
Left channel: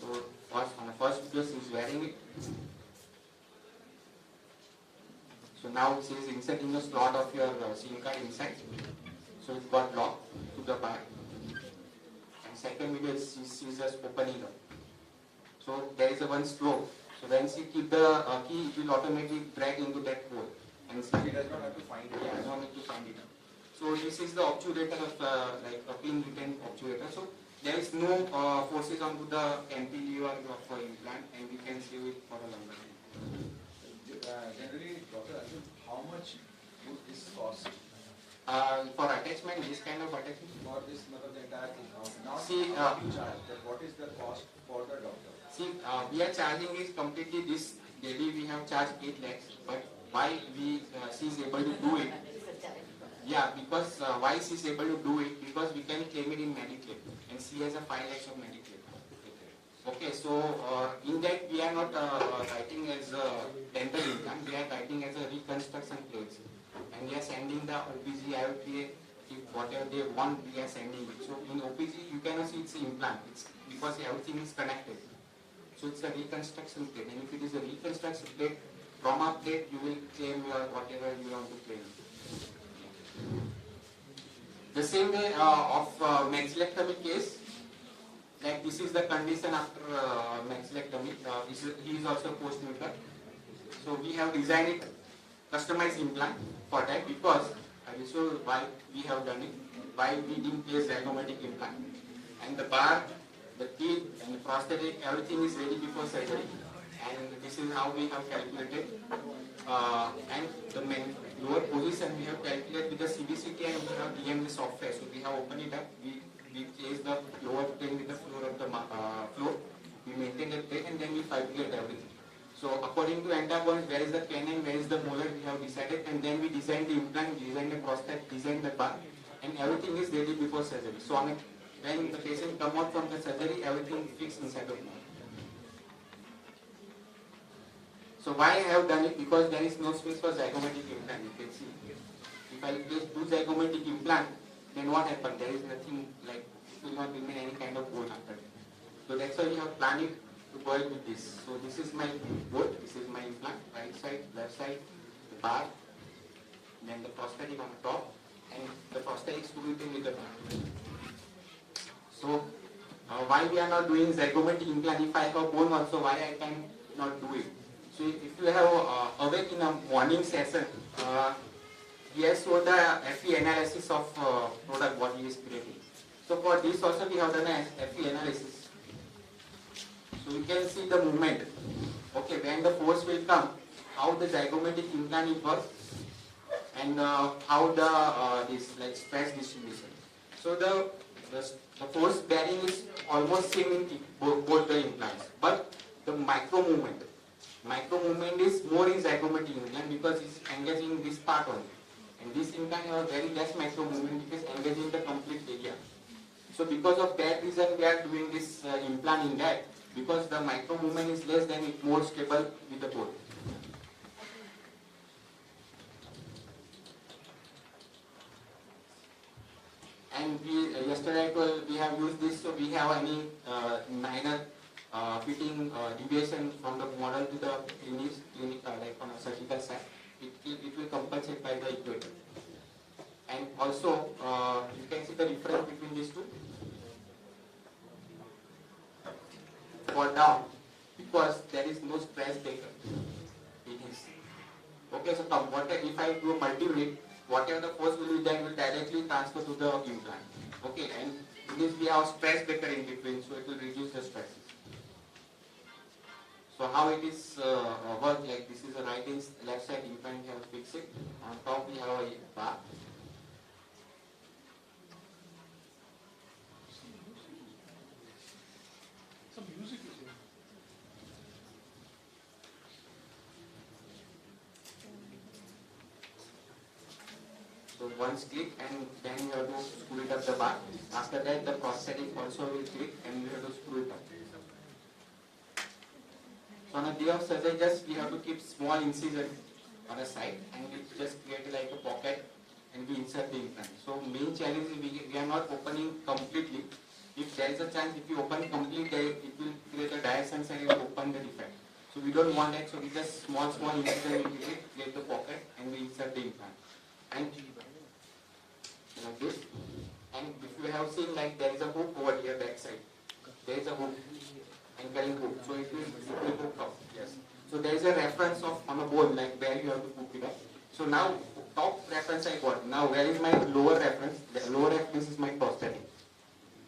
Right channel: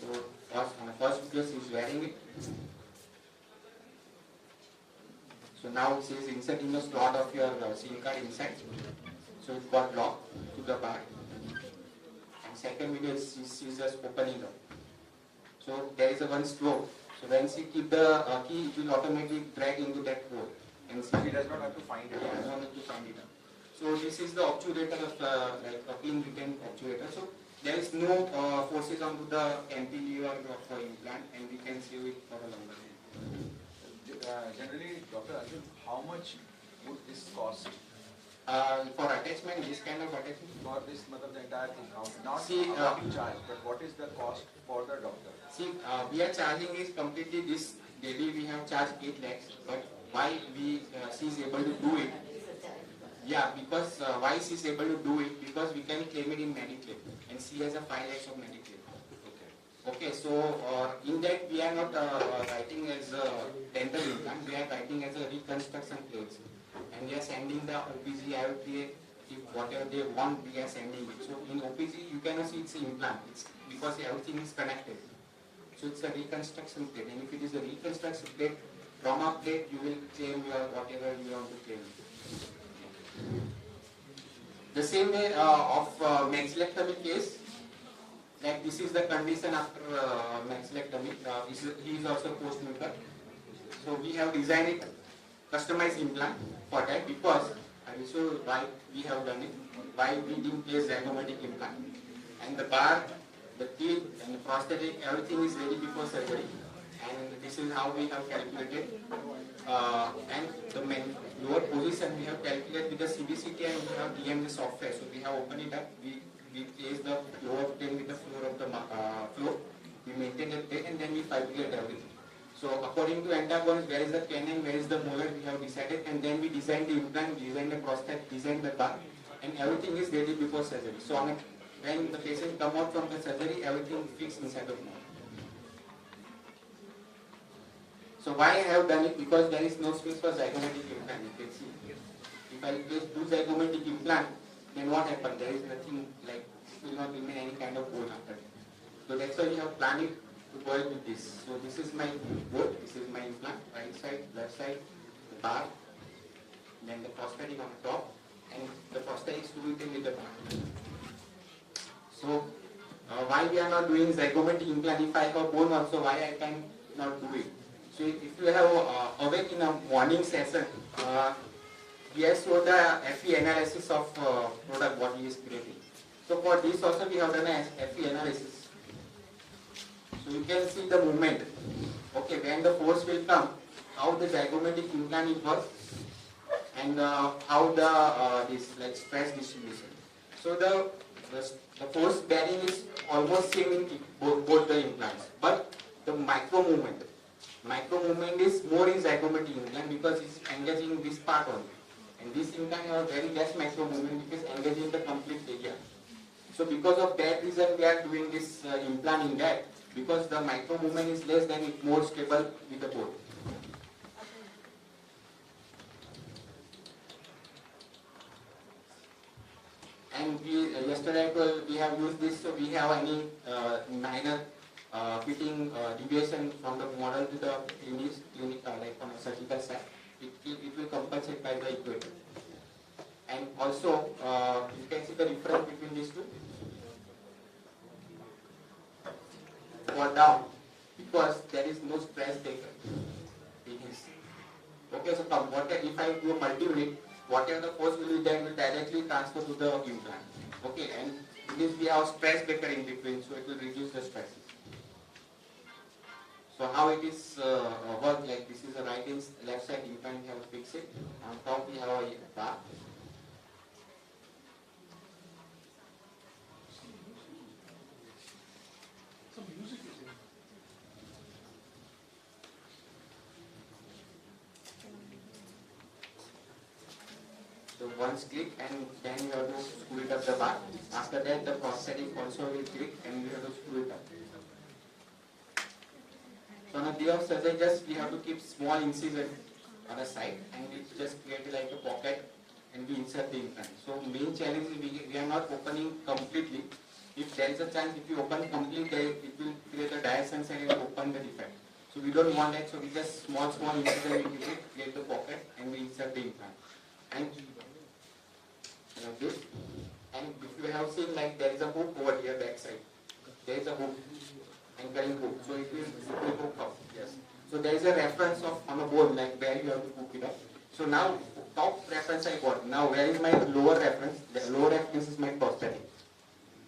So on the first case is wearing it. So now it says insert in the slot of your SIM card inside. So it got locked to the bar. And second video is just opening up. So there is a one slope. So when she keep the key, it will automatically drag into that hole. And she does not have to find it. Yeah, does not have to find it. So this is the obturator of like a pin retain obturator. So there is no forces onto the cantilever of implant, and we can save it for a longer time. Generally, Dr. Arjun, how much would this cost? For attachment, this kind of attachment? For this, the entire thing. Not see, what you charge, but what is the cost for the doctor? See, we are charging is completely this. Daily we have charged 8 lakhs, but why she is able to do it? Yeah, because why she is able to do it? Because we can claim it in Mediclaim, and she has a 5 lakhs of Mediclaim. Okay, so in that we are not writing as a dental implant, we are writing as a reconstruction plates. And we are sending the OPG, IOTA, if whatever they want, we are sending it. So in OPG, you cannot see it's an implant. It's because everything is connected. So it's a reconstruction plate. And if it is a reconstruction plate, from a plate, you will claim your whatever you want to claim. The same way of maxillectomy case, like this is the condition after maxillectomy. He is also post-nuker. So we have designed it, customized implant for that, because I will show why we have done it, why we didn't place zygomatic implant. And the bar, the teeth and the prosthetic, everything is ready before surgery. And this is how we have calculated. And the lower position we have calculated with the CBCT, and we have DMD software. So we have opened it up. We place the lower plane with the floor of the floor. We maintain the plate, and then we calculate everything. So according to antagonist, where is the canine, where is the molar, we have decided, and then we design the implant, design the prosthetic, design the bar, and everything is ready before surgery. So when the patient come out from the surgery, everything fixed inside the mouth. So why I have done it? Because there is no space for zygomatic implant. You can see. If I do zygomatic implant, then what happens? There is nothing, like it will not remain any kind of bone after it. So that's why we have planned it to go with this. So this is my board, this is my implant, right side, left side, the bar, then the prosthetic on top, and the prosthetic is fitted with the bar. So why we are not doing zygomatic implant? If I have bone also, why I can not do it? So if you have awake in a morning session, we have showed the FE analysis of product what he is creating. So for this also we have done a FE analysis. So you can see the movement. Okay, when the force will come, how the zygomatic implant will work, and how the this like stress distribution. So the force bearing is almost same in both the implants, but the micro movement is more in zygomatic implant because it's engaging this part only, and this implant has very less micro movement because engaging the complete area. So because of that reason we are doing this implant in that. Because the micro movement is less, then it's more stable with the bone. And yesterday I told we have used this, so we have any minor fitting deviation from the model to the clinic like on a surgical side. It will check by the equator. And also, you can see the difference between these two. For down, because there is no stress taken. It is. Okay, so if I do a multi-unit, whatever the force will be there will directly transfer to the implant. Okay, and this we have stress breaker in between, so it will reduce the stresses. So how it is work, like this is a right and left side implant, we have to fix it. On top we have a bar. Some music is there. So once click and then you have to screw it up the bar. After that the prosthetic also will click and you have to screw it up. So on a day of surgery, just we have to keep small incision on a side and we just create like a pocket and we insert the implant. So main challenge is we are not opening completely. If there is a chance, if you open completely, it will create a dissense and it will open the defect. So we don't want that, so we just small incision we create the pocket and we insert the implant. And like this. And if you have seen, like there is a hook over here back side. There is a hook, anchoring hook. So it will hook up. Yes. So there is a reference of on a bone, like where you have to hook it up. So now top reference I got. Now where is my lower reference? The lower reference is my prosthetic.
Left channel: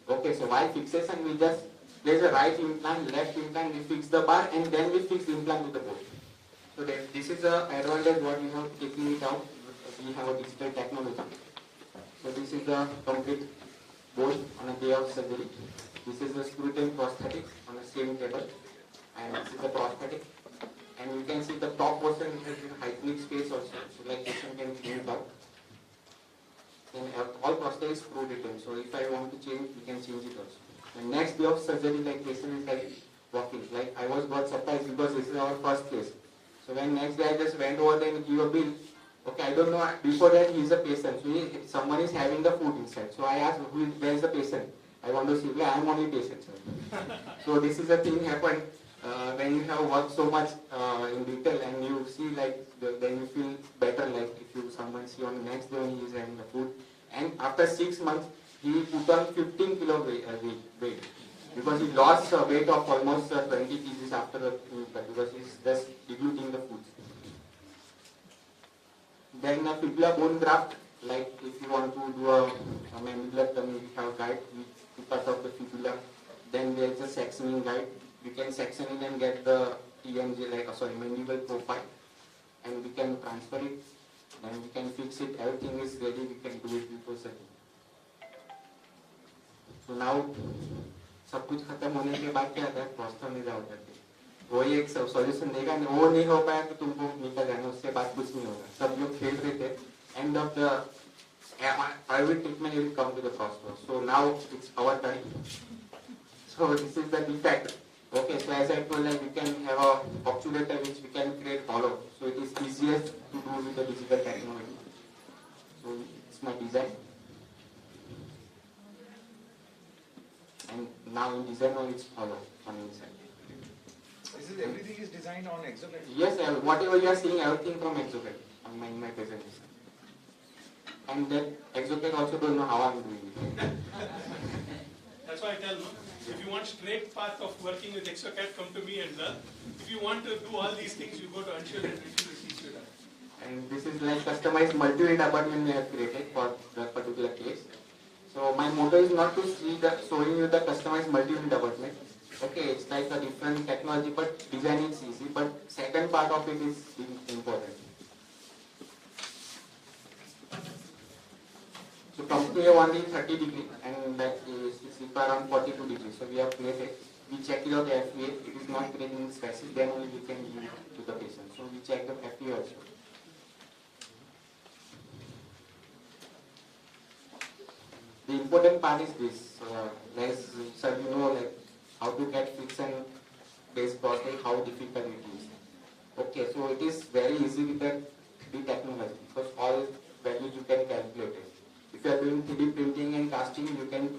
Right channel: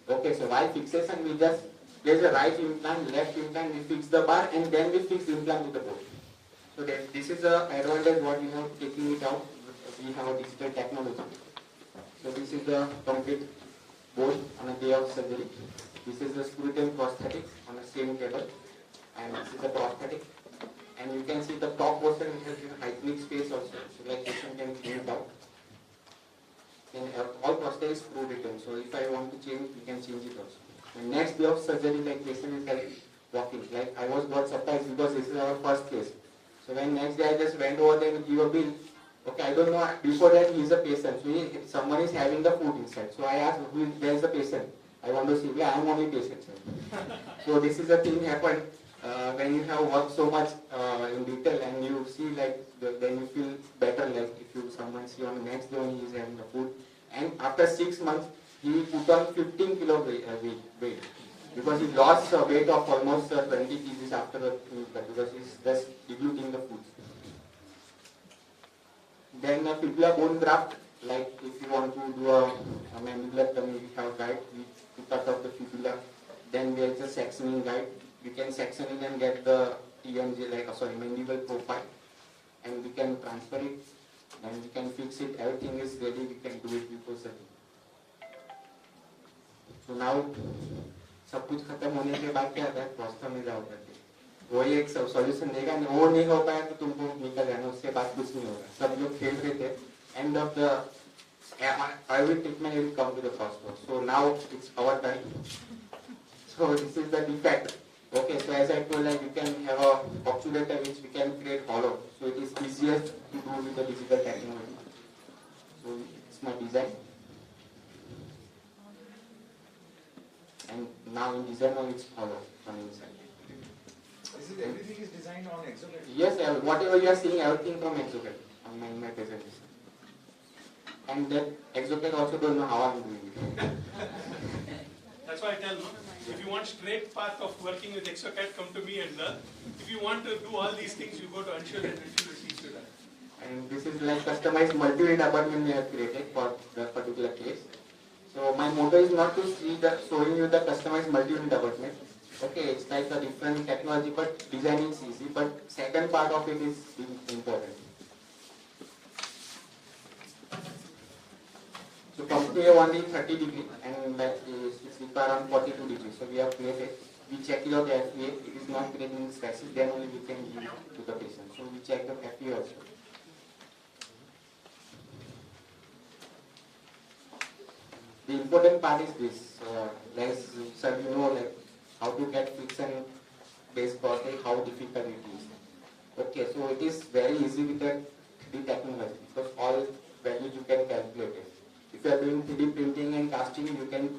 Okay, so while fixation we just place a right implant, left implant, we fix the bar and then we fix the implant with the bone. So this is the advantage what you have taken it out. We have a digital technology. So this is the complete bone on a day of surgery. This is the screw-in prosthetic on the same table. And this is the prosthetic. And you can see the top portion has a hygienic space also. So like patient can clean it out. Then all prosthetic is screwed in. So if I want to change, we can change it also. The next day of surgery, like patient is like walking. Like I got surprised because this is our first case. So when next day I just went over there and give a bill. Okay, I don't know. Before that, he is a patient. So someone is having the food inside. So I asked, where is the patient? I want to see. Yeah, I am only patient, sir. So this is a thing happened when you have worked so much in detail and you see like then you feel better. Like if someone see on the next day when he is having the food. And after 6 months, he put on 15 kilo weight because he lost weight of almost 20 kgs after the because he's just diluting the food. Then a fibula bone graft, like if you want to do a mandibular tummy, we have guide, we cut off the fibula. Then there is a sectioning guide. We can section in and get the TMJ, mandible profile, and we can transfer it, and we can fix it. Everything is ready. We can do it before surgery. So now, सब कुछ खत्म होने के बाद क्या होता है? Plaster में जाओ करके वही एक सॉल्यूशन देगा, वो नहीं हो पाया तो तुमको निकल जाना, उसके बाद कुछ नहीं होगा. सब लोग खेल रहे थे. End of the every treatment will come to the first one. So now it's our time. So this is the defect. Okay, so as I told, like you can have a obturator which we can create hollow. So it is easiest to do with the digital technology. So it's my design. And now in design it's hollow on inside. Everything is designed on exoskeleton? Yes, whatever you are seeing, everything from exoskeleton in my presentation. And that exoskeleton also don't know how I'm doing it. That's why I tell you, if you want straight path of working with exocat, come to me and learn. If you want to do all these things, you go to Anshul and Anshul will teach you that. And this is like customized multi-unit apartment we have created for the particular case. So my motto is not to see showing you the customized multi-unit apartment. Okay, it's like a different technology, but design is easy. But second part of it is important. So come to only 30 degrees, and that is around 42 degrees. So we have created. We check it out the FEA. It is not creating stresses. Then only we can give it to the patient. So we check the FEA also. The important part is this. Sir, you know, like how to get friction-based prosthetic, how difficult it is. Okay, so it is very easy with the 3D technology because all values you can calculate it. If you are doing 3D printing and casting, you can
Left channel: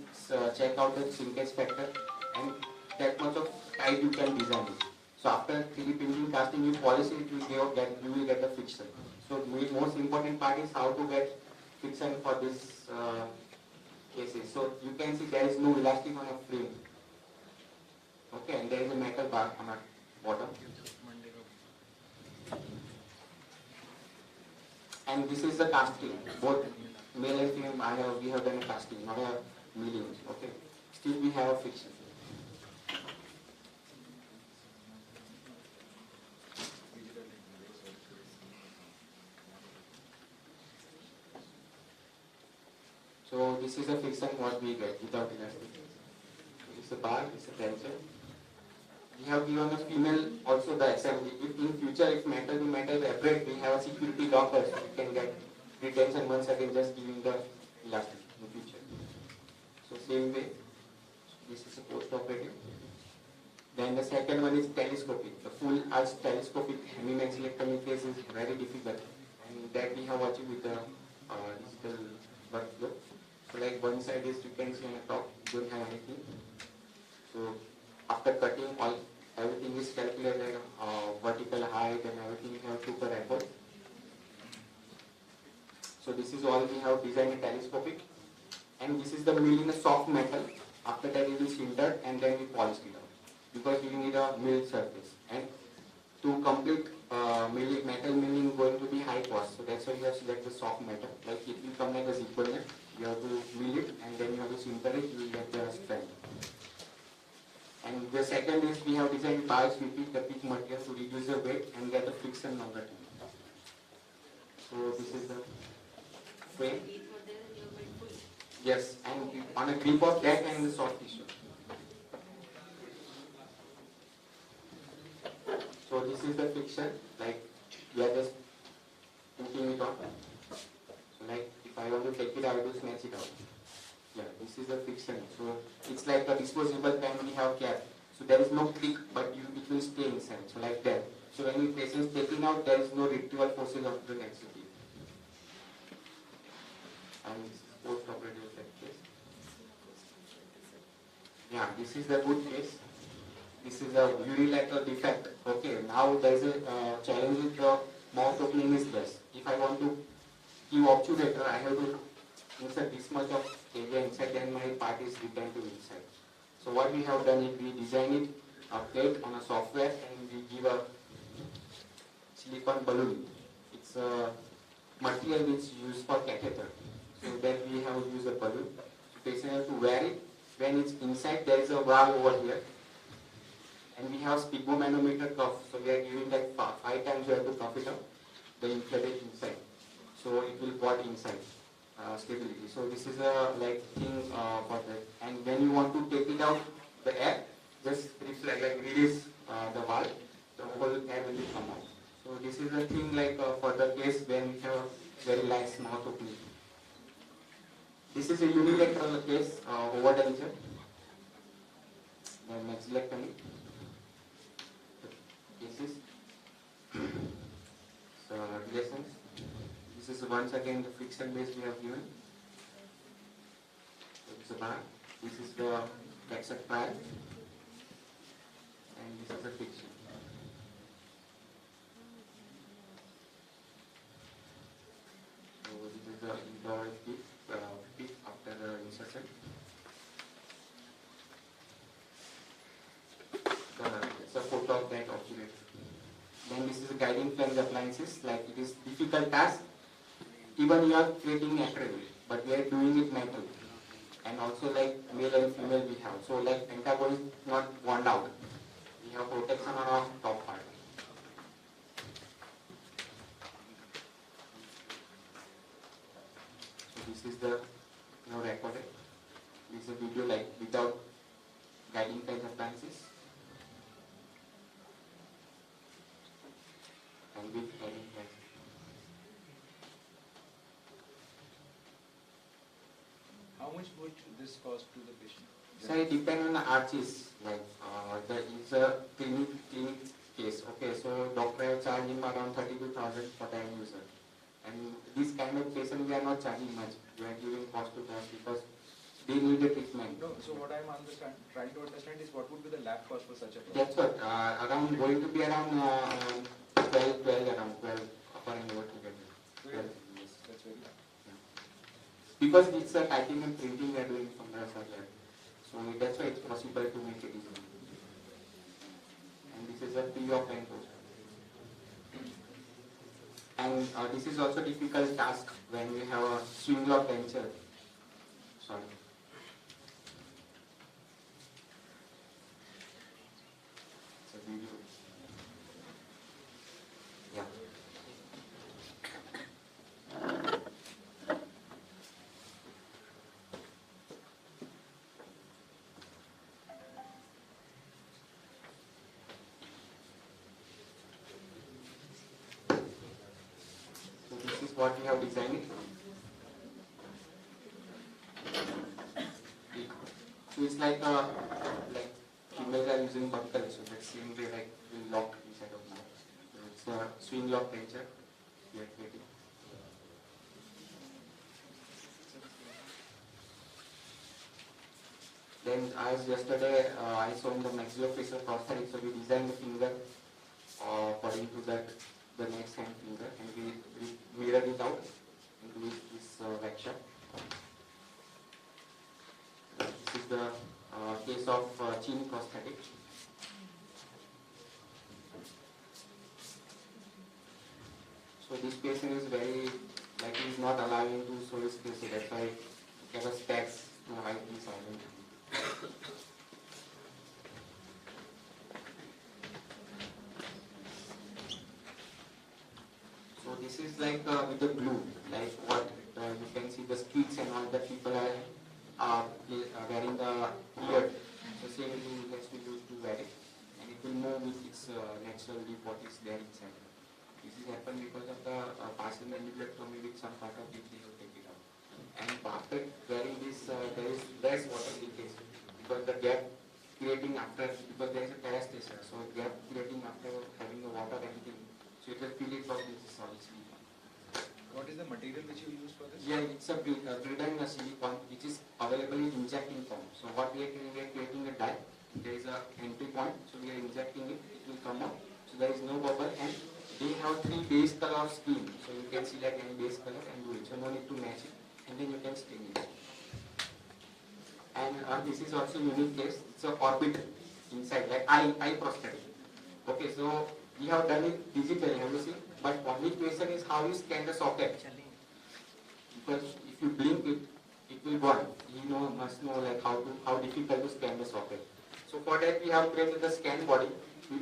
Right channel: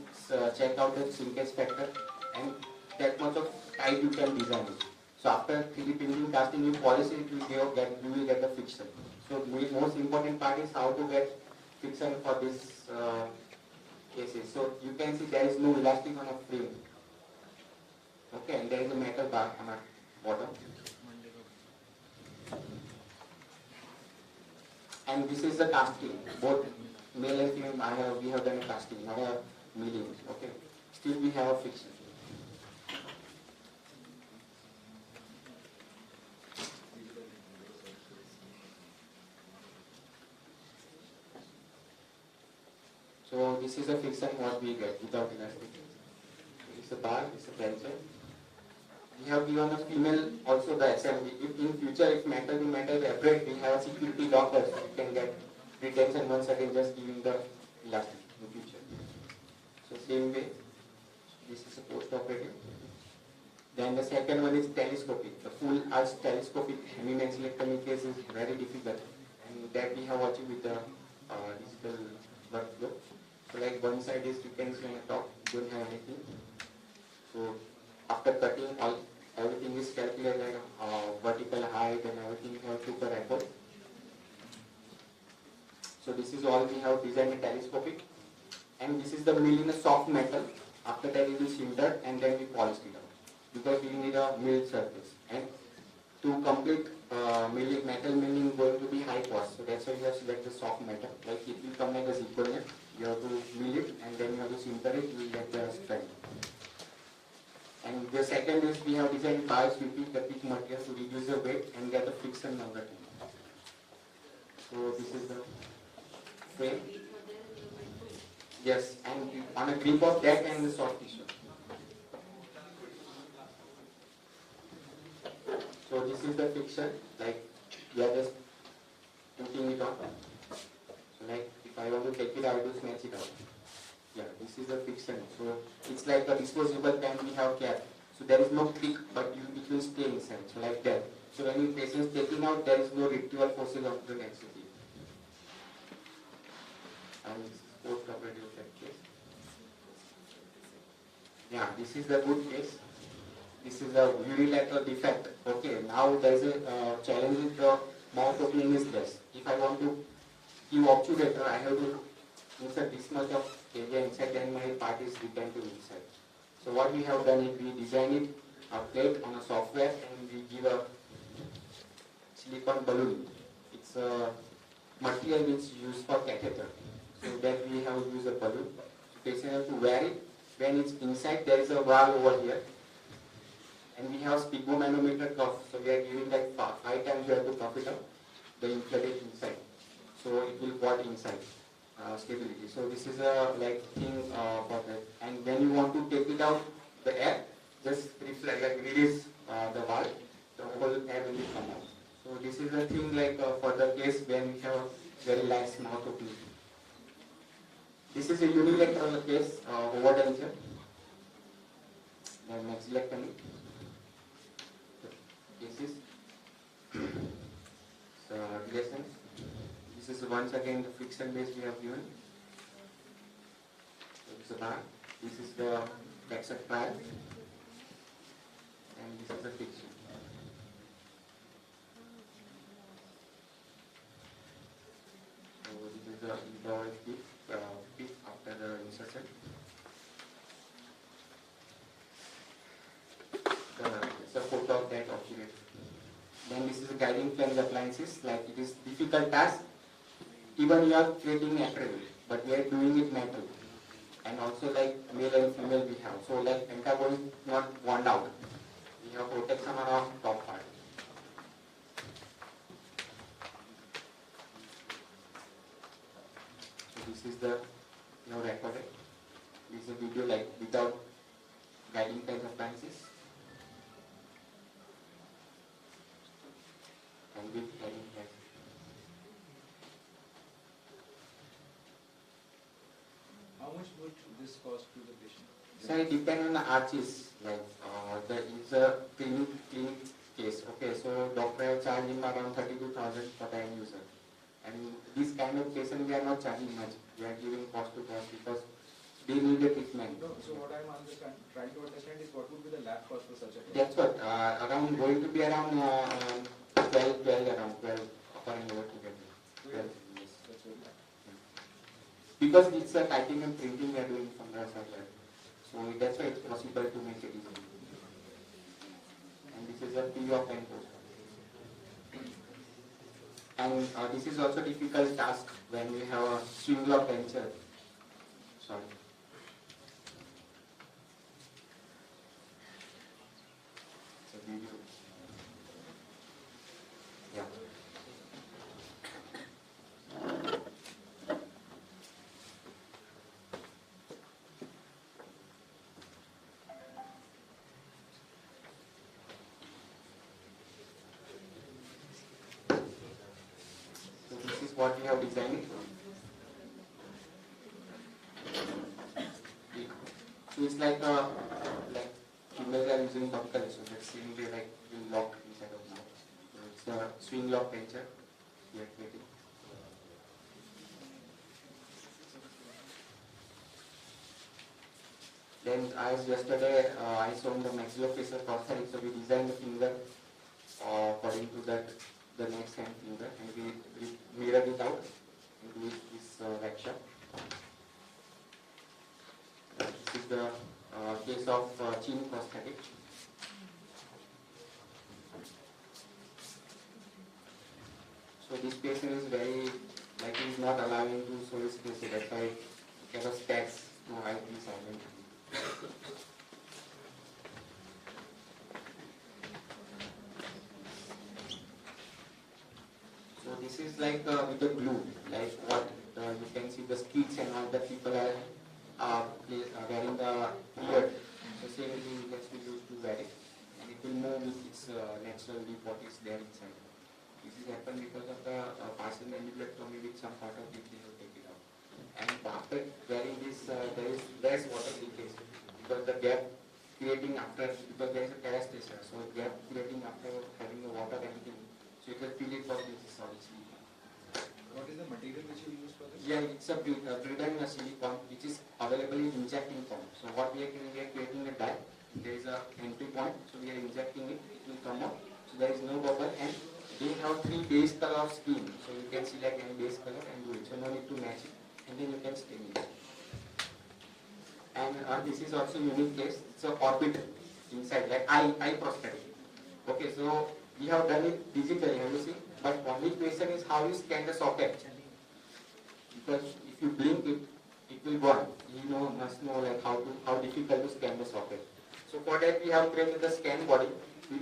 check out the shrinkage factor and that much of tight you can design it. So after 3D printing, casting, you polish it, you will get the friction. So So most important part is how to get friction for this cases. So you can see there is no elastic on a frame. Okay, and there is a metal bar on the bottom. And this is the casting. Both male and female, we have done a casting, not a milling. Okay, still we have a friction. So this is a friction what we get without elastic. It's a bar, it's a tension. We have given the female also the assembly. If in future if metal to metal vibrate, we have a security lockers. You can get retention once again just giving the elastic in future. So same way, this is a post-operative. Then the second one is telescopic. The full arch telescopic hemimaxillectomy case is very difficult, and that we have achieved with the digital workflow. So like one side is you can see on the top, don't have anything. So after cutting everything is calculated, vertical height and everything we have took a record. So this is all we have designed telescopic, and this is the mill in a soft metal. After that it is sintered and then we polish it out because we need a milled surface. And to complete metal milling going to be high cost. So that's why you have selected the soft metal. Like it will come like a zipper net. You have to mill it and then you have to sinter it. You will get the strength. And the second is we have designed bars with the pitch material to reduce the weight and get the friction longer time. So this is the frame. Yes, and on a grip of that and the soft tissue. So this is the friction, like we are just putting it on. So like if I want to take it, I will snatch it out. Yeah, this is the friction. So it's like a disposable pen we have kept. So there is no click, but it will stay inside. So like that. So when the patient is taking out, there is no retrieval forces of the laxity. And this is post-operative case. Yeah, this is the good case. This is a unilateral defect. Okay, now there is a challenge with the mouth opening is less. If I want to give obturator, I have to insert this much of area inside and my part is returned to inside. So what we have done is we design it a plate on a software and we give a silicone balloon. It's a material which is used for catheter. So then we have used a balloon. So patient have to wear it. When it's inside, there is a valve over here. And we have sphygmomanometer cuff. So we are giving like 5 times we have to cuff it up. The inflated inside. So it will got inside. Stability. So this is a like thing for that. And when you want to take it out, the air, just reflect, like release the valve, the whole air will come out. So this is a thing like for the case when we have a very lax mouth opening. This is a unilateral case over denture. Then maxillectomy cases. So relations. This is once again the friction base we have given. So this is a bar. This is the flexor bar. And this is the friction. So this is the involved peak after the insertion. It's a photo of that obturator. Then this is a guiding flange appliances. Like it is difficult task. Even you are creating apparel, but we are doing it metal. And also like male and female we have. So like antagonist not worn out. We have protection on our top part. So this is the recorded. This is a video like without guiding flange appliances. And with guiding flange. How much would this cost to the patient? So it depends on the arches. Like there is a clinic case. Okay, so doctor have charged him around 32,000 for the end user. And this kind of patient we are not charging much. We are giving cost to cost because they need a treatment. No, so what I'm trying to understand is what would be the lab cost for such a That's what around going to be around 12 around 12 upper and lower together. because it's a titanium printing we are doing from the side. So that's why it's possible to make it easily. And this is a P of N post. And this is also difficult task when we have a swing lock venture. Sorry. It's a video. Yeah. So this is what we have designed. So it's like females are using buckle, so that same way like will lock inside of now. So it's a swing lock venture we are creating. Then as yesterday I saw in the maxillofacial prosthetic, so we designed the finger according to that the next hand finger, and we mirrored it out into this lecture. This is the case of chin prosthetic. So this patient is very, like he is not allowing to show his face, so that's why he has stacks to hide the silent. So this is like with the glue, like what you can see the streaks and all that people are wearing the beard. So same glue has to be used to wear it, and it will move with its natural leaf what is there inside. This is happened because of the partial mandibulectomy with some part of it they have taken out. And after wearing this, there is less water leakage because the gap creating after, because there is a parastasia, so gap creating after having the water anything, so it will feel it from this obviously. What is the material which you use for this? Yeah, it's a Britain silicone which is available in injecting form. So what we are doing, we are creating a dye. There is a entry point, so we are injecting it, it will come out. So there is no bubble, and they have 3 base color of skin. So you can select any base color and do it. So no need to match it, and then you can stain it. And this is also unique case. It's a orbit inside, like eye prosthetic. Okay, so we have done it digitally, have you seen? But only question is how you scan the socket. Because if you blink it, it will burn. You must know like how difficult to scan the socket. So for that we have created the scan body. We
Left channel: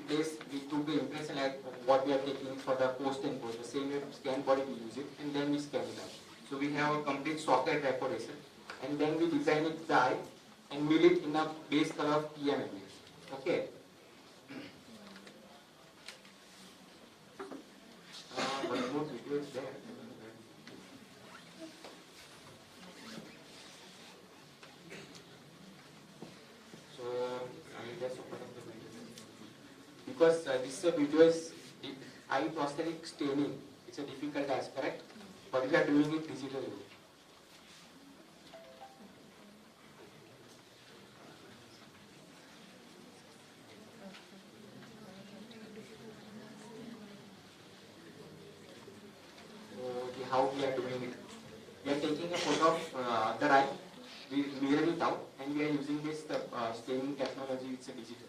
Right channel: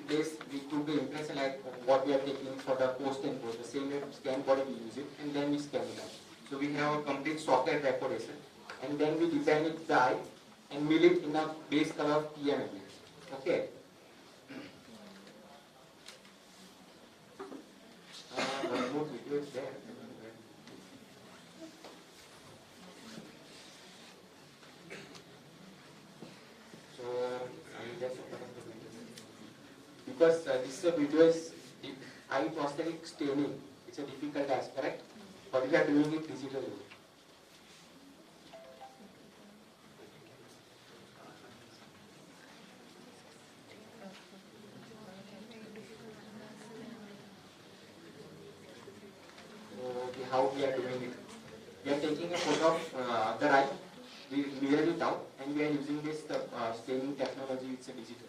took the impression like what we are taking for the post and post. The same way scan body we use it, and then we scan it out. So we have a complete socket decoration, and then we design it the eye and mill it in a base color of PMMA. Okay. One more video is there. So I will just open up the video. Because this video is eye prosthetic staining. It's a difficult task, correct? But we are doing it digitally. How we are doing it. We are taking a photo of the eye, we mirror it out, and we are using this staining technology, it's a digital.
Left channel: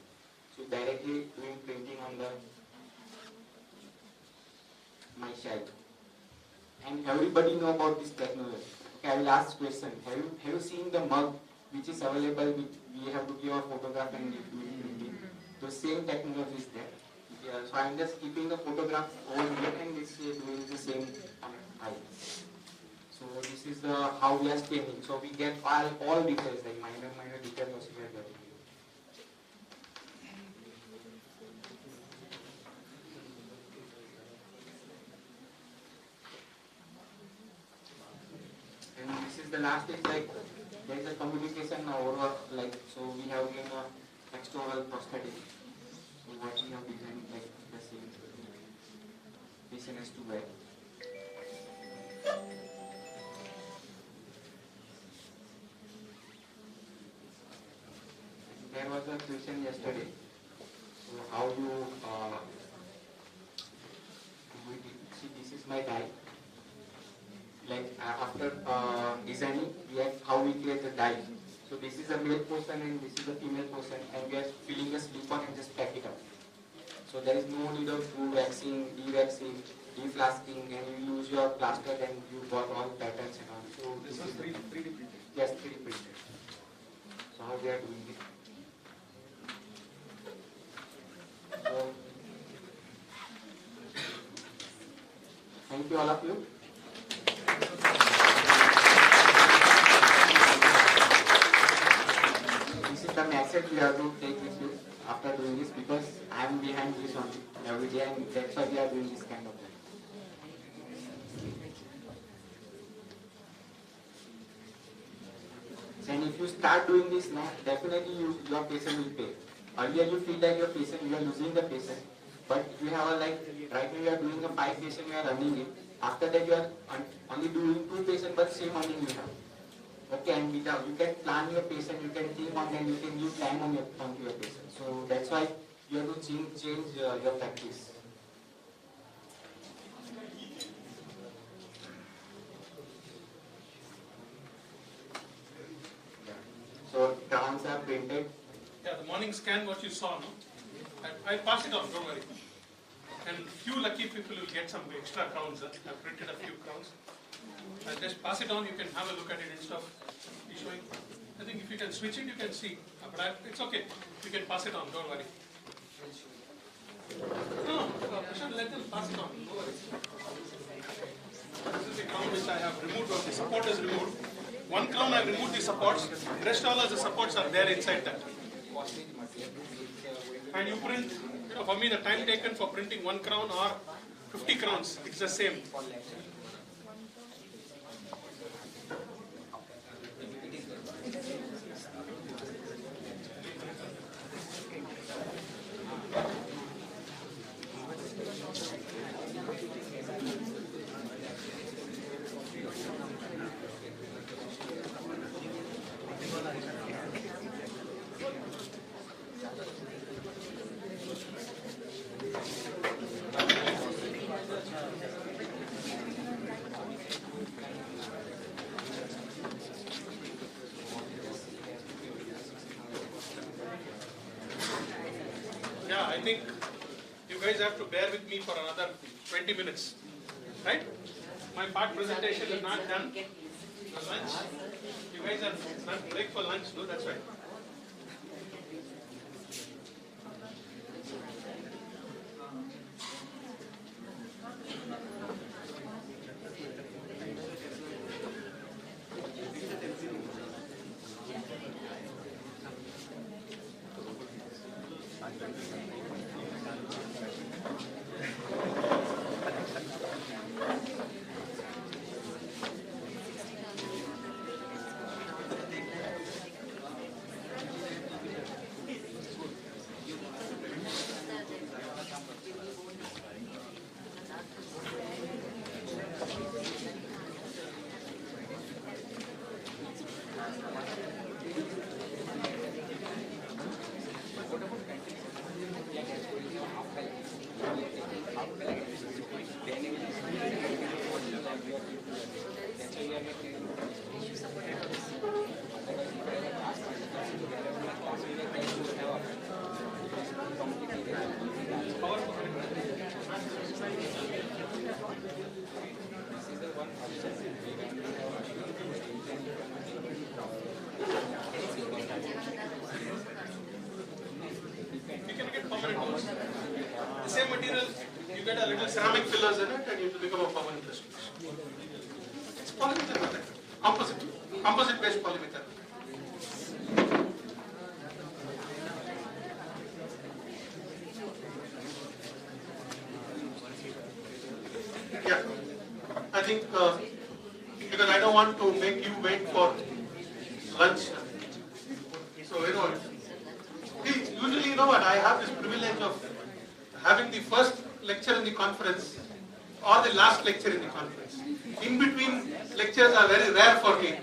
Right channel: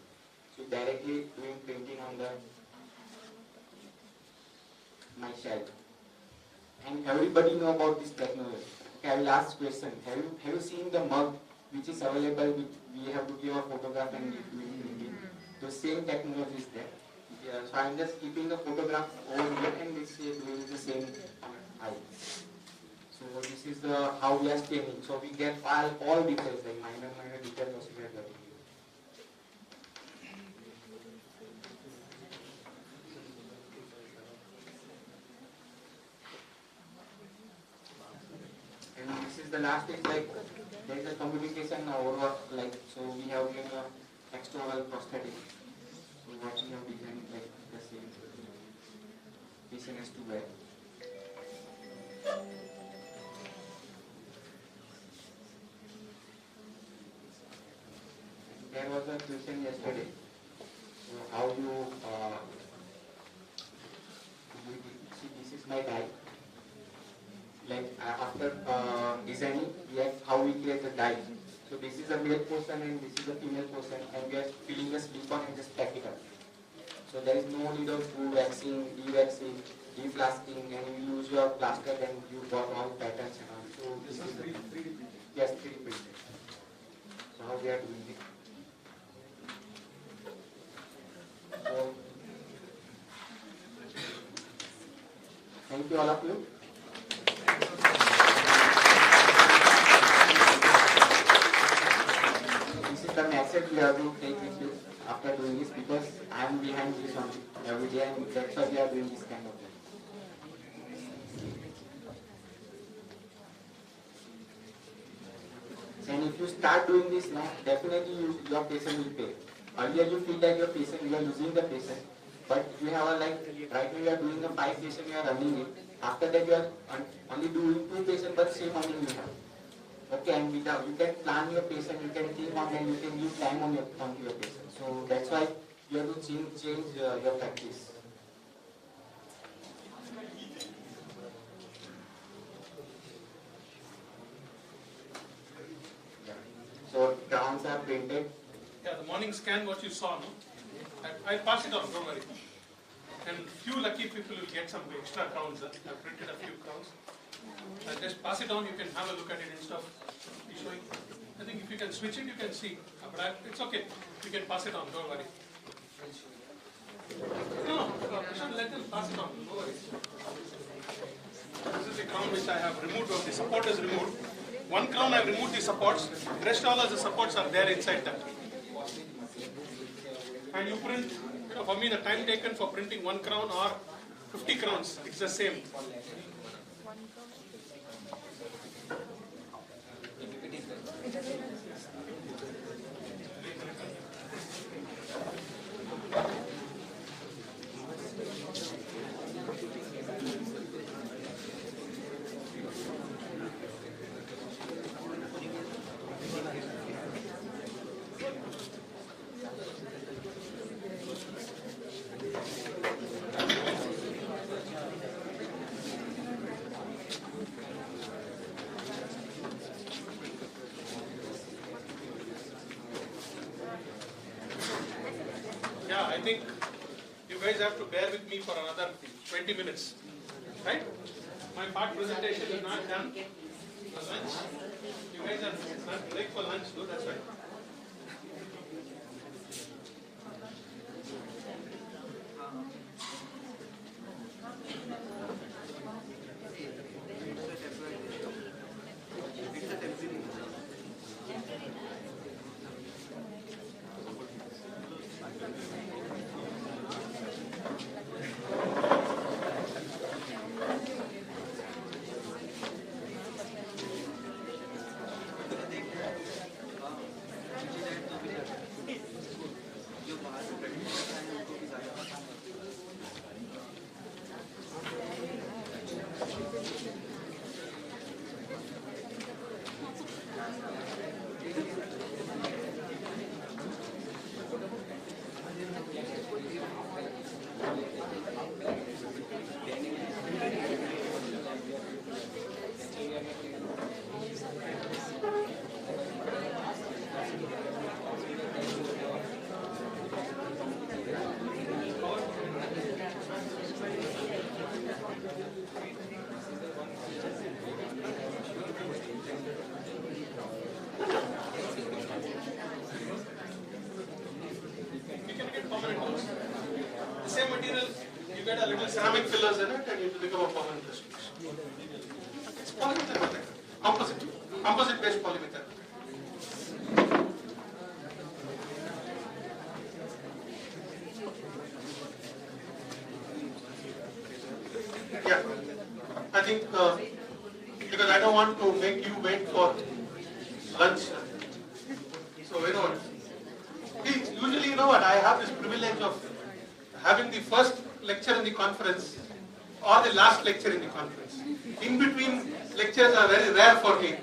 So directly doing printing on my child. And everybody know about this technology. Okay, I will ask question. Have you seen the mug which is available? We have to give a photograph and doing printing. The same technology is there. Yeah, so I am just keeping the photograph over here, and this is doing the same eye. So this is the how we are staining. So we get all details, like minor details also we are getting. And this is the last stage, like there is a communication over, like, so we have given a external prosthetic. So what we have designed, like the same patient has to wear. There was a question yesterday. So how you see, this is my guy. Like after designing, we have how we create the dye. So this is a male portion and this is a female portion, and we are filling the silicone and just pack it up. So there is no need of waxing, de-waxing, de-flasking, and you use your plaster and you got all patterns and all. So this is 3D printed. Yes, 3D printed. So how we are doing it? So thank you all of you. This is the message we have to take with you after doing this, because I am behind this on every day, and that's why we are doing this kind of thing. And if you start doing this now, definitely your patient will pay. Earlier you feel like your patient, you are losing the patient, but you have a, like right now you are doing a 5 patient, you are running it. After that you are only doing 2 patients, but same earning you have. Okay, and without, you can plan your patient, you can think on them, you can give time on your patient. So that's why you have to change your practice. So crowns are printed. Yeah, the morning scan, what you saw, no? I'll pass it on, don't worry. And few lucky people will get some extra crowns. I've printed a few crowns. I'll just pass it on, you can have a look at it instead of showing. I think if you can switch it, you can see. But it's okay. You can pass it on, don't worry. No, Prashant, let them pass it on, don't worry. This is the crown which I have removed, or the support is removed. One crown I've removed the supports, the rest all of the supports are there inside that. And you print, for me the time taken for printing 1 crown or 50 crowns, it's the same. Yeah, I think you guys have to bear with me for another 20 minutes, right? My part presentation is not done. For lunch, you guys are not break for lunch, no? That's right. The same material, you get a little ceramic fillers in it and it will become a permanent restoration. It's polymethyl, composite based polymethyl. Yeah, I think because I don't want to make you wait for lunch. So, usually, you know what, I have this privilege of having the first lecture in the conference or the last lecture in the conference. In between lectures are very rare for me.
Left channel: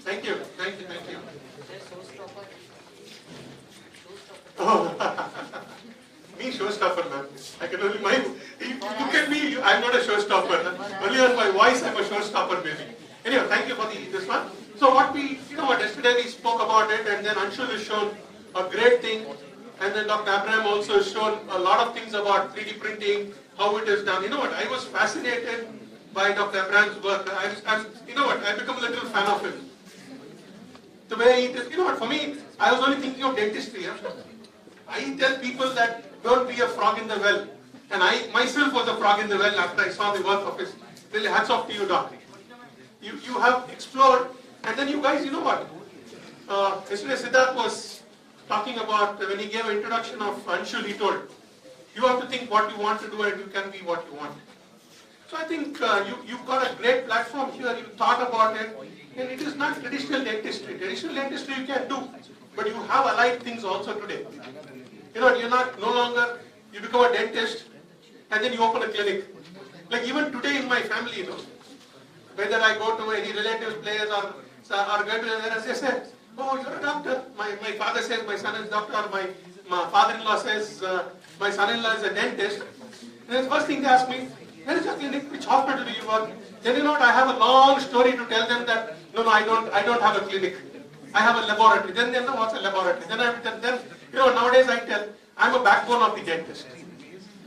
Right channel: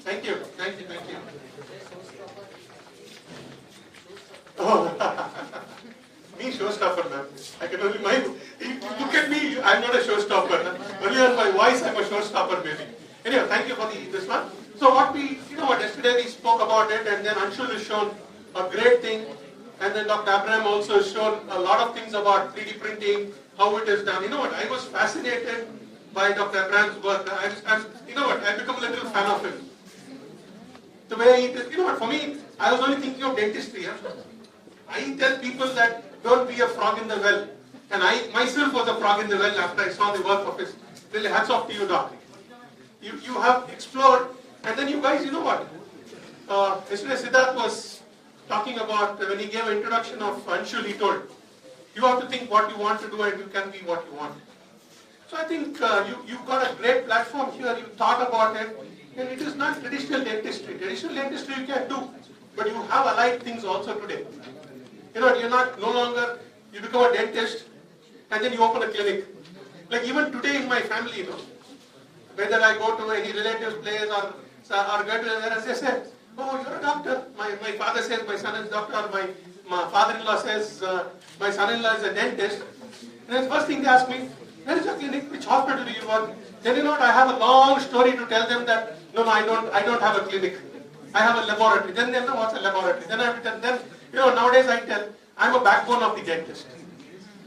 Thank you. me showstopper, man. I can only look at me. I'm not a showstopper. Only on my voice, I'm a showstopper, maybe. Anyway, thank you for this one. So what yesterday we spoke about it, and then Anshul has shown a great thing, and then Dr. Abraham also has shown a lot of things about 3D printing, how it is done. You know what? I was fascinated by Dr. Abraham's work. I become a little fan of him. The way it is, for me, I was only thinking of dentistry. Huh? I tell people that don't be a frog in the well. And I myself was a frog in the well after I saw the work of his. Really, hats off to you, Doc. You have explored, and then you guys, you know what? Yesterday Siddharth was talking about, when he gave an introduction of Anshul, he told, you have to think what you want to do and you can be what you want. So I think you've got a great platform here, you thought about it, and it is not traditional dentistry. Traditional dentistry you can do, but you have allied things also today. You're not no longer, you become a dentist and then you open a clinic. Like even today in my family, whether I go to any relative's place or go to there, they say, oh, you're a doctor. My father says my son is a doctor. My father-in-law says my son-in-law is a dentist. And then the first thing they ask me, where is your clinic? Which hospital do you work? Then I have a long story to tell them that, no, I don't have a clinic. I have a laboratory. Then they know what's a laboratory. Then I have to tell them, nowadays I tell, I'm a backbone of the dentist.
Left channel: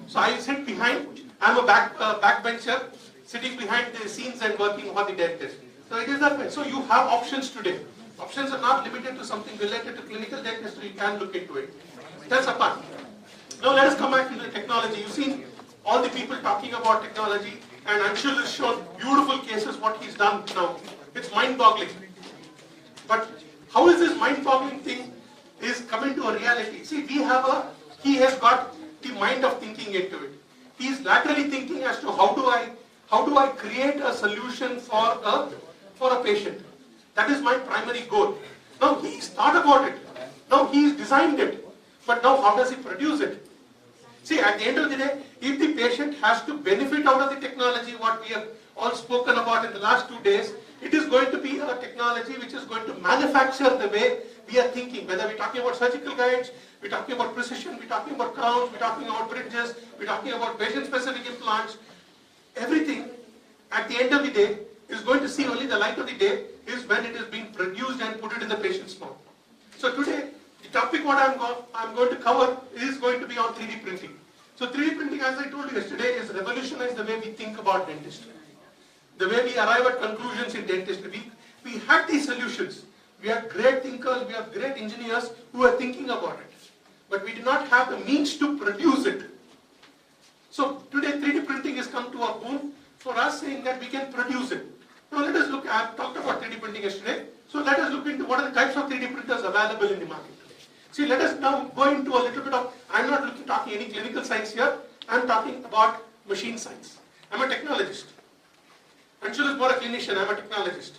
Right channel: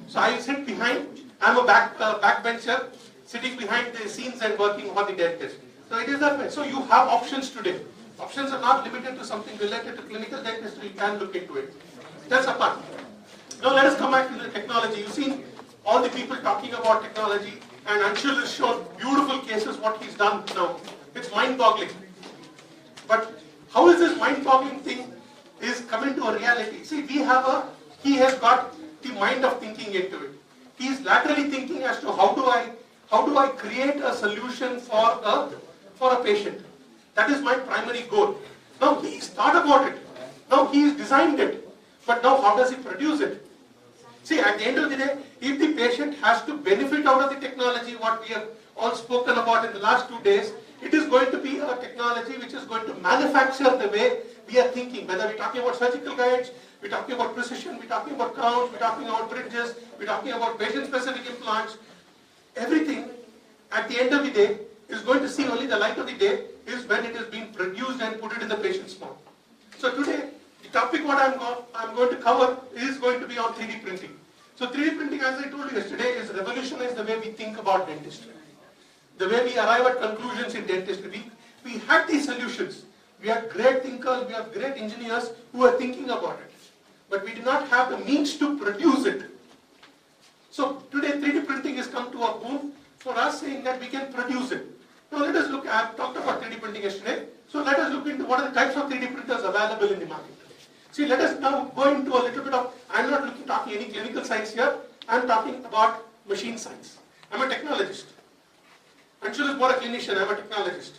So I sit behind, I'm a backbencher, sitting behind the scenes and working for the dentist. So it is that way. So you have options today. Options are not limited to something related to clinical dentistry. You can look into it. That's a part. Now let us come back to the technology. You've seen all the people talking about technology, and Anshul has shown beautiful cases what he's done now. It's mind-boggling. But how is this mind-boggling thing is coming to a reality? See, he has got the mind of thinking into it. He is laterally thinking as to how do I create a solution for a patient. That is my primary goal. Now he's thought about it. Now he's designed it. But now how does he produce it? See, at the end of the day, if the patient has to benefit out of the technology, what we have all spoken about in the last 2 days, it is going to be a technology which is going to manufacture the way we are thinking. Whether we're talking about surgical guides, we're talking about precision, we're talking about crowns, we're talking about bridges, we're talking about patient-specific implants, everything at the end of the day is going to see only the light of the day is when it is being produced and put it in the patient's mouth. So today, the topic what I'm going to cover is going to be on 3D printing. So 3D printing, as I told you yesterday, is revolutionized the way we think about dentistry. The way we arrive at conclusions in dentistry. We had these solutions. We have great thinkers, we have great engineers who are thinking about it. But we do not have the means to produce it. So today 3D printing has come to a boom for us, saying that we can produce it. Now let us look, I talked about 3D printing yesterday, so let us look into what are the types of 3D printers available in the market. See, let us now go into a little bit of, I'm not talking any clinical science here, I'm talking about machine science. I'm a technologist. Anshul is more a clinician, I'm a technologist.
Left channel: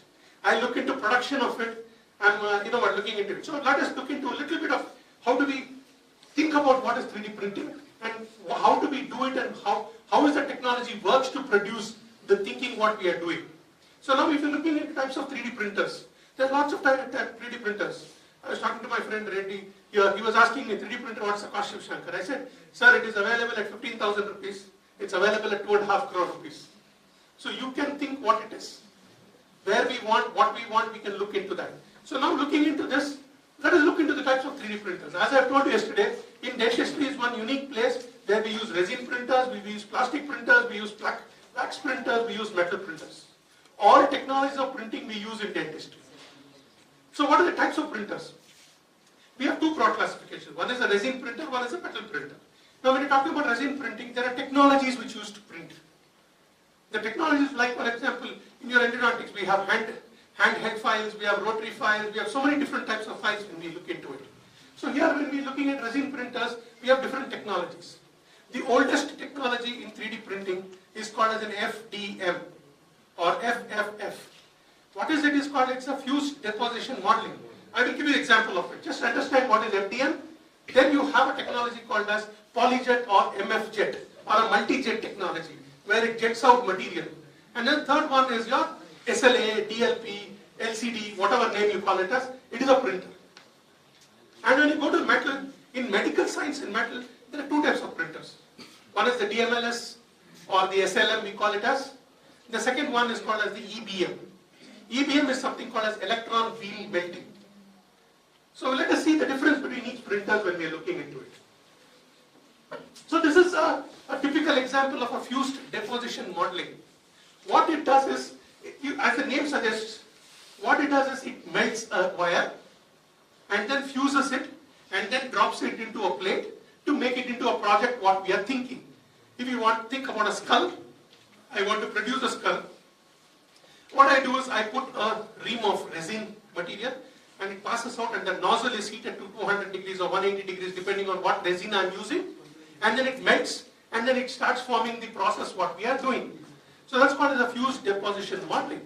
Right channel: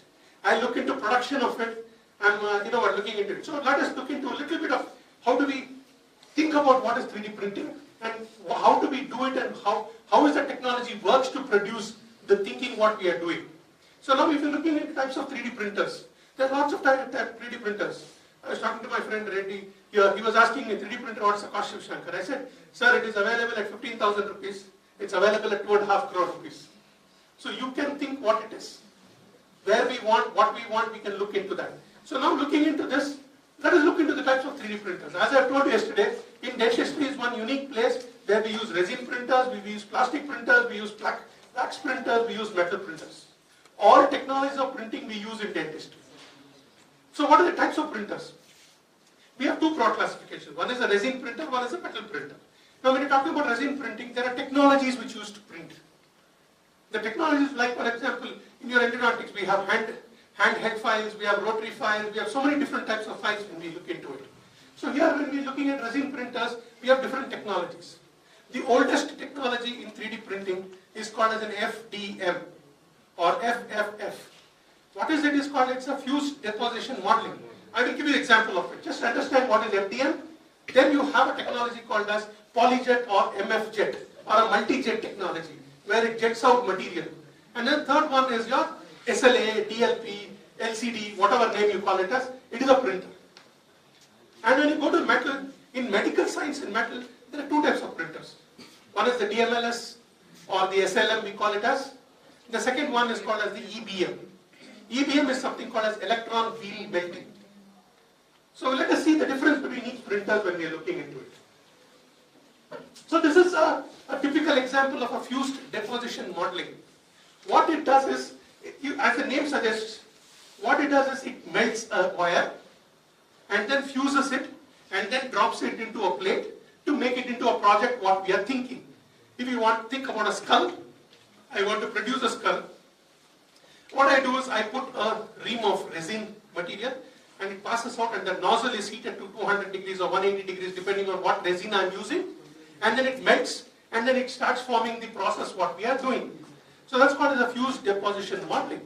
I look into production of it, I'm looking into it. So let us look into a little bit of how do we think about what is 3D printing and how do we do it and how is the technology works to produce the thinking what we are doing. So now if you're looking at types of 3D printers, there are lots of 3D printers. I was talking to my friend Reddy here, he was asking me 3D printer what's the cost of Shankar. I said, sir, it is available at 15,000 rupees, it's available at 2.5 crore rupees. So you can think what it is. Where we want, what we want, we can look into that. So now looking into this, let us look into the types of 3D printers. As I told you yesterday, in dentistry is one unique place where we use resin printers, we use plastic printers, we use wax printers, we use metal printers. All technologies of printing we use in dentistry. So what are the types of printers? We have two broad classifications. One is a resin printer, one is a metal printer. Now when you talk about resin printing, there are technologies which use to print. The technologies like, for example, in your endodontics, we have handheld files, we have rotary files, we have so many different types of files when we look into it. So here when we're looking at resin printers, we have different technologies. The oldest technology in 3D printing is called as an FDM or FFF. What is it is called? It's a fused deposition modeling. I will give you an example of it. Just understand what is FDM. Then you have a technology called as polyjet or MFjet or a multi-jet technology where it jets out material. And then third one is your SLA, DLP, LCD, whatever name you call it as, it is a printer. And when you go to metal, in medical science in metal, There are two types of printers. One is the DMLS or the SLM, we call it as. The second one is called as the EBM. EBM is something called as electron beam melting. So let us see the difference between each printers when we are looking into it. So this is a typical example of a fused deposition modeling. What it does is, as the name suggests, what it does is it melts a wire and then fuses it and then drops it into a plate to make it into a project what we are thinking. If you want to think about a skull, I want to produce a skull. What I do is I put a ream of resin material and it passes out and the nozzle is heated to 200 degrees or 180 degrees depending on what resin I am using, and then it melts and then it starts forming the process what we are doing. So that's called as a fused deposition modeling.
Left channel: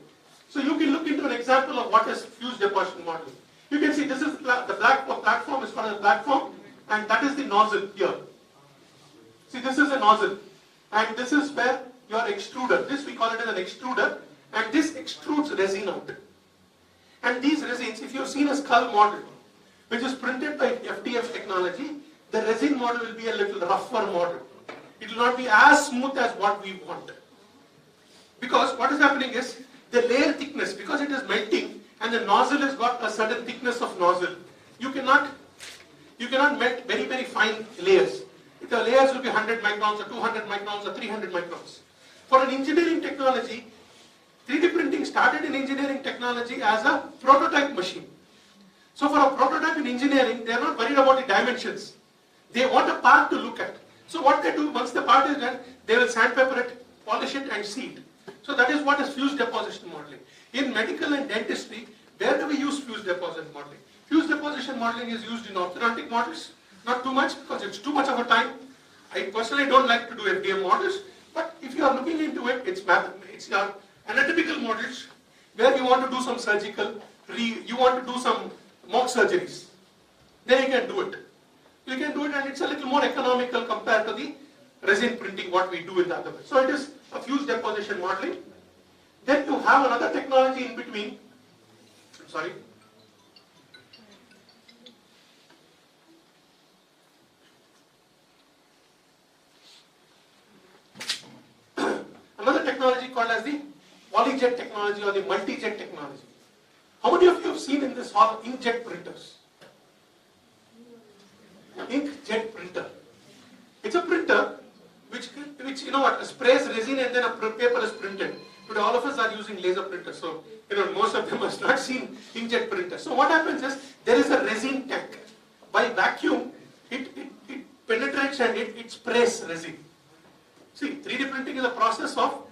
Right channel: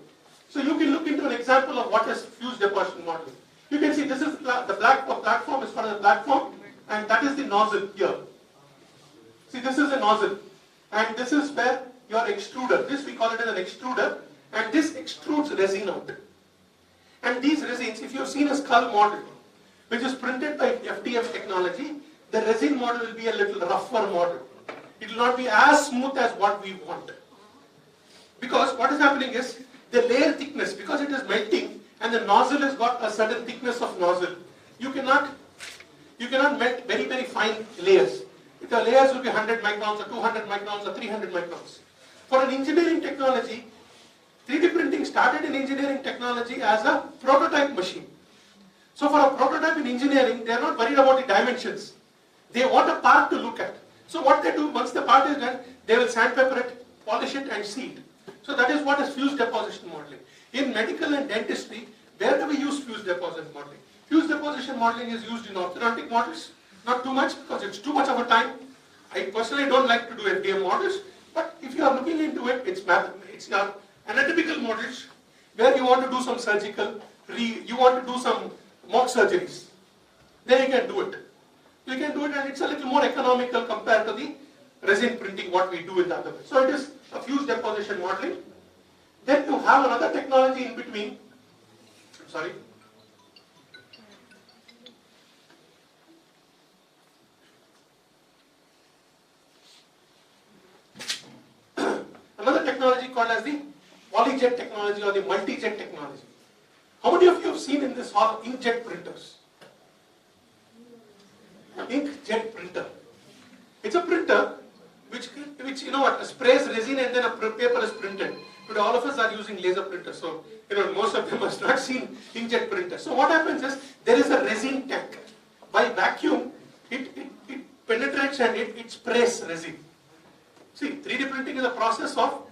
So you can look into an example of what is fused deposition modeling. You can see this is the black platform is called a platform, and that is the nozzle here. See, this is a nozzle, and this is where your extruder, this we call it as an extruder, and this extrudes resin out. And these resins, if you have seen a skull model, which is printed by FDF technology, the resin model will be a little rougher model. It will not be as smooth as what we want. Because what is happening is, the layer thickness, because it is melting, and the nozzle has got a certain thickness of nozzle, you cannot melt very, very fine layers. The layers will be 100 microns or 200 microns or 300 microns. For an engineering technology, 3D printing started in engineering technology as a prototype machine. So for a prototype in engineering, they are not worried about the dimensions. They want a part to look at. So what they do, once the part is done, they will sandpaper it, polish it and see it. So that is what is fused deposition modeling. In medical and dentistry, where do we use fused deposition modeling? Fused deposition modeling is used in orthodontic models. Not too much because it's too much of a time. I personally don't like to do FDM models, but if you are looking into it, it's your anatomical models where you want to do some surgical, you want to do some mock surgeries. Then you can do it. You can do it and it's a little more economical compared to the resin printing what we do in the other way. So it is a fused deposition modeling. Then you have another technology in between. Sorry. Another technology called as the polyjet technology or the multi-jet technology. How many of you have seen in this hall inkjet printers? Inkjet printer. It's a printer which you know what, sprays resin and then a paper is printed. Today all of us are using laser printers, so you know most of them must not seen inkjet printer. So what happens is there is a resin tank. By vacuum, it penetrates and it sprays resin. See, 3D printing is a process of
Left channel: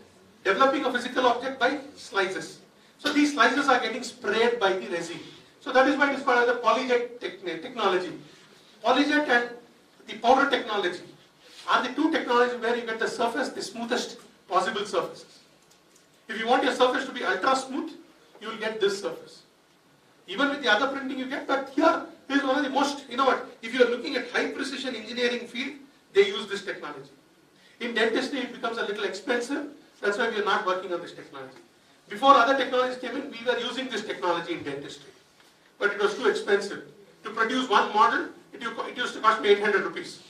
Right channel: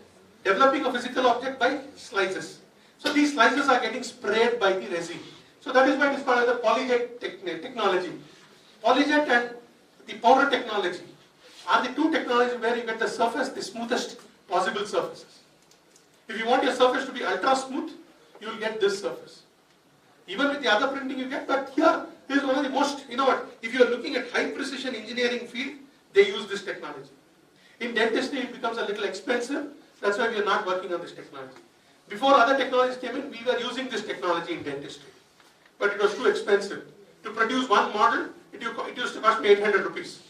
developing a physical object by slices. So these slices are getting sprayed by the resin. So that is why it is called as the polyjet technology. Polyjet and the powder technology are the two technologies where you get the surface, the smoothest possible surfaces. If you want your surface to be ultra smooth, you will get this surface. Even with the other printing you get, but here is one of the most, you know what, if you are looking at high precision engineering field, they use this technology. In dentistry it becomes a little expensive, that's why we are not working on this technology. Before other technologies came in, we were using this technology in dentistry. But it was too expensive. To produce one model, it used to cost me 800 rupees.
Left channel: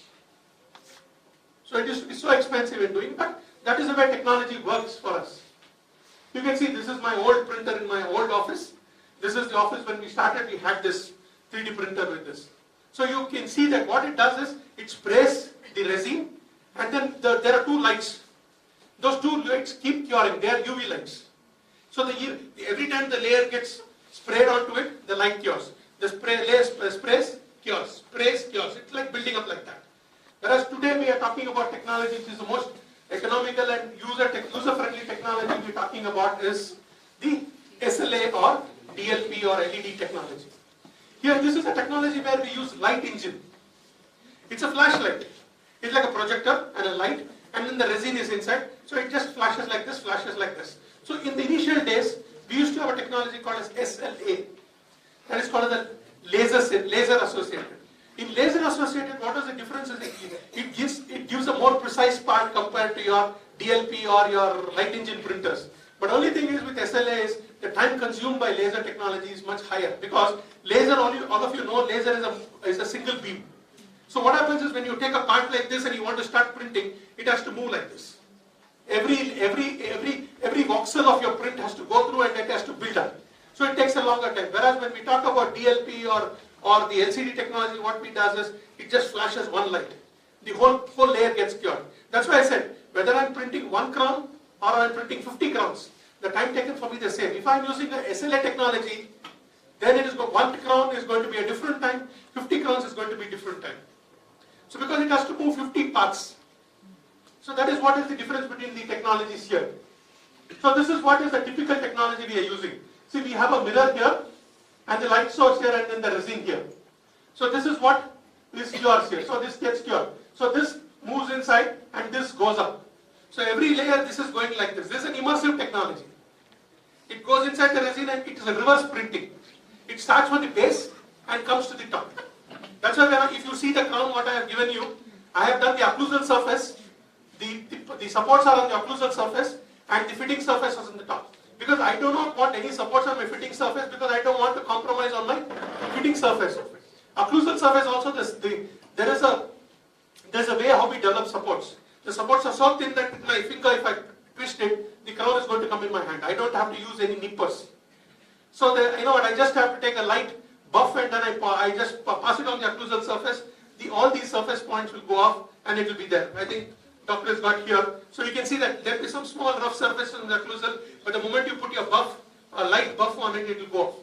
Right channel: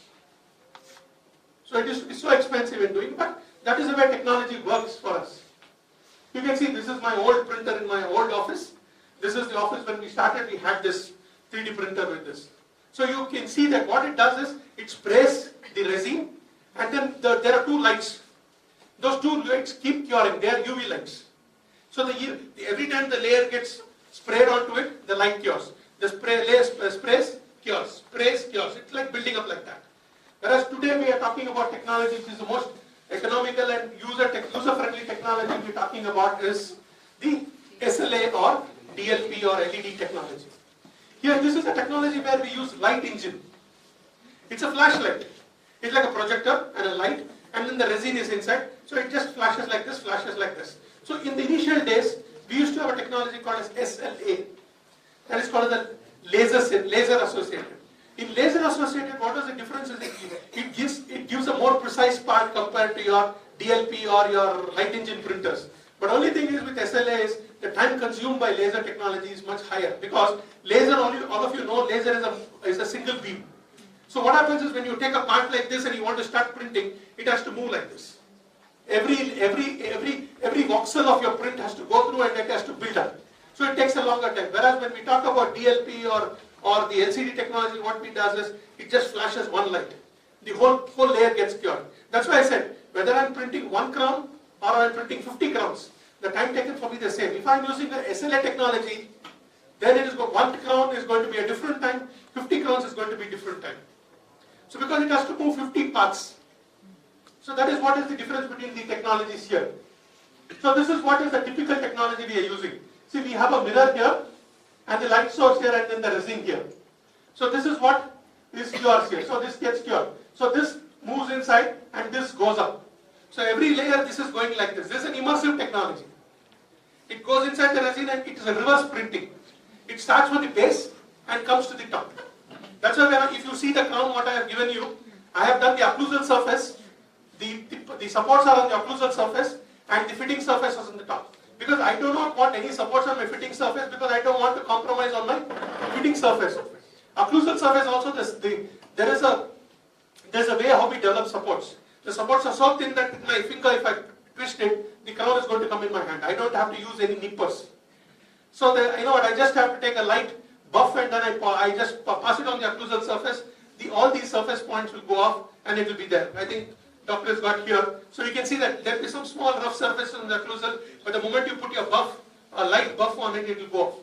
So it used to be so expensive in doing, but that is the way technology works for us. You can see this is my old printer in my old office. This is the office when we started, we had this 3D printer with this. So you can see that what it does is, it sprays the resin and then there are two lights. Those two lights keep curing, they are UV lights. So every time the layer gets sprayed onto it, the light cures. The layer sprays, cures, sprays, cures. It's like building up like that. Whereas today we are talking about technology which is the most economical and user-friendly technology we are talking about is the SLA or DLP or LED technology. Here this is a technology where we use light engine. It's a flashlight. It's like a projector and a light, and then the resin is inside. So it just flashes like this, flashes like this. So in the initial days, we used to have a technology called as SLA. That is called the laser associated. In laser associated, what is the difference? It gives a more precise part compared to your DLP or your light engine printers. But only thing is with SLA is the time consumed by laser technology is much higher, because laser, all of you know, laser is a single beam. So what happens is when you take a part like this and you want to start printing, it has to move like this. Every voxel of your print has to go through and it has to build up. So it takes a longer time. Whereas when we talk about DLP or the LCD technology, what it does is it just flashes one light. The whole layer gets cured. That's why I said, whether I'm printing 1 crown or I'm printing 50 crowns, the time taken for me is the same. If I'm using the SLA technology, then it is 1 crown is going to be a different time, 50 crowns is going to be different time. So because it has to move 50 parts. So that is what is the difference between the technologies here. So this is what is the typical technology we are using. See, we have a mirror here and the light source here and then the resin here. So this is what is cures here. So this gets cured. So this moves inside and this goes up. So every layer this is going like this. This is an immersive technology. It goes inside the resin and it is a reverse printing. It starts from the base and comes to the top. That's why if you see the crown what I have given you, I have done the occlusal surface. The supports are on the occlusal surface and the fitting surface is on the top. Because I do not want any supports on my fitting surface because I don't want to compromise on my fitting surface. Occlusal surface also there's a way how we develop supports. The supports are so thin that with my finger if I twist it, the crown is going to come in my hand. I don't have to use any nippers. So you know what, I just have to take a light buff and then I just pass it on the occlusal surface. All these surface points will go off and it will be there. I think doctor has got here. So you can see that there will be some small rough surfaces on the occlusal, but the moment you put your buff, a light buff on it, it will go off.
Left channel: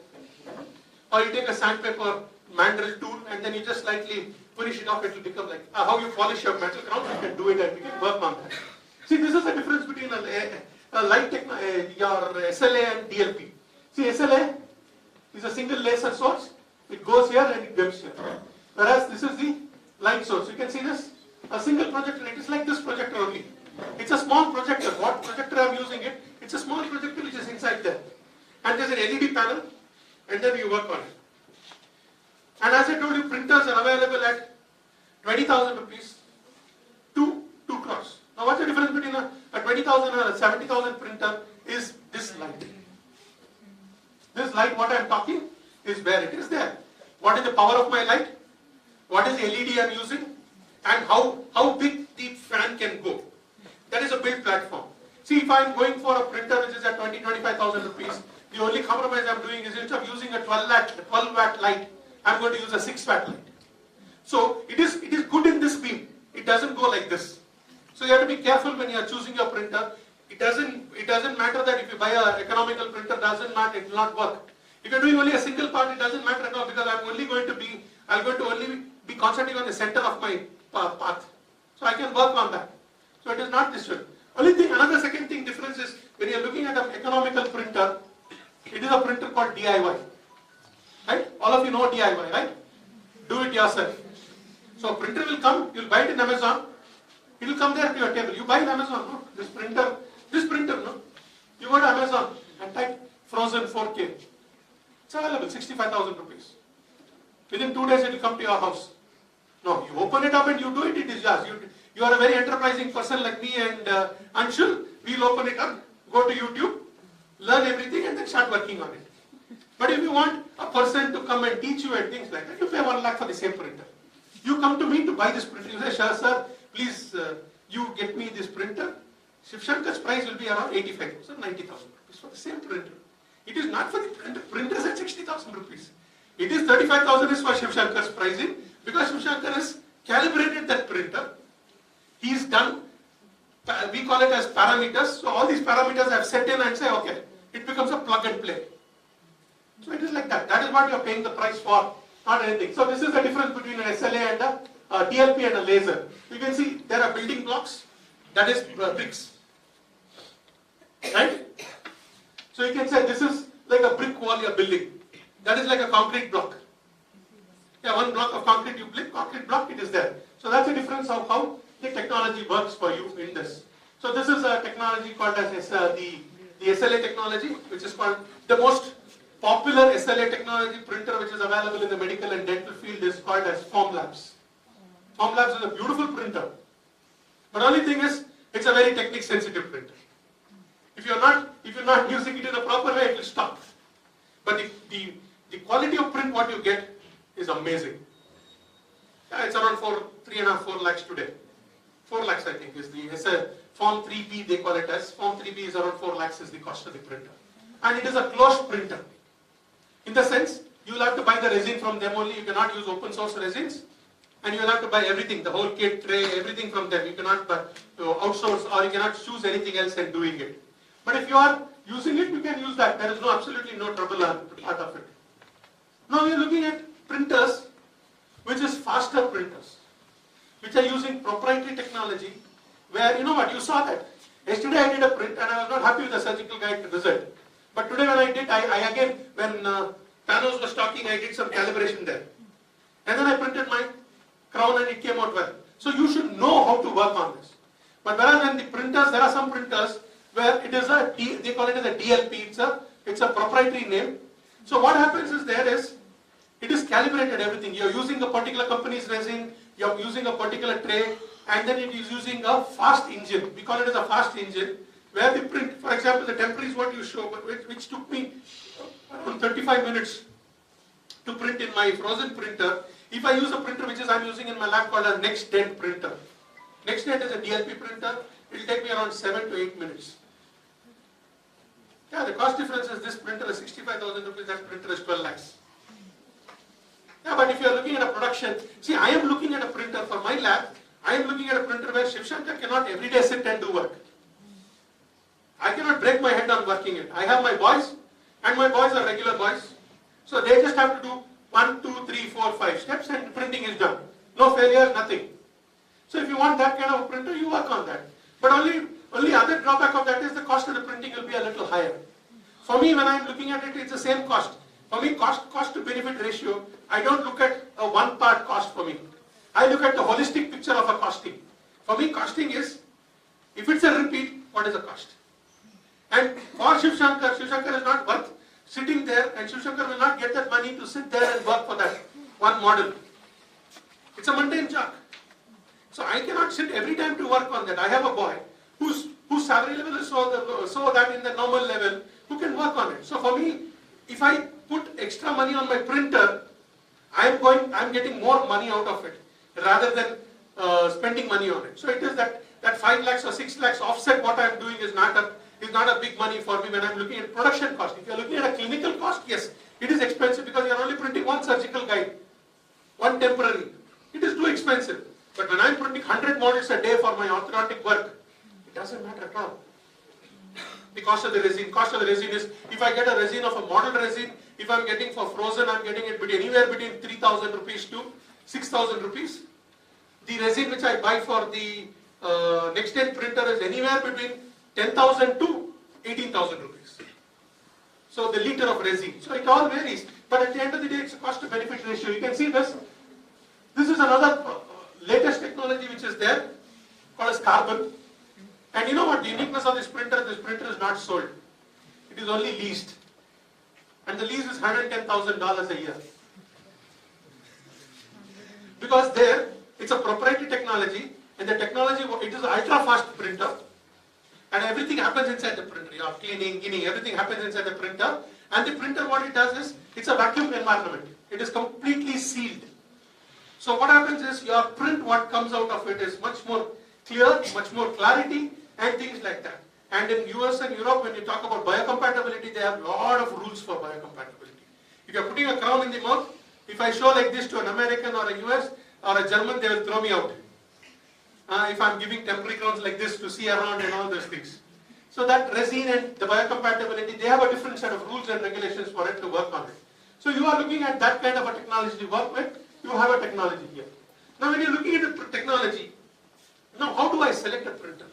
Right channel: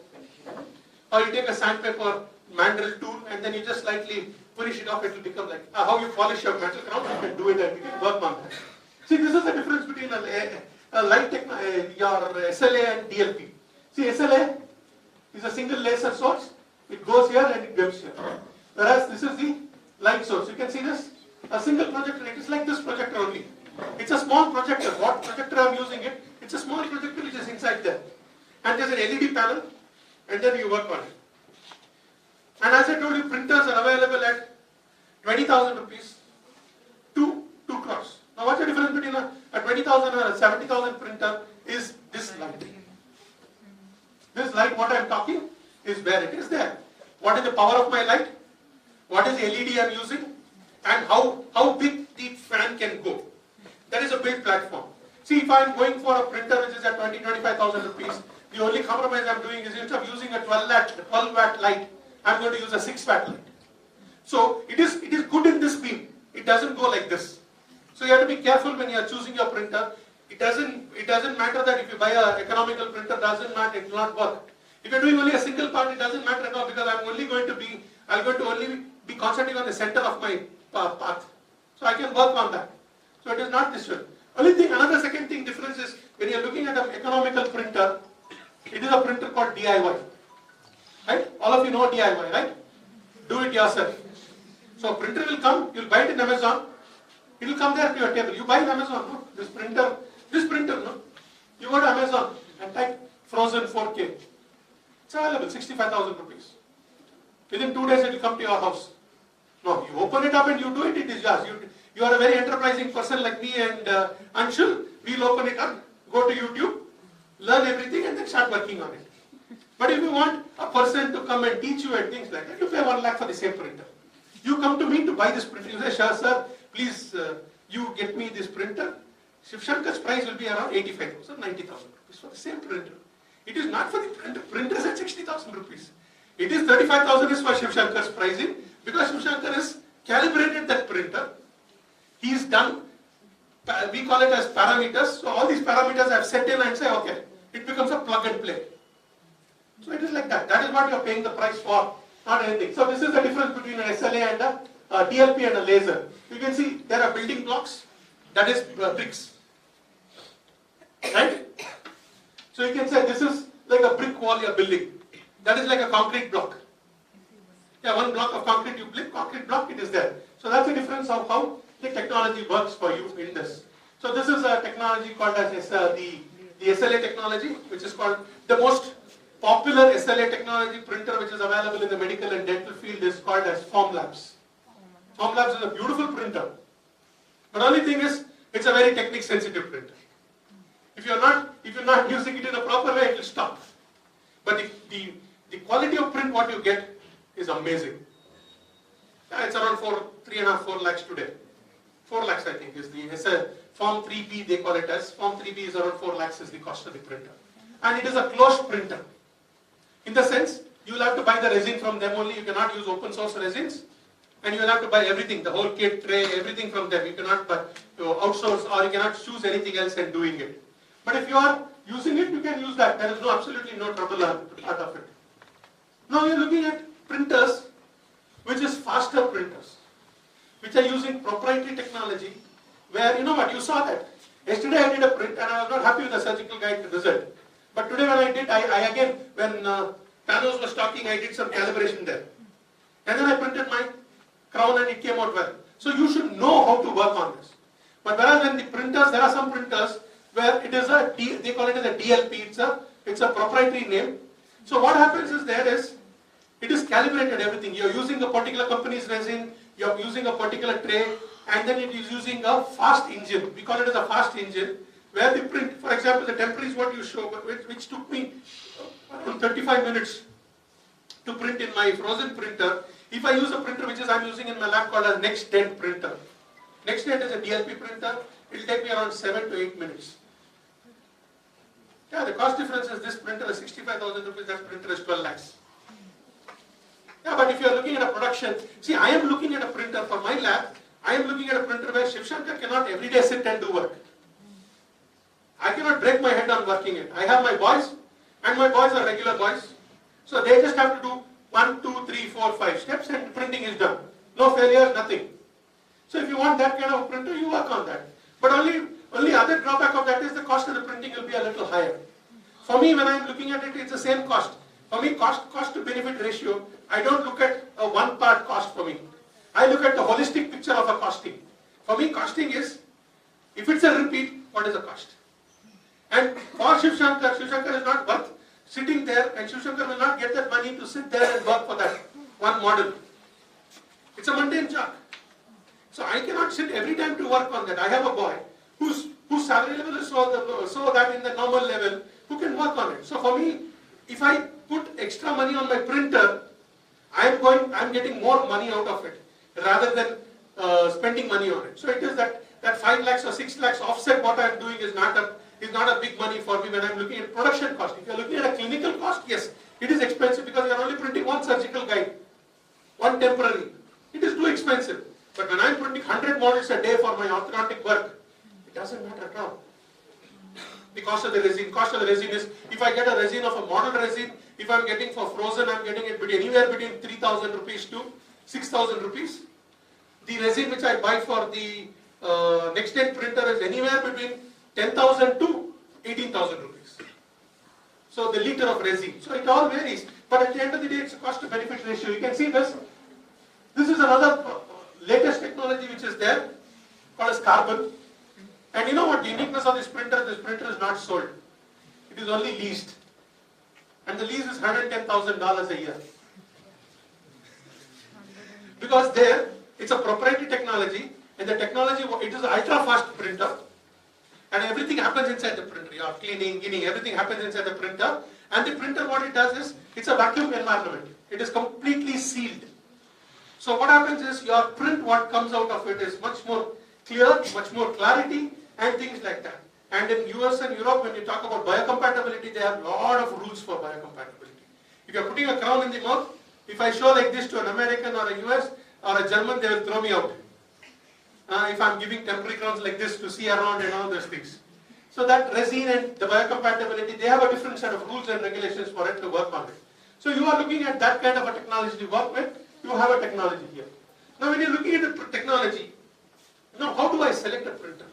Or you take a sandpaper mandrel tool and then you just slightly polish it off, it will become like how you polish your metal crown, you can do it and you can work on that. See, this is the difference between a light your SLA and DLP. See, SLA is a single laser source, it goes here and it goes here. Whereas this is the light source. You can see this, a single projector, it is like this projector only. It's a small projector. What projector I'm using it? It's a small projector which is inside there. And there's an LED panel and then you work on it. And as I told you, printers are available at 20,000 rupees to 2 crores. Now what's the difference between a 20,000 or a 70,000 printer is this light. This light, what I'm talking, is where it is there. What is the power of my light? What is the LED I'm using? And how big the fan can go. That is a build platform. See, if I'm going for a printer which is at 25,000 rupees, the only compromise I'm doing is instead of using a 12 watt light, I'm going to use a 6 watt light. So it is good in this beam. It doesn't go like this. So you have to be careful when you are choosing your printer. It doesn't matter that if you buy an economical printer, doesn't matter, it will not work. If you're doing only a single part, it doesn't matter at all because I'm only going to only be concentrating on the center of my path. So I can work on that. So it is not this way. Another second thing difference is when you're looking at an economical printer, it is a printer called DIY. Right? All of you know DIY, right? Do it yourself. So a printer will come, you'll buy it in Amazon, it will come there to your table. You buy in Amazon, no? This printer, no? You go to Amazon and type frozen 4K. It's available, 65,000 rupees. Within 2 days it will come to your house. No, you open it up and you do it, it is yours. You are a very enterprising person like me and Anshul. We'll open it up, go to YouTube, learn everything and then start working on it. But if you want a person to come and teach you and things like that, you pay 1 lakh for the same printer. You come to me to buy this printer. You say, sir, please, you get me this printer. Shiv Shankar's price will be around 85,000, 90,000 rupees for the same printer. It is not for the printer. Printers at 60,000 rupees. It is 35,000 is for Shiv Shankar's pricing because Shiv Shankar has calibrated that printer. He's done, we call it as parameters. So all these parameters I've set in and say, okay, it becomes a plug and play. So it is like that. That is what you are paying the price for, not anything. So this is the difference between an SLA and a DLP and a laser. You can see there are building blocks, that is bricks. Right? So you can say this is like a brick wall you're building. That is like a concrete block. Yeah, 1 block of concrete you build, concrete block, it is there. So that's the difference of how the technology works for you in this. So this is a technology called as the SLA technology, which is called the most popular SLA technology printer which is available in the medical and dental field is called as Formlabs. Formlabs is a beautiful printer. But only thing is, it's a very technique sensitive printer. If you're not using it in a proper way, it will stop. But the quality of print what you get is amazing. Yeah, it's around 3.5, 4 lakhs today. 4 lakhs I think is it's a Form 3B they call it as. Form 3B is around 4 lakhs is the cost of the printer. And it is a closed printer. In the sense, you will have to buy the resin from them only. You cannot use open source resins. And you will have to buy everything, the whole kit, tray, everything from them. You cannot outsource or you cannot choose anything else and doing it. But if you are using it, you can use that. There is absolutely no trouble out of it. Now you are looking at printers, which is faster printers, which are using proprietary technology, where you know what, you saw that. Yesterday I did a print and I was not happy with the surgical guide result. But today when I did, I again, when Panos was talking, I did some calibration there. And then I printed my crown and it came out well. So you should know how to work on this. But whereas when the printers, there are some printers where it is they call it as a DLP, it's a proprietary name. So what happens is it is calibrated everything. You're using a particular company's resin, you're using a particular tray, and then it is using a fast engine. We call it as a fast engine, where the print, for example, the temper is what you show, which took me around 35 minutes to print in my frozen printer. If I use a printer which I'm using in my lab called a NextDent printer. NextDent is a DLP printer. It will take me around 7 to 8 minutes. Yeah, the cost difference is this printer is 65,000 rupees, that printer is 12 lakhs. Yeah, but if you are looking at a production, see, I am looking at a printer for my lab. I am looking at a printer where Shiv Shankar cannot every day sit and do work. I cannot break my head on working it. I have my boys, and my boys are regular boys. So they just have to do 1, 2, 3, 4, 5 steps and printing is done. No failures, nothing. So if you want that kind of a printer, you work on that. But only other drawback of that is the cost of the printing will be a little higher. For me, when I am looking at it, it's the same cost. For me, cost to benefit ratio, I don't look at a one part cost for me. I look at the holistic picture of a costing. For me, costing is, if it's a repeat, what is the cost? And for Shiv Shankar is not worth sitting there, and Shiv Shankar will not get that money to sit there and work for that one model. It's a mundane job. So I cannot sit every time to work on that. I have a boy whose salary level is so that in the normal level, who can work on it. So for me, if I put extra money on my printer, I'm getting more money out of it rather than spending money on it. So it is that 5 lakhs or 6 lakhs offset what I'm doing is not a big money for me when I'm looking at production cost. If you're looking at a clinical cost, yes, it is expensive because you're only printing one surgical guide, one temporary. It is too expensive. But when I'm printing 100 models a day for my orthodontic work, it doesn't matter at all. The cost of the resin is, if I get a resin of a model resin, if I'm getting for frozen, I'm getting it anywhere between 3,000 rupees to 6,000 rupees. The resin which I buy for the NextDent printer is anywhere between 10,000 to 18,000 rupees. So the liter of resin. So it all varies. But at the end of the day, it's a cost to benefit ratio. You can see this. This is another latest technology which is there, called as carbon. And you know what the uniqueness of this printer is not sold. It is only leased. And the lease is $110,000 a year. Because there, it's a proprietary technology, and the technology, it is an ultra-fast printer, and everything happens inside the printer. Your cleaning, everything happens inside the printer. And the printer, what it does is, it's a vacuum environment. It is completely sealed. So what happens is, your print, what comes out of it is much more clear, much more clarity, and things like that. And in US and Europe, when you talk about biocompatibility, they have a lot of rules for biocompatibility. If you're putting a crown in the mouth, if I show like this to an American or a US or a German, they will throw me out. If I'm giving temporary crowns like this to see around and all those things. So that resin and the biocompatibility, they have a different set of rules and regulations for it to work on it. So you are looking at that kind of a technology to work with, you have a technology here. Now when you're looking at the technology, now how do I select a printer?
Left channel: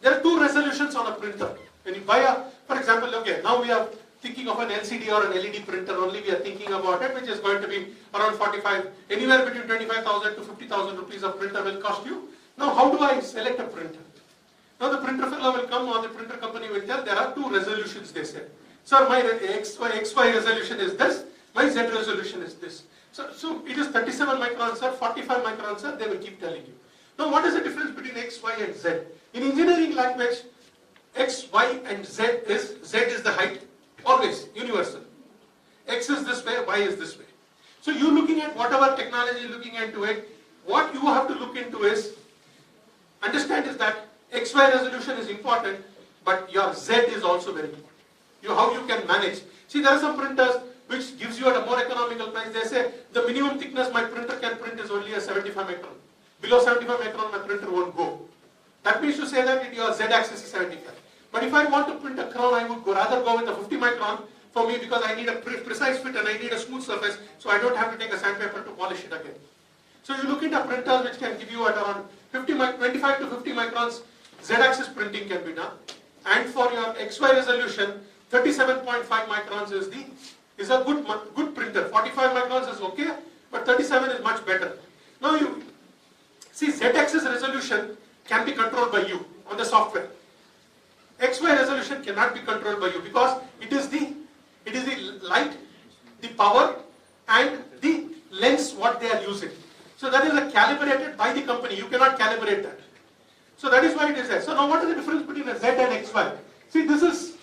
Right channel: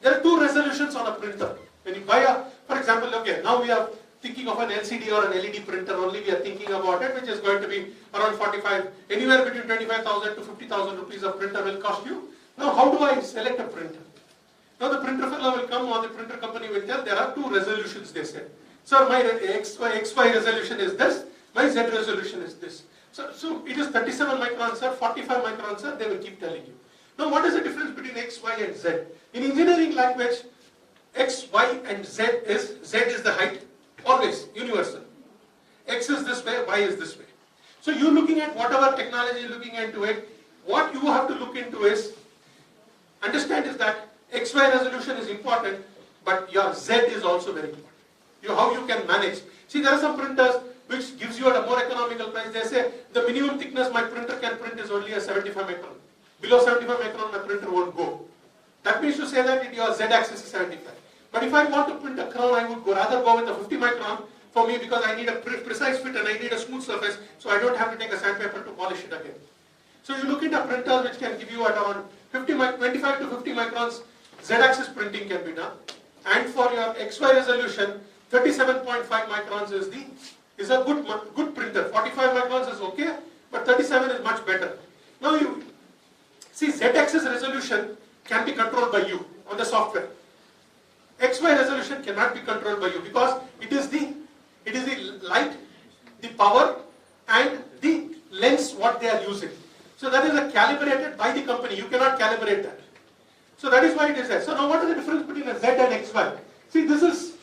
There are two resolutions on a printer. When you buy for example, okay, now we are thinking of an LCD or an LED printer only, we are thinking about it, which is going to be around 45, anywhere between 25,000 to 50,000 rupees a printer will cost you. Now how do I select a printer? Now the printer fellow will come or the printer company will tell there are two resolutions, they say. Sir, my XY resolution is this, my Z resolution is this. So it is 37 microns, sir, 45 microns, sir, they will keep telling you. Now what is the difference between X, Y and Z? In engineering language, X, Y and Z is the height, always, universal. X is this way, Y is this way. So you looking at whatever technology you're looking into it, what you have to look into is, understand is that XY resolution is important, but your Z is also very important. How you can manage. See, there are some printers which gives you at a more economical price. They say the minimum thickness my printer can print is only a 75 micron. Below 75 micron my printer won't go. That means to say that your Z axis is 75. But if I want to print a crown, I would rather go with a 50 micron for me, because I need a precise fit and I need a smooth surface, so I don't have to take a sandpaper to polish it again. So you look into printers which can give you at around 25 to 50 microns, Z-axis printing can be done. And for your XY resolution, 37.5 microns is a good printer. 45 microns is okay, but 37 is much better. Now you see, Z-axis resolution can be controlled by you on the software. XY resolution cannot be controlled by you, because it is the light, the power, and the lens what they are using. So that is calibrated by the company. You cannot calibrate that. So that is why it is there. So now what is the difference between a Z and XY? See, this is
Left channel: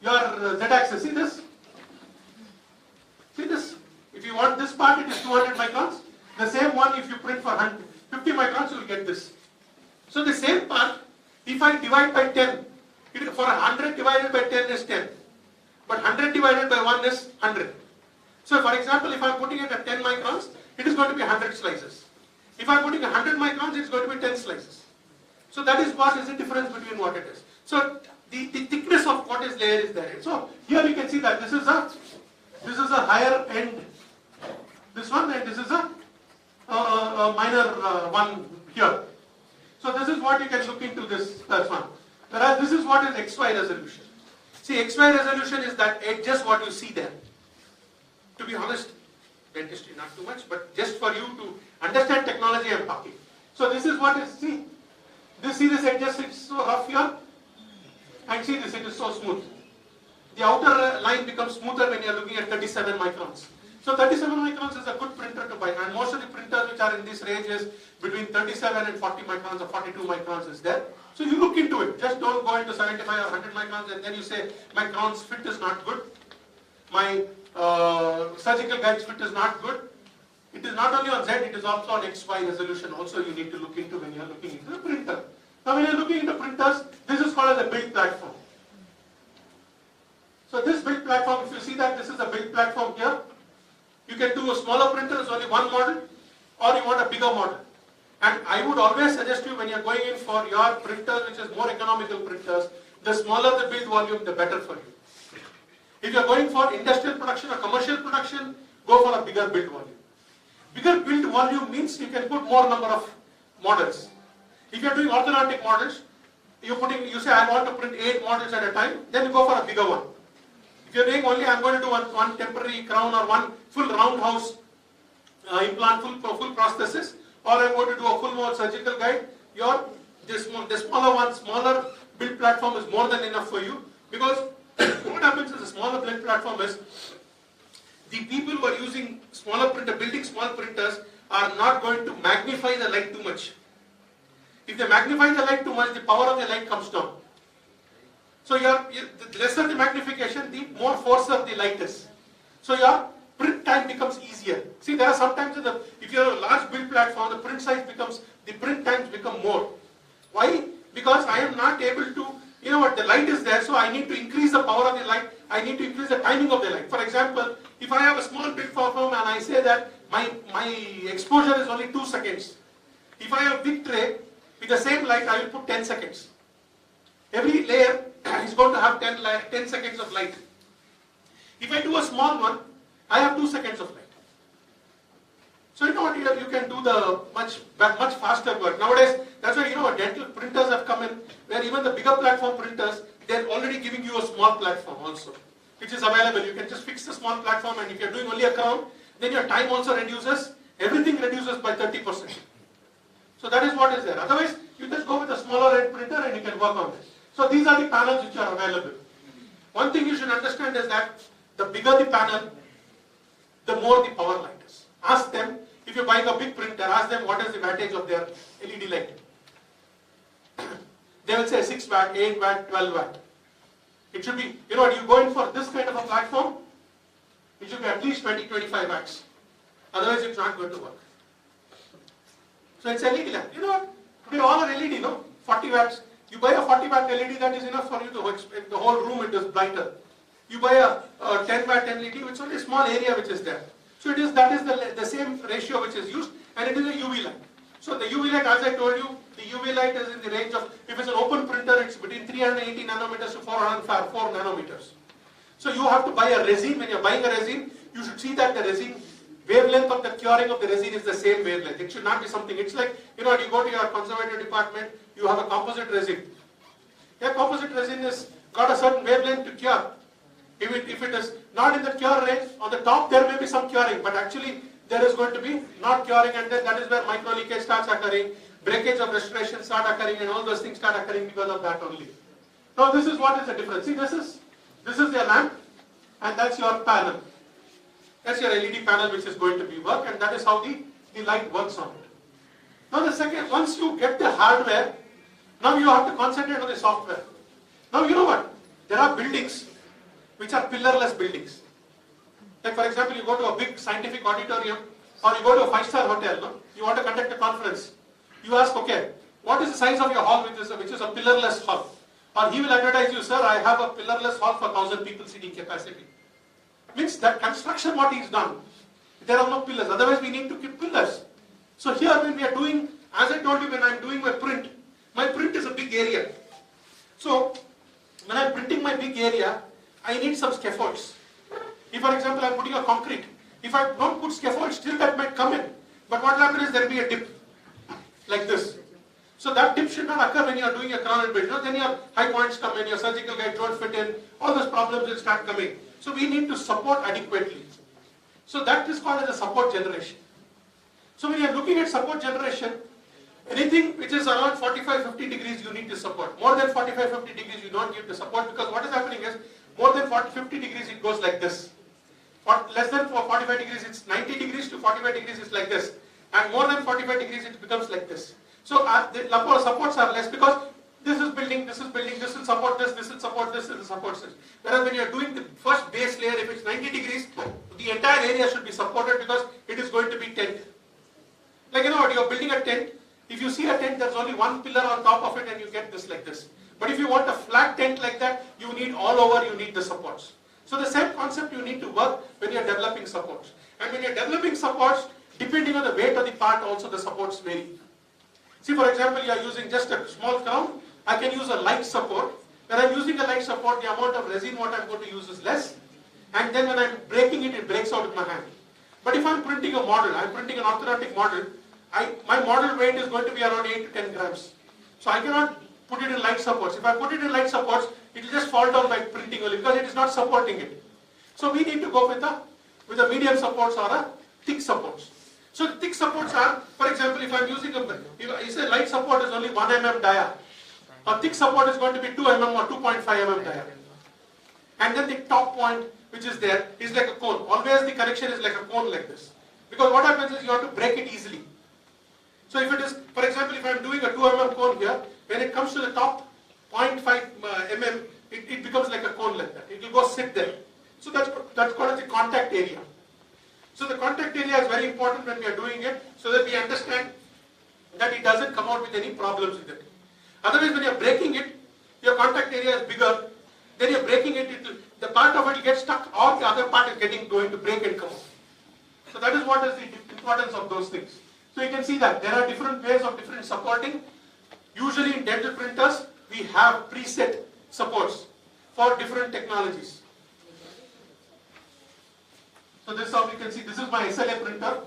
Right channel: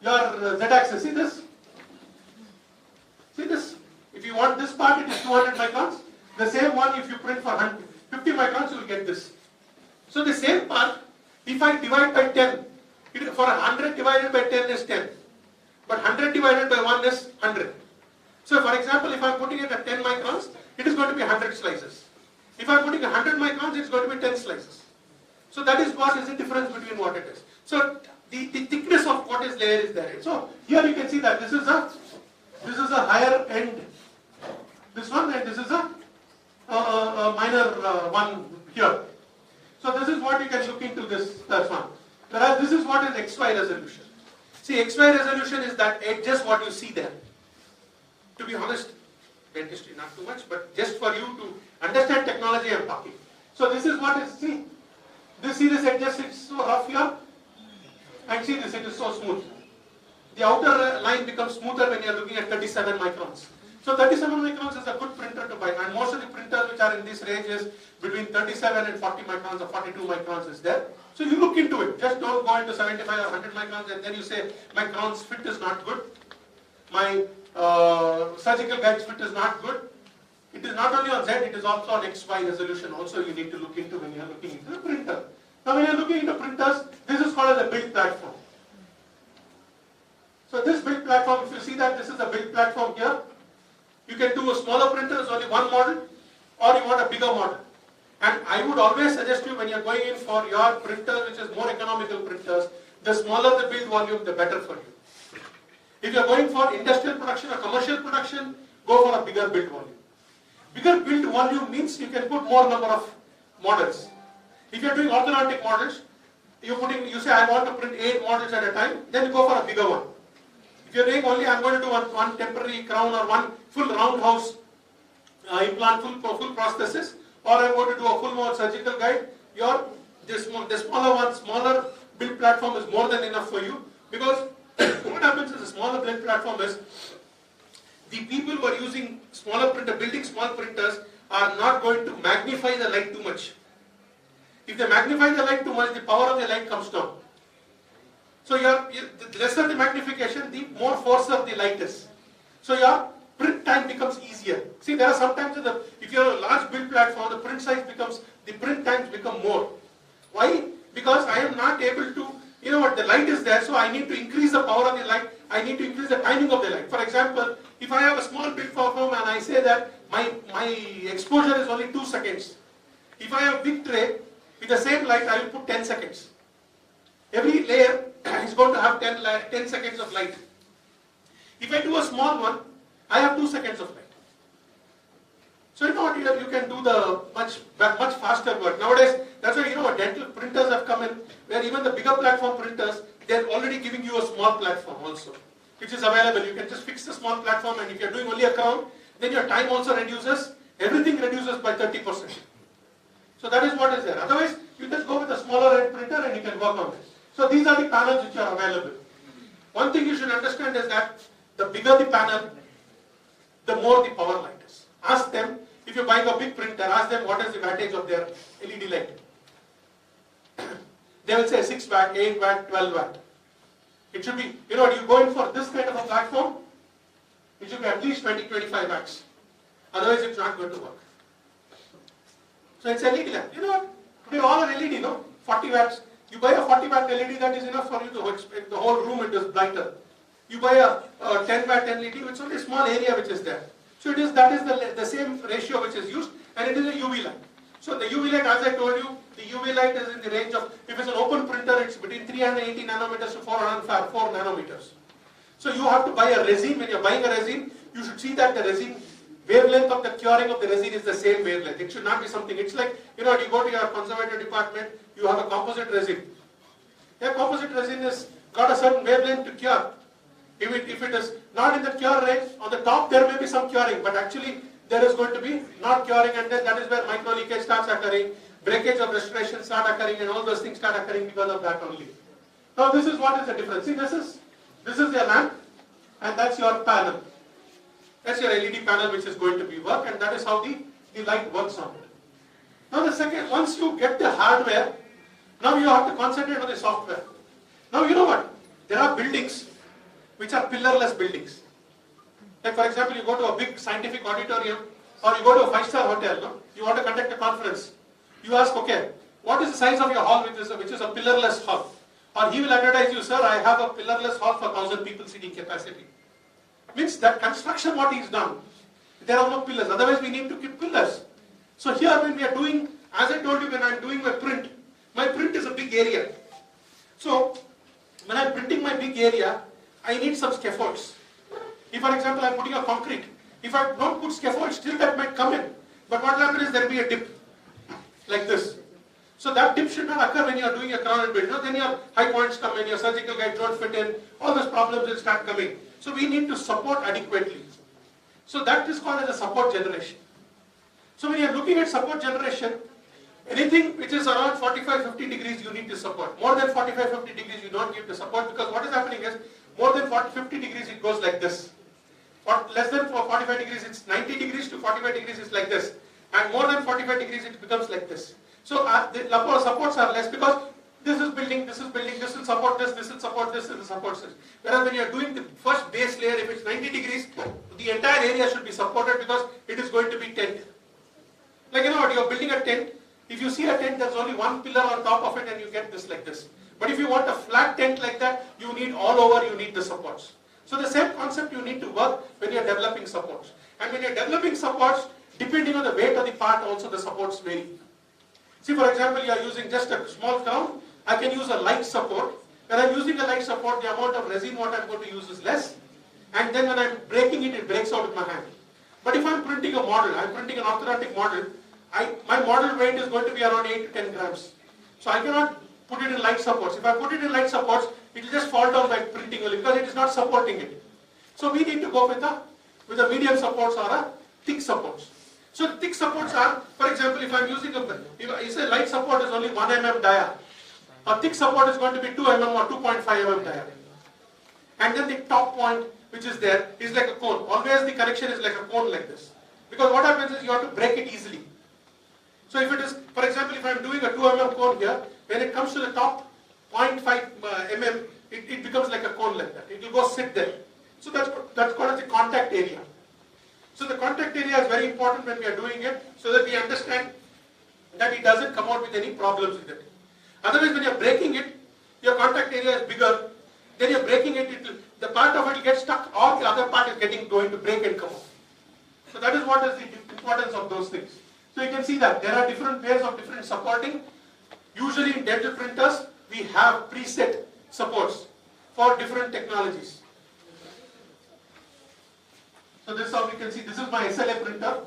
your Z-axis. See this? See this? If you want this part, it is 200 microns. The same one, if you print for 50 microns, you will get this. So the same part, if I divide by 10, for 100 divided by 10 is 10. But 100 divided by 1 is 100. So for example, if I am putting it at 10 microns, it is going to be 100 slices. If I am putting 100 microns, it is going to be 10 slices. So that is what is the difference between what it is. So the thickness of what is there is there. So here you can see that this is a higher end, this one, and this is a minor one here. So this is what you can look into this one. Whereas this is what is XY resolution. See, XY resolution is that edges what you see there. To be honest, dentistry not too much, but just for you to understand technology I am talking. So this is what is, see this edges, it's so rough here, and see this, it is so smooth. The outer line becomes smoother when you are looking at 37 microns. So 37 microns is a good printer to buy, and most of the printers which are in this range is between 37 and 40 microns or 42 microns is there. So you look into it. Just don't go into 75 or 100 microns and then you say my crown's fit is not good, my surgical guide's fit is not good. It is not only on Z, it is also on XY resolution also you need to look into when you are looking into the printer. Now when you are looking into printers, this is called as a build platform. So this build platform, if you see that this is a build platform here, you can do a smaller printer, is only one model, or you want a bigger model. And I would always suggest you when you are going in for your printer, which is more economical printers, the smaller the build volume, the better for you. If you are going for industrial production or commercial production, go for a bigger build volume. Bigger build volume means you can put more number of models. If you are doing orthodontic models, you say I want to print 8 models at a time, then you go for a bigger one. If you are doing only I am going to do one temporary crown or one full roundhouse implant, full prosthesis, or I am going to do a full mouth surgical guide, the smaller build platform is more than enough for you, because what happens is a smaller build platform is the people who are using building small printers are not going to magnify the light too much. If they magnify the light too much, the power of the light comes down. So the lesser the magnification, the more force of the light is. So your print time becomes easier. See, there are sometimes if you have a large build platform, the print times become more. Why? Because I am not able to, the light is there, so I need to increase the power of the light, I need to increase the timing of the light. For example, if I have a small build platform and I say that my exposure is only 2 seconds. If I have a big tray, with the same light, I will put 10 seconds. Every layer is going to have 10 seconds of light. If I do a small one, I have 2 seconds of light. So you know what, you can do the much faster work. Nowadays, that's why dental printers have come in, where even the bigger platform printers, they're already giving you a small platform also, which is available. You can just fix the small platform, and if you're doing only a crown, then your time also reduces, everything reduces by 30%. So that is what is there. Otherwise, you just go with a smaller end printer and you can work on this. So these are the panels which are available. One thing you should understand is that the bigger the panel, the more the power light is. Ask them, if you're buying a big printer, ask them what is the wattage of their LED light. They will say 6 watt, 8 watt, 12 watt. It should be, you go in for this kind of a platform, It should be at least 20-25 watts. Otherwise it's not going to work. So it's LED lamp. You know what? Today all are LED, no? 40 watts. You buy a 40 watt LED, that is enough for you to expect the whole room it is brighter. You buy a 10 watt LED, which is only a small area which is there. So that is the same ratio which is used, and it is a UV light. So the UV light, as I told you, the UV light is in the range of, if it's an open printer, it's between 380 nanometers to 404 nanometers. So you have to buy a resin. When you're buying a resin, you should see that the resin wavelength of the curing of the resin is the same wavelength. It should not be something, it's like, you know, you go to your conservative department, you have a composite resin. Yeah, composite resin has got a certain wavelength to cure. If it is not in the cure range, on the top there may be some curing, but actually there is going to be not curing, and then that is where micro leakage starts occurring, breakage of restoration start occurring, and all those things start occurring because of that only. Now this is what is the difference. See, this is your lamp, and that's your panel. That's your LED panel which is going to be work, and that is how the light works on it. Now the second, once you get the hardware, now you have to concentrate on the software. Now you know what? There are buildings which are pillarless buildings. Like for example, you go to a big scientific auditorium, or you go to a 5-star hotel, no? You want to conduct a conference. You ask, okay, what is the size of your hall which is a pillarless hall? Or he will advertise you, sir, I have a pillarless hall for 1,000 people seating capacity. Means that construction what he's done, there are no pillars, otherwise we need to keep pillars. So here when we are doing, as I told you, when I am doing my print is a big area. So when I am printing my big area, I need some scaffolds. If for example I am putting a concrete, if I don't put scaffolds, still that might come in. But what will happen is there will be a dip, like this. So that dip should not occur when you are doing a crown and build. You know, then your high points come in, your surgical guide don't fit in, all those problems will start coming. So we need to support adequately. So that is called as a support generation. So when you are looking at support generation, anything which is around 45-50 degrees you need to support. More than 45-50 degrees you don't give the support, because what is happening is, more than 40-50 degrees it goes like this. For less than 45 degrees it's 90 degrees to 45 degrees it's like this. And more than 45 degrees it becomes like this. So the supports are less, because this is building, this will support this will support this will support this. Whereas when you are doing the first base layer, if it's 90 degrees, the entire area should be supported, because it is going to be tent. Like you know what, you are building a tent. If you see a tent, there's only one pillar on top of it and you get this like this. But if you want a flat tent like that, you need all over, you need the supports. So the same concept you need to work when you are developing supports. And when you are developing supports, depending on the weight of the part also the supports vary. See, for example, you are using just a small crown, I can use a light support. When I am using a light support, the amount of resin what I am going to use is less. And then when I am breaking it, it breaks out in my hand. But if I am printing a model, I am printing an orthodontic model, my model weight is going to be around 8 to 10 grams. So I cannot put it in light supports. If I put it in light supports, it will just fall down by printing only, because it is not supporting it. So we need to go with a medium supports or a thick supports. So the thick supports are, for example, if I am using if a light support is only 1 mm dia, a thick support is going to be 2 mm or 2.5 mm dia. And then the top point which is there is like a cone. Always the connection is like a cone like this. Because what happens is you have to break it easily. So if it is, for example, if I am doing a 2 mm cone here, when it comes to the top 0.5 mm, it becomes like a cone like that. It will go sit there. So that's called as the contact area. So the contact area is very important when we are doing it, so that we understand that it doesn't come out with any problems with it. Otherwise, when you are breaking it, your contact area is bigger, then you are breaking it, the part of it will get stuck, or the other part is going to break and come out. So that is what is the importance of those things. So you can see that there are different ways of different supporting. Usually in dental printers, we have preset supports for different technologies. So this is how we can see, this is my SLA printer,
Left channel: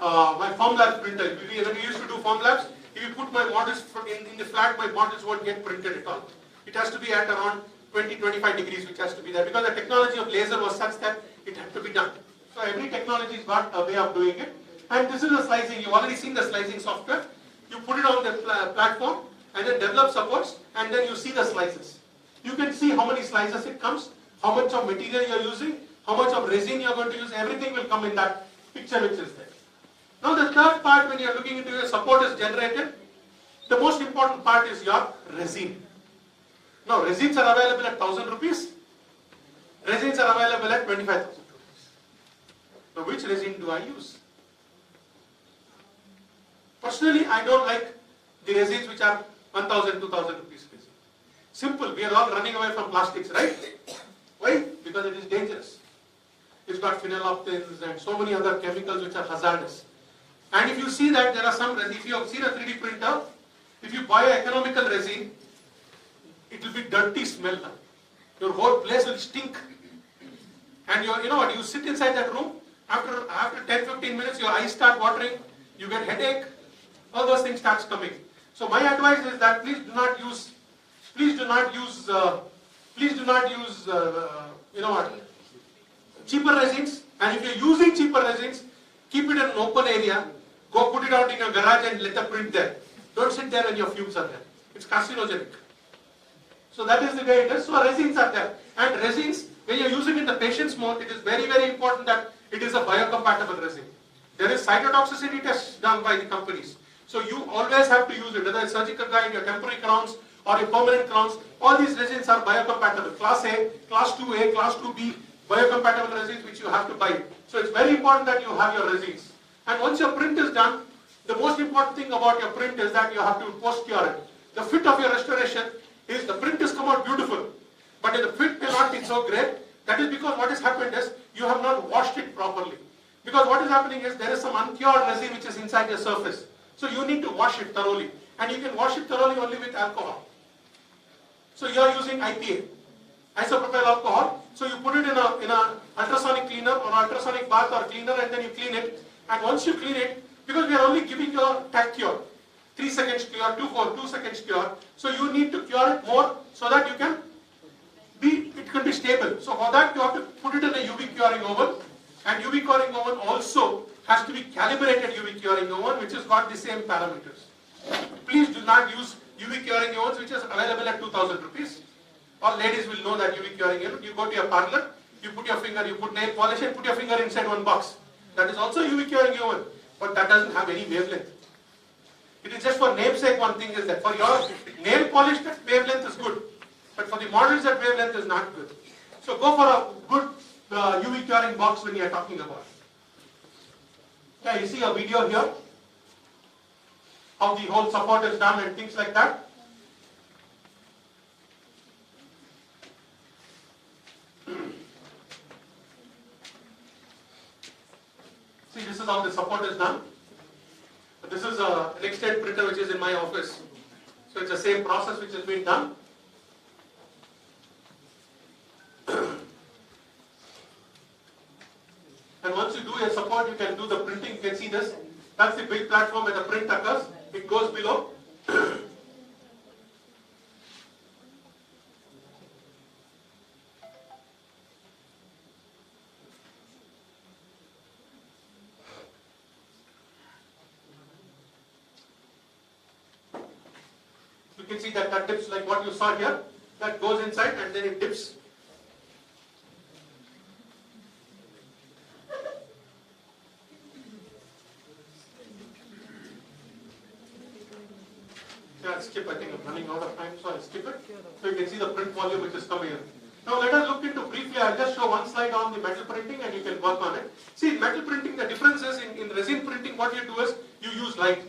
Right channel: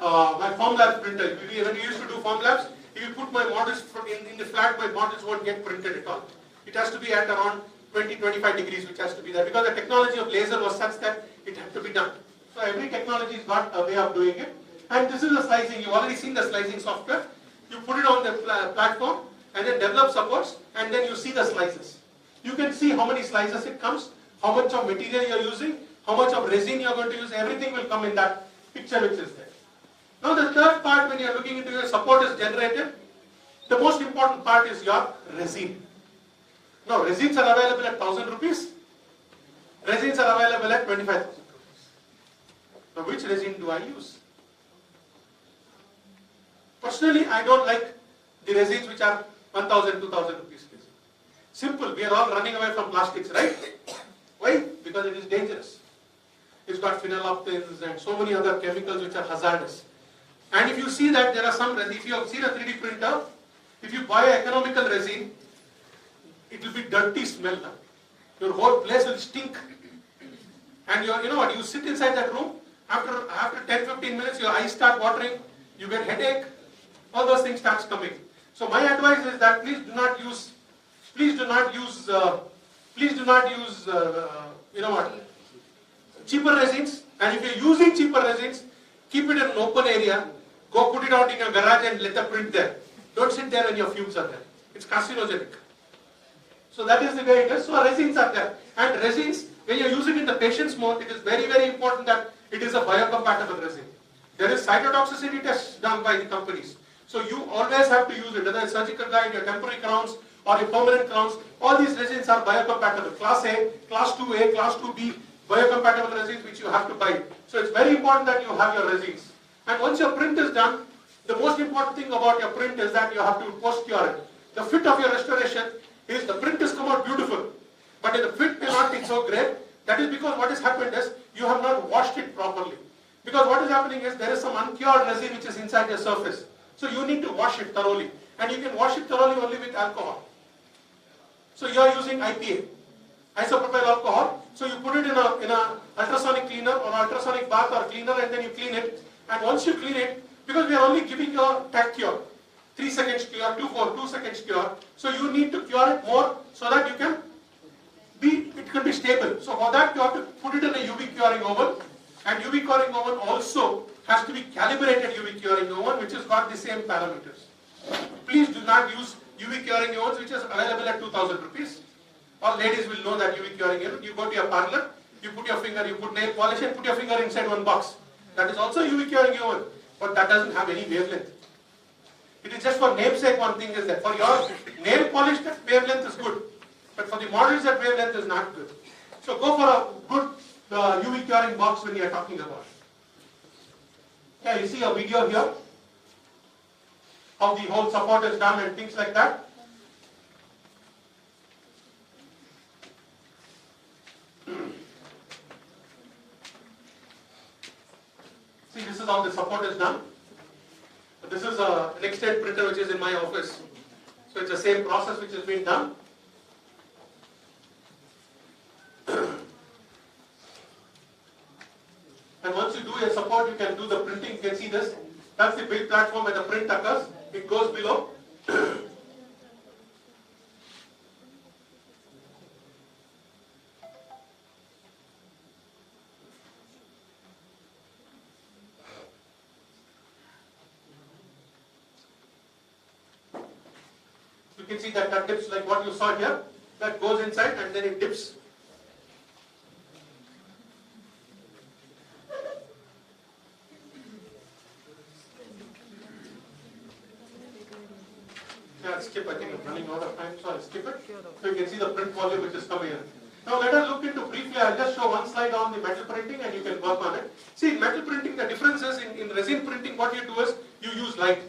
my Formlabs printer. When we used to do Formlabs, if you put my models in the flat, my models won't get printed at all. It has to be at around 20-25 degrees, which has to be there, because the technology of laser was such that it had to be done. So every technology has got a way of doing it. And this is the slicing. You've already seen the slicing software. You put it on the platform and then develop supports, and then you see the slices. You can see how many slices it comes, how much of material you are using, how much of resin you are going to use. Everything will come in that picture which is there. Now the third part, when you are looking into your support is generated, the most important part is your resin. Now resins are available at 1,000 rupees. Resins are available at 25,000 rupees. Now which resin do I use? Personally, I don't like the resins which are 1,000, 2,000 rupees resin. Simple, we are all running away from plastics, right? Why? Because it is dangerous. It's got phenolphthaleins and so many other chemicals which are hazardous. And if you see that there are some resin, if you have seen a 3D printer, if you buy an economical resin, it will be dirty smell. Your whole place will stink. And you know what, you sit inside that room, after 10-15 minutes your eyes start watering, you get headache, all those things starts coming. So my advice is that please do not use you know what, cheaper resins. And if you're using cheaper resins, keep it in an open area, go put it out in your garage and let the print there. Don't sit there when your fumes are there. It's carcinogenic. So that is the way it is. So resins are there. And resins, when you're using in the patient's mouth, it is very, very important that it is a biocompatible resin. There is cytotoxicity tests done by the companies. So you always have to use it, whether it's surgical guide, your temporary crowns, or your permanent crowns. All these resins are biocompatible. Class A, Class 2A, Class 2B, biocompatible resins which you have to buy. So it's very important that you have your resins. And once your print is done, the most important thing about your print is that you have to post-cure it. The fit of your restoration is the print has come out beautiful, but the fit may not be so great. That is because what has happened is you have not washed it properly. Because what is happening is there is some uncured resin which is inside the surface. So you need to wash it thoroughly. And you can wash it thoroughly only with alcohol. So you are using IPA, isopropyl alcohol. So you put it in a ultrasonic cleaner or ultrasonic bath or cleaner, and then you clean it. And once you clean it, because we are only giving you a tag cure, 3 seconds cure, 2 seconds cure. So you need to cure it more so that it can be stable. So for that you have to put it in a UV curing oven, and UV curing oven also has to be calibrated UV curing oven which has got the same parameters. Please do not use UV curing ovens which is available at 2,000 rupees. All ladies will know that UV curing oven. You go to your parlor, you put your finger, you put nail polish and put your finger inside one box. That is also UV curing oven, but that doesn't have any wavelength. It is just for namesake. One thing is that for your nail polish that wavelength is good, but for the models that wavelength is not good. So go for a good UV curing box when you are talking about. Yeah, you see a video here, how the whole support is done and things like that. See, this is how the support is done. This is a next-end printer which is in my office. So it's the same process which has been done. And once you do your support, you can do the printing. You can see this. That's the big platform where the print occurs. It goes below. You can see that dips like what you saw here. That goes inside and then it dips. Yeah, I'll skip. I think I'm running out of time, so I'll skip it. So you can see the print volume which is coming in. Now let us look into briefly. I'll just show one slide on the metal printing and you can work on it. See, metal printing, the difference is in resin printing, what you do is you use light.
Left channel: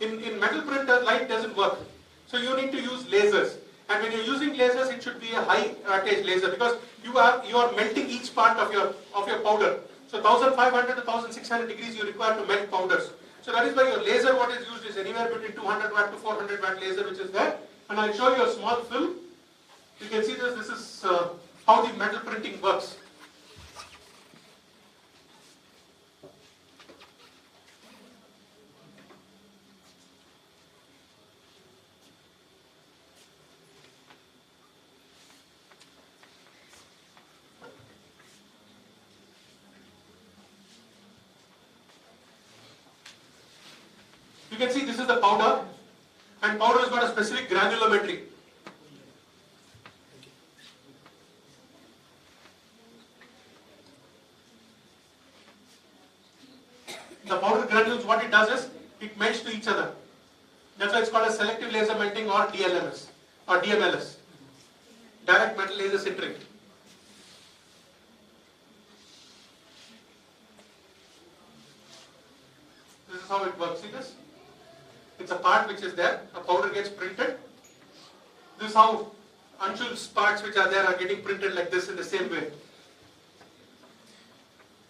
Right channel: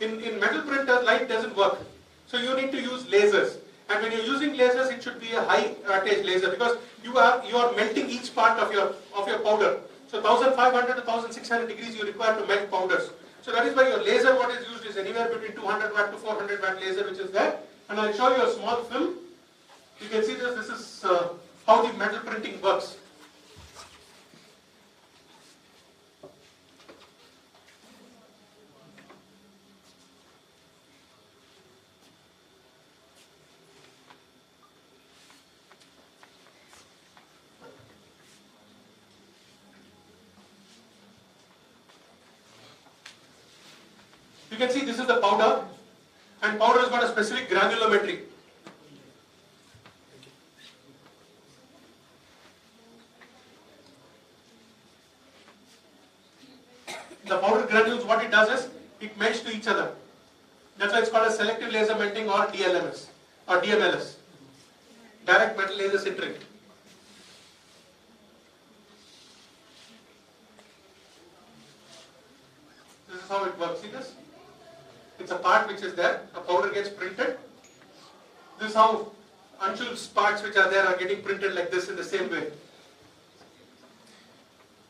In metal printer, light doesn't work. So you need to use lasers. And when you're using lasers, it should be a high wattage laser because you are melting each part of your powder. So 1500 to 1600 degrees you require to melt powders. So that is why your laser, what is used is anywhere between 200 watt to 400 watt laser which is there. And I'll show you a small film. You can see this is how the metal printing works. You can see this is the powder, and powder has got a specific granulometry. The powder granules, what it does is, it melts to each other. That's why it's called a selective laser melting or DLMS, or DMLS. Direct metal laser sintering. is how it works. See this? It's a part which is there. A powder gets printed. This is how Anshul's parts which are there are getting printed like this in the same way.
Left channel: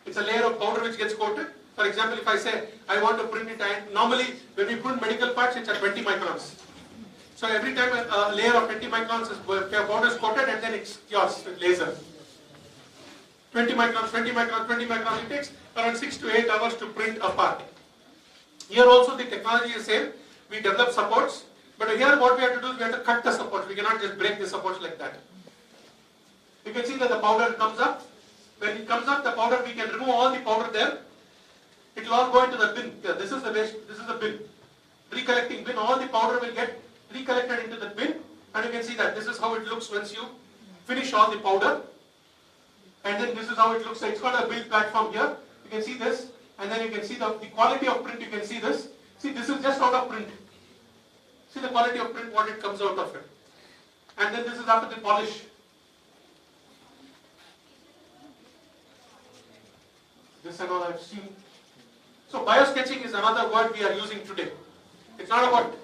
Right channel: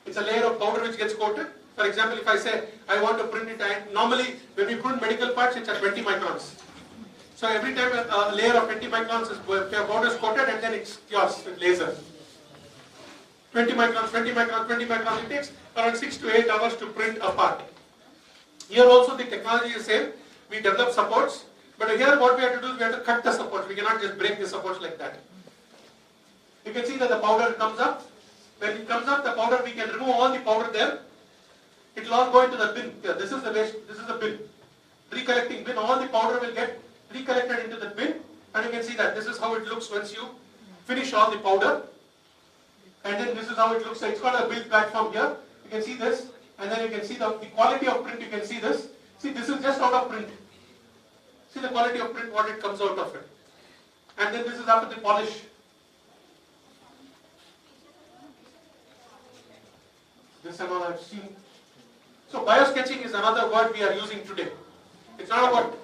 It's a layer of powder which gets coated. For example, if I say I want to print it, normally when we print medical parts, it's at 20 microns. So every time a layer of 20 microns is powder is coated, and then it's yours with laser. 20 microns, 20 microns, 20 microns. It takes around 6 to 8 hours to print a part. Here also the technology is same. We develop supports, but here what we have to do is we have to cut the supports. We cannot just break the supports like that. You can see that the powder comes up. When it comes up, the powder, we can remove all the powder there. It will all go into the bin. Here, this is the waste. This is the bin. Recollecting bin. All the powder will get recollected into the bin, and you can see that this is how it looks once you finish all the powder. And then this is how it looks. So it's got a build platform here. You can see this, and then you can see the quality of print. You can see this. See, this is just out of print. See the quality of print, what it comes out of it. And then this is after the polish. This and all I've seen. So biosketching is another word we are using today. It's not about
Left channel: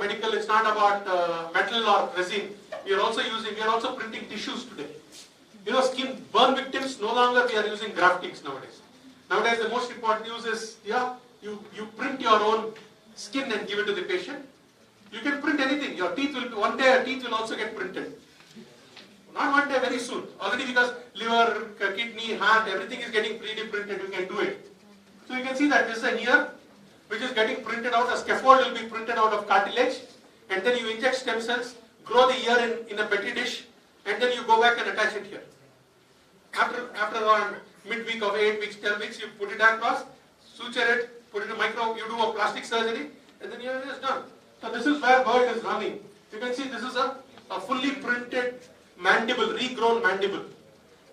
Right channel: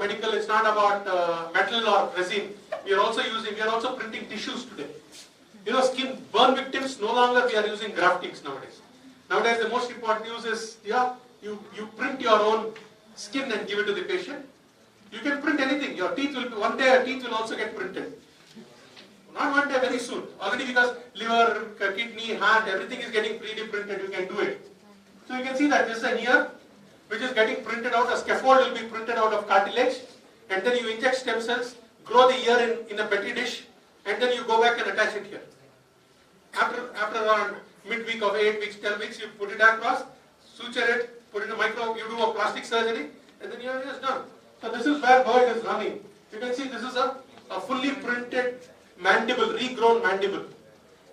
medical. It's not about metal or resin. We are also printing tissues today. You know, skin burn victims, no longer we are using graftings nowadays. Nowadays the most important use is, you print your own skin and give it to the patient. You can print anything. Your teeth will be, one day your teeth will also get printed. Not one day, very soon. Already because liver, kidney, heart, everything is getting 3D printed, you can do it. So you can see that this is an ear which is getting printed out. A scaffold will be printed out of cartilage, and then you inject stem cells, grow the ear in a petri dish, and then you go back and attach it here. After around midweek of 8 weeks, 10 weeks, you put it across, suture it, put it in you do a plastic surgery, and then your ear is done. So this is where bird is running. You can see this is a fully printed mandible, regrown mandible.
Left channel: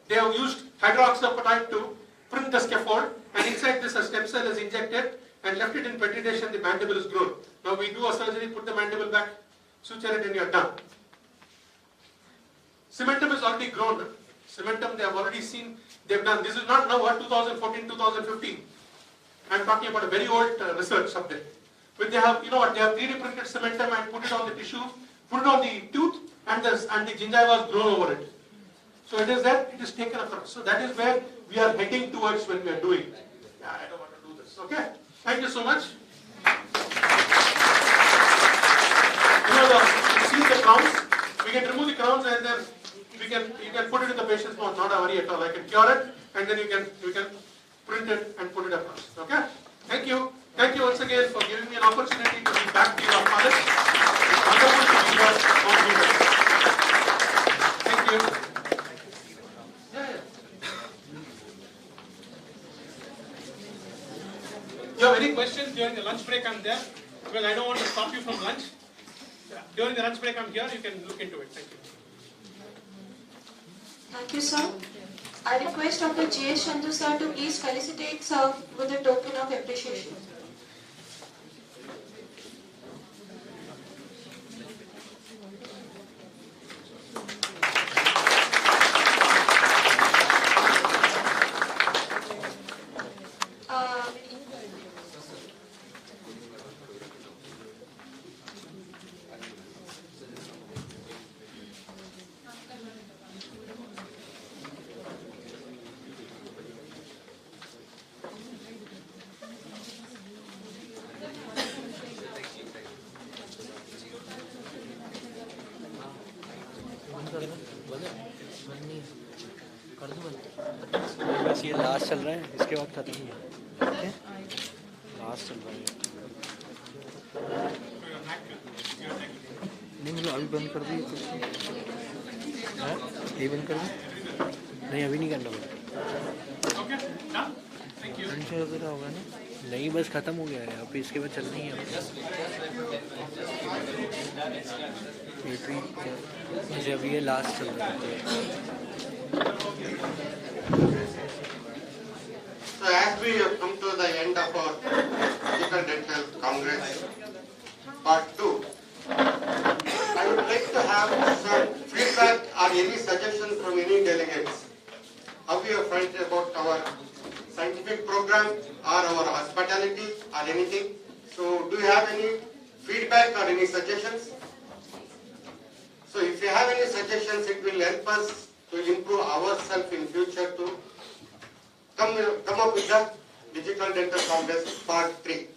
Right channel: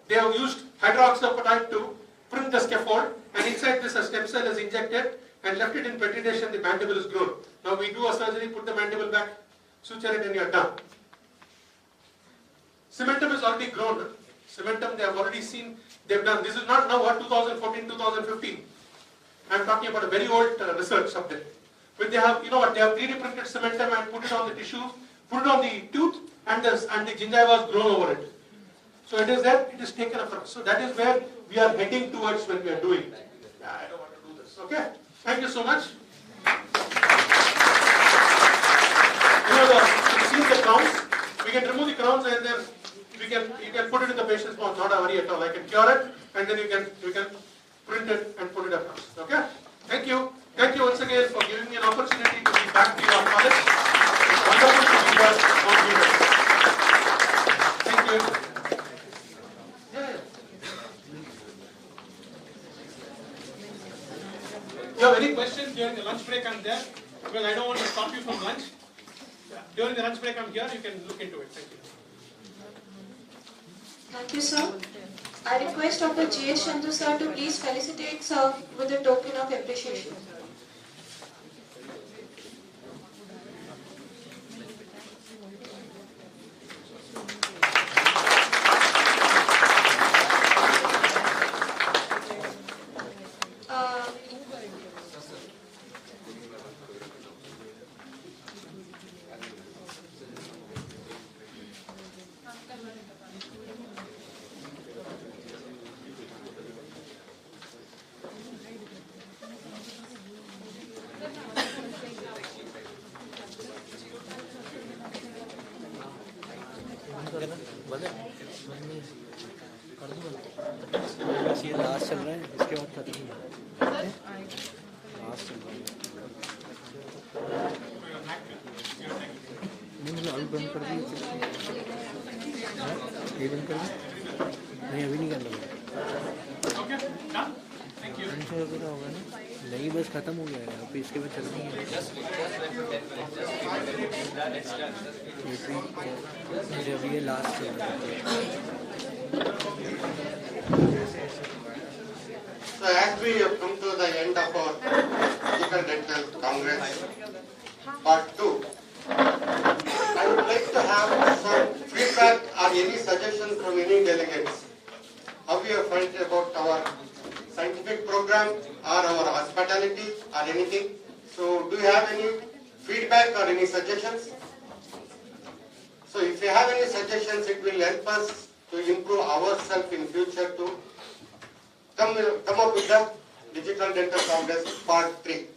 They have used hydroxyapatite to print the scaffold, and inside this a stem cell is injected and left it in petri dish, and the mandible is grown. Now we do a surgery, put the mandible back, suture it, and you're done. Cementum is already grown. Cementum, they have already seen, they've done. This is not now what 2014, 2015. I'm talking about a very old research subject. But they have, they have 3D printed cementum and put it on the tissue, put it on the tooth, and the gingiva is grown over it. So it is that, it is taken across. So that is where we are heading towards when we are doing. Yeah, I don't want to do this. Okay? Thank you so much. You see the crowns? We can remove the crowns, and then you can put it in the patient's mouth. Not a worry at all. I can cure it, and then you can print it and put it across. Okay? Thank you. Thank you once again for giving me an opportunity to be back to your college. It's wonderful to be here on campus. Thank you. Yeah. If you have any questions during the lunch break, I'm there. Because I don't want to stop you from lunch. During the lunch break, I'm here. You can look into it. Thank you. Thank you, sir. I request Dr. J.S. Chandru sir to please felicitate sir with a token of appreciation. बस ये last चल रहा है, इसके बाद खत्म ही है। Last चल रहा है। नहीं मतलब अभी बंद कर दी, ये बंद कर दी। नहीं अभी नहीं करना मुझे। का होगा ना? नहीं बस खत्म हो गया है, अभी इसके बाद चलनी है। मुझे अभी ये लास्ट चल रहा है। So as we have come to the end of our Physical Dental Congress Part 2, I would like to have some feedback or any suggestions from any delegates. How you have felt about our scientific program or our hospital mortality or anything. So do you have any feedback or any suggestions? So if you have any suggestions, it will help us to improve ourselves in future to come up with the Digital Dental Congress Part 3.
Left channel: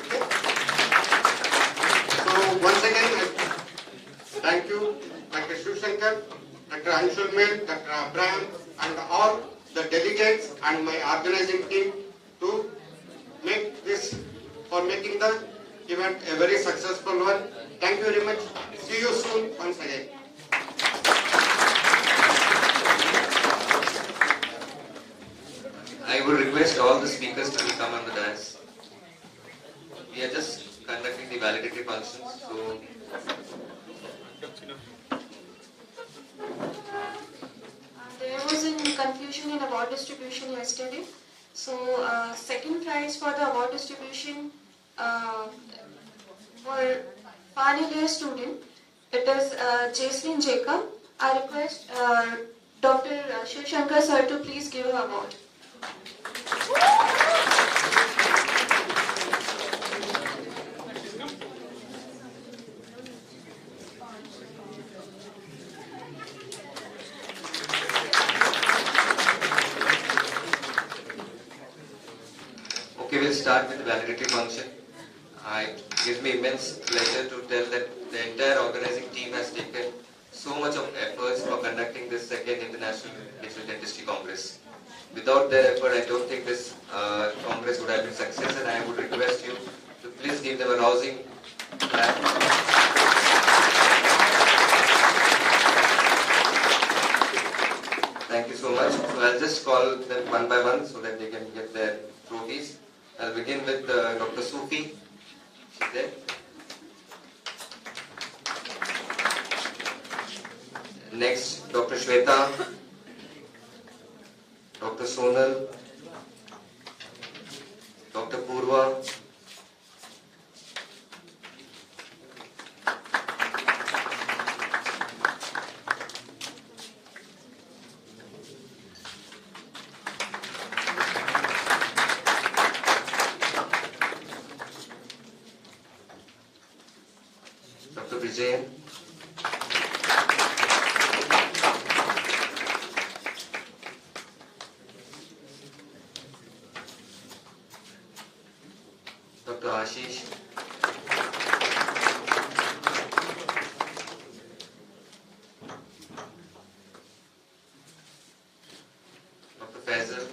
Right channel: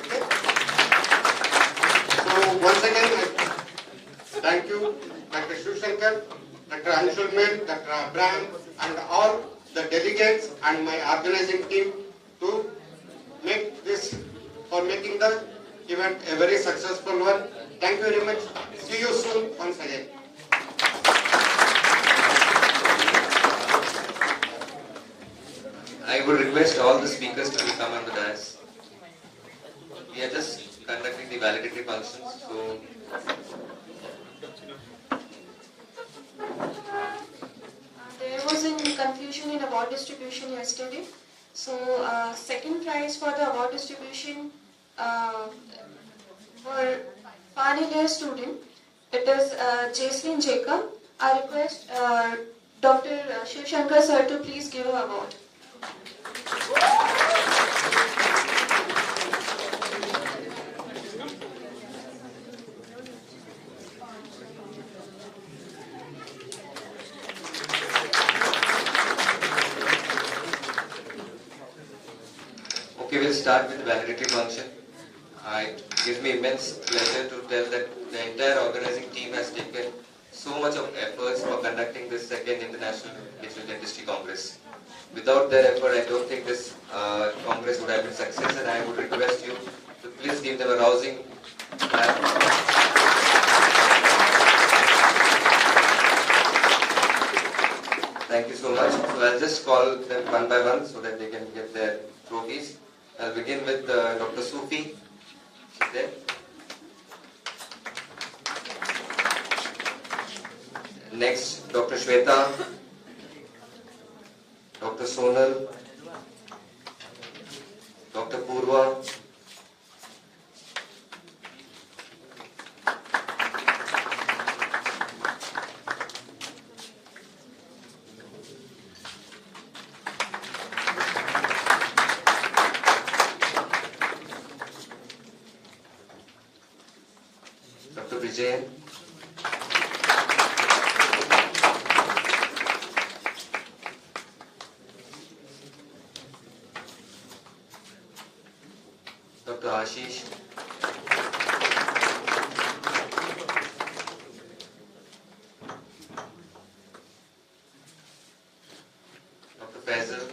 Okay? So once again, thank you, Dr. Shivshankar, Dr. Anshul Mel, Dr. Abraham, and all the delegates and my organizing team to make this, for making the event a very successful one. Thank you very much. See you soon once again. I would request all the speakers to come on the dais. We are just conducting the validatory functions, so there was a confusion in award distribution yesterday. So second prize for the award distribution for final year student, it is Jacelyn Jacob. I request Dr. Shivshankar sir to please give her award. okay, we'll start with the validatory function. It gives me immense pleasure to tell that the entire organizing team has taken so much of efforts for conducting this second International Digital Dentistry Congress. Without their effort, I don't think this Congress would have been success, and I would request you to please give them a rousing clap. Thank you so much. So I'll just call them one by one so that they can get their trophies. I'll begin with Dr. Sufi. She's there. Next, Dr. Shweta, Dr. Sonal, Dr. Purva, Dr. Vijay, Dr. Ashish, Dr. Faisal,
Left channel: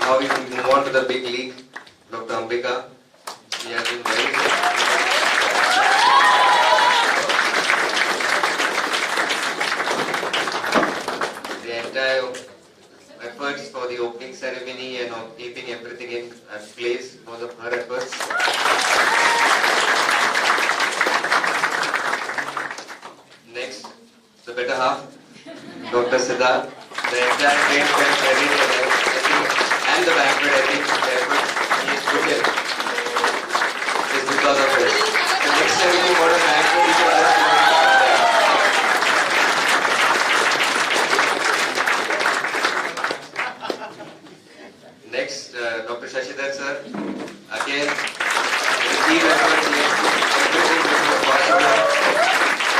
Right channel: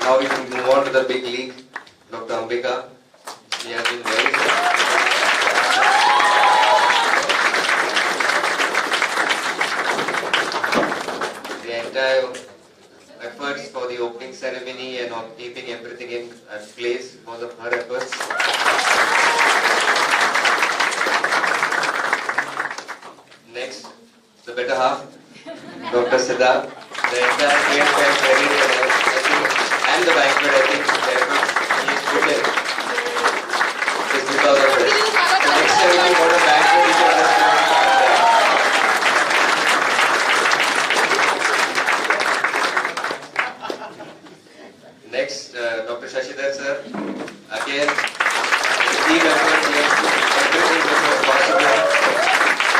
now we can move on to the big league, Dr. Ambika. She has been very the entire efforts for the opening ceremony and of keeping everything in place because of her efforts. Next, the better half, Dr. Siddharth. The entire trade fair credit and the banquet, I think, the effort he has put in is because of it. So next time we want a banquet, we should understand. Next, Dr. Shashidhar sir. Again, the team effort, he has put everything that was possible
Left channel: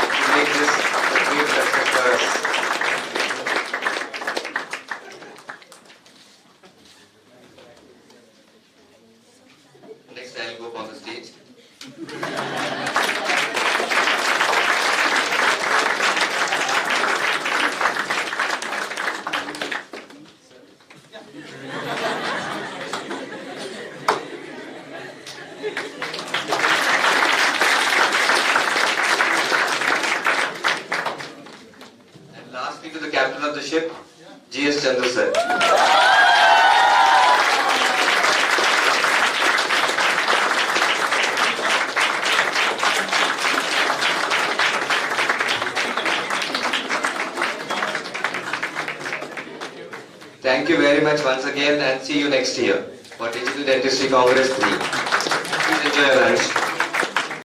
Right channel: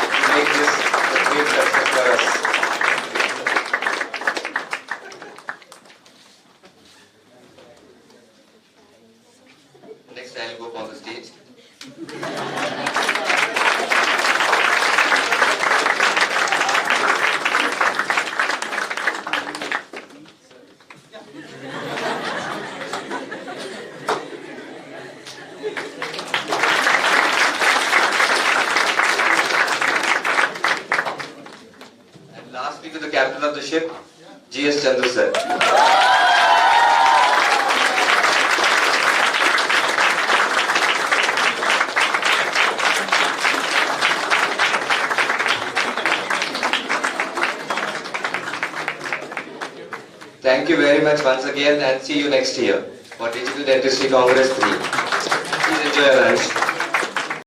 to make this a great success for us. Next, I will go up on the stage. And lastly, to the captain of the ship, G.S. Chandru sir. very much once again and see you next year for Digital Dentistry Congress 3. Please enjoy your lunch.